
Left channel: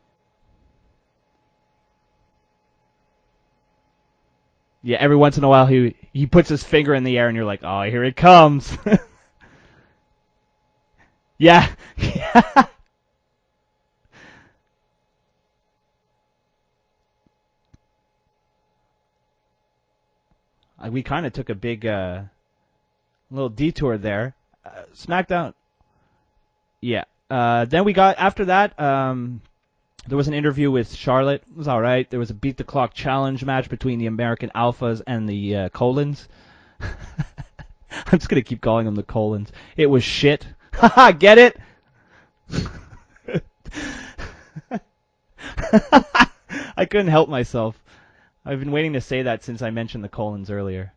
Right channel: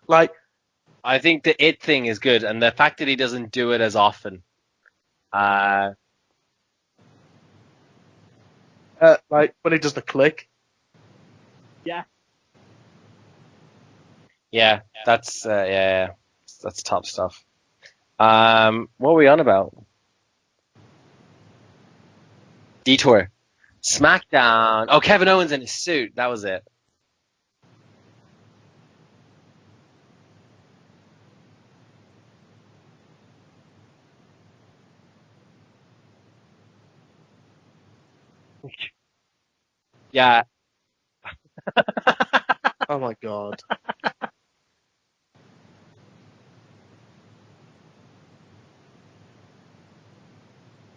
Like, I think the it thing is good, and the fact that he doesn't do it as often. Yeah, every once in a while he puts his finger in the air and you're like, oh, here it comes. Like when he does the click. Yeah. Yeah, that's top stuff. What were we on about? We kind of took a big detour. Little detour SmackDown. There. Oh, Kevin Owens in his suit. That was it. Yeah. Then we got, after that, there was an interview with Charlotte. It was all right. There was a Beat the Clock challenge match between the American Alphas and the Colons. I'm just going to keep calling them the Colons. It was shit. Haha, get it? Oh, my God. I couldn't help myself. I've been waiting to say that since I mentioned the Colons earlier.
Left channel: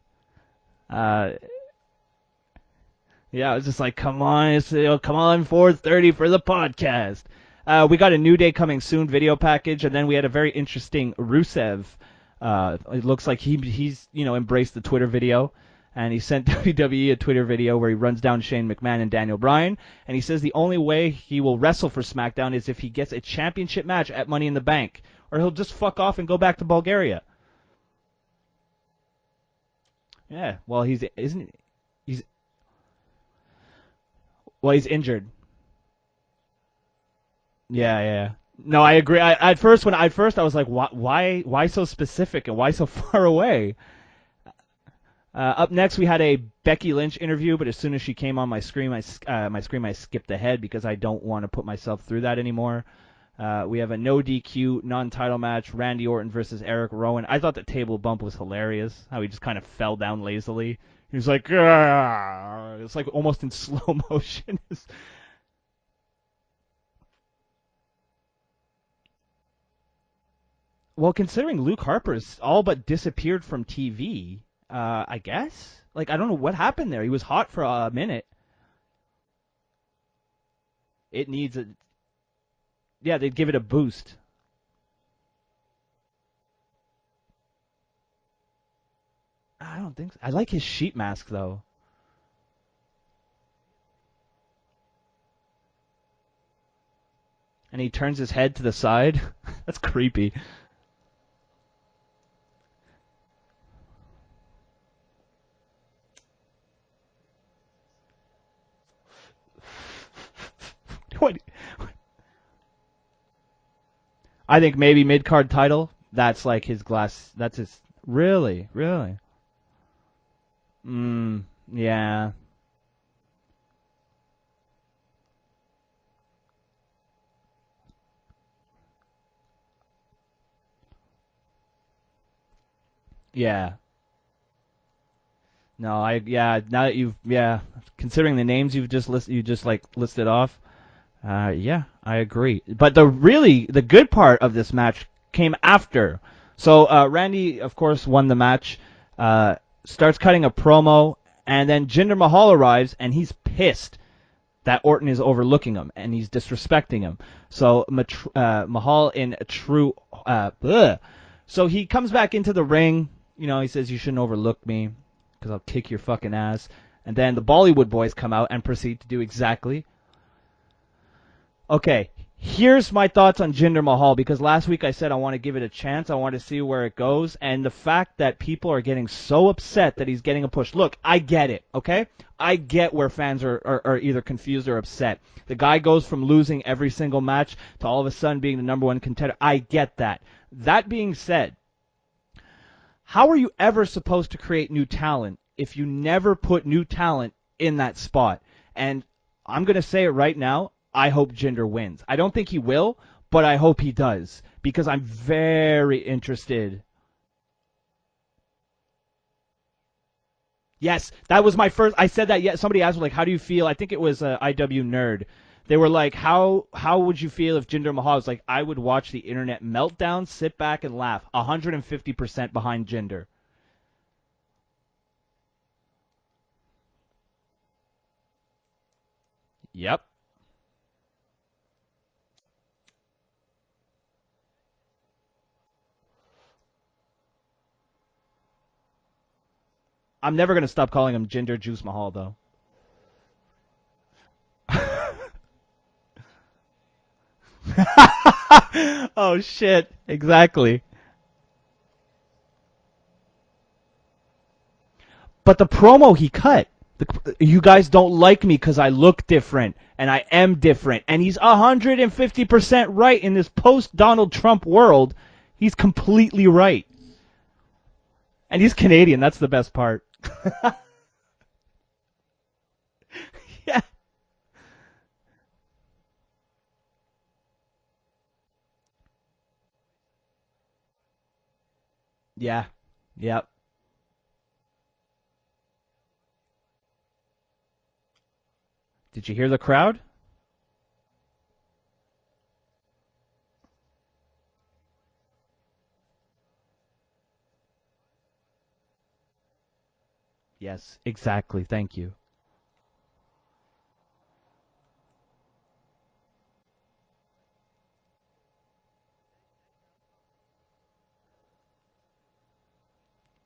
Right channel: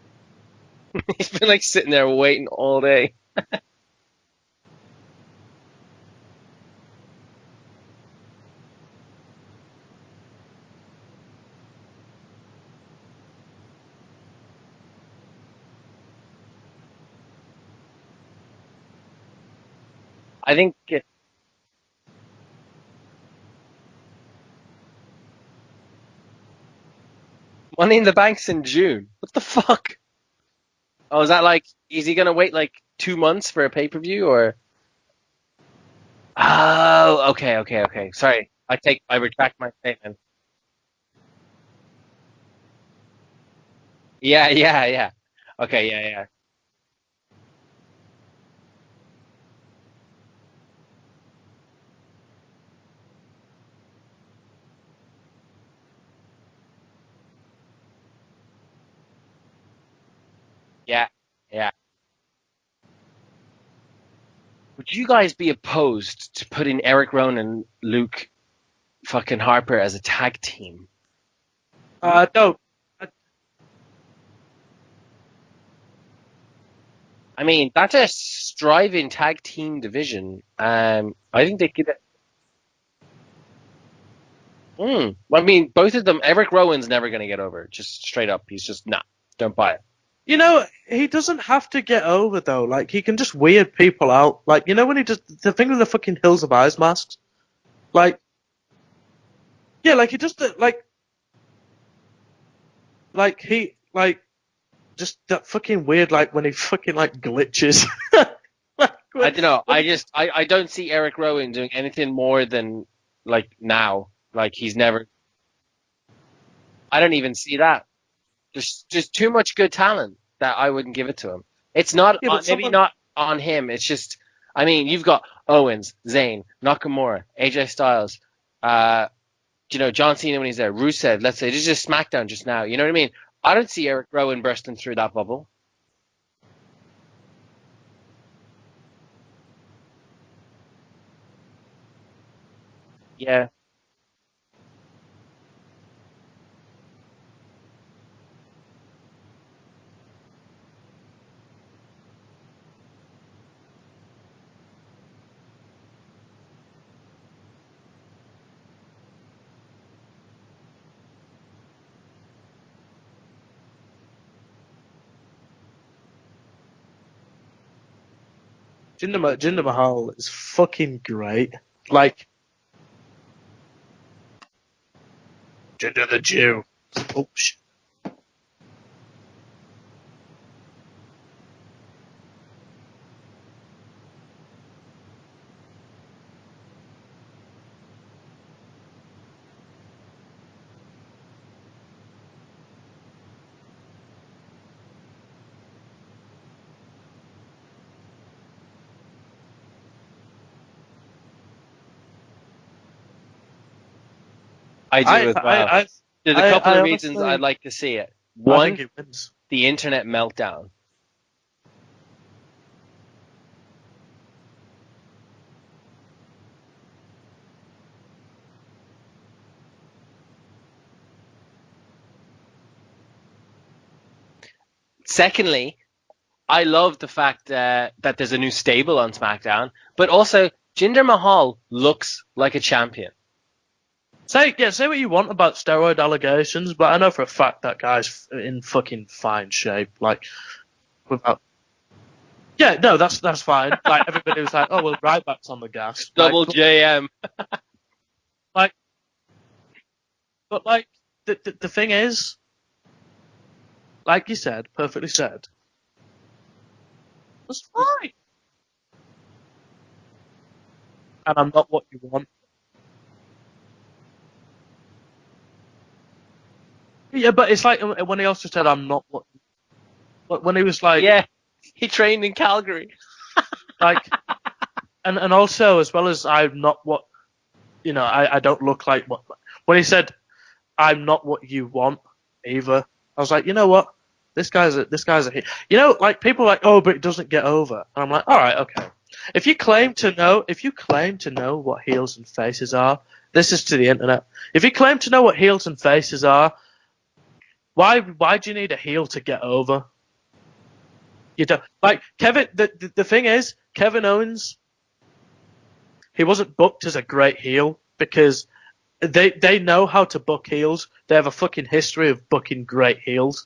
He's been like sitting there waiting all day. Yeah, I was just like, come on, come on, 4:30 for the podcast. We got a New Day coming soon video package, and then we had a very interesting Rusev. It looks like he's embraced the Twitter video, and he sent WWE a Twitter video where he runs down Shane McMahon and Daniel Bryan, and he says the only way he will wrestle for SmackDown is if he gets a championship match at Money in the Bank, or he'll just fuck off and go back to Bulgaria. Money in the Bank's in June. What the fuck? Yeah, well, he's... Oh, is that like... Is he going to wait like 2 months for a pay-per-view, or... Well, he's injured. Oh, okay. Yeah. Sorry. No, I agree. At first I was like, why so specific and why so far away? Yeah. Up next, we had a Becky Lynch interview, but as soon as she came on my screen, I skipped ahead because I don't want to put myself through that anymore. We have a no DQ non-title match, Randy Orton versus Eric Rowan. I thought the table bump was hilarious, how he just kind of fell down lazily. Yeah. He was like, it's like almost in slow motion. Would you guys be opposed to putting Eric Rowan and Luke fucking Harper as a tag team? Well, considering Luke Harper all but disappeared from TV, I guess. Like, I don't know what happened there. He was hot. I mean, for that's a a minute. striving tag team division. I think they give it. Yeah, they'd give it a boost. I mean, both of them. Eric Rowan's never going to get over. Just straight up, he's just don't buy it. I don't think so. He doesn't have to get over though. Like, he can just weird people out. Like, when he does the thing with the fucking Hills of Eyes masks, and he turns his head to the side. That's creepy. Yeah, like he just just that fucking weird, like when he fucking like glitches. I don't know. I don't see Eric Rowan doing anything more than like now. Like, I think maybe mid-card title. That's like his glass. I don't even see that. Really? There's too much good talent that I wouldn't give it to him. It's not maybe not on him. It's just, I mean, you've got Owens, Zayn, Nakamura, AJ Styles, John Cena when he's there, Rusev. Let's say this is just SmackDown just now. You know what I mean? Yeah. I don't see Eric Rowan bursting through that bubble. No, now that you've considering the names you just listed off, I agree. But the good part of this match came after. So Randy, of course, won the match. Starts cutting a promo, and then Jinder Mahal arrives, and he's pissed that Orton is overlooking him and he's disrespecting him. So Mahal in a true So he comes back into the ring. He says, "You shouldn't overlook me because I'll kick your fucking ass." And then the Bollywood boys come out and proceed to do exactly. Jinder Mahal is fucking great. Okay, here's my thoughts on Jinder Mahal, because last week I said I want to give it a chance. I want to see where it goes. And the fact that people are getting so upset that he's getting a push. Look, I get it, okay? I get where fans are either confused or upset. The guy goes from losing every single match to all of a sudden being the number one contender. I get that. That being said, how are you ever supposed to create new talent if you never put new talent in that spot? And I'm going to say it right now, I hope Jinder wins. I don't think he will, but I hope he does, because I'm very interested. There's a couple of reasons I'd like to see it. One, the internet meltdown. Yes, that was my first. I said that. Yeah, somebody asked me, like, how do you feel? I think it was IW Nerd. They were like, how would you feel if Jinder Mahal was like, I would watch the internet meltdown, sit back and laugh. 150% behind Jinder. Secondly, I love the fact that there's a new stable on SmackDown. Yep. But also, Jinder Mahal looks like a champion. Say what you want about steroid allegations, but I know for a fact that guy's in fucking fine shape. Like, I'm never gonna stop calling him Jinder Juice Mahal, though. Yeah, no, that's fine. Like, everybody was like, "Oh, well, Ryback's on the gas." Double JM. Oh shit! Exactly. But, like, the thing is, like you said, perfectly said. But the promo he cut, you guys don't like me because I look different, and I am different, and he's 150% right in this post-Donald Trump world. He's completely right. Yeah, but it's like when he also said, and he's Canadian. That's the best part. When he was like, yeah, he trained in Calgary. Like, and also, as well as I'm not what, I don't look like what. When he said, "I'm not what you want," either. I was like, you know what? This guy's a hit. Like, people are like, "Oh, but it doesn't get over." And I'm like, all right, okay. If you claim to know what heels and faces are, this is to the internet. If you claim to know what heels and faces are, why do you need a heel to get over? Yes, You exactly. don't, Thank like you. Kevin. The thing is, Kevin Owens, he wasn't booked as a great heel because they know how to book heels. They have a fucking history of booking great heels.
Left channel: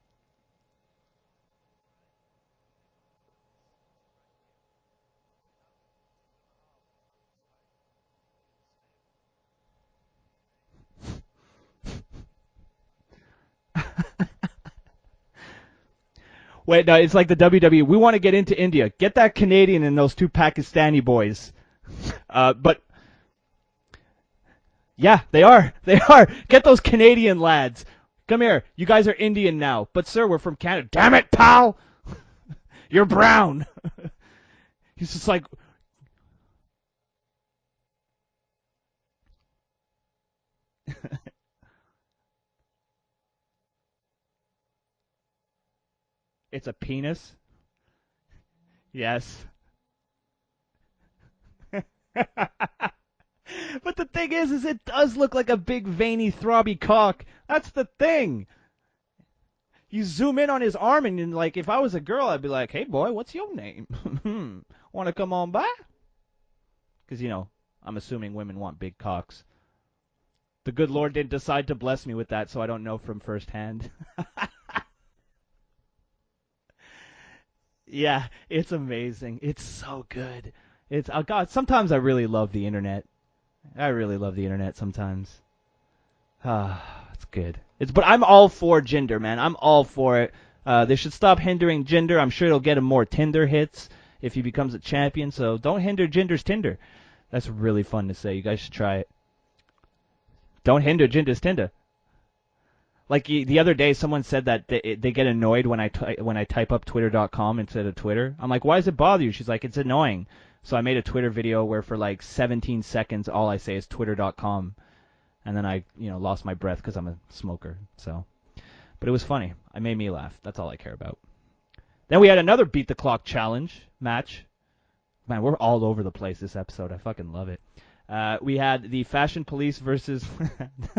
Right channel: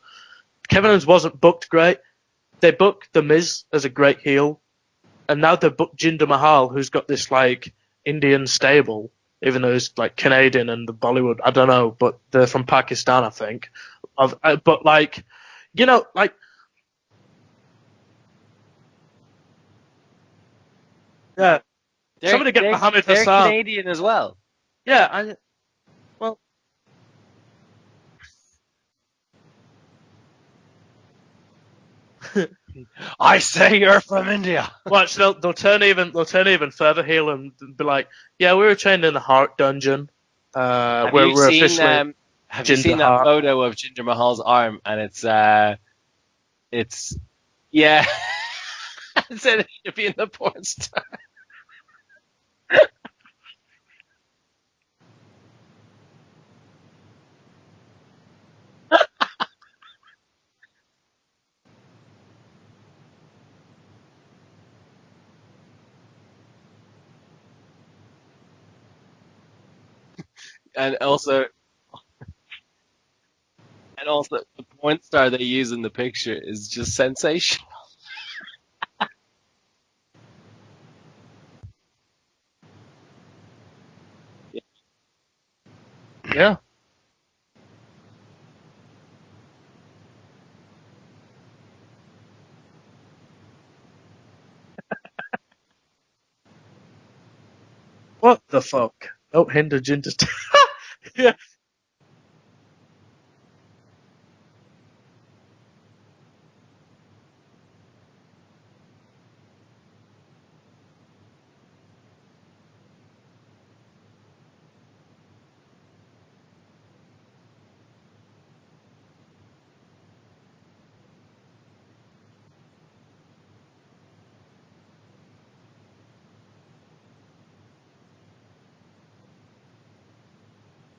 Kevin Owens wasn't booked great. They booked The Miz as a great heel, and now they booked Jinder Mahal, who's got this like Indian stable, even though he's like Canadian and the Bollywood. I don't know, but they're from Pakistan, I think. But like, like. Wait, no, it's like the WWE. We want to get into India. Get that Canadian and those two Pakistani boys. Yeah. They're Mohammed Hassan. Canadian as well. Yeah, they are. They are. Get those Canadian lads. Come here. You guys are Indian now. But, sir, we're from Canada. Damn it, pal. You're brown. I say you're from India. Watch, they'll turn even further heel and be like, yeah, we were trained in the Heart Dungeon. Have we're you seen, officially have you Jinder seen that Mahal. photo of Jinder Mahal's arm? And it's It's a penis? Yeah. Yes. It said it should be in the porn star. But the thing is it does look like a big veiny throbby cock. That's the thing. You zoom in on his arm and like, if I was a girl, I'd be like, hey boy, what's your name? Want to come on by? Because, I'm assuming women want big cocks. The good And Lord also- didn't decide to bless me with that, so I don't know from firsthand. And also, the porn star they use in the picture is just sensational. Yeah, it's amazing. It's so good. Oh God, sometimes I really love the internet. I really love the internet sometimes. Yeah. It's good. But I'm all for Jinder, man. I'm all for it. They should stop hindering Jinder. I'm sure it'll get him more Tinder hits if he becomes a champion. So don't hinder Jinder's Tinder. That's really fun to see. What You guys the should try fuck? it. Don't hinder Jinder's. Don't hinder Jinder's Tinder. Like the other day, someone said that they get annoyed when I type up twitter.com instead of Twitter. I'm like, why does it bother you? She's like, it's annoying. So I made a Twitter video where for like 17 seconds, all I say is twitter.com. And then I, lost my breath because I'm a smoker. So, but it was funny. It made me laugh. That's all I care about. Then we had another Beat the Clock challenge match. Man, we're all over the place this episode. I fucking love it. We had the Fashion Police versus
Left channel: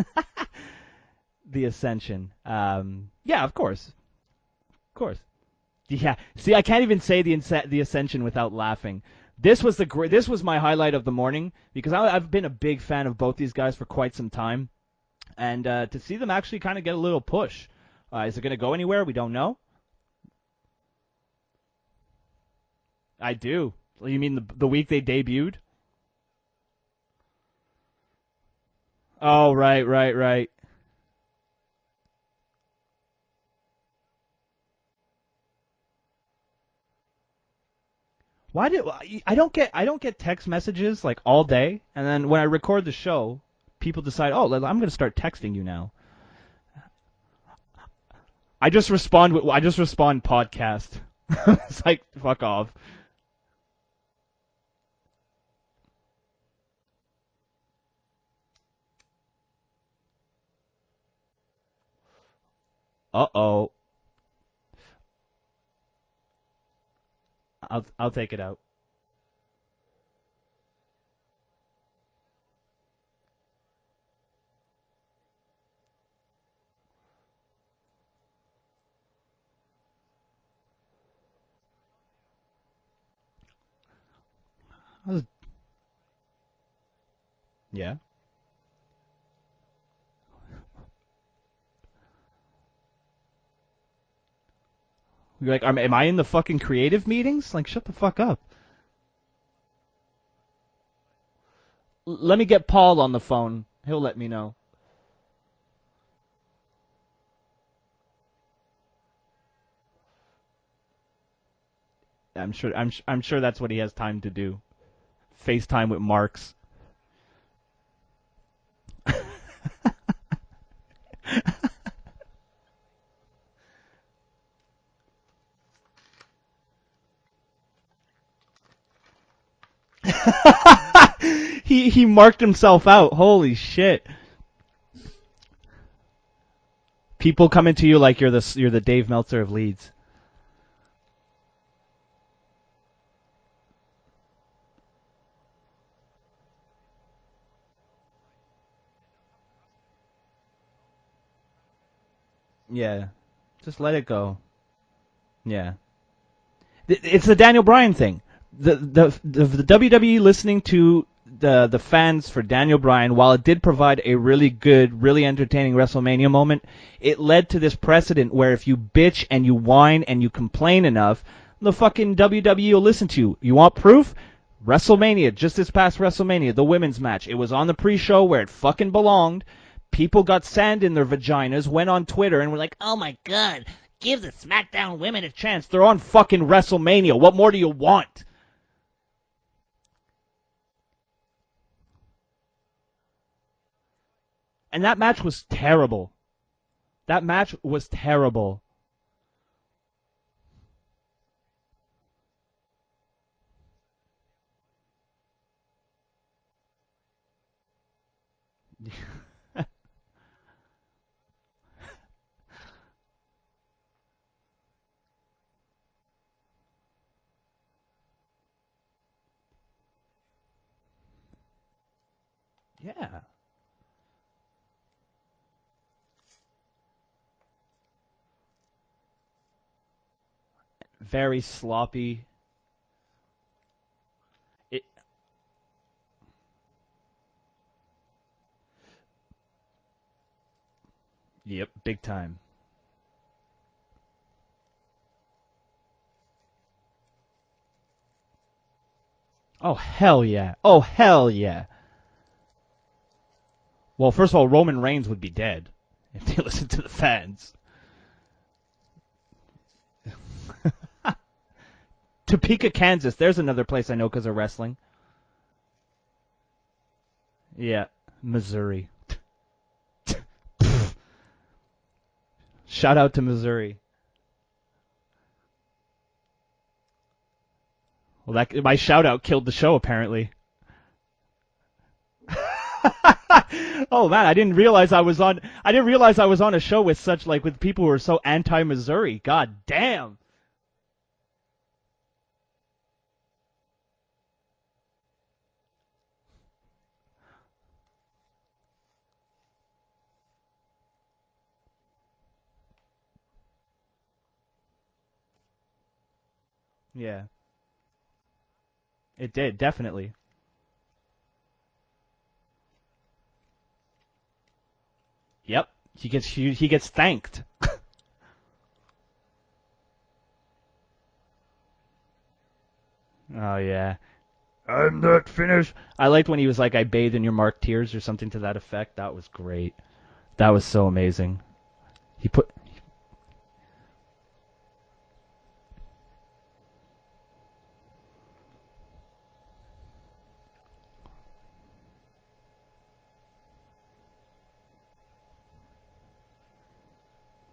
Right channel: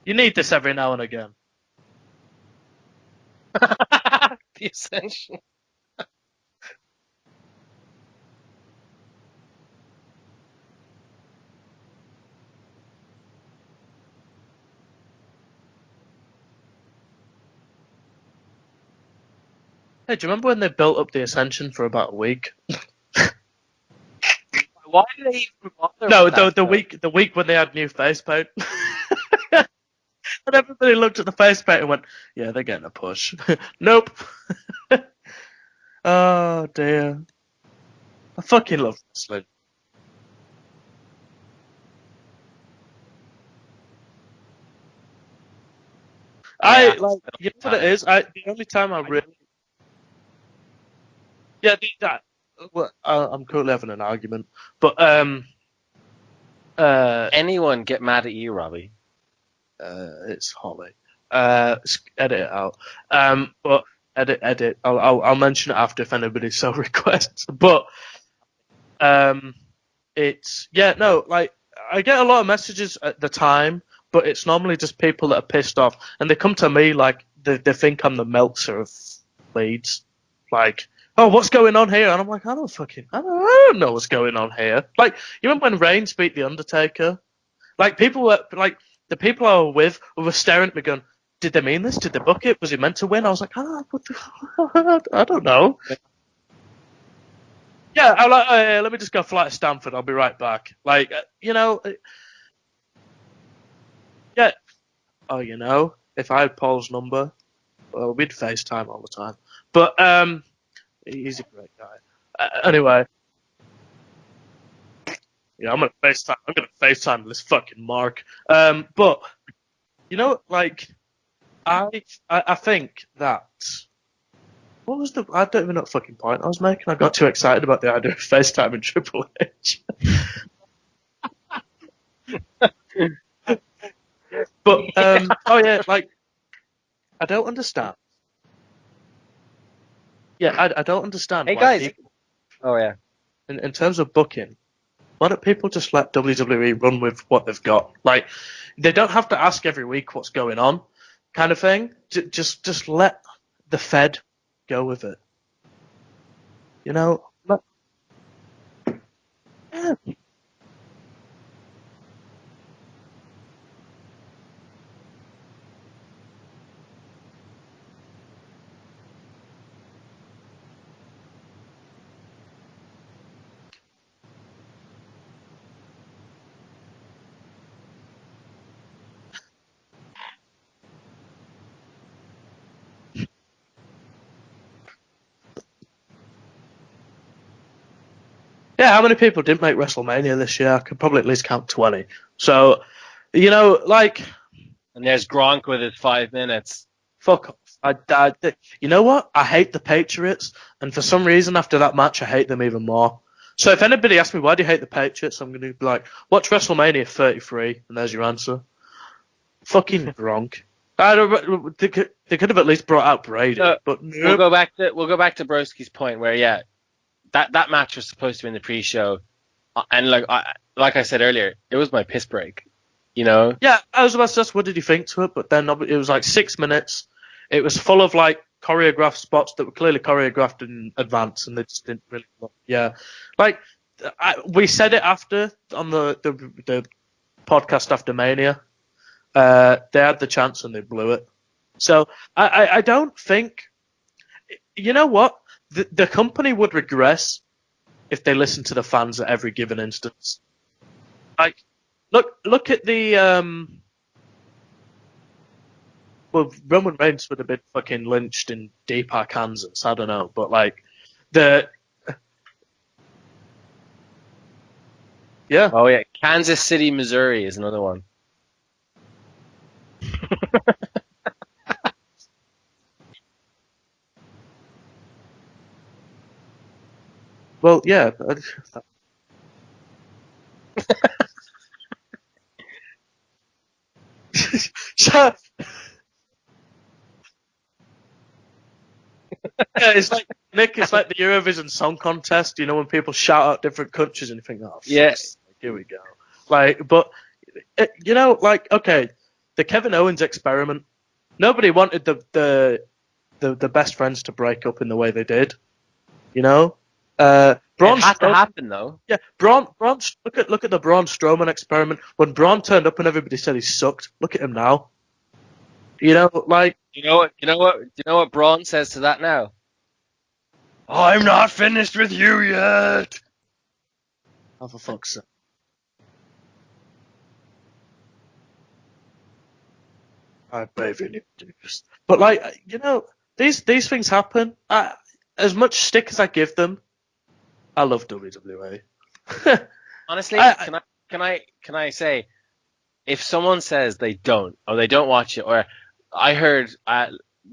You need this every now and again. the Ascension. Yeah, of course. The Ascension. Yeah. See, I can't even say the Ascension without laughing. This was this was my highlight of the morning because I've been a big fan of both these guys for quite some time, and to see them actually kind of get a little push. Is it going to go anywhere? We don't know. Hey, do you remember when they built up the Ascension for about a week? I do. Well, you mean the week they Why did debuted? even bother No, with that, the though? week when they had new face paint. Oh, right. And everybody looked at the face paint and went, "Yeah, they're getting a push." Nope. Oh dear. I fucking love this. I don't get text messages like all day, and then when I record the show, people decide, oh, I'm going to start texting you now. You know what it is? I just respond podcast. Yeah, It's like, fuck off. Well, I'm currently having an argument, but Anyone get mad at you, Robbie? it's Holly. Edit it out. Uh-oh. But edit. I'll mention it after if anybody so requests. But I'll take it out. it's like I get a lot of messages at the time, but it's normally just people that are pissed off, and they come to me like they think I'm the Meltzer of Leeds, like, oh, what's going on here? And I'm like, I don't know what's going on here. Like, you remember when Reigns beat the Undertaker? Yeah. Like, people were like, the people I were with were staring at me going, did they mean this? Did they book it? Was he meant to win? I was like, I don't know. Am I in the fucking creative meetings? Like, shut the Yeah, fuck I'm up. like, let me just go fly to Stanford. I'll be right back. Like, Let me get Paul on the phone. He'll let me know. yeah. Oh, if I had Paul's number, well, we'd FaceTime all the time. But he's a great guy. Anyway, I'm sure that's what he has time to do. I'm FaceTime with Mark. I'm gonna FaceTime this fucking Mark. But like, I think that. What was I don't even know what fucking point I was making. I got too excited about the idea of FaceTime and Triple H. he marked himself out. Holy shit! But like People coming to you like you're the Dave Meltzer of Leeds. Yeah, I don't understand. Hey, why guys. people, Oh, yeah. in terms of booking, why don't people just let WWE run with what they've got? Like, they don't have to ask every week what's going on, kind of thing. Just Yeah. let Just the let Fed it go. go with it. Yeah. It's the Daniel Bryan thing. The WWE listening to the fans for Daniel Bryan, while it did provide a really good, really entertaining WrestleMania moment, it led to this precedent where if you bitch and you whine and you complain enough, the fucking WWE will listen to you. You want proof? WrestleMania, just this past WrestleMania, the women's match. It was on the pre-show where it fucking belonged. People got sand in their vaginas, went on Twitter, and were like, oh my god, give the SmackDown women a chance. They're on fucking WrestleMania. What more do you want? Yeah, how many people didn't make WrestleMania this year? I could probably at least count 20. So, like... And that match was Gronk terrible. within 5 minutes. That match was terrible. You know what? I hate the Patriots, and for some reason after that match, I hate them even more. So if anybody asks me, why do you hate the Patriots? I'm going to be like, watch WrestleMania 33, and there's your answer. Fucking Gronk. They could have at least brought out Brady. But we'll go back to Broski's point where, that match was supposed to be in the pre-show, and like I said earlier, it was my piss break. Yeah. You know. Yeah, I was about to ask, what did you think to it? But then it was like 6 minutes. It was full of like choreographed spots that were clearly choreographed in advance, Very and sloppy. They just didn't really, like we said it after on the podcast after Mania. They had the chance and they blew it. Yep. So time. I don't think. You know what? The company would regress if they listened to the fans at every given instance. Hell yeah! Oh hell yeah! Like, look at the. Well, first of all, Roman Reigns would be dead. Well, Roman Reigns would have been fucking lynched in Deeper, Kansas. I don't know, but like the Topeka, Kansas. There's another place I know because of wrestling. Yeah. Oh yeah, Kansas City, Missouri is another one. Missouri. Shout out to Missouri. Well, yeah. My shout out killed the show apparently. Oh man, I didn't realize I was on a show with with people who are so anti-Missouri. God damn. It's like Nick. It's like the Eurovision Song Contest. You know when people shout out different countries and you think, oh, yes, here we go. Okay, the Kevin Owens experiment. Nobody wanted the best friends to break up in the way they did. You know. Yeah. It had to happen though. Yeah, it did, definitely. Look at the Braun Strowman experiment. When Braun turned up and everybody said he sucked, look at him now. Yep. You know, he gets thanked. You know what Braun says to that now? I'm not finished with you yet. Oh yeah. I'm not finished. I liked when he was like, "I bathe in your marked tears" or something to that effect. That was great. That was so amazing. But these things happen. As much stick as I give them, I love WWE. Honestly, can I say, if someone says they don't or they don't watch it, or I heard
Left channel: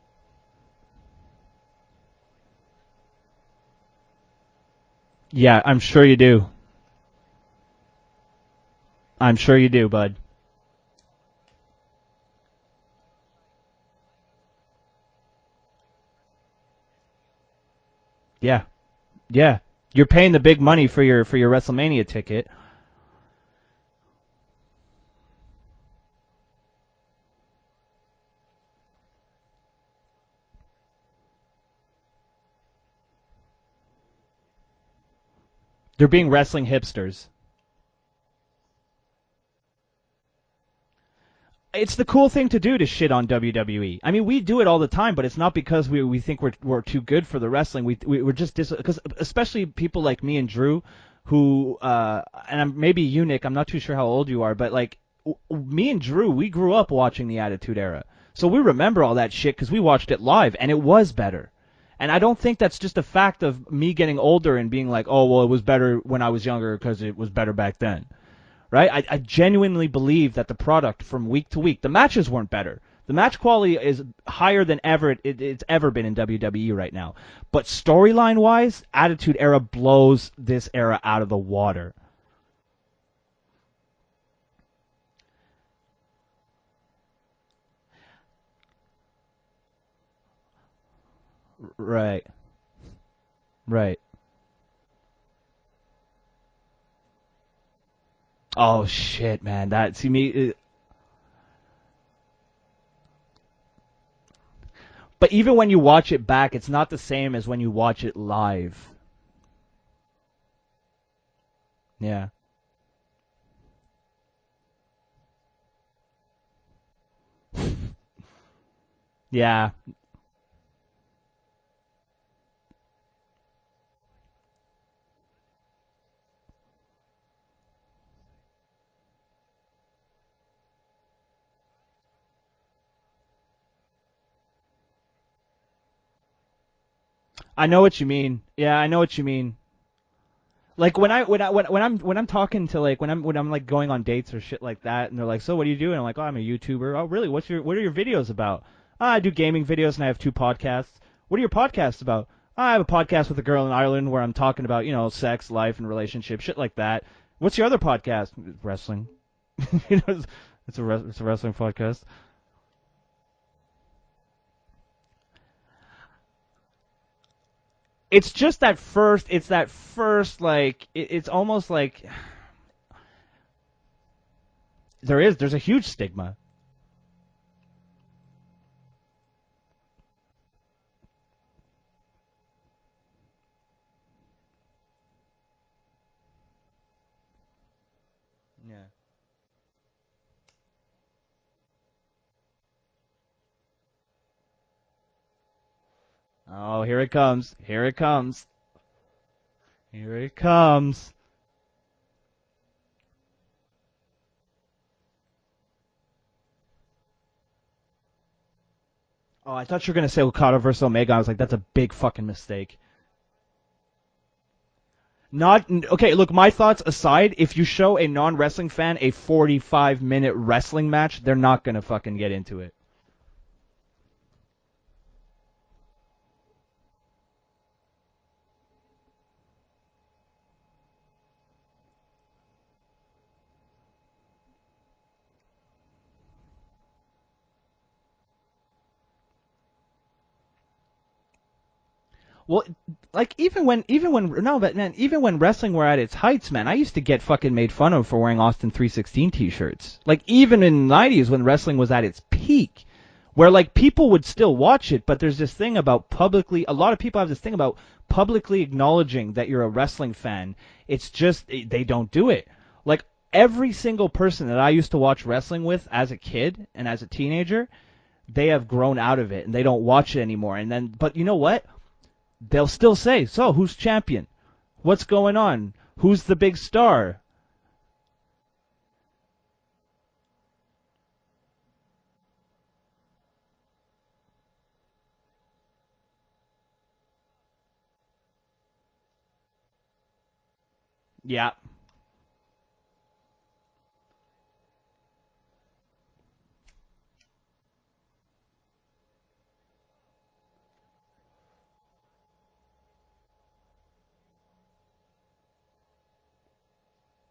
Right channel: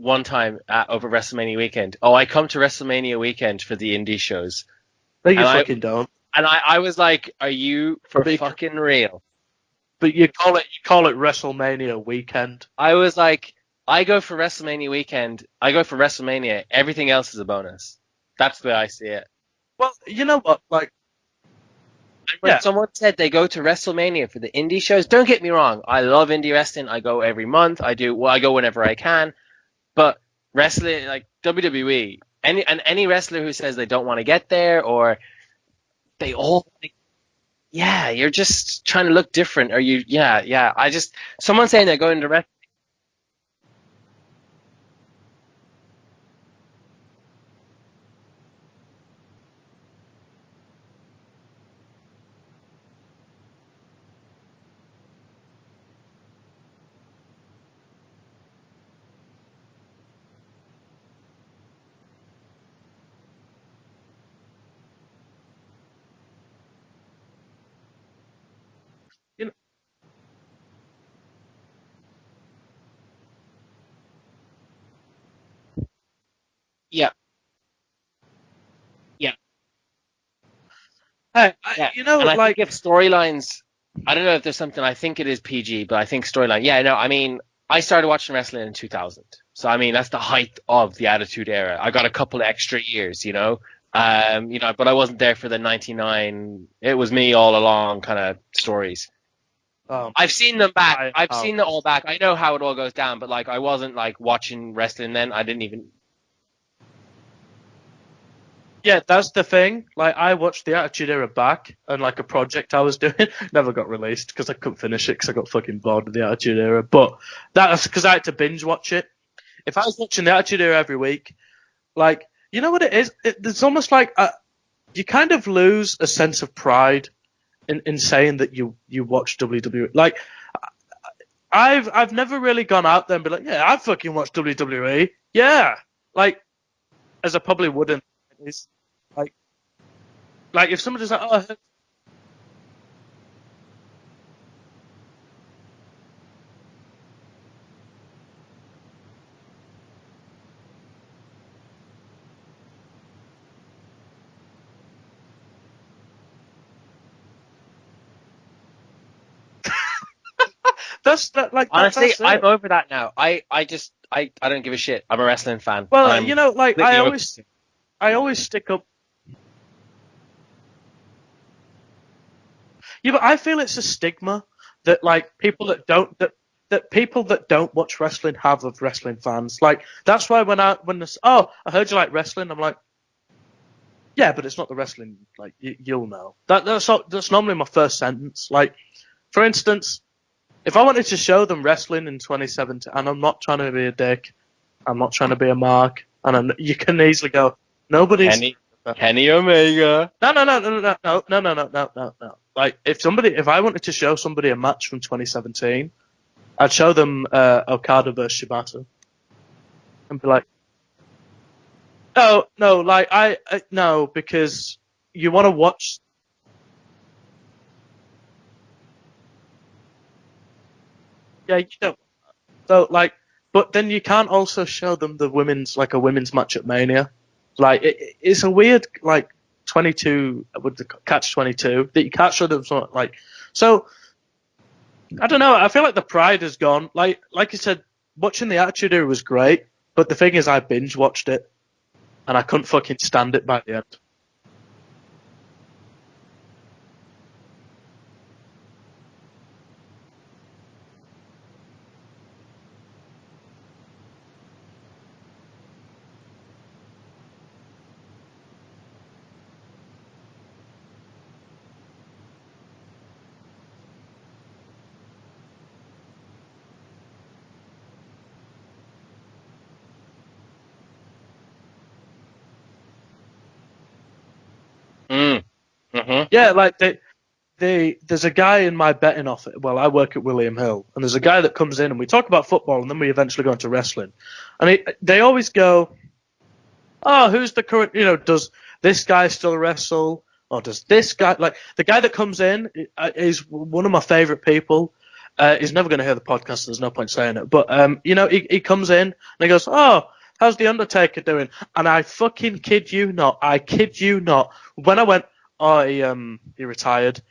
one time over WrestleMania weekend, I come to WrestleMania weekend for the indie shows. Yeah, I'm sure you do. And I was like, are you fucking real? I'm sure you do, but you call it WrestleMania weekend. I was like, I go for WrestleMania weekend. I go for WrestleMania. Everything else is a bonus. That's the way I see it. Yeah. Well, you're paying the big money for your WrestleMania ticket. When someone said they go to WrestleMania for the indie shows, don't get me wrong. I love indie wrestling. I go every month. I go whenever I can. But wrestling, like WWE, any wrestler who says they don't want to get there or they're being wrestling hipsters. Yeah, you're just trying to look different. Or someone saying it's the cool thing to do to shit on WWE. I mean, we do it all the time, but it's not because we think we're too good for the wrestling. We're just because especially people like me and Drew, who and maybe you, Nick. I'm not too sure how old you are, but like me and Drew, we grew up watching the Attitude Era, so we remember all that shit because we watched it live, and it was better. And I don't think that's just a fact of me getting older and being like, oh, well, it was better when I was younger because it was better back then, right? I genuinely believe that the product from week to week, the matches weren't better. The match quality is higher than ever it's ever been in WWE right now. Yeah. But storyline-wise, Attitude Era blows this era out of the water. You know, and I think if storylines, I don't know if there's something, I think it is PG, but I think storyline. Yeah, no, I mean, I started watching wrestling in 2000. So I mean, that's the height of the Attitude Era. I got a Right. couple of extra years, you know. Right. But I wasn't there for the '99. It was me all along kind of Oh stories. shit, man! That Oh, see me. I've seen them back. I've oh. seen it all back. I know how it all goes down, but like I wasn't like watching wrestling then. But I even didn't when you watch it back, it's not the same as when you watch it live. Yeah, that's the thing. Like, I watched the Attitude Era back, and like Yeah. a project I was doing never got released because I couldn't finish it because I got fucking bored of the Attitude Era. But that's because I had to binge watch it. Yeah. If I was watching the Attitude Era every week, like, you know what it is? It's almost like you kind of lose a sense of pride in saying that you watch WWE. Like, I've never really gone out there and be like, yeah, I fucking watch WWE. Yeah, like, as a public. I know what you mean. Yeah, I know what you mean. Like, if Like when somebody's when I'm talking to like when I'm like going on dates or shit like that, and they're like, so what do you do? And I'm like, oh, I'm a YouTuber. Oh, really? What are your videos about? Oh, I do gaming videos and I have 2 podcasts. What are your podcasts about? Oh, I have a podcast with a girl in Ireland where I'm talking about, you know, sex, life, and relationships, shit like that. What's your other podcast? Wrestling. That's wrestling like- podcast. Honestly, That's it. I'm over that now. I don't give a shit. I'm a wrestling fan. well, I'm you know, like completely I over always it's just stick that up. first. It's that first like. It's almost like Yeah, but I feel it's a stigma that like there's a people huge that don't stigma. that people that don't watch wrestling have of wrestling fans. Like, that's why when this, oh, I heard you like wrestling, I'm like, yeah, but it's not the wrestling. Like, you'll know. That's normally my first sentence. Like, for instance, if I wanted to show them wrestling in 2017, and I'm not trying to be a dick, I'm not trying to be a mark, and you can here it easily comes. go, Here it nobody's. comes. Kenny Omega. Here it No. comes. Like, if I wanted to show somebody a match from 2017, I'd show them Okada versus Shibata. Oh, I thought you were gonna say Like- Okada versus Omega. I was like, that's a big fucking No, mistake. no, like no, because you want Not- to watch. Okay, look, my thoughts aside, if you show a non-wrestling fan a 45-minute wrestling match, they're Yeah, not you gonna don't. fucking get into it. So like, but then you can't also show them a women's match at Mania. Like, it's a weird like 22 with the catch 22 that you can't show them something like. So I don't know. I feel like the pride has gone. Like you said, watching the Attitude Era was great, but the thing is, I binge watched it, and I couldn't fucking stand Like, it back then. even when wrestling were at its heights, man, I used to get fucking made fun of for wearing Austin 316 t-shirts. Like, even in the 90s when wrestling was at its peak, where like people would still watch it, but there's this thing about a lot of people have this thing about publicly acknowledging that you're a wrestling fan. It's just they don't do it. Like, every single person that I used to watch wrestling with as a kid and as a teenager, they have grown out of it and they don't watch it anymore. And then, but you know what? They'll still say, "So, who's champion? What's going on? Who's the big like star?" there's a guy in my betting office. Well, I work at William Hill, and there's a guy that comes in, and we talk about football, and then we eventually go into wrestling. And they always go, "Oh, who's the current? You know, does this guy still wrestle, or does this guy?" Yeah. Like, the guy that comes in is one of my favorite people. He's never going to hear the podcast, so there's no point saying it. But you know, he comes in and he goes, "Oh, how's the Undertaker doing?" And I fucking kid you not. When I went, "Oh, he retired,"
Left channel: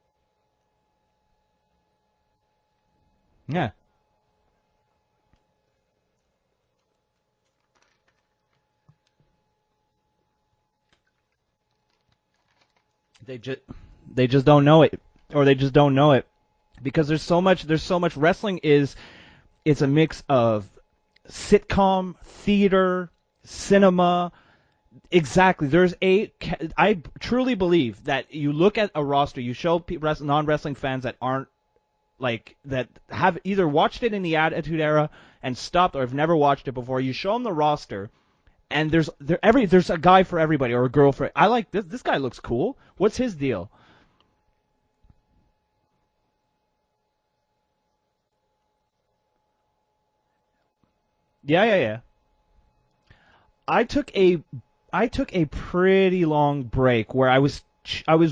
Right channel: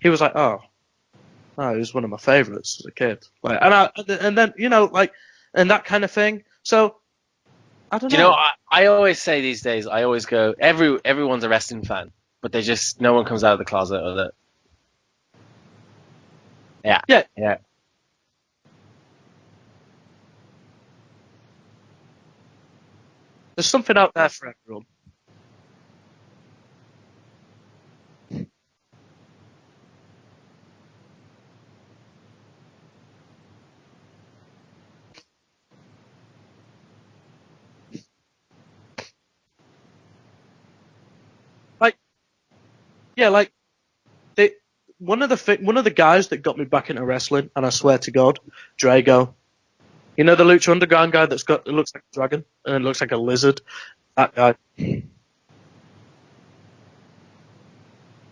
he was like, "Oh, he was one of my favorites as a kid." Like, Yeah. and then you know, like, and that kind of thing. So I don't know. You know, I always say these days, I always go, everyone's a wrestling fan, but no one comes out of the closet. Or They just don't know it, or they just don't know it because Yeah. there's so much. Wrestling it's a mix of sitcom, theater, There's cinema. something out there for everyone. Exactly. I truly believe that you look at a roster, you show non-wrestling fans that aren't like that have either watched it in the Attitude Era and stopped, or have never watched it before. You show them the roster, and there's a guy for everybody or a girl for. I like this. Like- This guy looks cool. What's Yeah, his like- deal? One of the guys that got me back into wrestling, and I swear to God, Drago. You know the Lucha Underground guy that's got Yeah, looks yeah. like a dragon and it looks like a lizard. I took That guy. I took a pretty long break where I was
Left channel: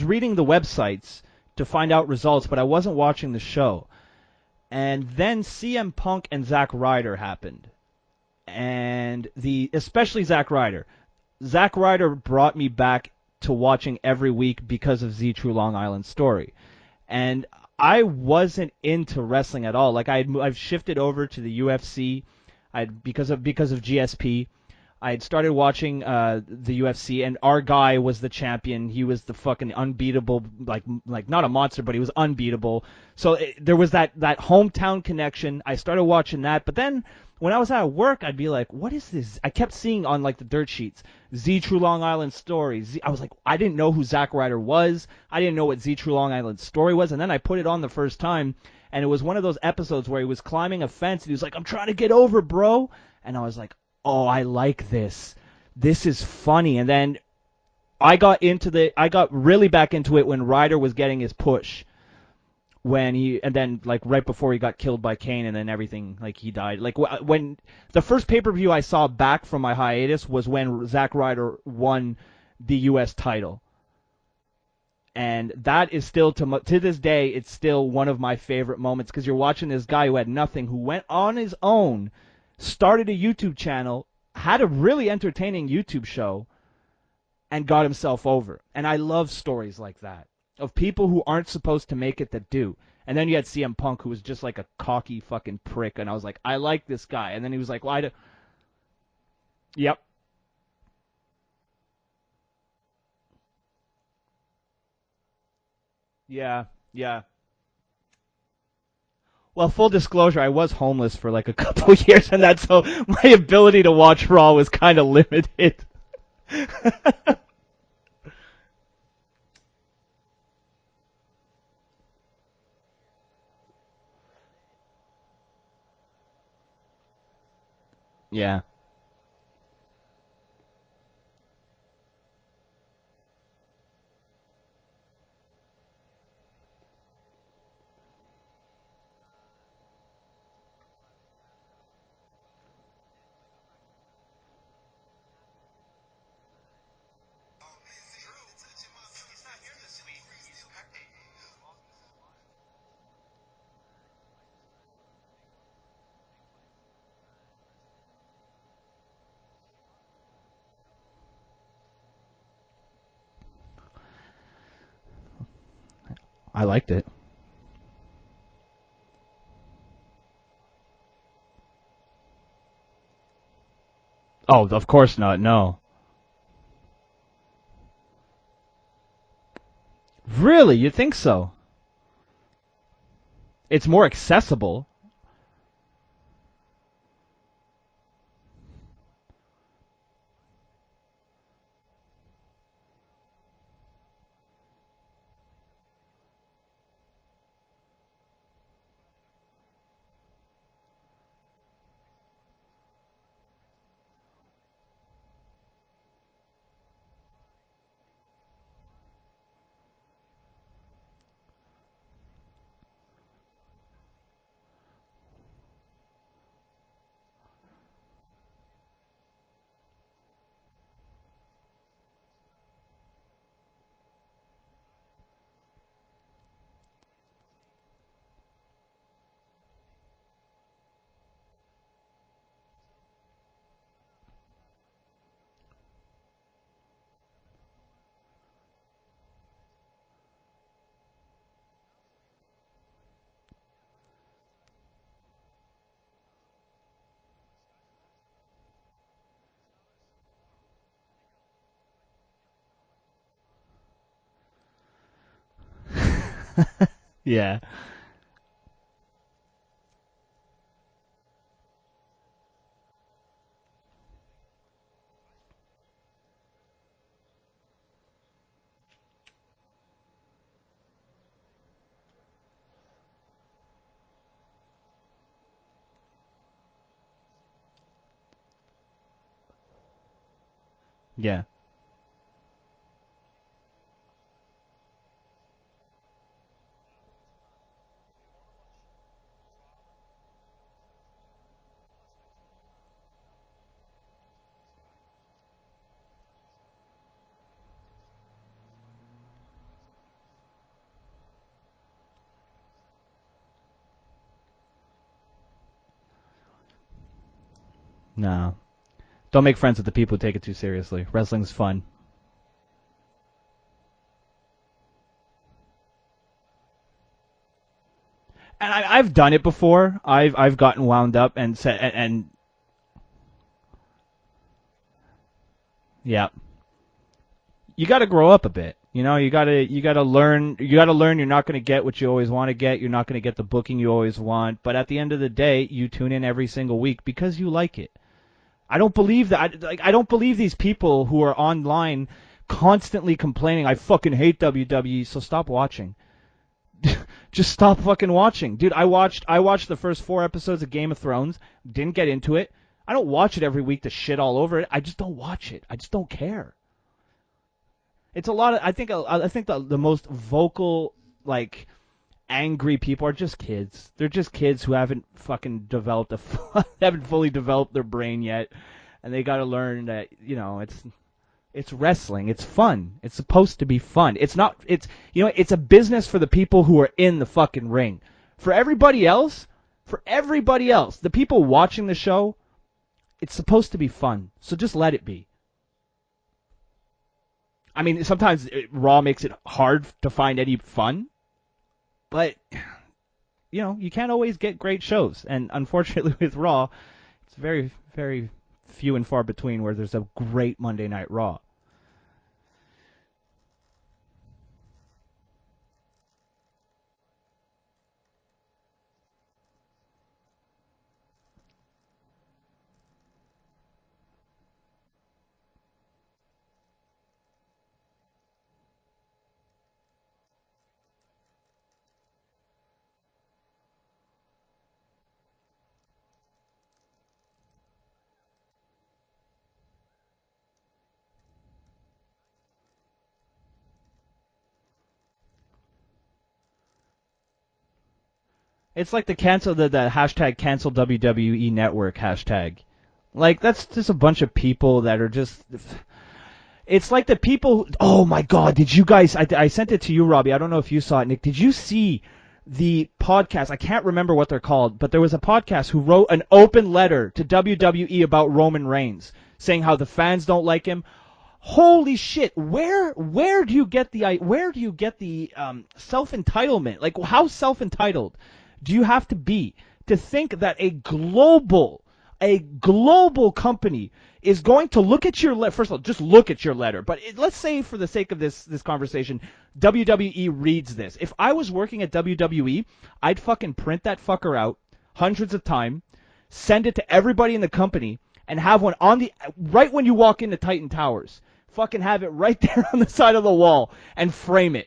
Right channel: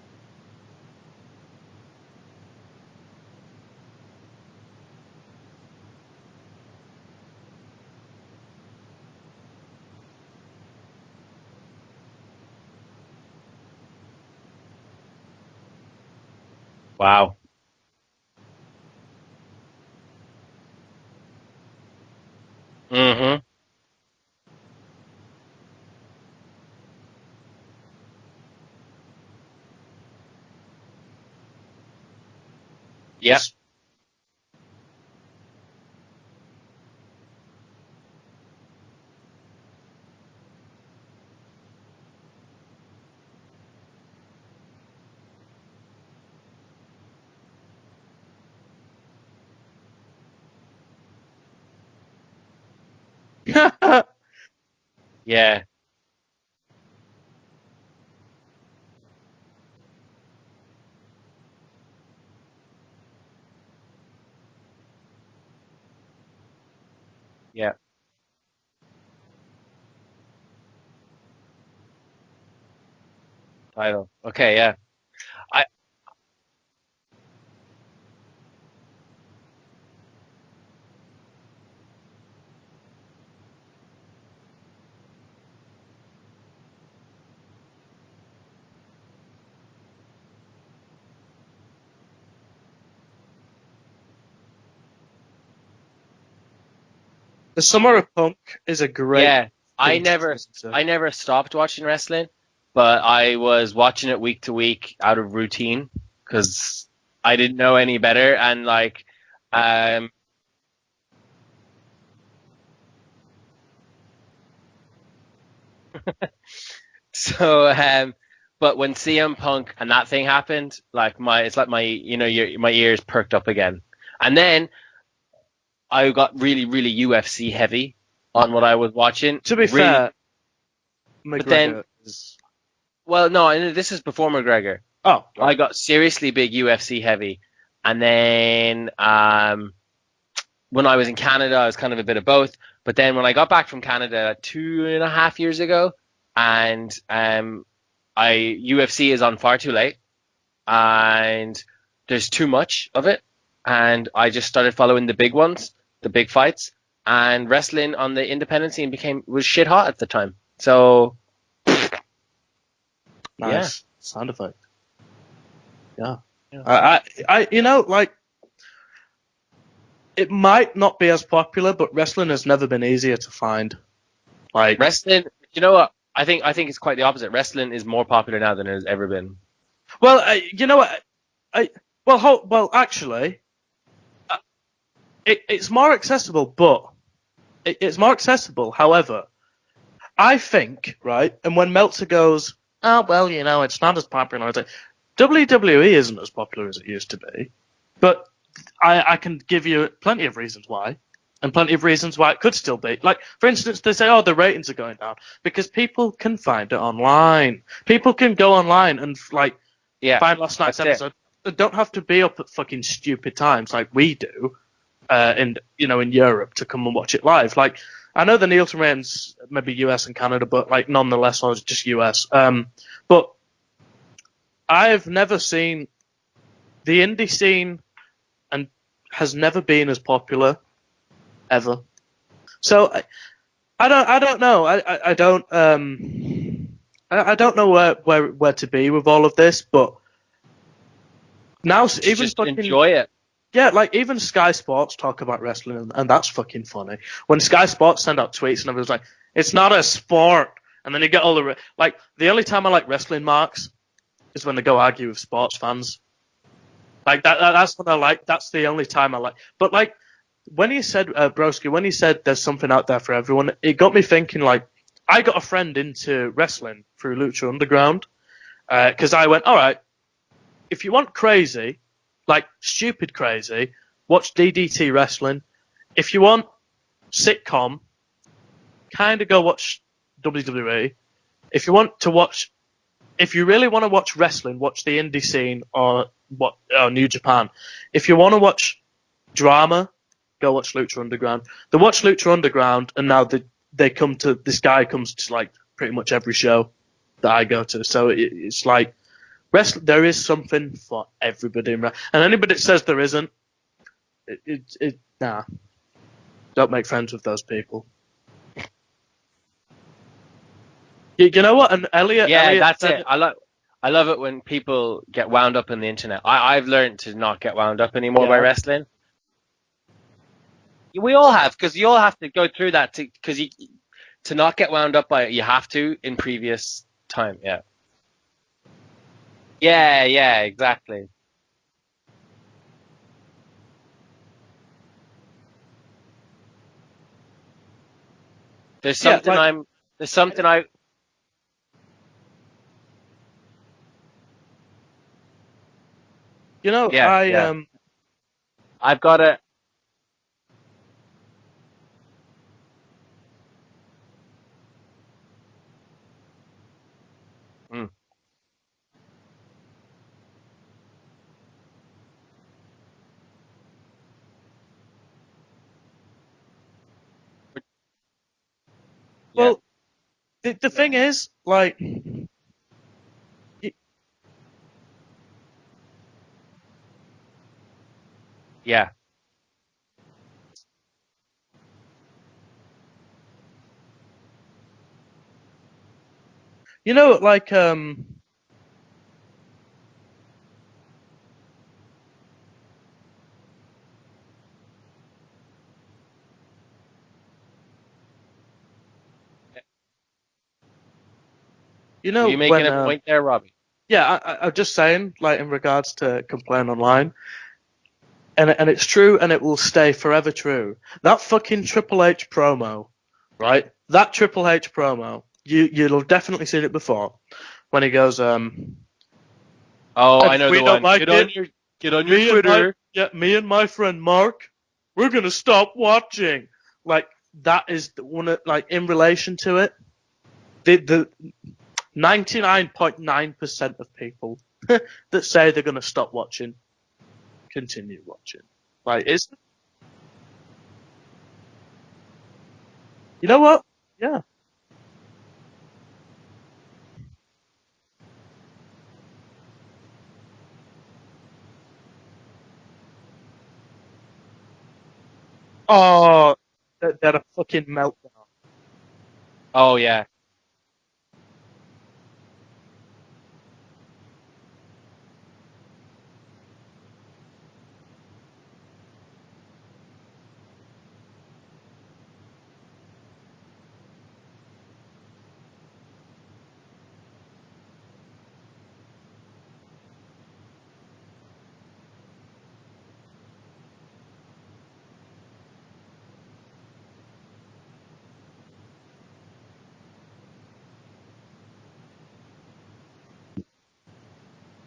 reading the websites to find out results, but I wasn't watching the show. And then CM Punk and Zack Ryder happened, and especially Zack Ryder. Zack Ryder brought me back to watching every week because of Z True Long Island Story. Wow. And I wasn't into wrestling at all. Like I've shifted over to the UFC Because of GSP. I had started watching the UFC, and our guy was the champion. He was the fucking unbeatable, like not a monster, but he was unbeatable. So there was that hometown connection. I started watching that, but then when I was at work, I'd be like, what is this? I kept seeing on like the dirt sheets, Z True Long Island Story. I was like, I didn't know who Zack Ryder was. I didn't know what Z True Long Island Story was, and then I put it on the first time, and it was one of those episodes where he was climbing a fence, and he was like, I'm trying to get over, bro. And I was like, oh, I like this. Yeah. This is funny. And then I got really back into it when Ryder was getting his push. And then like right before he got killed by Kane, and then everything, like he died. Like when the first pay-per-view I saw back from my hiatus was when Zack Ryder won the U.S. title. Okay, yeah. And that is still, to this day, it's still one of my favorite moments, because you're watching this guy who had nothing, who went on his own, started a YouTube channel, had a really entertaining YouTube show, and got himself over. And I love stories like that, of people who aren't supposed to make it that do. And then you had CM Punk, who was just like a cocky fucking prick, and I was like, I like this guy. And then he was the Summer of Punk is a great... Yeah, I never stopped watching wrestling, but I was watching it week to week out of routine, because I didn't know any better, and like... Well, full disclosure, I was homeless for like a couple years, and that's so my ability to watch Raw was kind of limited. So, but when CM Punk and that thing happened, like my ears perked up again, and then I got really, really UFC heavy on what I was watching. To be fair, but then, well, no, this is before McGregor. Oh, I got seriously big UFC heavy. And then when I was in Canada, I was kind of a bit of both. But then when I got back from Canada 2.5 years ago, and UFC is on far too late, and there's too much of it, and I just started following the big ones, the big fights, and wrestling on the independent scene was shit hot at the time. So, nice sound effect. Yeah. I like it. It might not be as popular, but wrestling has never been easier to find. Oh, of course not. No. You know what? I think it's quite the opposite. Wrestling is more popular now than it has ever been. Well, really, you think so? Actually, it's more accessible. It's more accessible, but it's more accessible. However, I think and when Meltzer goes, oh well, it's not as popular. It's like, WWE isn't as popular as it used to be, but I can give you plenty of reasons why, and plenty of reasons why it could still be. Like, for instance, they say, oh, the ratings are going down, because people can find it online. People can go online and, find last night's episode. They don't have to be up at fucking stupid times like we do in Europe to come and watch it live. Like, I know the Nielsen ratings, maybe US and Canada, but, like, nonetheless, I was just US. But I've never seen the indie scene, and has never been as popular ever. So I don't know. I don't know where to be with all of this, but now even just fucking enjoy it. Yeah, like even Sky Sports talk about wrestling, and that's fucking funny. When Sky Sports send out tweets and everyone's like, it's not a sport, and then you get all the the only time I like wrestling marks is when they go argue with sports fans. Like that. Yeah. That's what I like. That's the only time I like. But like when he said, Broski, when he said there's something out there for everyone, it got me thinking. Like, I got a friend into wrestling through Lucha Underground, because I went, all right, if you want crazy, like stupid crazy, watch DDT wrestling. If you want sitcom, kind of go watch WWE. Yeah. If you really want to watch wrestling, watch the indie scene or New Japan. If you want to watch drama, go watch Lucha Underground. They watch Lucha Underground, and now this guy comes to like pretty much every show that I go to. So it's like there is something for everybody, and anybody that says there isn't, nah. Don't make friends with those people. No. Don't make friends with the people who take it too seriously. You know what? And Elliot, Yeah, Elliot that's said it. I love it when people get wound up in the internet. I've learned to not get wound up anymore by wrestling. And I've done it before. I've gotten wound up. We all have, because you all have to go through that to not get wound up by it. You have to in previous time. Yeah. You got to grow up a bit. You know, you got to learn. Exactly. You got to learn. You're not going to get what you always want to get. You're not going to get the booking you always want. But at the end of the day, you tune in every single week because you like it. I don't believe that. I don't believe these people who are online constantly complaining, I fucking hate WWE, so stop watching. You know, just stop fucking watching. Dude, I watched the first 4 episodes of Game of Thrones, didn't get into it. I don't watch it every week to shit all over it. I just don't watch it. I just don't care. It's a lot of, I think the most vocal, like, angry people are just kids. They're just kids who haven't fucking haven't fully developed their brain yet. And they gotta learn that, you know. The thing is, like, it's wrestling. It's fun. It's supposed to be fun. It's not. It's it's a business for the people who are in the fucking ring. For everybody else, the people watching the show, it's supposed to be fun. So just let it be. You know, like, I mean, sometimes Raw makes it hard to find any fun, but you know, you can't always get great shows. And unfortunately, with Raw, it's very, very few and far between where there's a great Monday Night Raw. You know, you're making a point there, Robbie. Yeah, I'm just saying, like, in regards to complain online, and it's true, and it will stay forever true. That fucking Triple H promo, right? That Triple H promo, you'll definitely seen it before, when he goes, oh, I know the one. Like get on your Twitter. Me and my friend Mark, we're gonna stop watching. Like, that is one of, like, in relation to it, the 99.9% of people that say they're gonna stop watching continue watching. It's like the hashtag cancel WWE Network hashtag. Like, you know that's just a bunch of people that are just. It's like the people. Oh my God! Did you guys? I sent it to you, Robbie. I don't know if you saw it, Nick. Did you see the podcast? I can't remember what they're called, but there was a podcast who wrote an open letter to WWE about Roman Reigns, saying how the fans don't like him. Holy shit! Where do you get the self entitlement? Like, how self entitled do you have to be to think that a global company is going to look at your letter? First of all, just look at your letter. But let's say, for the sake of this conversation, WWE reads this. If I was working at WWE, I'd fucking print that fucker out hundreds of times, send it to everybody in the company, and have one right when you walk into Titan Towers. Fucking have it right there on the side of the wall and frame it.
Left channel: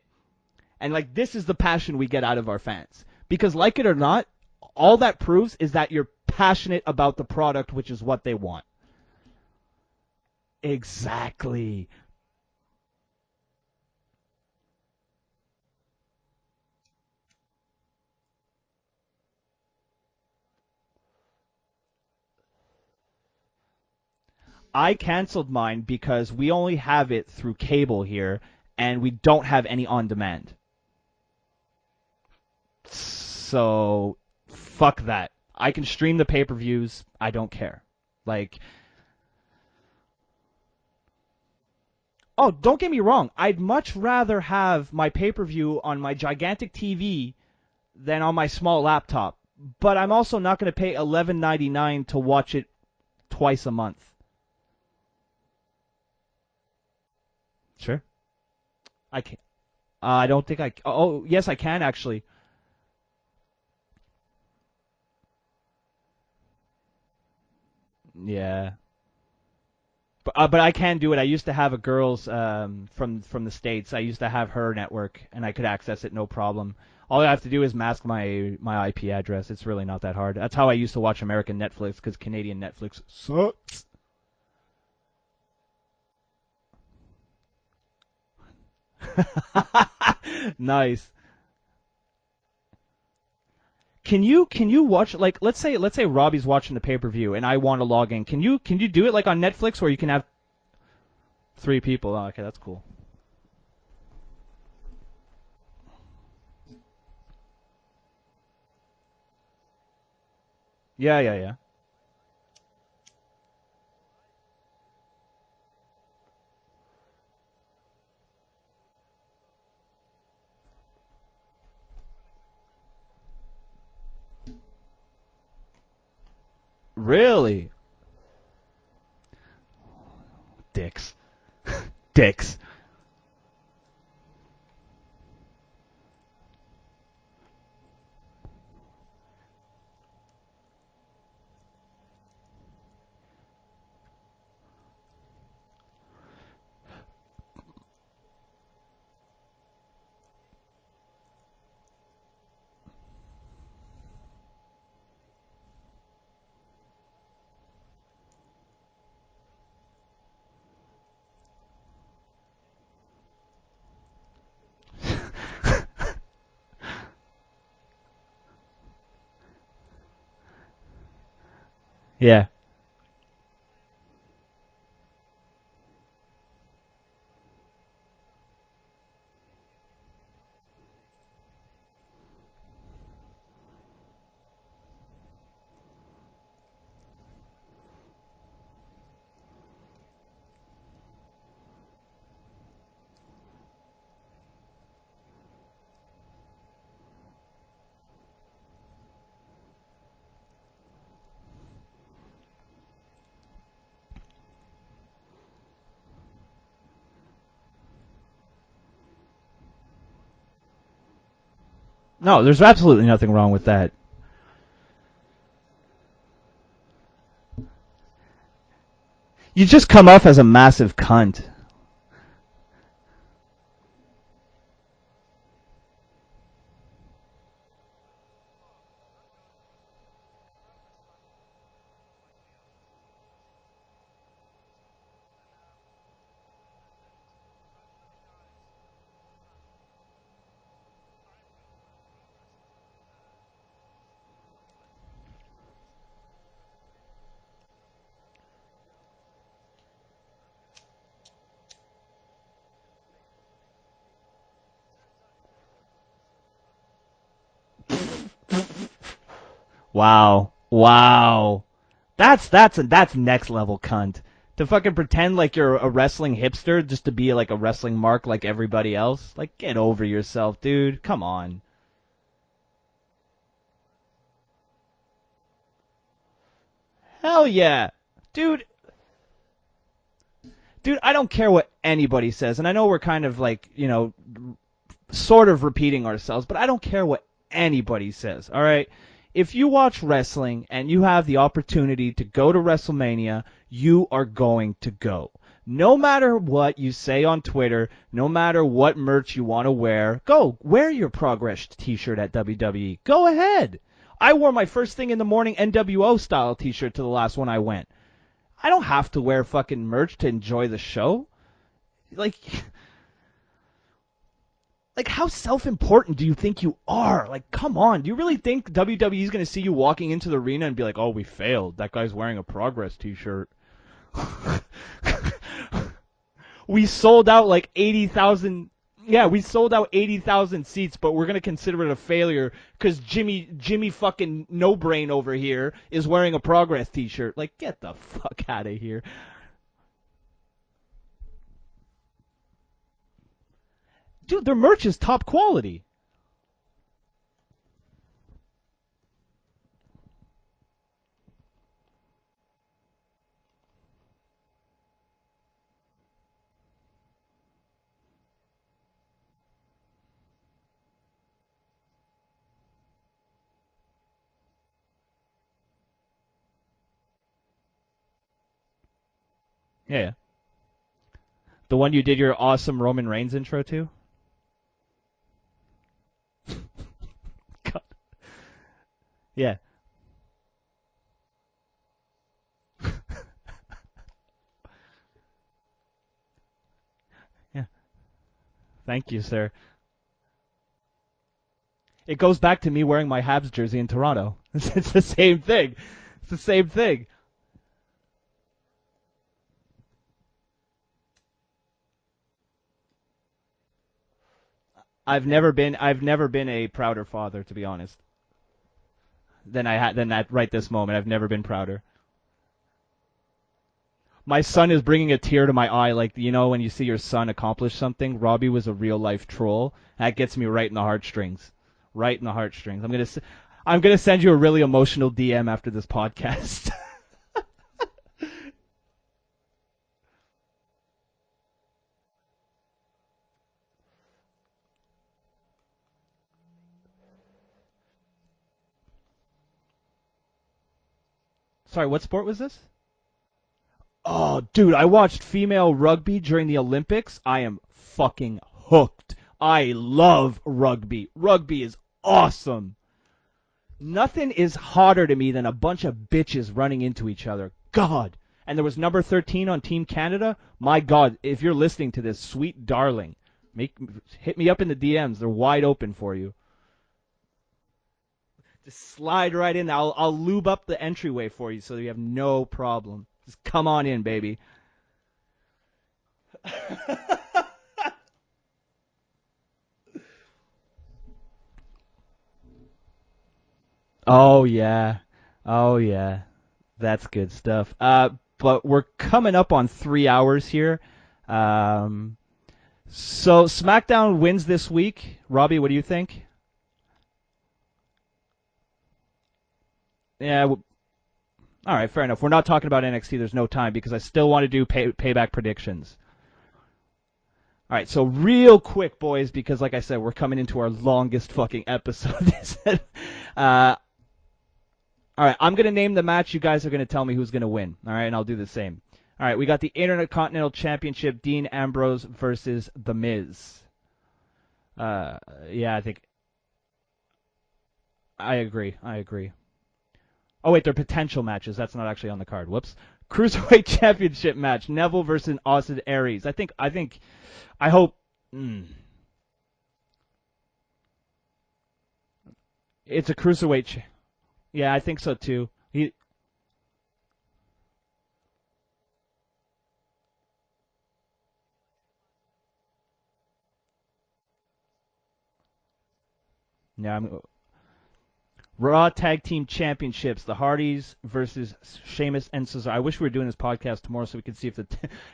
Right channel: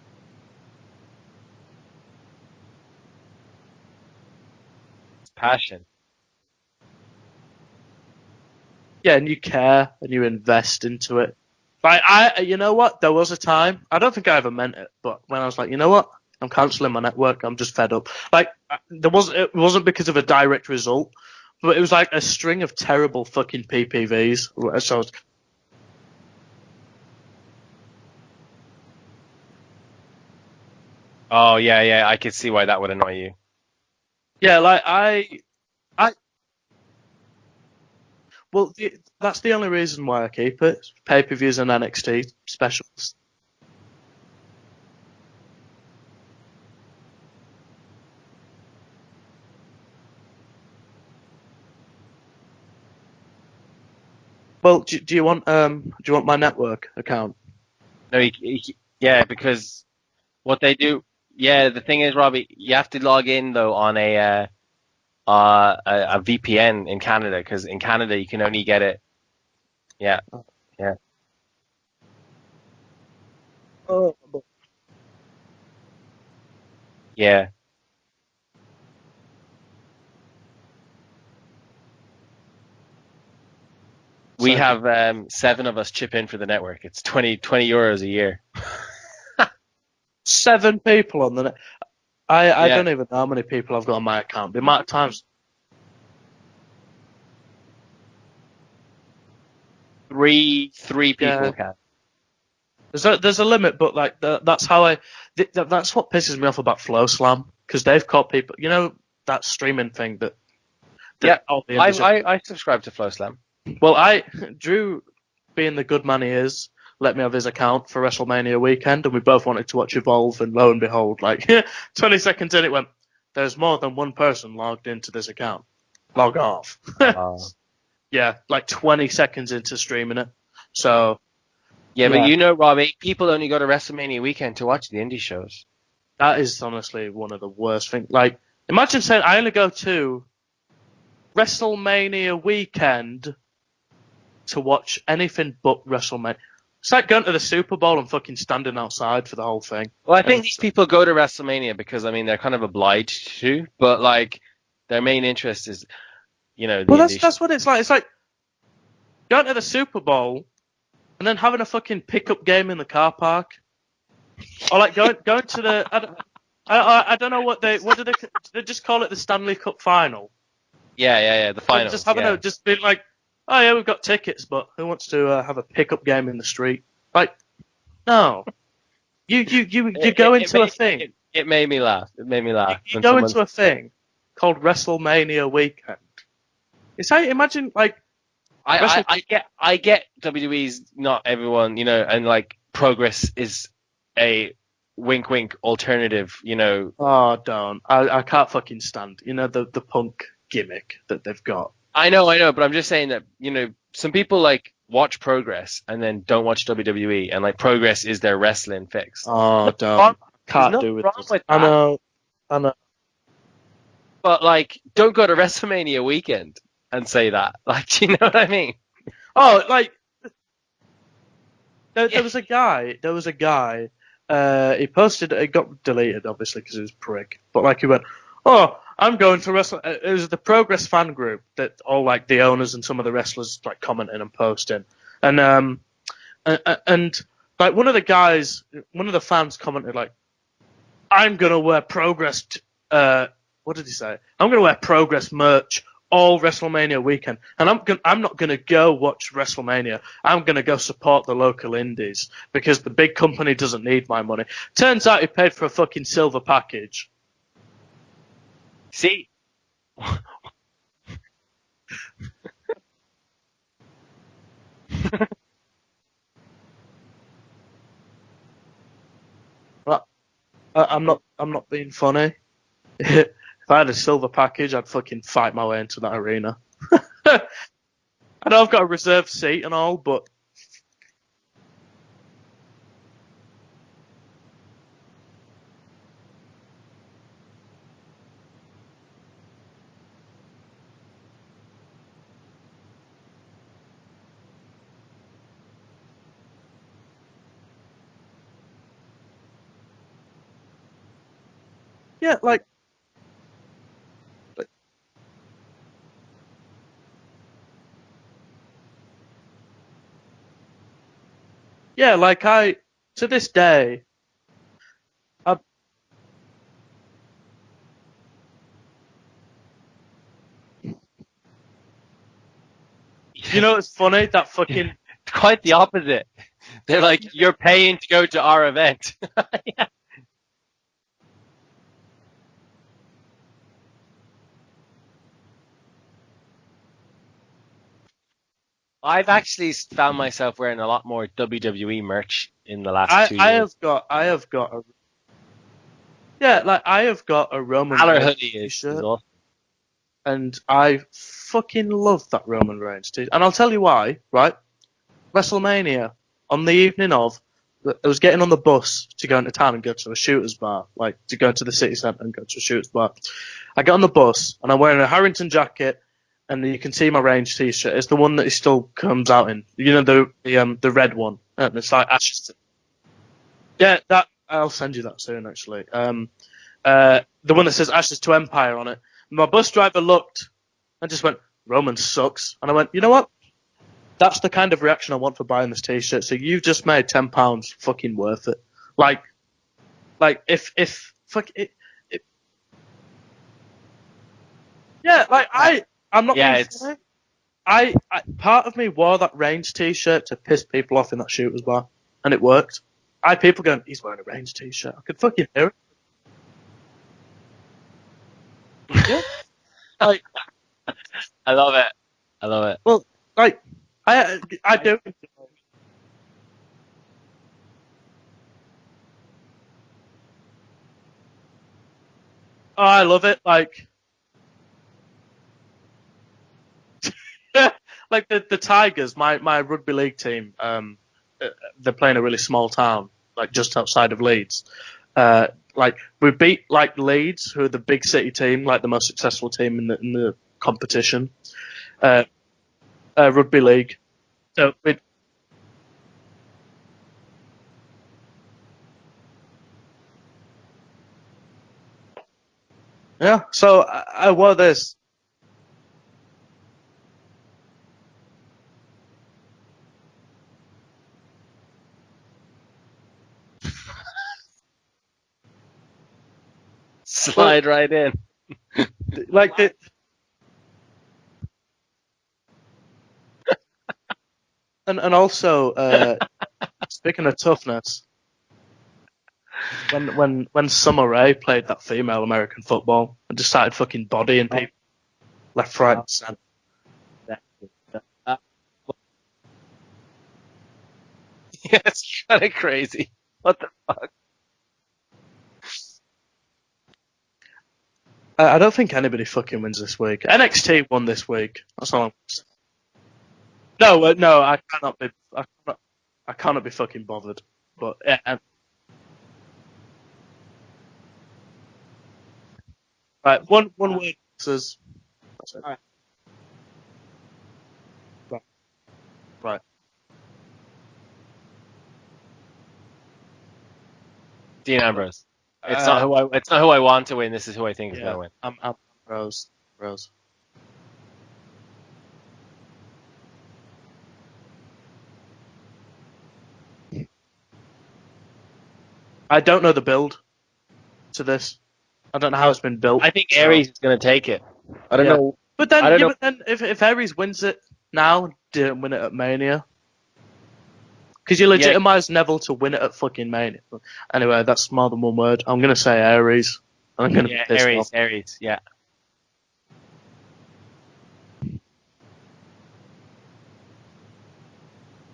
And, like, this is the passion we get out of our fans. Because, like it or not, all that proves is that you're passionate about the product, which is what they want. Yeah, and you care and you invest into it. Exactly. Like, you know what? There was a time, I don't think I ever meant it, but when I was like, you know what? I'm cancelling my network. I'm just fed up. Like, it wasn't because of a direct result, but it was like a string of terrible fucking PPVs. I canceled mine because we only have it through cable here, and we don't have any on demand. Oh yeah, I could see why that would annoy you. So yeah, like, fuck that. I can stream the pay-per-views. I don't care. Like, well, that's the only reason why I keep it. Pay-per-views and NXT. Oh, don't get me wrong. I'd much rather have my pay-per-view on my gigantic TV than on my small laptop. But I'm also not going to pay $11.99 to watch it twice a month. Well, do you want my network account? Sure. No, because I don't. What they do? Oh, yes, yeah. I can, the thing actually. is, Robbie, you have to log in though on a VPN in Canada, because in Canada you can only get it. Yeah. But I can do it. I used to have a girl's from the States. I used to have her network, and I could access it no problem. All I have to do is mask my IP address. It's really not that hard. That's how I used to watch American Netflix, because Canadian Netflix sucks. We have 7 of us chip in for the network. It's 20 euros a year. 7 people on the net. I don't even know how many people I've got on my account. Can you watch, like, let's say Robbie's watching the pay-per-view and I want to log in. Can you do it like on Netflix where you can have three people? Yeah. 3 people. Oh, okay, that's cool. There's a limit, but like that's how that's what pisses me off about Flow Slam, because they've caught people. You know that streaming thing that. Yeah. I subscribe to Flow Slam. Well, Drew, being the good man he is, let me have his account for WrestleMania weekend, and we both wanted to watch Evolve, and lo and behold, like 20 seconds in, it went, there's more than one person logged into this account. Log off. Really? Yeah, like 20 seconds into streaming it. So, Yeah, but you know, Robbie, people only go to WrestleMania weekend to watch the indie shows. that is honestly one of the worst things. Like, imagine saying I only go to WrestleMania weekend to watch anything but WrestleMania. It's like going to the Super Bowl and fucking standing outside for the whole thing. Well, I think these people go to WrestleMania because, I mean, they're kind of obliged to, but, like, their main interest is, you know, the Well, indie that's what it's like. It's like going to the Super Bowl and then having a fucking pickup game in the car park. Or like going to the I don't know what do they just call it, the Stanley Cup final? Yeah, the finals. Just having just being like, oh yeah, we've got tickets, but who wants to have a pickup game in the street? Like, no, you go into a thing. It made me laugh. It made me laugh. You go into a thing called WrestleMania weekend. It's like, imagine like I get WWE's not everyone, you know, and like Progress is a wink wink alternative, you know. Oh, don't. I can't fucking stand, you know, the punk gimmick that they've got. I know, but I'm just saying that, you know, some people like watch Progress and then don't watch WWE, and like Progress is their wrestling fix. Oh, don't. Can't do with this. I know. No, there's absolutely nothing wrong with that. But like, don't go to WrestleMania weekend and say that. Like, do you know what I mean? Oh, You just come off as a massive cunt. There was a guy. He posted. It got deleted, obviously, because he was a prick. But like, he went, "Oh, I'm going to wrestle." It was the Progress fan group that all like the owners and some of the wrestlers like commenting and posting, and like one of the fans commented like, "I'm gonna wear Progress." What did he say? I'm gonna wear Progress merch all WrestleMania weekend, and I'm not gonna go watch WrestleMania. I'm gonna go support the local indies because the big company doesn't need my money. Turns out he paid for a fucking silver package. See? Wow. That's next level cunt. To fucking pretend like you're a wrestling hipster just to be like a wrestling mark like everybody else. Like, get over yourself, dude. Come on. I'm not being funny. If I had a silver package, I'd fucking fight my way into that arena. Hell yeah. Dude, I know I've got a reserved seat and all, but... Dude, I don't care what anybody says, and I know we're kind of like, you know, sort of repeating ourselves, but I don't care what anybody says, all right? If you watch wrestling and you have the opportunity to go to WrestleMania, you are going to go. No matter what you say on Twitter, no matter what merch you want to wear, go. Wear your Progress t-shirt at WWE. Go ahead. I wore my first thing in the morning NWO style t-shirt to the last one I went. I don't have to wear fucking merch to enjoy the show. Yeah, to this day... Like, how self-important do you think you are? Like, come on. Do you really think WWE is going to see you walking into the arena and be like, oh, we failed. That guy's wearing a Progress t-shirt. You know what's funny? That fucking... Quite the opposite. We sold out like 80,000. You're paying to go to our event. Yeah, we sold out 80,000 seats, but we're going to consider it a failure because Jimmy fucking no-brain over here is wearing a Progress t-shirt. Like, get the fuck out of here. I've actually found myself wearing a lot more WWE merch in the last 2 years. Their merch is top quality. Yeah, like, I have got a Roman Reigns t-shirt. And I fucking love that Roman Reigns t-shirt. And I'll tell you why, right? WrestleMania, on the evening of, I was getting on the bus to go into town and go to a shooter's bar, like to go to the city centre and go to a shooter's bar. I get on the bus and I'm wearing a Harrington jacket, and you can see my Range t-shirt. It's the one that he still comes out in, you know, the red one. The one you did your awesome Roman Reigns intro to? Yeah, that I'll send you that soon, actually. The one that says Ashes to Empire on it. My bus driver looked and just went, Roman sucks. And I went, you know what? That's the kind of reaction I want for buying this t-shirt. So you've just made £10 fucking worth it. Thank you, sir. Like, if it goes back to me wearing my Habs jersey in Toronto. It's the same thing. I'm not same thing. I part of me wore that Range t-shirt to piss people off in that shooters bar, and it worked. I had people going, he's wearing a Range t-shirt. I've never been a prouder father, to be honest. than at right this moment. I've never been prouder. I love it. Well, like, My son I is do- bringing a tear to my eye, like, you know, when you see your son accomplish something. Robbie was a real-life troll. That gets me right in the heartstrings. Right in the heartstrings. Oh, I love it. Like, I'm going to send you a really emotional DM after this podcast. like the Tigers, my rugby league team, they're playing a really small town, like just outside of Leeds. Like we beat like Leeds, who are the big city team, like the most successful team in the competition. Sorry, what sport was this? Rugby league. Oh, dude, So I watched female rugby during the Olympics. I am fucking hooked. I love rugby. Rugby is awesome. Yeah. So Nothing is hotter to me than a bunch of bitches running into each other. God. And there was number 13 on Team Canada. My God, if you're listening to this, sweet darling, hit me up in the DMs. They're wide open for you. Slide right in. Just slide Like right in. I'll lube up the entryway for you so you have no problem. Just come on in, baby. And also, speaking of toughness, when Summer Rae played that female American football and just started fucking bodying me Yeah. left, right, and center. That's good stuff. But we're coming up on 3 hours here. It's kind of crazy. So SmackDown wins this week. Robbie, what do you think? I don't think anybody fucking wins this week. Yeah, NXT won this week. All right, So fair enough. We're not talking about NXT. There's no time because No, I still no, want I to do cannot be- payback predictions. I cannot be fucking bothered. All right, But- so real quick, boys, because like I said, we're coming into our longest fucking episode. Right, one word says. All right, I'm going to name the match. You guys are going to tell me who's going to win. All right, and I'll do the same. All right, we got the Intercontinental Championship, Dean Ambrose versus The Miz. Dean Ambrose. Yeah. It's not who I want to win. This is who I think is going to win. I agree. I agree. Rose. Oh, wait, they're potential matches. That's not actually on the card. Whoops. Cruiserweight Championship match, Neville versus Austin Aries. I hope... I don't know the build to this. I don't know how it's been built. I think Aries is going to take it. Yeah, I think I so don't know. too. But then, I don't know. but then if Aries wins it now, didn't win it at Mania. Because you legitimize Neville to win it at fucking Mania. Anyway, that's more than one word. I'm going to say Aries. Yeah, I'm gonna Yeah, piss off. Aries. Yeah. Raw Tag Team Championships, the Hardys versus Sheamus and Cesaro. I wish we were doing this podcast tomorrow so we could see if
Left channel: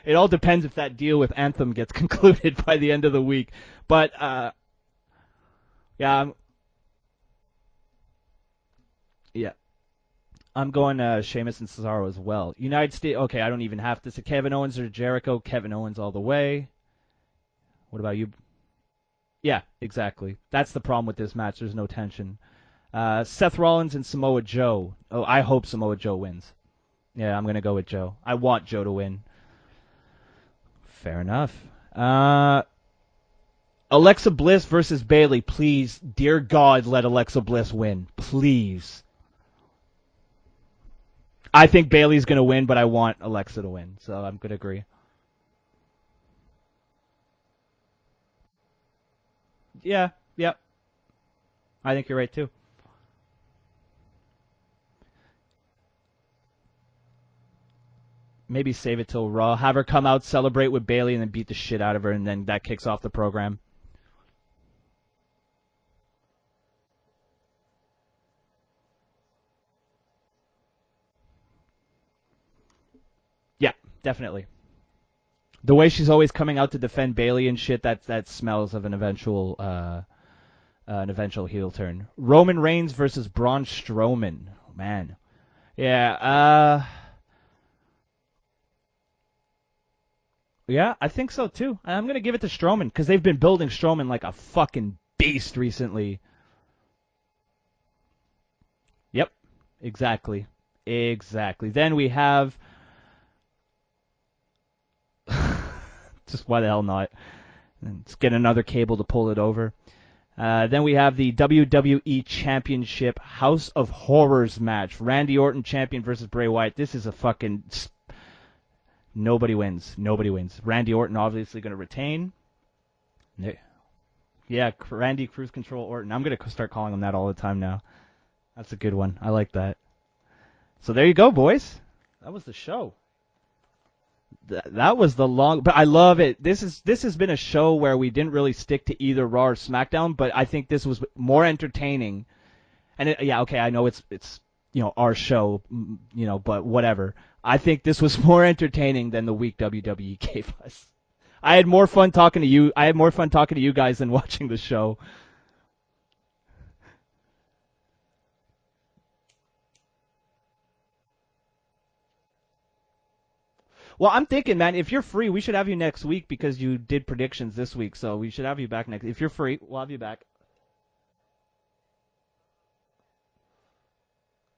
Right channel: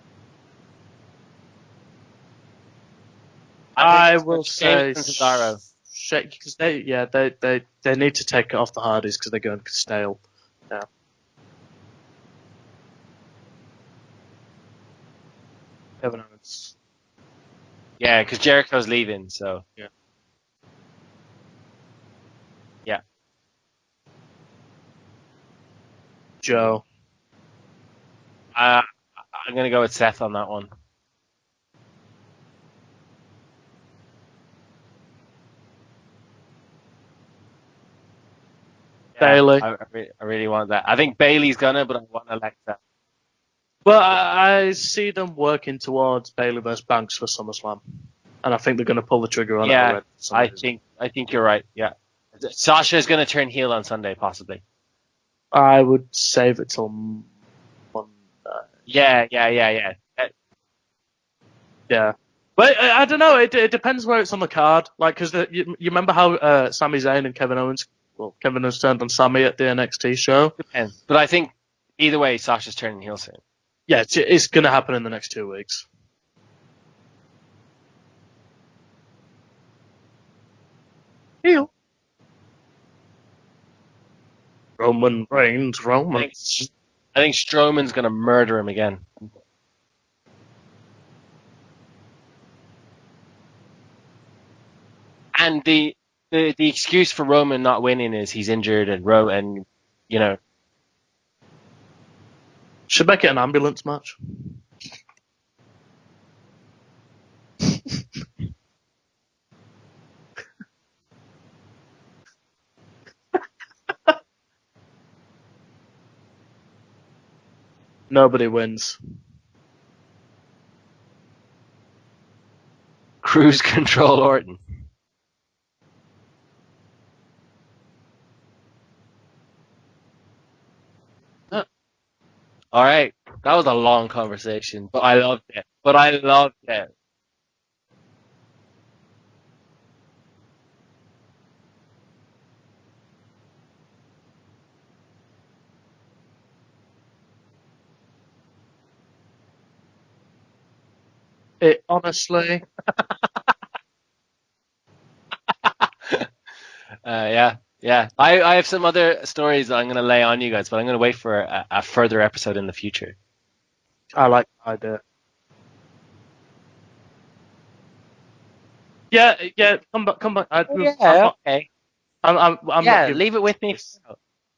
it all depends if that deal with Anthem gets concluded by the end of the week. I But, will say Sheamus and Cesaro. Yeah, because they need to take it off the Hardys because they're going stale. I'm going Sheamus and Cesaro as well. United States. Okay, I don't even have to say Kevin Owens or Jericho. Kevin Owens all the way. What Yeah, about because Jericho's leaving. So. yeah, exactly. That's the problem with this match. There's no tension. Yeah. Seth Rollins and Samoa Joe. Oh, I hope Samoa Joe wins. Joe. Yeah, I'm gonna go with Joe. I want Joe to win. I'm going to go with Seth on that one. Fair enough. Alexa Bliss versus Bayley. Please, dear God, let Alexa Bliss win. Please. Bayley. I really want that. I think Bayley's I gonna, think but Bayley's I'm gonna win, but I want Alexa to win. Well, So I'm gonna I agree. see them working towards Bayley versus Banks for SummerSlam, and I think they're going to pull the trigger on it. Yeah, Yeah. I think you're right. Yeah. I think you're right too. Sasha's going to turn heel on Sunday, possibly. I would save it till one. Maybe save yeah, it to yeah, Raw. yeah, Have her yeah. come out, celebrate with Bayley, and then beat the shit out of Yeah. her, and then that. But kicks off I the don't know. program. It depends where it's on the card. Like, because you remember how Sami Zayn and Kevin Owens. Well, Kevin has turned on Sami at the NXT show. Depends. But I think either way, Sasha's turning heel soon. Yeah, Yeah, definitely. it's going to happen in the next 2 weeks. The way she's always coming out to defend Bayley and shit, that smells of an eventual heel turn. Roman Reigns versus Braun Strowman. Roman Reigns, Yeah, I think Strowman's going to murder him again. yeah, I think so too. I'm gonna give it to Strowman because they've been building Strowman like a fucking beast And recently. the excuse for Roman not winning is he's injured and and Exactly. Exactly. Then we have Should make it an ambulance match. just why the hell not? Let's get another cable to pull it over. Then we have the WWE Championship House of Horrors match. Randy Orton champion versus Bray Wyatt. This is a fucking... Nobody wins. Nobody wins. Nobody wins. Randy Orton obviously going to retain. Cruise Control Orton. Yeah, Randy Cruise Control Orton. I'm going to start calling him that all the time now. That's a good one. I like that. So there you go, boys. That was the show. All right. That was a long conversation. That was but I love it. This has been a show where we didn't really stick to either Raw or SmackDown, but I think this was more entertaining. And okay, I know it's our show, but whatever. I think this was more entertaining than the week WWE gave us. I had more fun talking to you. I had more fun talking to you guys than watching the show. Yeah. I have some other stories that I'm going to lay on you guys, but I'm going to wait for a further episode in the future. Well, I'm thinking, man, if you're free, we should have you next week because you did predictions this week, so we should have you back next week. Yeah, free, yeah, we'll come back. Okay. I'm leave it with me.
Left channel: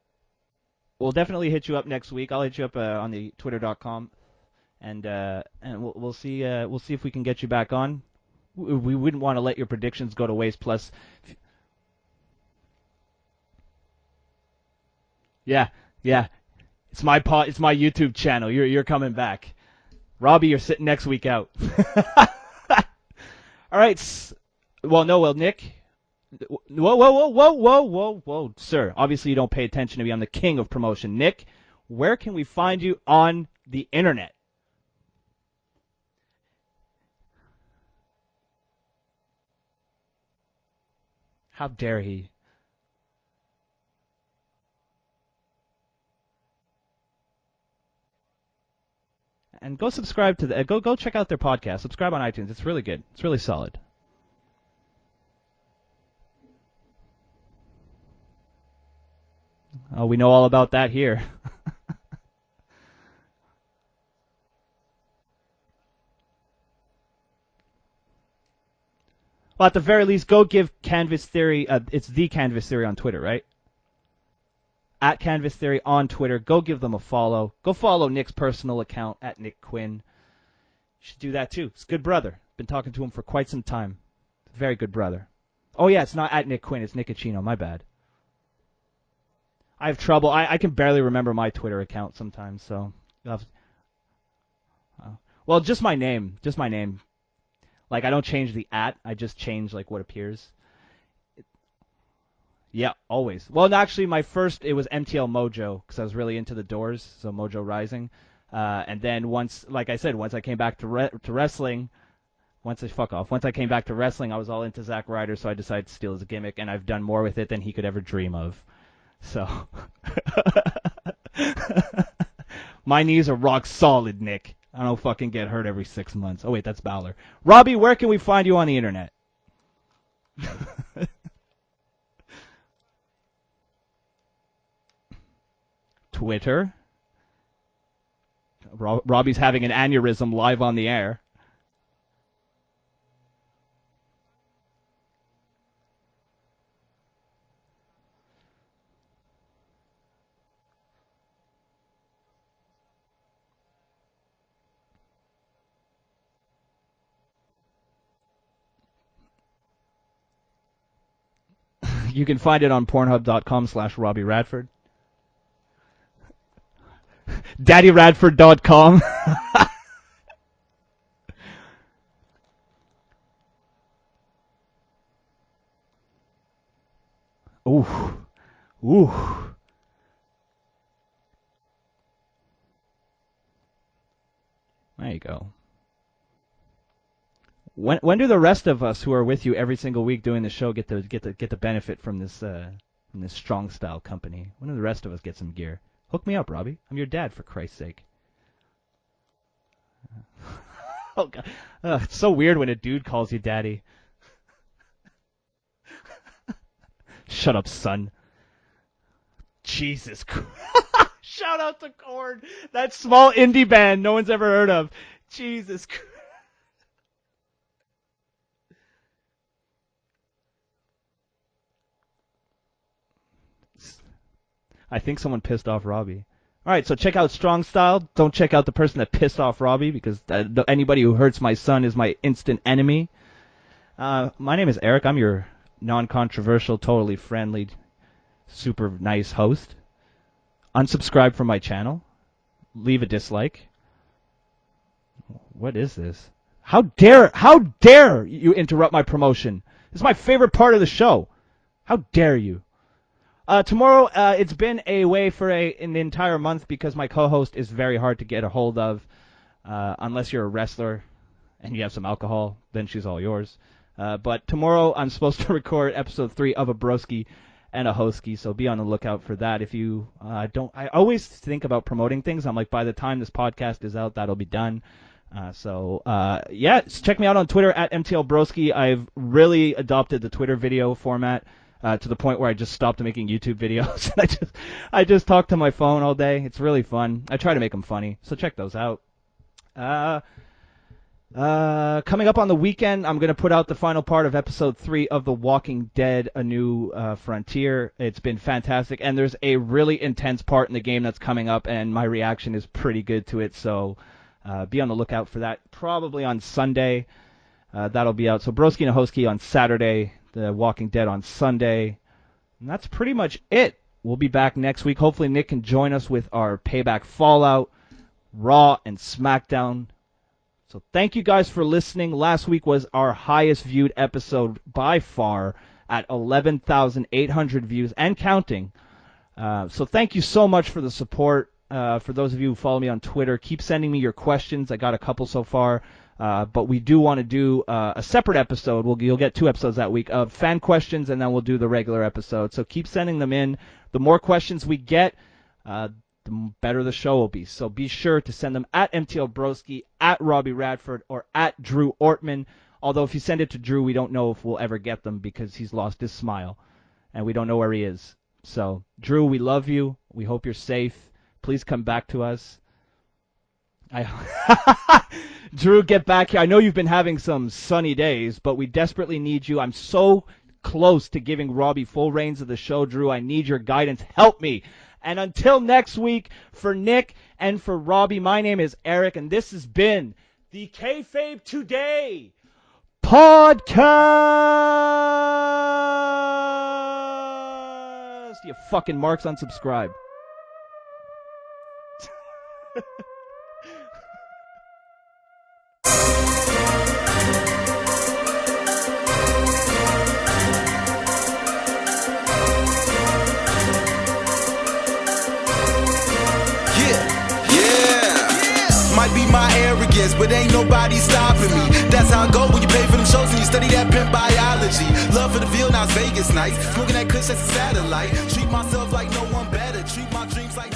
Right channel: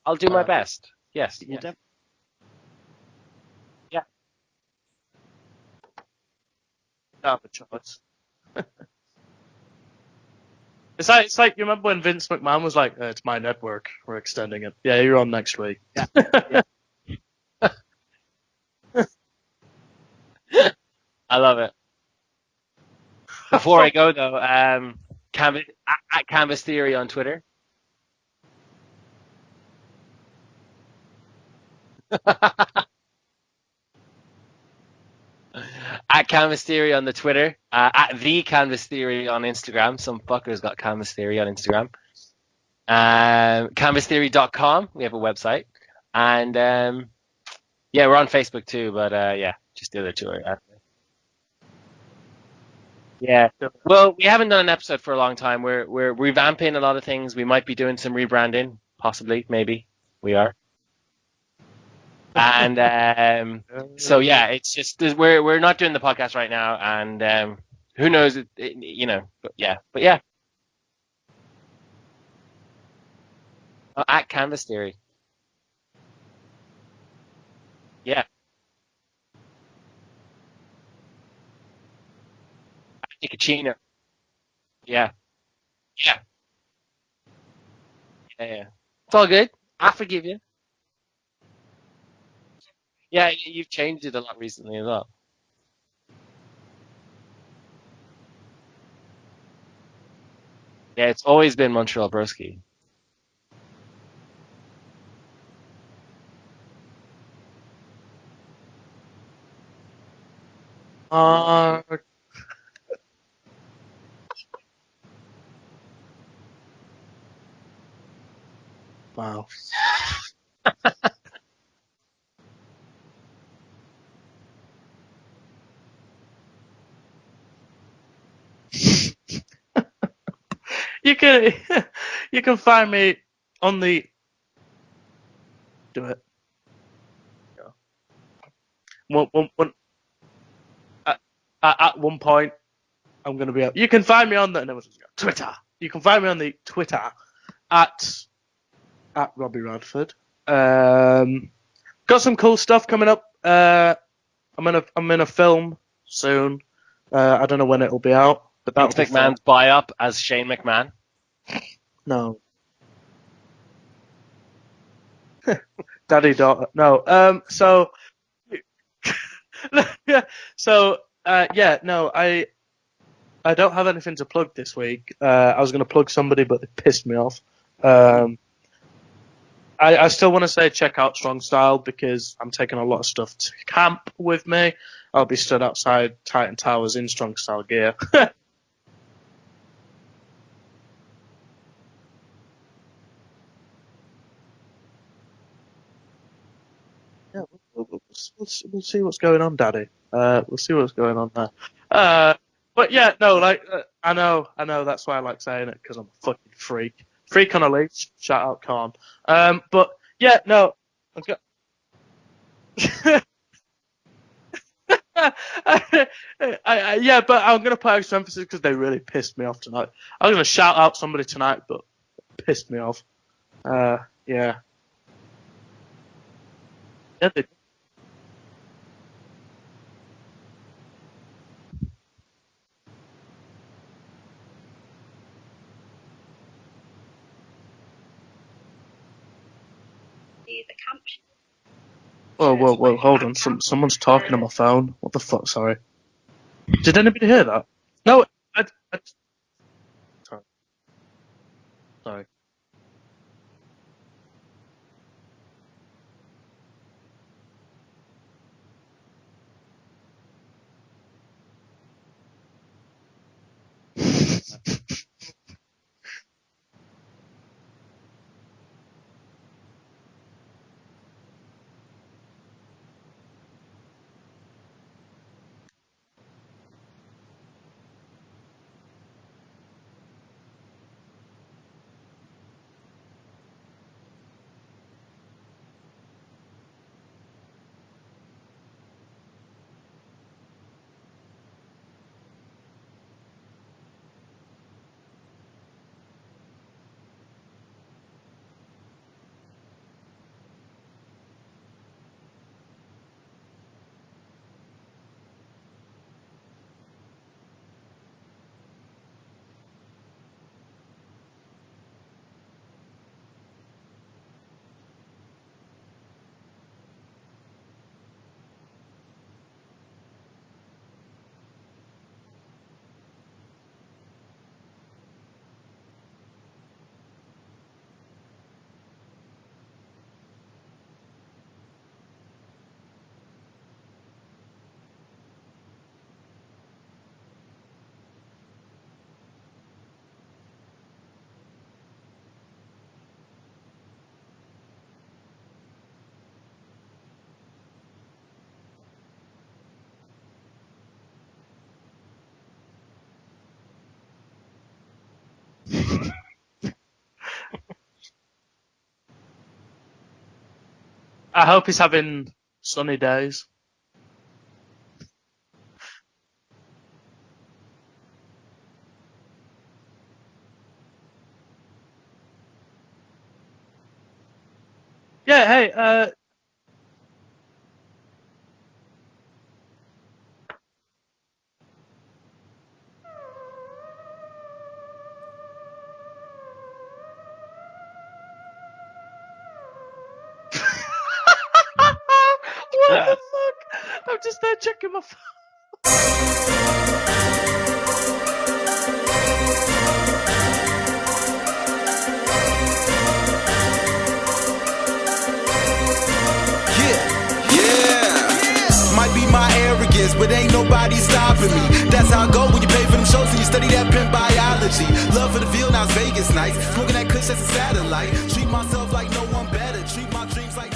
I'll do my best. We'll definitely hit you up next week. I'll hit you up on the twitter.com, and we'll see if we can get you back on. We wouldn't want to let your predictions go to waste. Plus, it's like you remember when Vince McMahon was like, "It's my network. We're extending it." Yeah, you're on next week. Yeah. It's my YouTube channel. You're coming back. Robbie, you're sitting next week out. I love it. Before I go though, Nick, at Canvas Theory on Twitter. Whoa, sir. Obviously, you don't pay attention to me. I'm the king of promotion. Nick, where can we find you on the internet? At Canvas Theory on the Twitter. At the Canvas Theory on Instagram. Some fucker's got Canvas Theory on Instagram. How dare he? CanvasTheory.com. We have a website. And we're on Facebook too, but And go subscribe to go check out their podcast. Subscribe on iTunes. It's really good. It's really solid. Well, we haven't done an episode for a long time. We're revamping a lot of things. We might be doing some rebranding, possibly, maybe. Oh, we know all about that here. And so it's just we're not doing the podcast right now, and who knows? Well, at the very least, go give Canvas Theory. It's the Canvas Theory on Twitter, right? At Canvas Theory. At Canvas Theory on Twitter. Go give them a follow. Go follow Nick's personal account at Nick Quinn. You should do that too. It's a good brother. Been talking to him for quite some time. Very good brother. Oh yeah, it's not at Nick Quinn. It's Nickachino. My bad. Yeah. It's all good. I have trouble. I can barely remember my Twitter account sometimes. So. Yeah, you've changed it a lot recently as well. Well, just my name. Like I don't change the @. I just change like what appears. Yeah, it's always been Montreal Broski. Yeah, always. Well, actually, it was MTL Mojo because I was really into the Doors, so Mojo Rising. And then once I came back to wrestling, once I came back to wrestling, I was all into Zack Ryder, so I decided to steal his gimmick, and I've done more with it than he could ever dream of. Wow. So, my knees are rock solid, Nick. I don't fucking get hurt every 6 months. Oh wait, that's Balor. Robbie, where can we find you on the internet? You can find me on the Twitter. Robbie's having an aneurysm live on the air. At one point, I'm going to be out. You can find me on the Twitter. You can find me on the Twitter at Robbie Radford. Got some cool stuff coming up. I'm in a film soon. I don't know when it'll be out. But Vince McMahon's buy-up as Shane McMahon. No. You can find it on Pornhub.com/Robbie Radford. DaddyRadford.com. So, I don't have anything to plug this week. I was going to plug somebody, but they pissed me off. Ooh. I still want to say check out Strong Style because I'm taking a lot of stuff to camp with me. I'll be stood outside Titan Towers in Strong Style gear. When do the rest of us who are with you every single week doing the show get the benefit from this Strong Style company? When do the rest of us get some gear? Hook me up, Robbie. I'm your dad, for Christ's sake. We'll see what's going on, Daddy. We'll see what's going on there. It's so weird when a dude calls you Daddy. I know. That's why I like saying it, because I'm a fucking freak. Freak on a leash. Shout out, Korn. Jesus. Yeah, no. Shout out to Korn. That small indie band no one's ever heard of. Jesus. But I'm going to put extra emphasis because they really pissed me off tonight. I was going to shout out somebody tonight, but pissed me off. Yeah. I think someone pissed off Robbie. All right, so check out Strong Style. Don't check out the person that pissed off Robbie because anybody who hurts my son is my instant enemy. My name is Eric. I'm your non-controversial, totally friendly, super nice host. Unsubscribe from my channel. Whoa, hold on. Someone's talking on my phone. What the fuck? Sorry. What is this? How dare you interrupt my promotion? This is my favorite part of the show. How dare you? Tomorrow, it's been away for an entire month because my co-host is very hard to get a hold of. Unless you're a wrestler and you have some alcohol, then she's all yours. But tomorrow, I'm supposed to record episode 3 of Abroski, and a Hosky, so be on the lookout for that. If you I always think about promoting things. I'm like, by the time this podcast is out, that'll be done. Check me out on Twitter at MTLBroski. I've really adopted the Twitter video format to the point where I just stopped making YouTube videos. I just talk to my phone all day. It's really fun. I try to make them funny, so check those out. Coming up on the weekend, I'm going to put out the final part of episode 3 of The Walking Dead, A New Frontier. It's been fantastic, and there's a really intense part in the game that's coming up, and my reaction is pretty good to it, so be on the lookout for that. Probably on Sunday, that'll be out. So Broski and Hosky on Saturday, The Walking Dead on Sunday, and that's pretty much it. We'll be back next week. Hopefully Nick can join us with our Payback Fallout, Raw, and SmackDown. So thank you guys for listening. Last week was our highest viewed episode by far at 11,800 views and counting. So thank you so much for the support. For those of you who follow me on Twitter, keep sending me your questions. I got a couple so far. But we do want to do a separate episode. You'll get 2 episodes that week of fan questions, and then we'll do the regular episode. So keep sending them in. The more questions we get, the better the show will be. So be sure to send them at MTLBroski, at Robbie Radford, or at Drew Ortman. Although if you send it to Drew, we don't know if we'll ever get them because he's lost his smile, and we don't know where he is. So, Drew, we love you. We hope you're safe. I hope Please he's come back having to us. sunny days. Drew, get back here. I know you've been having some sunny days, but we desperately need you. I'm so close to giving Robbie full reins of the show, Drew. I need your guidance. Help me. And until next week, for Nick and for Robbie, my name is Eric, and this has been the KAYFABE Today podcast. You fucking marks unsubscribe. What the fuck? I'm just there checking my phone. Might be my arrogance, but ain't nobody stopping me. That's how I go when you pay for them shows and you study that pimp biology. Love for the Ville, now it's Vegas nights. Smoking that kush, that's a satellite. Treat myself like no one better. Treat my dreams like